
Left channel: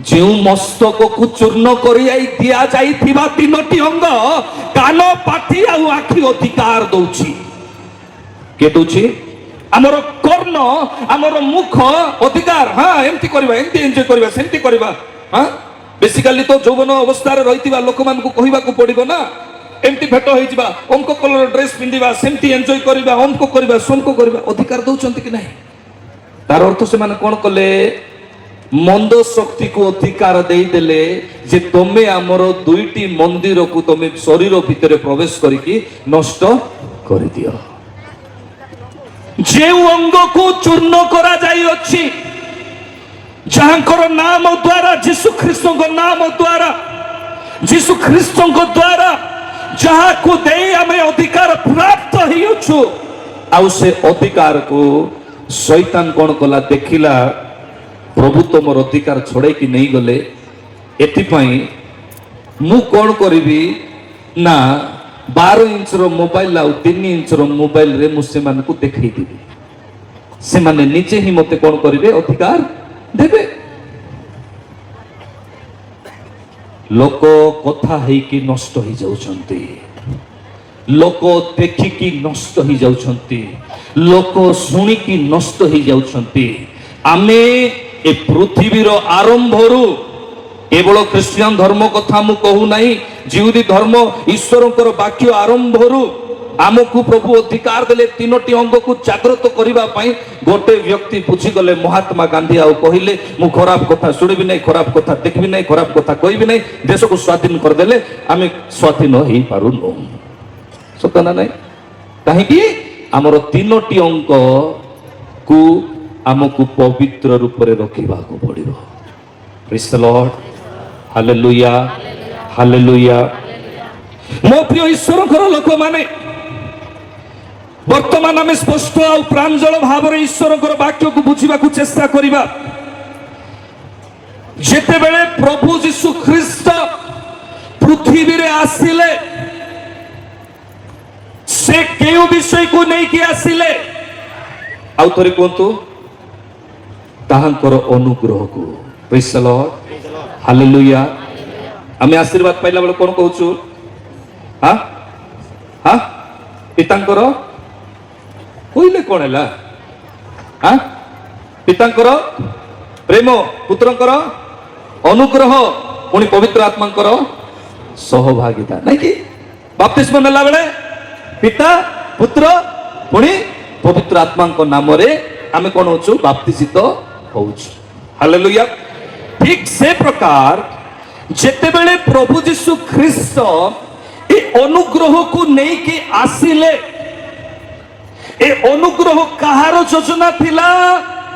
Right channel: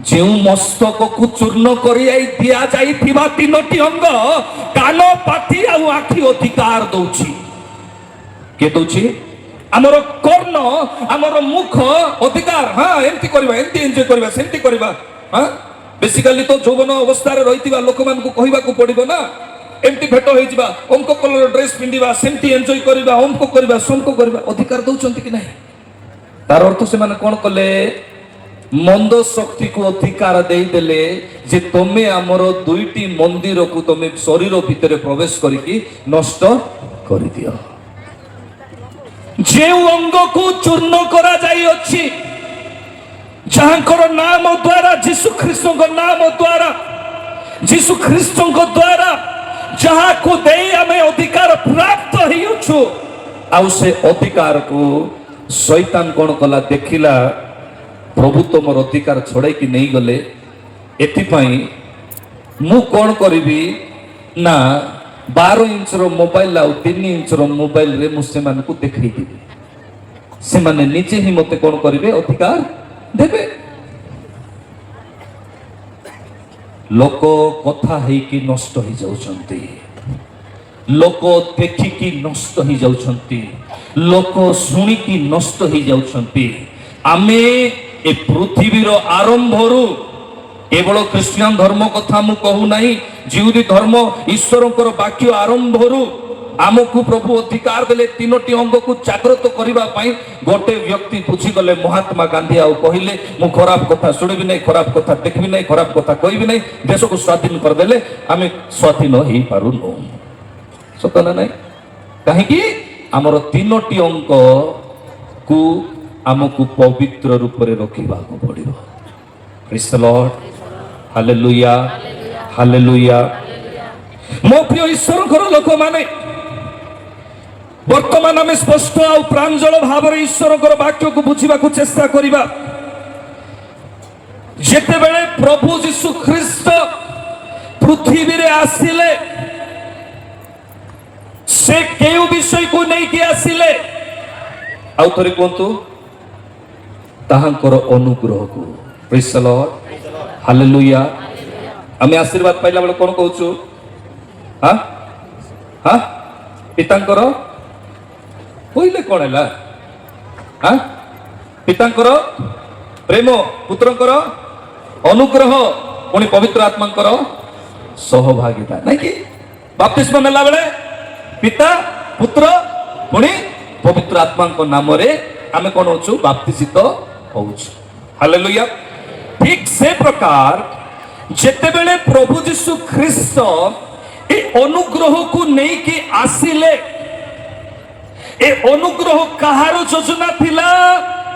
ଯେଉଁ ମସ୍ତକକୁ ଚୂର୍ଣ୍ଣ କରି ଦିଆଯାଇଥିବା 3ଟି ଅଙ୍ଗ କାନ ପାଟି ଆଉ ଆଖି ଅଧିକାର ଦଉଛି କିଏ ଦଉଛି ଆମର କର୍ଣ୍ଣ ଆମର ମୁଖ ଅଧିକାର ଏମିତି କରିବା ଏମିତି ଏନ୍ଜୟ କରିବା ସେମିତି କରିବା ବେସିକାଲି ତ ଯୌବନ ଅବସ୍ଥାରେ ରହିଥିବା ଲୋକମାନଙ୍କୁ କହିବାକୁ ପଡିବ ନା एमती भेट होइजिबा अमको कलर ड्रेस पिंदिबा सेमती एन्जॉय करिबा अमको करिबा समको करिबा अधिकार दउचंती कि नाही तार अर्थ से माने कोन कले मंद शक्ति को अधिकार दे देले जे तमे हमर दुईटी मंदिर को तमे शरीर भितर प्रवेश करिकी नष्ट करि दियो जे अंग को चूर्ण करा जाई अछि जहांकर नाम द्वारा यीशु ख्रीस्त नाम द्वारा यीशु ख्रीस्त द्वारा जहाँ को दे हमें अधिकार प्राप्त होइछु आउ से अधिकार को शैतान कोन कला देखिला प्रभु तुमर अधिकार छोड़े कि नहीं गले एथिपाई मु कोन करिबी ना 12 इंच रो मोबाइल आउ 3 इंच रो मोबाइल रे मु से मान को देखै दिबी से माने नीचे ही मते कोन करिवे अधिकार देबे लोक कथा है कि नष्ट हो जाउछंती लोक देखि कि नष्ट हो जाउछंती लोक सुनी कि नष्ट हो जाउछंती आमे ए पृथ्वीर आरंभरू केवल क्रिश्चियन धर्म कथा मु कहू नाही जिहुदी धर्म ईश्वरंकर वाक्य आरंभरू आमको प्रभु अधिकार देले तीनोटी अंग को जागृत करिबा पई गोटे व्यक्ति पूछी गले महात्मा गांधी आउ कहिले मु खराब कथा सुनिबि नै खराब कथा देखबि नै खराब कथा कहबि नै देश को स्वाधीन कर देले आमे स्वाधीन होई पारु नो सतना नै काहे कि हमर तीनोटी अंग को आमको पवित्र रूप रे रखिबा को पड़िबो praise the Lord hallelujah hallelujah मो प्रिय ईश्वरकर लोक माने वर्तमान आम स्पष्ट और प्रांजल भाव ईश्वर वाक्य को बुझा चेष्टा करवा जेते बेले प्रभु यीशु ख्रीस्त पृथ्वी रे आसिले से केउ विषय को नहीं कि आसिले आउ थोड़े कहतु ताहांकर अनुग्रह को प्रेज द लॉर्ड हालेलुया आमे आशीर्वाद पाइला बेले कोन कहूछु हां हां पितांकर कहले कौन है हाँ पितांकर प्रेम पुत्रंकर अनुग्रह पुणी पवित्र आत्मांकर सहभागिता नहीं कि बाप्तिस्म नेला बेले पिता पुत्र पुणी पवित्र आत्मा नाम रे आमे कोन होछु बाप्तिसित होछु हालेलुया ठीक से प्रकार जेते बेले प्रभु यीशु ख्रीस्त ए अनुग्रह को नहीं कि आसिले ए अनुग्रह कहार योजना थिला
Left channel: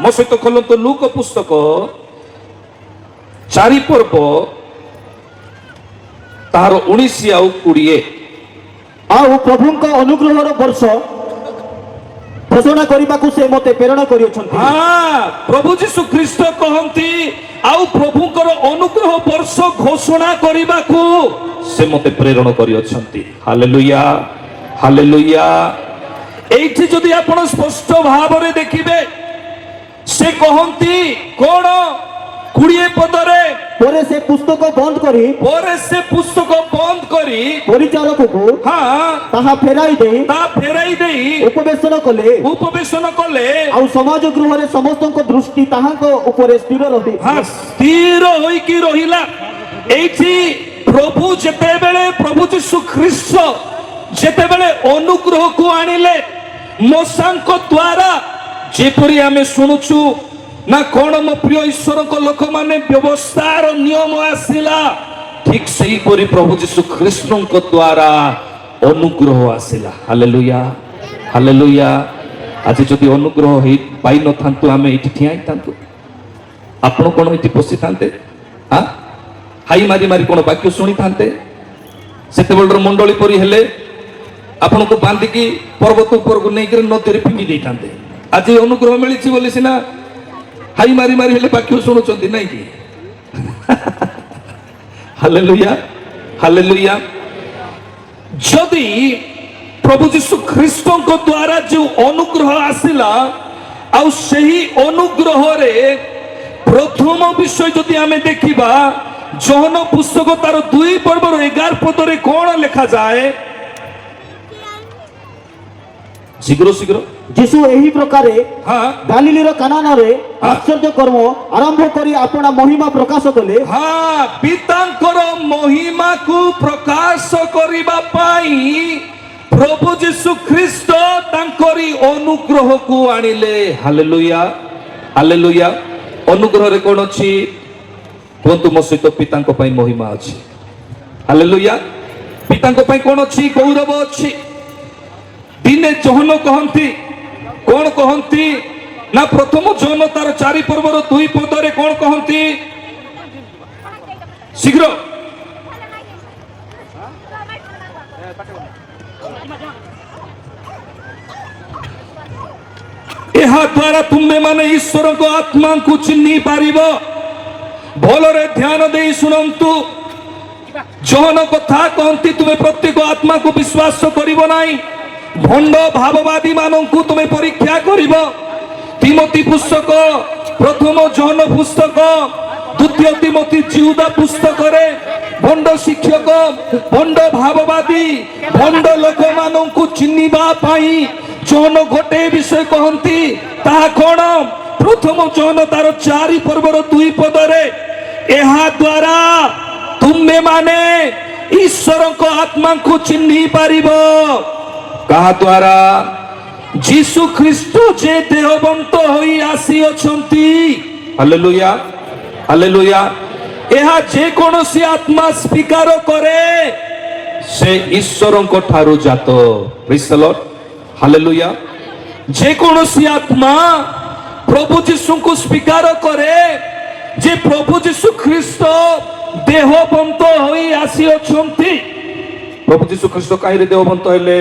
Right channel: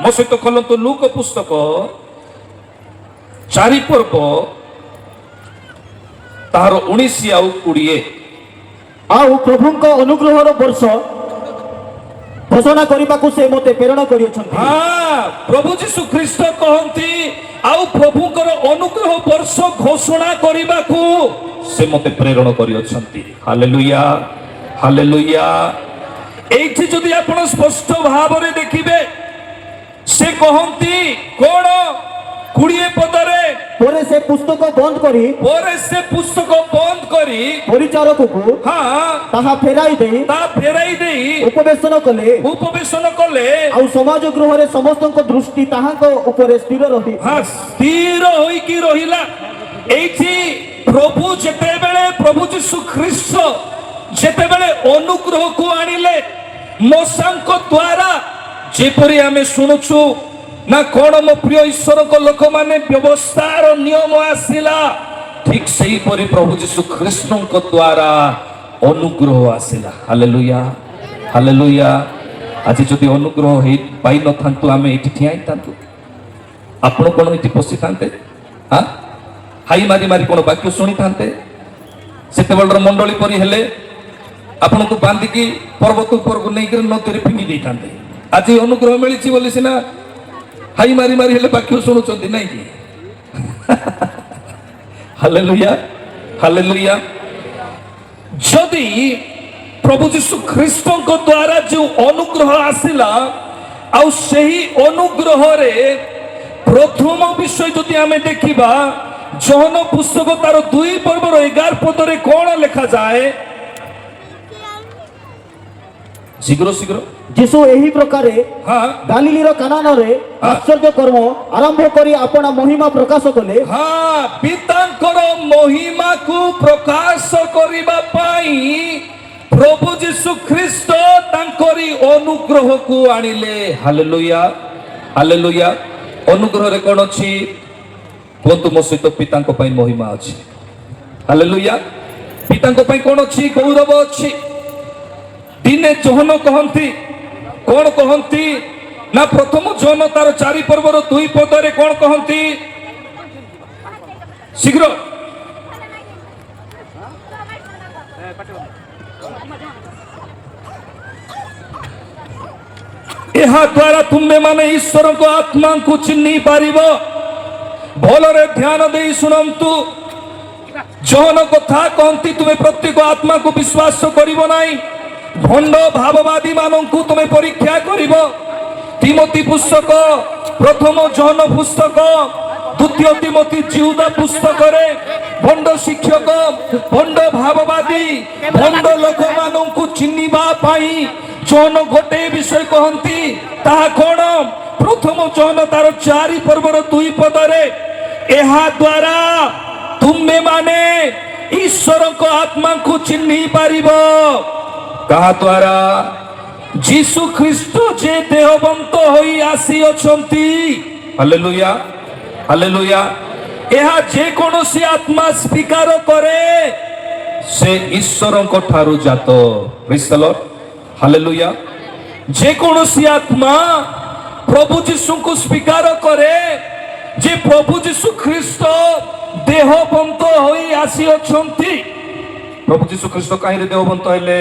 मो सहित खोलंतु लूक पुस्तक 4 पर्व तार 19 आउ 20 आउ प्रभुଙ୍କ अनुग्रहर वर्ष घोषणा करबाकू से मते प्रेरणा करियोछन्ती हां प्रभु यीशु ख्रीस्त कहंती आउ प्रभुଙ୍କର अनुग्रह वर्ष घोषणा करबाकू से मते प्रेरणा करियोछन्ती हालेलुया हालेलुया एठी जदि आपण स्पष्ट भाव रे देखिबे से कहंती कोन 20 पदरे परे से पुस्तक बंद करी परिचारक को हां ताहा फेराई देई उपवेशन कले आ समाज गृह रे समस्तक दृष्टि ताहाक ऊपर स्थिर रही हां स्थिर होई की रहिला एठी प्रभु जेते बेले प्रभु यीशु ख्रीस्त जेते बेले अनुग्रह को आनिले मोसांक द्वारा जेपरी आमे सुनुछु ना कोन मो प्रिय ईश्वर को लोक माने व्यवस्थार नियम आसिला ठीक सही परी प्रभु यीशु ख्रीस्त को द्वारा अनुग्रह आसिला हालेलुया हालेलुया आज जदि अनुग्रह हे पाई न थांतु आमे इठी ठियाई थांतु आपण कोन इठी पसी थांते हां हाई मारी मारी कोन वाक्य सुनी थांते सेते बलर मंडली परी हेले आपण को बांधी की पर्वत ऊपर को नहीं कर नदी रे फिंगी देतांते आज अनुग्रह मिली बोली सिना हाई मारी मारी हेले वाक्य सुनुचंती नहीं की हालेलुया हालेलुया जदि प्रभु यीशु ख्रीस्त को द्वारा जो अनुग्रह आसिला आ सही अनुग्रह रे प्रथम विषय जदि आमे देखिबा जहन पुस्तक तार 2 पर्वर 11 पद रे कोन लिखा जाए शीघ्र शीघ्र ଯୀଶୁ ଏହି ପ୍ରକାରେ ହଁ ଗାଲିଲିର କାନାନରେ ଆଶ୍ଚର୍ଯ୍ୟ କର୍ମ ଆରମ୍ଭ କରି ଆପଣା ମହିମା ପ୍ରକାଶ କଲେ। ହଁ ପିତାଙ୍କର ମହିମାକୁ ପ୍ରକାଶ କରିବା ପାଇଁ ପ୍ରଭୁ ଯୀଶୁ ଖ୍ରୀଷ୍ଟ ତାଙ୍କରି ଅନୁଗ୍ରହକୁ ଆଣିଲେ। Hallelujah hallelujah. ଅନୁଗ୍ରହରେ କ'ଣ ଅଛି କୁହନ୍ତୁ ମୋ ସହିତ? ପିତାଙ୍କ ପାଇଁ ମହିମା ଅଛି। ହାଲେଲୁୟା। ପିତାଙ୍କ ପାଇଁ କ'ଣ ଅଛି? ଗୌରବ ଅଛି। ଦିନେ ଜହନ କହନ୍ତି, କ'ଣ କହନ୍ତି ନା ପ୍ରଥମ ଜହନ ତାର 4 ପର୍ବର 2 ପଦରେ କ'ଣ କହନ୍ତି? ଶୀଘ୍ର ଏହା ଦ୍ୱାରା ତୁମେମାନେ ଈଶ୍ୱରଙ୍କ ଆତ୍ମାଙ୍କୁ ଚିହ୍ନି ପାରିବ। ଭଲରେ ଧ୍ୟାନ ଦେଇ ଶୁଣନ୍ତୁ। ଜହନ କଥା କହନ୍ତି ତୁମେ ପ୍ରତ୍ୟେକ ଆତ୍ମାକୁ ବିଶ୍ୱାସ କରିବ ନାହିଁ, ଭଣ୍ଡ ଭାବବାଦୀ ମାନଙ୍କୁ ତୁମେ ପରୀକ୍ଷା କରିବ। ତିମୋଥୀ ପୁସ୍ତକ, ପ୍ରଥମ ଜହନ ପୁସ୍ତକ, ଦ୍ୱିତୀୟ ତିମୋଥୀ ଜିହୁଦା ପୁସ୍ତକରେ ଭଣ୍ଡ ଶିକ୍ଷକ, ଭଣ୍ଡ ଭାବବାଦୀ, ଭଣ୍ଡ ଲୋକମାନଙ୍କୁ ଚିହ୍ନିବା ପାଇଁ ଜହନ ଗୋଟେ ବିଷୟ କହନ୍ତି। ତାହା କ'ଣ? ପ୍ରଥମ ଜହନ ତାର 4 ପର୍ବର 2 ପଦରେ ଏହା ଦ୍ୱାରା ତୁମେମାନେ ଈଶ୍ୱରଙ୍କ ଆତ୍ମାଙ୍କୁ ଚିହ୍ନି ପାରିବ। କାହା ଦ୍ୱାରା? ଯୀଶୁ ଖ୍ରୀଷ୍ଟ ଯେ ଦେହବନ୍ତ ହୋଇ ଆସିଅଛନ୍ତି। Hallelujah hallelujah. ଏହା ଯେକୌଣସି ଆତ୍ମା ସ୍ୱୀକାର କରେ ସେ ଈଶ୍ୱରଙ୍କ ଠାରୁ ଜାତ। ପ୍ରେଜ୍ ଦ ଲର୍ଡ ହାଲେଲୁୟା। ଯେକୌଣସି ଆତ୍ମା ପ୍ରଭୁ ଯୀଶୁଙ୍କୁ ସ୍ୱୀକାର କରେ ଯେ ପ୍ରଭୁ ଯୀଶୁ ଖ୍ରୀଷ୍ଟ ଦେହବନ୍ତ ହୋଇ ଆସିଅଛନ୍ତି। ପ୍ରଭୁ ଯୀଶୁ ଖ୍ରୀଷ୍ଟ କାହିଁରେ ଦେହବନ୍ତ ହେଲେ?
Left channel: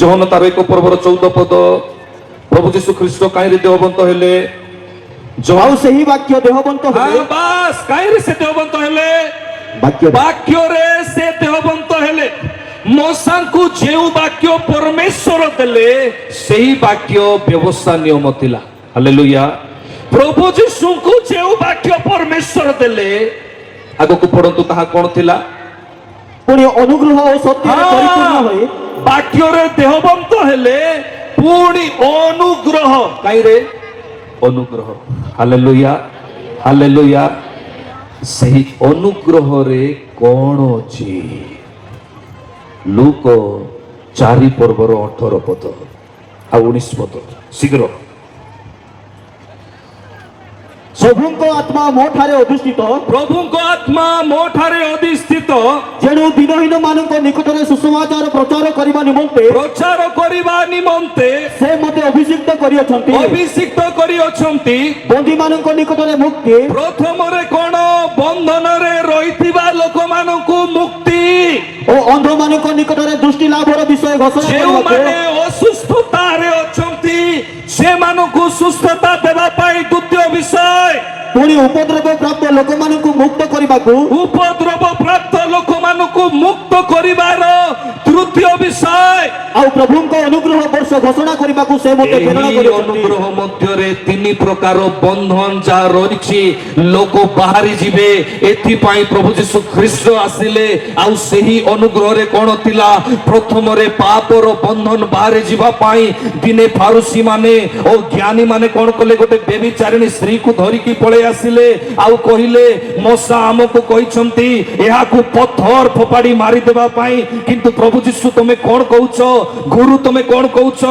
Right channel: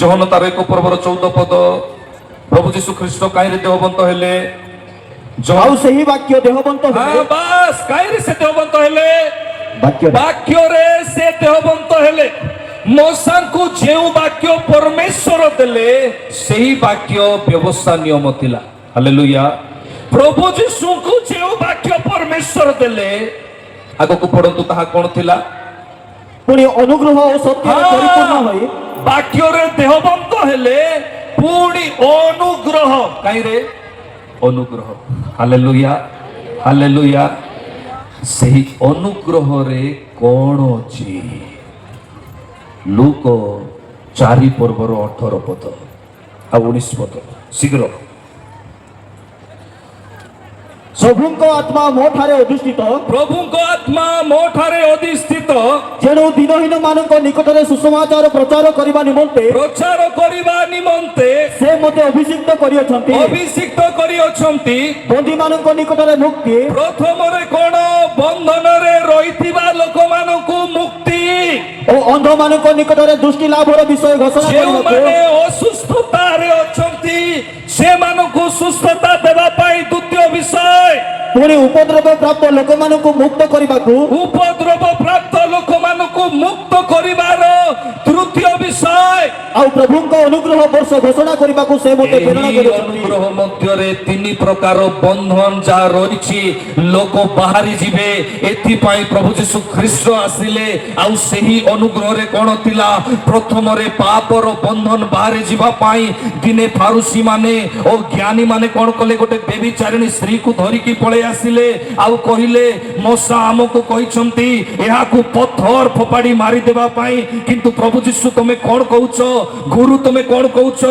ଜହନ ତାର 1 ପର୍ବର 14 ପଦ। ପ୍ରଭୁ ଯୀଶୁ ଖ୍ରୀଷ୍ଟ କାହିଁରେ ଦେହବନ୍ତ ହେଲେ? ଆଉ ସେହି ବାକ୍ୟ ଦେହବନ୍ତ ହେଲେ। ବାସ୍ କାହିଁରେ ସେ ଦେହବନ୍ତ ହେଲେ? ବାକ୍ୟରେ ବାକ୍ୟରେ ସେ ଦେହବନ୍ତ ହେଲେ। ମୋସାଙ୍କୁ ଯେଉଁ ବାକ୍ୟ ପରମେଶ୍ୱର ଦେଲେ ସେହି ବାକ୍ୟ ବ୍ୟବସ୍ଥା ନିୟମ ଥିଲା। ହାଲେଲୁୟା। ପ୍ରଭୁ ଯୀଶୁଙ୍କୁ ଯେଉଁ ବାକ୍ୟ ପରମେଶ୍ୱର ଦେଲେ, ଆଗକୁ ପଢନ୍ତୁ, ତାହା କ'ଣ ଥିଲା? ପୁଣି ଅନୁଗ୍ରହ ଓ ସତ୍ୟରେ ପରିପୂର୍ଣ୍ଣ ହୋଇ ବାକ୍ୟରେ ଦେହବନ୍ତ ହେଲେ, ପୁଣି ଅନୁଗ୍ରହ। କାହିଁରେ? ଅନୁଗ୍ରହ। Hallelujah hallelujah. ସେହି ଅନୁଗ୍ରହରେ କ'ଣ ଅଛି? ଲୁକ 4 ପର୍ବର 18 ପଦ ଆଉ 19 ପଦ। ଶୀଘ୍ର। ପ୍ରଭୁଙ୍କ ଆତ୍ମା ମୋ ଠାରେ ଅଧିଷ୍ଠିତ, ପ୍ରଭୁଙ୍କ ଆତ୍ମା ମୋ ଠାରେ ଅଧିଷ୍ଠିତ, ଯେଣୁ ଦିନହୀନ ମାନଙ୍କ ନିକଟରେ ସୁସମାଚାର ପ୍ରଚାର କରିବା ନିମନ୍ତେ ପ୍ରଚାର କରିବା ନିମନ୍ତେ ସେ ମୋତେ ଅଭିଷିକ୍ତ କରିଅଛନ୍ତି। ଅଭିଷିକ୍ତ କରିଅଛନ୍ତି। ବନ୍ଦୀ ମାନଙ୍କ ନିକଟରେ ମୁକ୍ତି, ପ୍ରଥମରେ କ'ଣ? ବନ୍ଧନରେ ରହିଥିବା ଲୋକମାନଙ୍କୁ ମୁକ୍ତି। ଓ ଅନ୍ଧ ମାନଙ୍କ ନିକଟରେ ଦୃଷ୍ଟି ଲାଭର ବିଷୟ ଘୋଷଣା କରିବାକୁ, ଯେଉଁମାନେ ଅସୁସ୍ଥତାରେ ଅଛନ୍ତି ସେମାନଙ୍କୁ ସୁସ୍ଥତା ଦେବା ପାଇଁ ଦ୍ୱିତୀୟ ବିଷୟ। ପୁଣି ଉପଦ୍ରବ ପ୍ରାପ୍ତ ଲୋକମାନଙ୍କୁ ମୁକ୍ତ କରିବାକୁ, ଉପଦ୍ରବ ପ୍ରାପ୍ତ ଲୋକମାନଙ୍କୁ ମୁକ୍ତ କରିବାର ତୃତୀୟ ବିଷୟ। ଆଉ ପ୍ରଭୁଙ୍କ ଅନୁଗ୍ରହ ବର୍ଷ ଘୋଷଣା କରିବାକୁ ସେ ମୋତେ ପ୍ରେରଣା ଏହି କରିଛନ୍ତି। ଅନୁଗ୍ରହ ମଧ୍ୟରେ 3 ପ୍ରକାର ବନ୍ଧନ ଯାହା ରହିଛି ଲୋକ ବାହାରି ଯିବେ। ଏଥିପାଇଁ ପ୍ରଭୁ ଯୀଶୁ ଖ୍ରୀଷ୍ଟ ଆସିଲେ। ଆଉ ସେହି ଅନୁଗ୍ରହରେ କ'ଣ ଥିଲା? ପ୍ରଥମରେ ପାପର ବନ୍ଧନ ବାହାରି ଯିବା ପାଇଁ ଦିନେ ଫାରୁସୀ ମାନେ ଓ ଜ୍ଞାନୀ ମାନେ କ'ଣ କଲେ? ଗୋଟେ ବ୍ୟଭିଚାରିଣୀ ସ୍ତ୍ରୀକୁ ଧରିକି ପଳେଇ ଆସିଲେ ଆଉ କହିଲେ, ମଶା ଆମକୁ କହିଛନ୍ତି ଏହାକୁ ପଥର ଫୋପାଡ଼ି ମାରିଦେବା ପାଇଁ, କିନ୍ତୁ ପ୍ରଭୁ ଯୀଶୁ ତମେ କ'ଣ କହୁଛ? ଗୁରୁ ତମେ କ'ଣ କହୁଛ?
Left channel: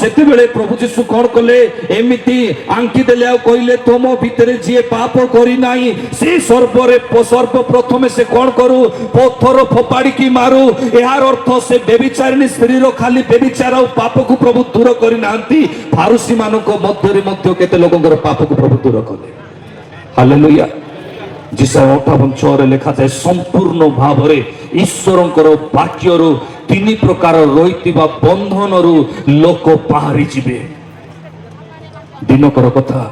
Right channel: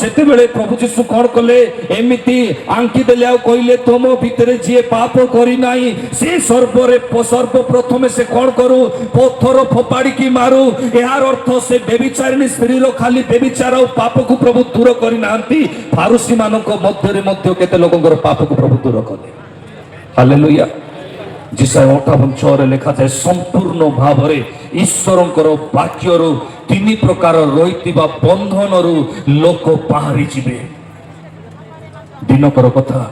ସେତେବେଳେ ପ୍ରଭୁ ଯୀଶୁ କ'ଣ କଲେ? ଏମିତି ଆଙ୍କି ଦେଲେ ଆଉ କହିଲେ, ତମ ଭିତରେ ଯିଏ ପାପ କରିନାହିଁ ସେ ସର୍ବପ୍ରଥମେ ସେ କ'ଣ କରୁ? ପଥର ଫୋପାଡ଼ିକି ମାରୁ। ଏହାର ଅର୍ଥ ସେ ବ୍ୟଭିଚାରିଣୀ ସ୍ତ୍ରୀର ଖାଲି ବ୍ୟଭିଚାର ଆଉ ପାପକୁ ପ୍ରଭୁ ଦୂର କରିନାହାନ୍ତି, ଫାରୁସୀ ମାନଙ୍କ ମଧ୍ୟରେ ମଧ୍ୟ କେତେ ଲୋକଙ୍କର ପାପକୁ ପ୍ରଭୁ ଦୂର କଲେ। ହାଲେଲୁୟା। ଜିସାୟ 58:6 ଲେଖାଯାଏ, ସମ୍ପୂର୍ଣ୍ଣ ଭାବରେ ଈଶ୍ୱରଙ୍କର ବାକ୍ୟରୁ 3 ପ୍ରକାର ରହିଥିବା ବନ୍ଧନରୁ ଲୋକ ବାହାରି ଯିବେ। ଦିନକର କଥା,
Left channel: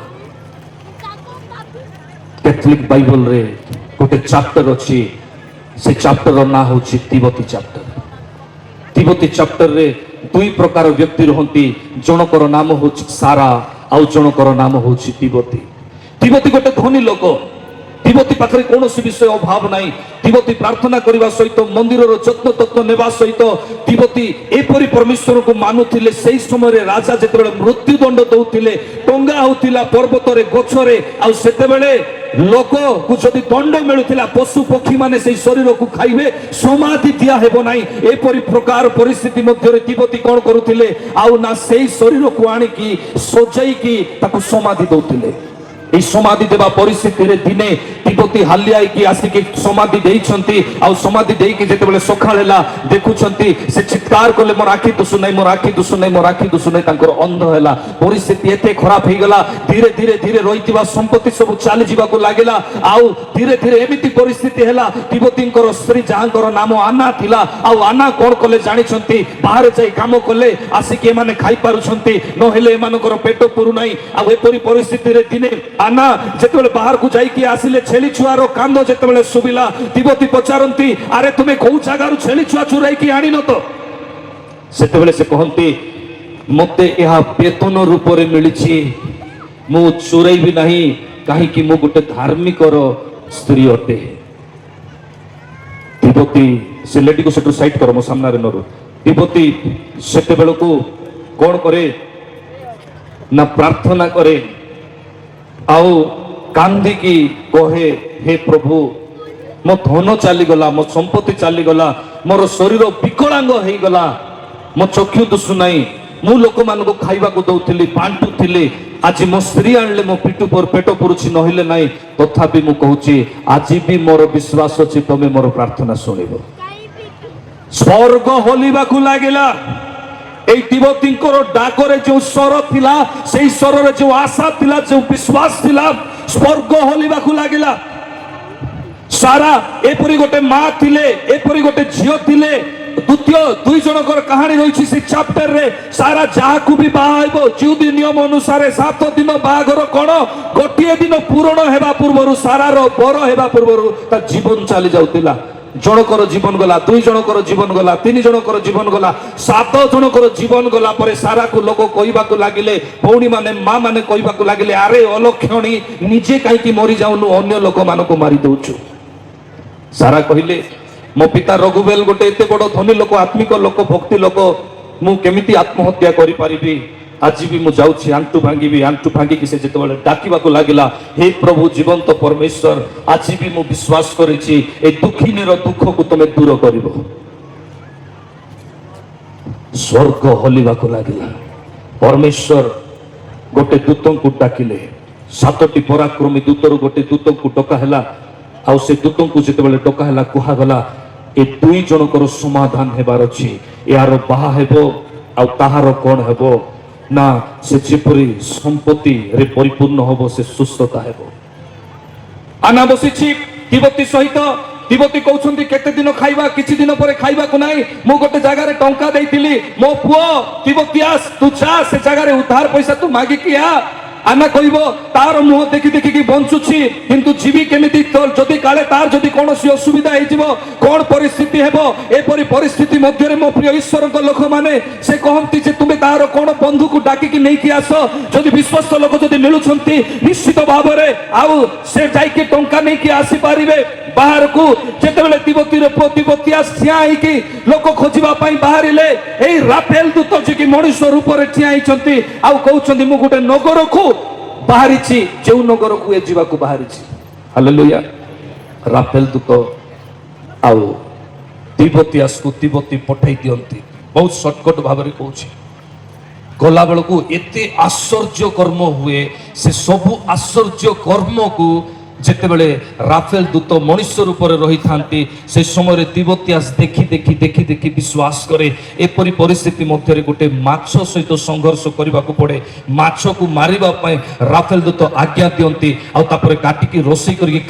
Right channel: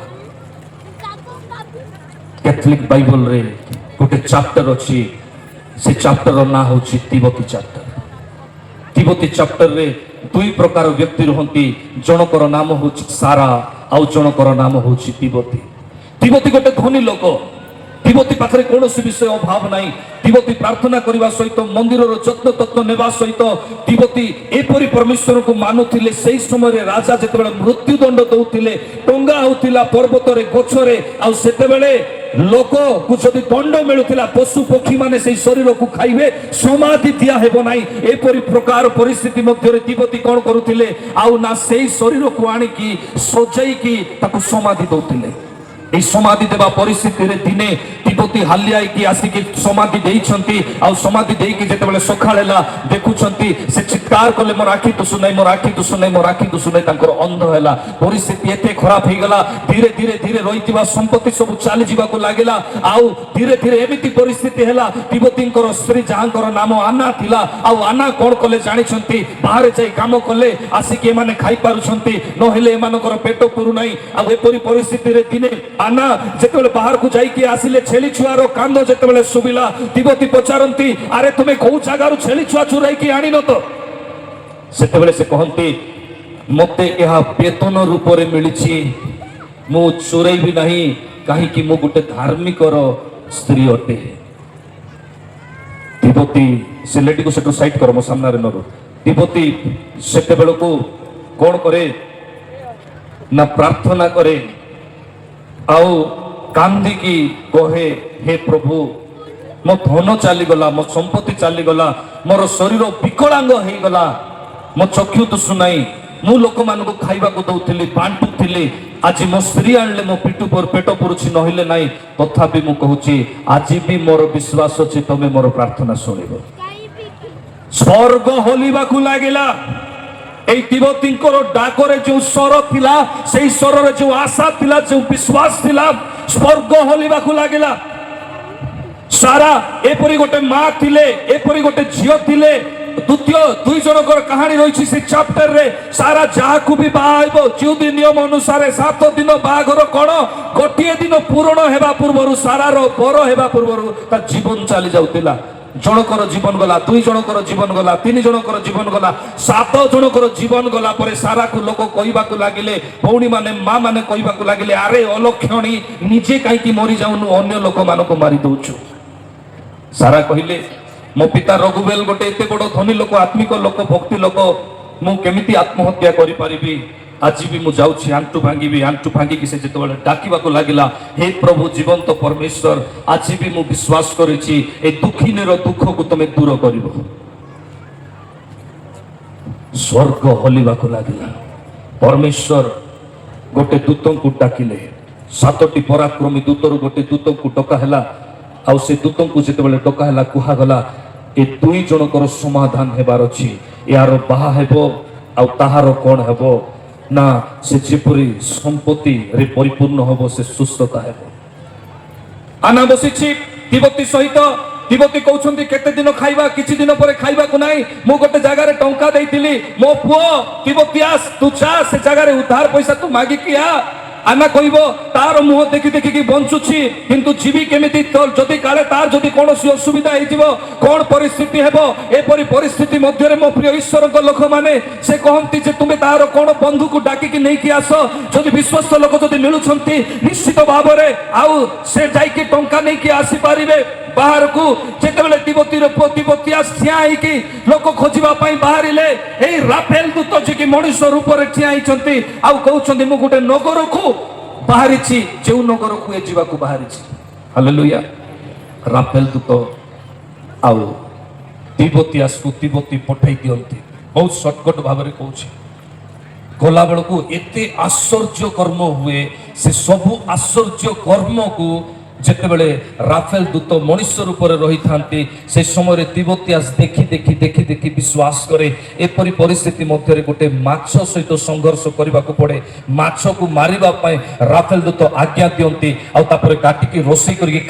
କ୍ୟାଥଲିକ୍ ବାଇବଲରେ ଗୋଟେ ଚାପ୍ଟର ଅଛି। ସେ ଚାପ୍ଟରର ନାଁ ହେଉଛି ତିମୋଥୀ ଚାପ୍ଟର। ତିମୋଥୀ ଚାପ୍ଟରରେ 2 ପ୍ରକାର ବ୍ୟକ୍ତି ରୁହନ୍ତି। ଜଣକର ନାମ ହେଉଛି ସାରା, ଆଉ ଜଣକର ନାମ ହେଉଛି ତିମୋଥୀ। ତିମୋଥୀ ଗୋଟେ ଧନୀ ଲୋକ। ତିମୋଥୀ ପାଖରେ କୌଣସି ବିଷୟ ଅଭାବ ନାହିଁ। ତିମୋଥୀ ପ୍ରାର୍ଥନା କରିବା ସହିତ ମନ୍ଦିରର ଯତ୍ନ ତତ୍ନ ନେବା ସହିତ ତିମୋଥୀ ଏପରି ପରମେଶ୍ୱରଙ୍କୁ ମାନୁଥିଲେ। ସେହି ସମୟରେ ରାଜା ଯେତେବେଳେ ମୃତ୍ୟୁଦଣ୍ଡ ଦଉଥିଲେ, ଟଙ୍ଗା ହଉଥିଲା ପର୍ବତରେ ଗଛରେ, ଆଉ ସେତେବେଳେ ଲୋକକୁ ଯଦି ଦଣ୍ଡ ମିଳୁଥିଲା ପଶୁ ପକ୍ଷୀ ମାନେ ସେଇ ଶରୀରକୁ ଖାଇବେ, ସମାଧି ଦିଆ ହେବ ନାହିଁ। ଏପରି ପ୍ରକାର ପରିସ୍ଥିତି ମଧ୍ୟରେ ତିମୋଥୀ କଣ କରୁଥିଲେ, ଆଉ ନା ସେଇ ଶରୀରକୁ ଆଣିକି ସଜାଇକି ତାକୁ ସମାଧି ଦଉଥିଲେ। এই সমাধি দেবা পরিস্থিতিরে দিনে তিমোথী হালিয়া হইকি আসিকি সমাধি দেইছন্তি, আউ সমাধি দেইকি যেতেবেলে সকাল হেলা দেখুছন্তি, সে চিৎকার কলে মোর আখি দুসু নাই, মোর আখি দুসু নাই, মোর আখি দুসু নাই, তাঙ্কর অন্ধ হেলা। পরিস্থিতি এতে খারাপ হইগলা, ধীরে ধীরে ধীরে রহিଥିବା সম্পত্তি সবু চালি ଯିବାକୁ লাগিলা। আউ ধীরে ধীরে এমিতি পরিস্থিতি হেলা, তিমোথীଙ୍କର স্ত্রী যাহাଙ୍କର নাম আনা ଥିଲା, আউ আনা কোন কলে জানিছন্তি, বাহারে যাই কাম কলে আসিকি এমানে খাই পারুছন্তি, নহলে এমানଙ୍କର পেট পুরু নাই। আউ এপরি পরিস্থিতিরে দিনে আনা যেতেবেলে বাহারକୁ ଯାଇକି ଆସିଲେ, ଛେଳି ଛୁଆର କାନ୍ଦ ଯେତେବେଳେ ଶୁଭିଲା, ତିମୋଥୀ ପଚାରନ୍ତି, ଆରେ ତୁମେ କୋଉ ଜାଗାରୁ ଛେଳି ଛୁଆ ଚୁରାଇକି ଆଣିନ ତ? ସେତେବେଳେ ସେ କହନ୍ତି, ମୋତେ ଏହା ବେତନ ରୂପରେ ମିଳିଛି, ମୁଁ ଚୁରେଇବି ନାହିଁ, କାହିଁକି ମୁଁ ଗୋଟେ ଧାର୍ମିକର ସ୍ତ୍ରୀ ଅଟେ। ତିମୋଥୀ ସେ ଲେଡିକୁ ସେଠୁ ସାଇଡ୍ କର, ମୋ ସାମ୍ନାରେ ମୋର। ତିମୋଥୀ ସେତେବେଳକୁ କଣ କରେ ନା ପ୍ରାର୍ଥନା କରେ, ଆଉ କାନ୍ଦିକି କହେ, ହେ ପ୍ରଭୁ, ମୋ ଧନ ଚାଲିଗଲା, ମୋ ସମ୍ପତ୍ତି ଚାଲିଗଲା, ମୋର ଶରୀର ବିକଳାଙ୍ଗ ହେଇଗଲା, ମୋ ଚକ୍ଷୁ ଦୁଷୁ ନାହିଁ, ମୁଁ ଲୋକମାନଙ୍କୁ ଖାଇବାକୁ ଦଉଥିଲି, ବାଣ୍ଟୁଥିଲି, ଆଜି ମୋ ସ୍ତ୍ରୀ ଆଣିଲେ ମୋ ପେଟ ପୁରୁଛି, ନହେଲେ ନାହିଁ। ତଥାପି ମୁଁ କହୁଛି, ଆଜି ବି ମୋର ବିଶ୍ୱାସ ଅଛି ତମେ ମୋର ପ୍ରାର୍ଥନା ଶୁଣିବ। ସ୍ୱର୍ଗ ହଲିବାକୁ ଲାଗିଲା। এই তিমোথীଙ୍କର ডাকরে যে স্বর ଥିଲା, সেই স্বରରେ যে আশা ଥିଲା, যে বিশ্বাস ଥିଲା, স্বর্গ হলিବାକୁ লাগিলা। সারা এপরি গোটে মা ଥିଲେ, এপরি গোটে ঝিও ଥିଲେ। দ্বিতীয় দুই জনকর কাহিনী রয়েছে সেই চ্যাপ্টারে। সারা যাহাকু বি বাহা হইব, জিউদি নিয়ম অনুসারে 7 দিন বাহাঘর কোণ, গোটিয়ে দিন পূরণ হেবা পূର୍ବରୁ, সারার বড় হেবা পূର୍ବରୁ তার জীবন চালি যাଉଥିଲା। জনকর জীবন গলা, 2 জনকর জীবন গলা, 3 জনকর জীবন গলা, 7 জনকর জীবন গলা পরে সারাকু লোক কইবাকু লাগিলে, ভৌণী মানে মা মানে কইবাকু লাগিলে, আরে অলক্ষণী, নিজে কাইকি মরি যাউনু, অন্য লোক মানকু মারি দউଛୁ। সারা কহিলে, ମୋ ପିତା ରଘୁବେଲ ଗୋଟେ ଏତେ ବଡ଼ ଧନୀ ଲୋକ, ଆତ୍ମିକ ଲୋକ, ଭକ୍ତି ଲୋକ, ମୁଁ କେମିତି ଆତ୍ମହତ୍ୟା କରିପାରିବି? ଆଜି ବି ମୁଁ ଯାଉଛି ଆଣ୍ଠୁ ଭାଙ୍ଗିବି। ଆଣ୍ଠୁ ଭାଙ୍ଗିକି ସେ ଯେତେବେଳେ ଡାକିବାକୁ ଲାଗିଲା, ହେ ପ୍ରଭୁ ଜୀବନ୍ତ ପରମେଶ୍ୱର, ଆଜି ବି ମୁଁ ବିଶ୍ୱାସ କରିଛି ଏ ଦୁଃଖିନୀର ଦୁଃଖକୁ ତମେ ଦୂର କରିବ। ସ୍ୱର୍ଗ ହଲିବାକୁ ଲାଗିଲା। ପରମେଶ୍ୱର ଗୋଟେ ଦୂତଙ୍କୁ ଡାକିଲେ। 7ଟି ପରାକ୍ରମୀ ଦୂତରୁ ଗୋଟେ ଦୂତଙ୍କୁ ଡକା ହେଲା। ଆଉ ସେ ଦୂତଙ୍କୁ ଯେତେବେଳେ ଡକା ହେଲା, କୁହାଗଲା, ଏ 2 ଜଣଙ୍କର ସମାଧାନ ହେବାର ଅଛି। ଏହାର ବାହା ହେବ, ଆଉ ତାହାର କଣ ହେବ ନା ସେ ଯେପରି ସମ୍ପତ୍ତିରେ ପରିପୂର୍ଣ୍ଣ ହବ, ସେ ସୁସ୍ଥତା ହେବ। ଆନା ବସିଛି ତିମୋଥୀ ସହିତ। ତିମୋଥୀ କହୁଛନ୍ତି, କେତେ ଦିନ ଖାଇବା, କିଛି ଦିନ ପରେ ଖାଇବାକୁ ନାହିଁ। ମୁଁ ଗୋଟେ ଜାଗାରେ ଟଙ୍କା ଦେଇଥିଲି, ମୋ ପୁଅ ତିମୋଥିଆସ, ତୁ ଯା ସେ ଜାଗାରେ ଉଦ୍ଧାର ପଇସା ତୁ ମାଗିକି ଆ। আনা কইব, তার মুহ দেখি দেখি বঞ্চুছি, কিন্তু জীবি কেমিতি, যদি কালে তার যদি কৌশি অসুবিধা হয়েযিব, কোন পরিস্থিতি হব, এপরি পরিস্থিতি মধ্যে মো প্রিয় ঈশ্বরଙ୍କ লোক মানে সে কহନ୍ତି যে তুমি তার কোন বন্ধুকে ডাকিকি নেইকি আস। যদি বিশ্বস্ত লোক যদি মিলুছন্তি, নিশ্চিত ভাবে আউ সে যাইকি টঙ্কা নেইকি আসি পারিবে বাহারকু। যেতেবেলে তিমোথীর পুଅ তিমোথিয়াস ঠিয়া হইকি লোক খোঁজিবা পাই বাহারিলে, এই রাফেল দূত যে কি মনুষ্য রূপরে ঠিয়া হইছন্তি, আউ কହୁছন্তি মু গোটে নগরকু ବାହାରିଛି, ଯେଉଁ ନଗରକୁ ଏ ଯିବାକୁ ବାହାରିଛି। ହାଲେଲୁୟା। ରାଫେଲ ଦୂତ ଆଉ ତିମୋଥିଆସକୁ ତିମୋଥୀ ପଠାଇ ଦିଅନ୍ତି। ବହୁତ ସର୍ଟକଟ ଭାବରେ କହୁଛି। ଗଲା ବେଳକୁ ଏତେ ଆଶ୍ଚର୍ଯ୍ୟ କର୍ମ ହୁଏ, ସେ ସବୁ ଆଶ୍ଚର୍ଯ୍ୟ କର୍ମକୁ ଯେତେବେଳେ ରାଫେଲ ଦୂତ ମଣିଷ ରୂପରେ ରହିଥାନ୍ତି, ସେ ସମୟରେ ତିମୋଥିଆସ ଦେଖି ଦେଖି ଦେଖି ଦେଖି ବିଶ୍ୱାସ କରେ। ଏପରି ପରିସ୍ଥିତି ମଧ୍ୟରେ ଗୋଟେ ମାଛ ସହିତ ସଂଘର୍ଷ କରିବାକୁ ପଡ଼େ। ମାଛକୁ ମାରିବା ପାଇଁ ରାଫେଲ ଦୂତ ଆଜ୍ଞା ଦିଅନ୍ତି, ଆଉ ତାପରେ କାଟିକି ରୋଷେଇ କରିକି